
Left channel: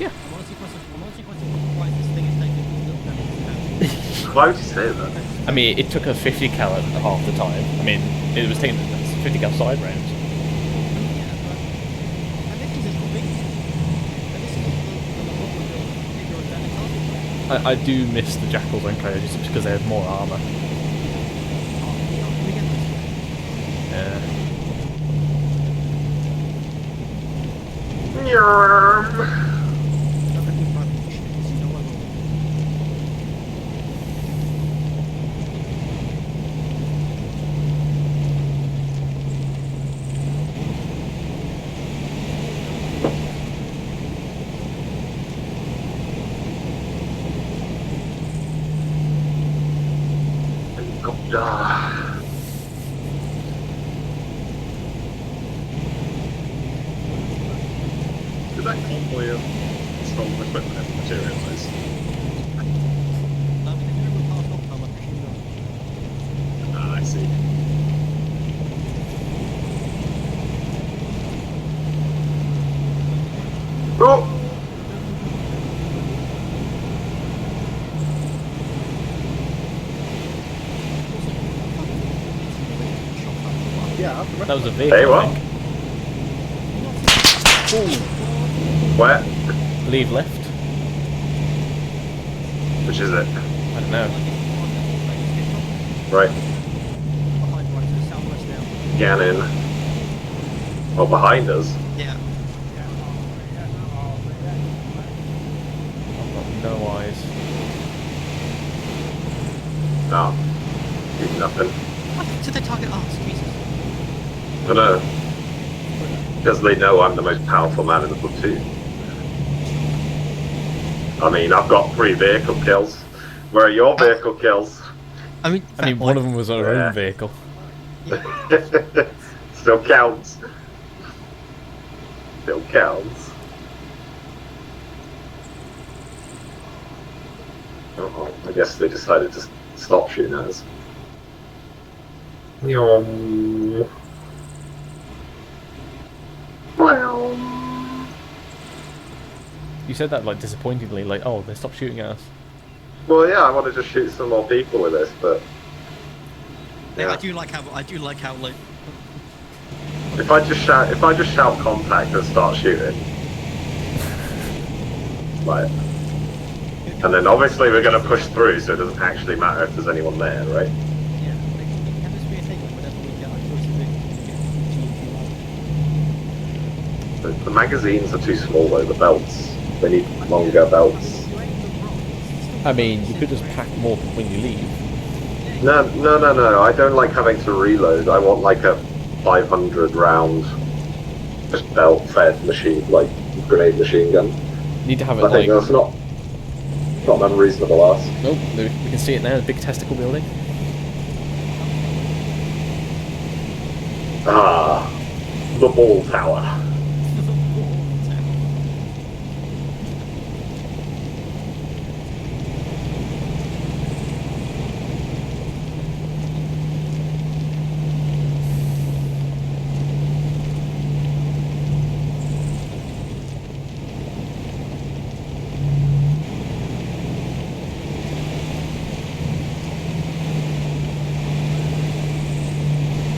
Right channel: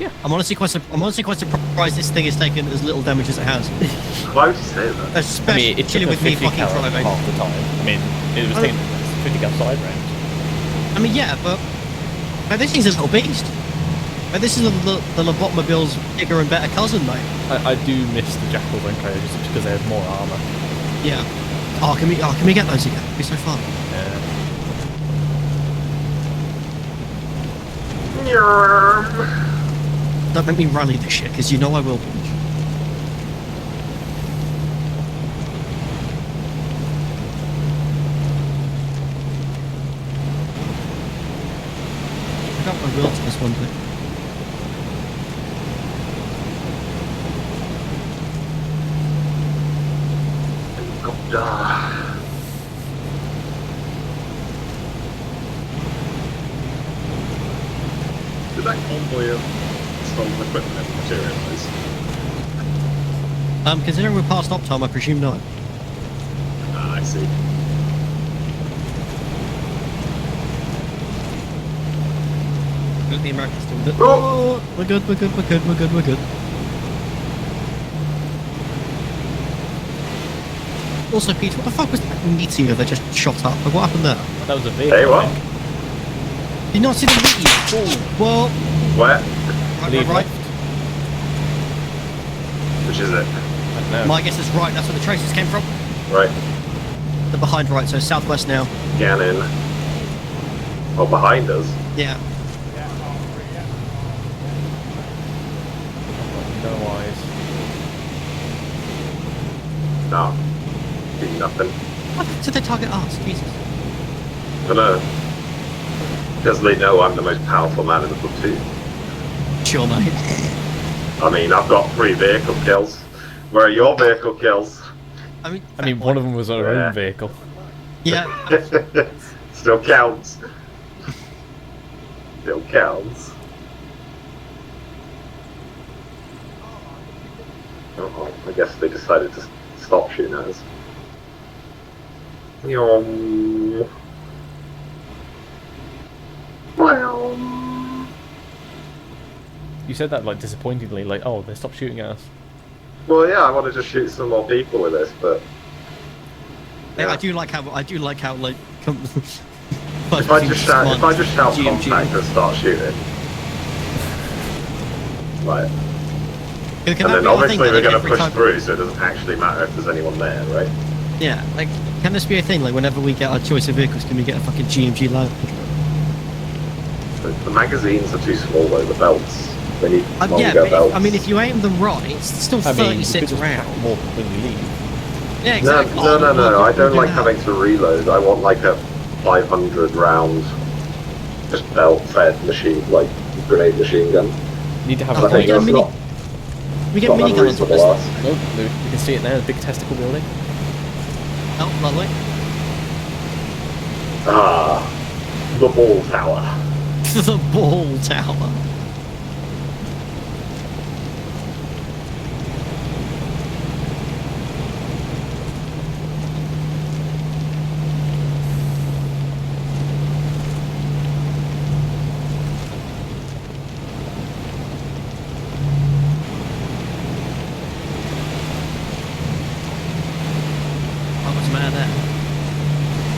Yeah. I'm honestly quite surprised this thing has taken as little damage as it has. Why would you say that? I mean, it took a 50 cal half the time. I mean, it was taking 50 cal side rounds. I mean, yeah, but this thing's a little beast. This is the Lobotmobile's bigger and better cousin, mate. I do miss the Jackals and Coyotes just because they have more armor. Yeah. Oh, can we get those again? It'd be so fun. Yeah. Don't make me rally this shit, because you know I will. Did that convoy of stolen equipment and materials? Considering we're past op time, I presume not. Ah, I see. The Americans. Oh! We're good. Also, Pete, what the fuck was that meteor that just shot up? What happened there? That was a vehicle. Hey, what? Did you not see the well, Where? Leave right. left. Which is it? I don't know. My guess is right, that's where the traces came from. Right. The behind right, so southwest now. Gannon. Oh, behind us? Yeah. No eyes. No. Do nothing. What did they target us? Jesus. I don't know. Because they know I'm the most powerful man in the platoon. Sure, mate. I mean, I've got 3 vehicle kills. Where are your vehicle kills? I mean, one of them was our own vehicle. Yeah. Still counts. Still counts. Oh, I guess they decided to stop shooting at us. Yum. Well. You said that like disappointingly, like, oh, they stopped shooting at us. Well, yeah, I wanted to shoot some more people with this, but Yeah. I do like how like. if I just shout contact and start shooting, like, and then obviously we're going to push through, so it doesn't actually matter if there's anyone there, right? Yeah, like, can this be a thing? Like, whenever we get our choice of vehicles, can we get a fucking GMG load? The magazines are too small though. The belts, they need longer Yeah, belts. I mean, if you aim them right, it's still I mean, you 36 could just rounds. pack more when you leave. Yeah, exactly. No. I don't like having to reload. I want like a 500 round, just belt-fed machine, like grenade machine gun. You need to have I it think like. that's not an unreasonable ask. Oh, we can see it now. The big testicle building. Oh, lovely. Ah, the ball tower. The ball tower.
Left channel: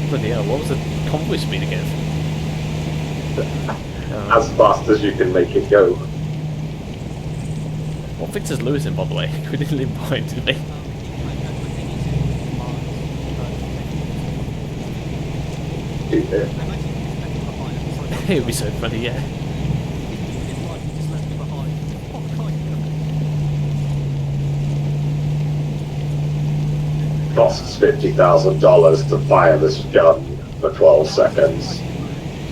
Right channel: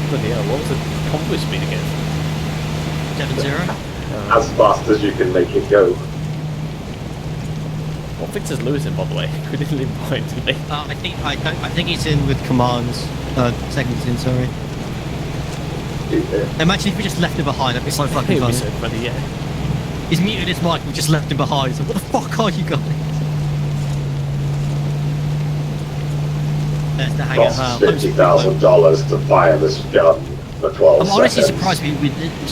Bloody hell, what was the convoy speed again? As fast as you can make it go. What Victor's Lewis in, by the way? We didn't leave behind, did we? I think he's in with commands. Seconds in, sorry. Imagine if we just left him behind. That'd be so fucking It would be funny. so funny, yeah. He's muted his mic. We just left him behind. What the fuck are you guys? There's the hangar. Costs $50,000 to fire this gun for 12 I'm honestly seconds.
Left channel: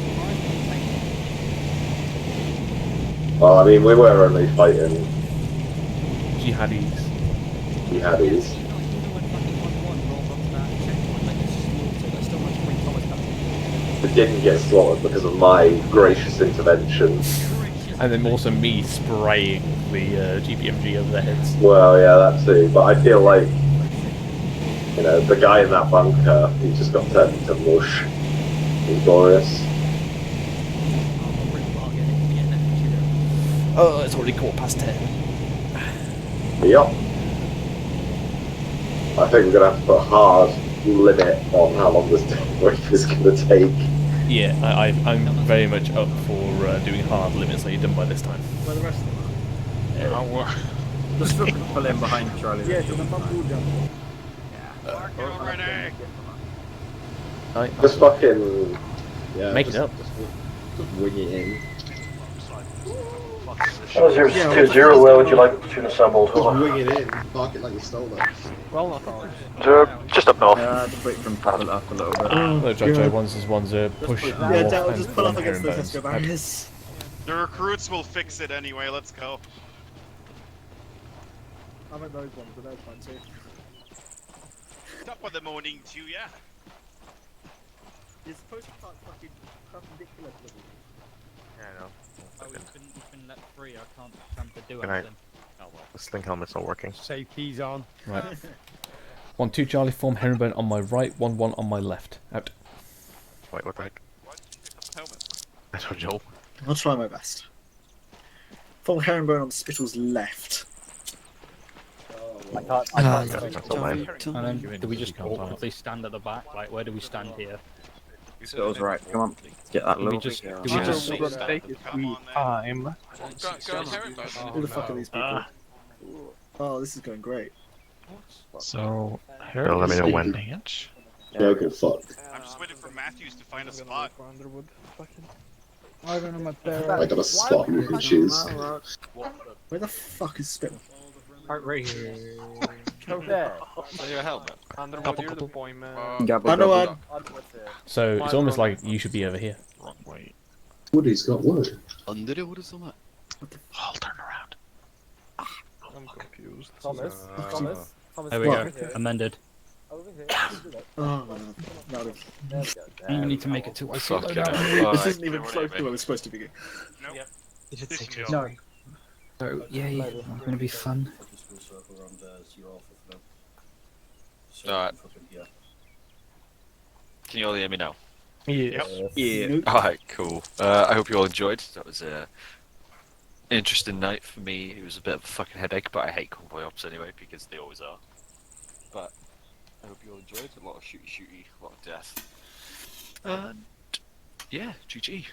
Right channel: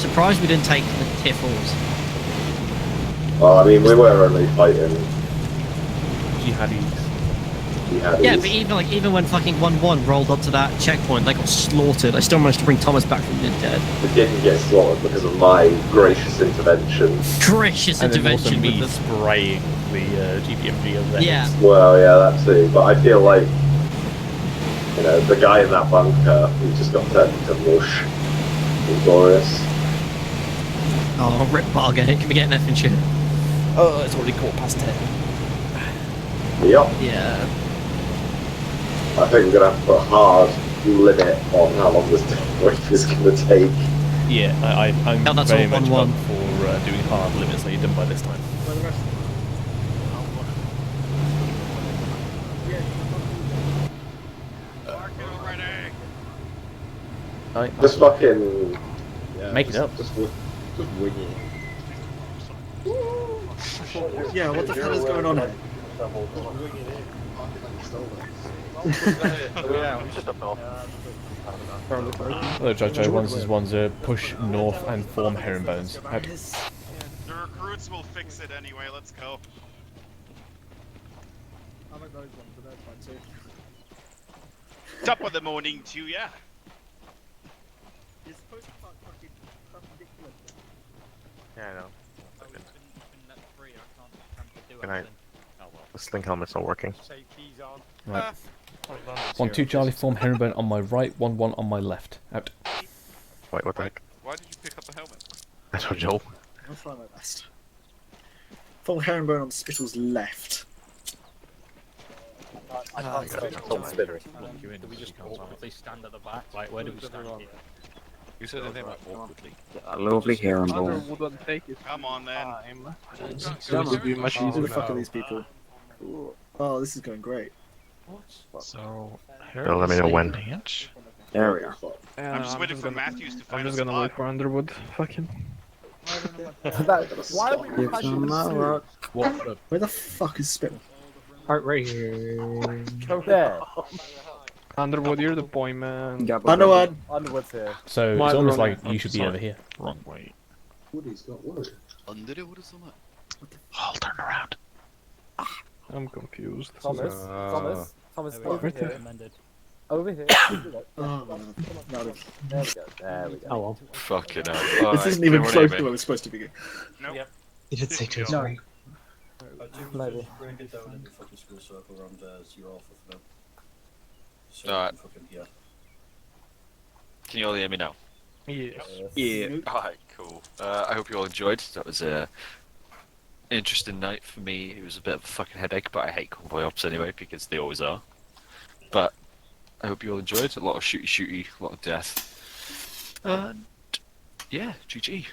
surprised we didn't take tier 4s. Well, I mean, we were only fighting Jihadis. Yeah, but even when fucking 1-1 rolled up to that checkpoint, they got slaughtered. I still managed to bring Thomas back from the dead. We didn't get slaughtered because of my gracious intervention. Gracious and then also intervention me with the- spraying the GPMG over their heads. Well, yeah, that too. But I feel like, you know, the guy in that bunker, he just got turned into mush. Glorious. Oh, rip Barger, can we get an F and shit? Oh, it's already 10:15. Yep. Yeah. I think we're gonna have to put a hard limit on how long this break is gonna take. Yeah, I'm that's very all much 1-1. up for doing hard limits like you've done by this time. Where the rest of them are? Just look for them behind Charlie. Yeah, Just fucking make it up. Just wing it in. 0-0, where would you like the platoon assembled? Just wing it in. Park it like you stole it. Just up north. Hello, Jojo. One's push north and form herringbones. The recruits will fix it anyway, let's go. I like those ones, but they're fun too. Top of the morning to ya. You're supposed to start fucking perpendicular to them. Yeah, I know. Good night. Oh well. This thing helmet's not working. Save keys on. Right. 1-2 Charlie, form herringbone on my right, 1-1 on my left. Out. Wait, what the heck? Why did you pick up the helmet? That's what Joel. I'll try my best. Full herringbone on Spittle's left. I can't do we just awkwardly stand at the back? Like, where do we stand here? Spittle's right, come on. Get that lovely hair on there. Come on then. Who the fuck are these people? Oh, this is going great. So, let me know when. Yeah, good fuck. I'm just waiting for Matthews to find I'm a just gonna spot. look for Underwood. Fucking. I got a spot you can choose. Where the fuck is Spittle? Heart rate. Come there. Underwood, you're the boy, man. Underwood. Underwood's here. So it's almost like you should be over here. Wrong way. Woody's got wood. Underwood is on that. I'll turn around. I'm confused. Thomas. Thomas. There we go. Amended. Over here. Oh, no. There we go. You need to make it to Fucking hell. This isn't even close to where we're supposed to be. Nope. Yep. You did say This to is No. Yeah, it's gonna be fun. Alright. Can you all hear me now? Yes. Yeah. Alright, cool. I hope you all enjoyed. That was a interesting night for me. It was a bit of a fucking headache, but I hate convoy ops anyway because they always are. But I hope you all enjoyed. A lot of shooty, a lot of death. And yeah, GG.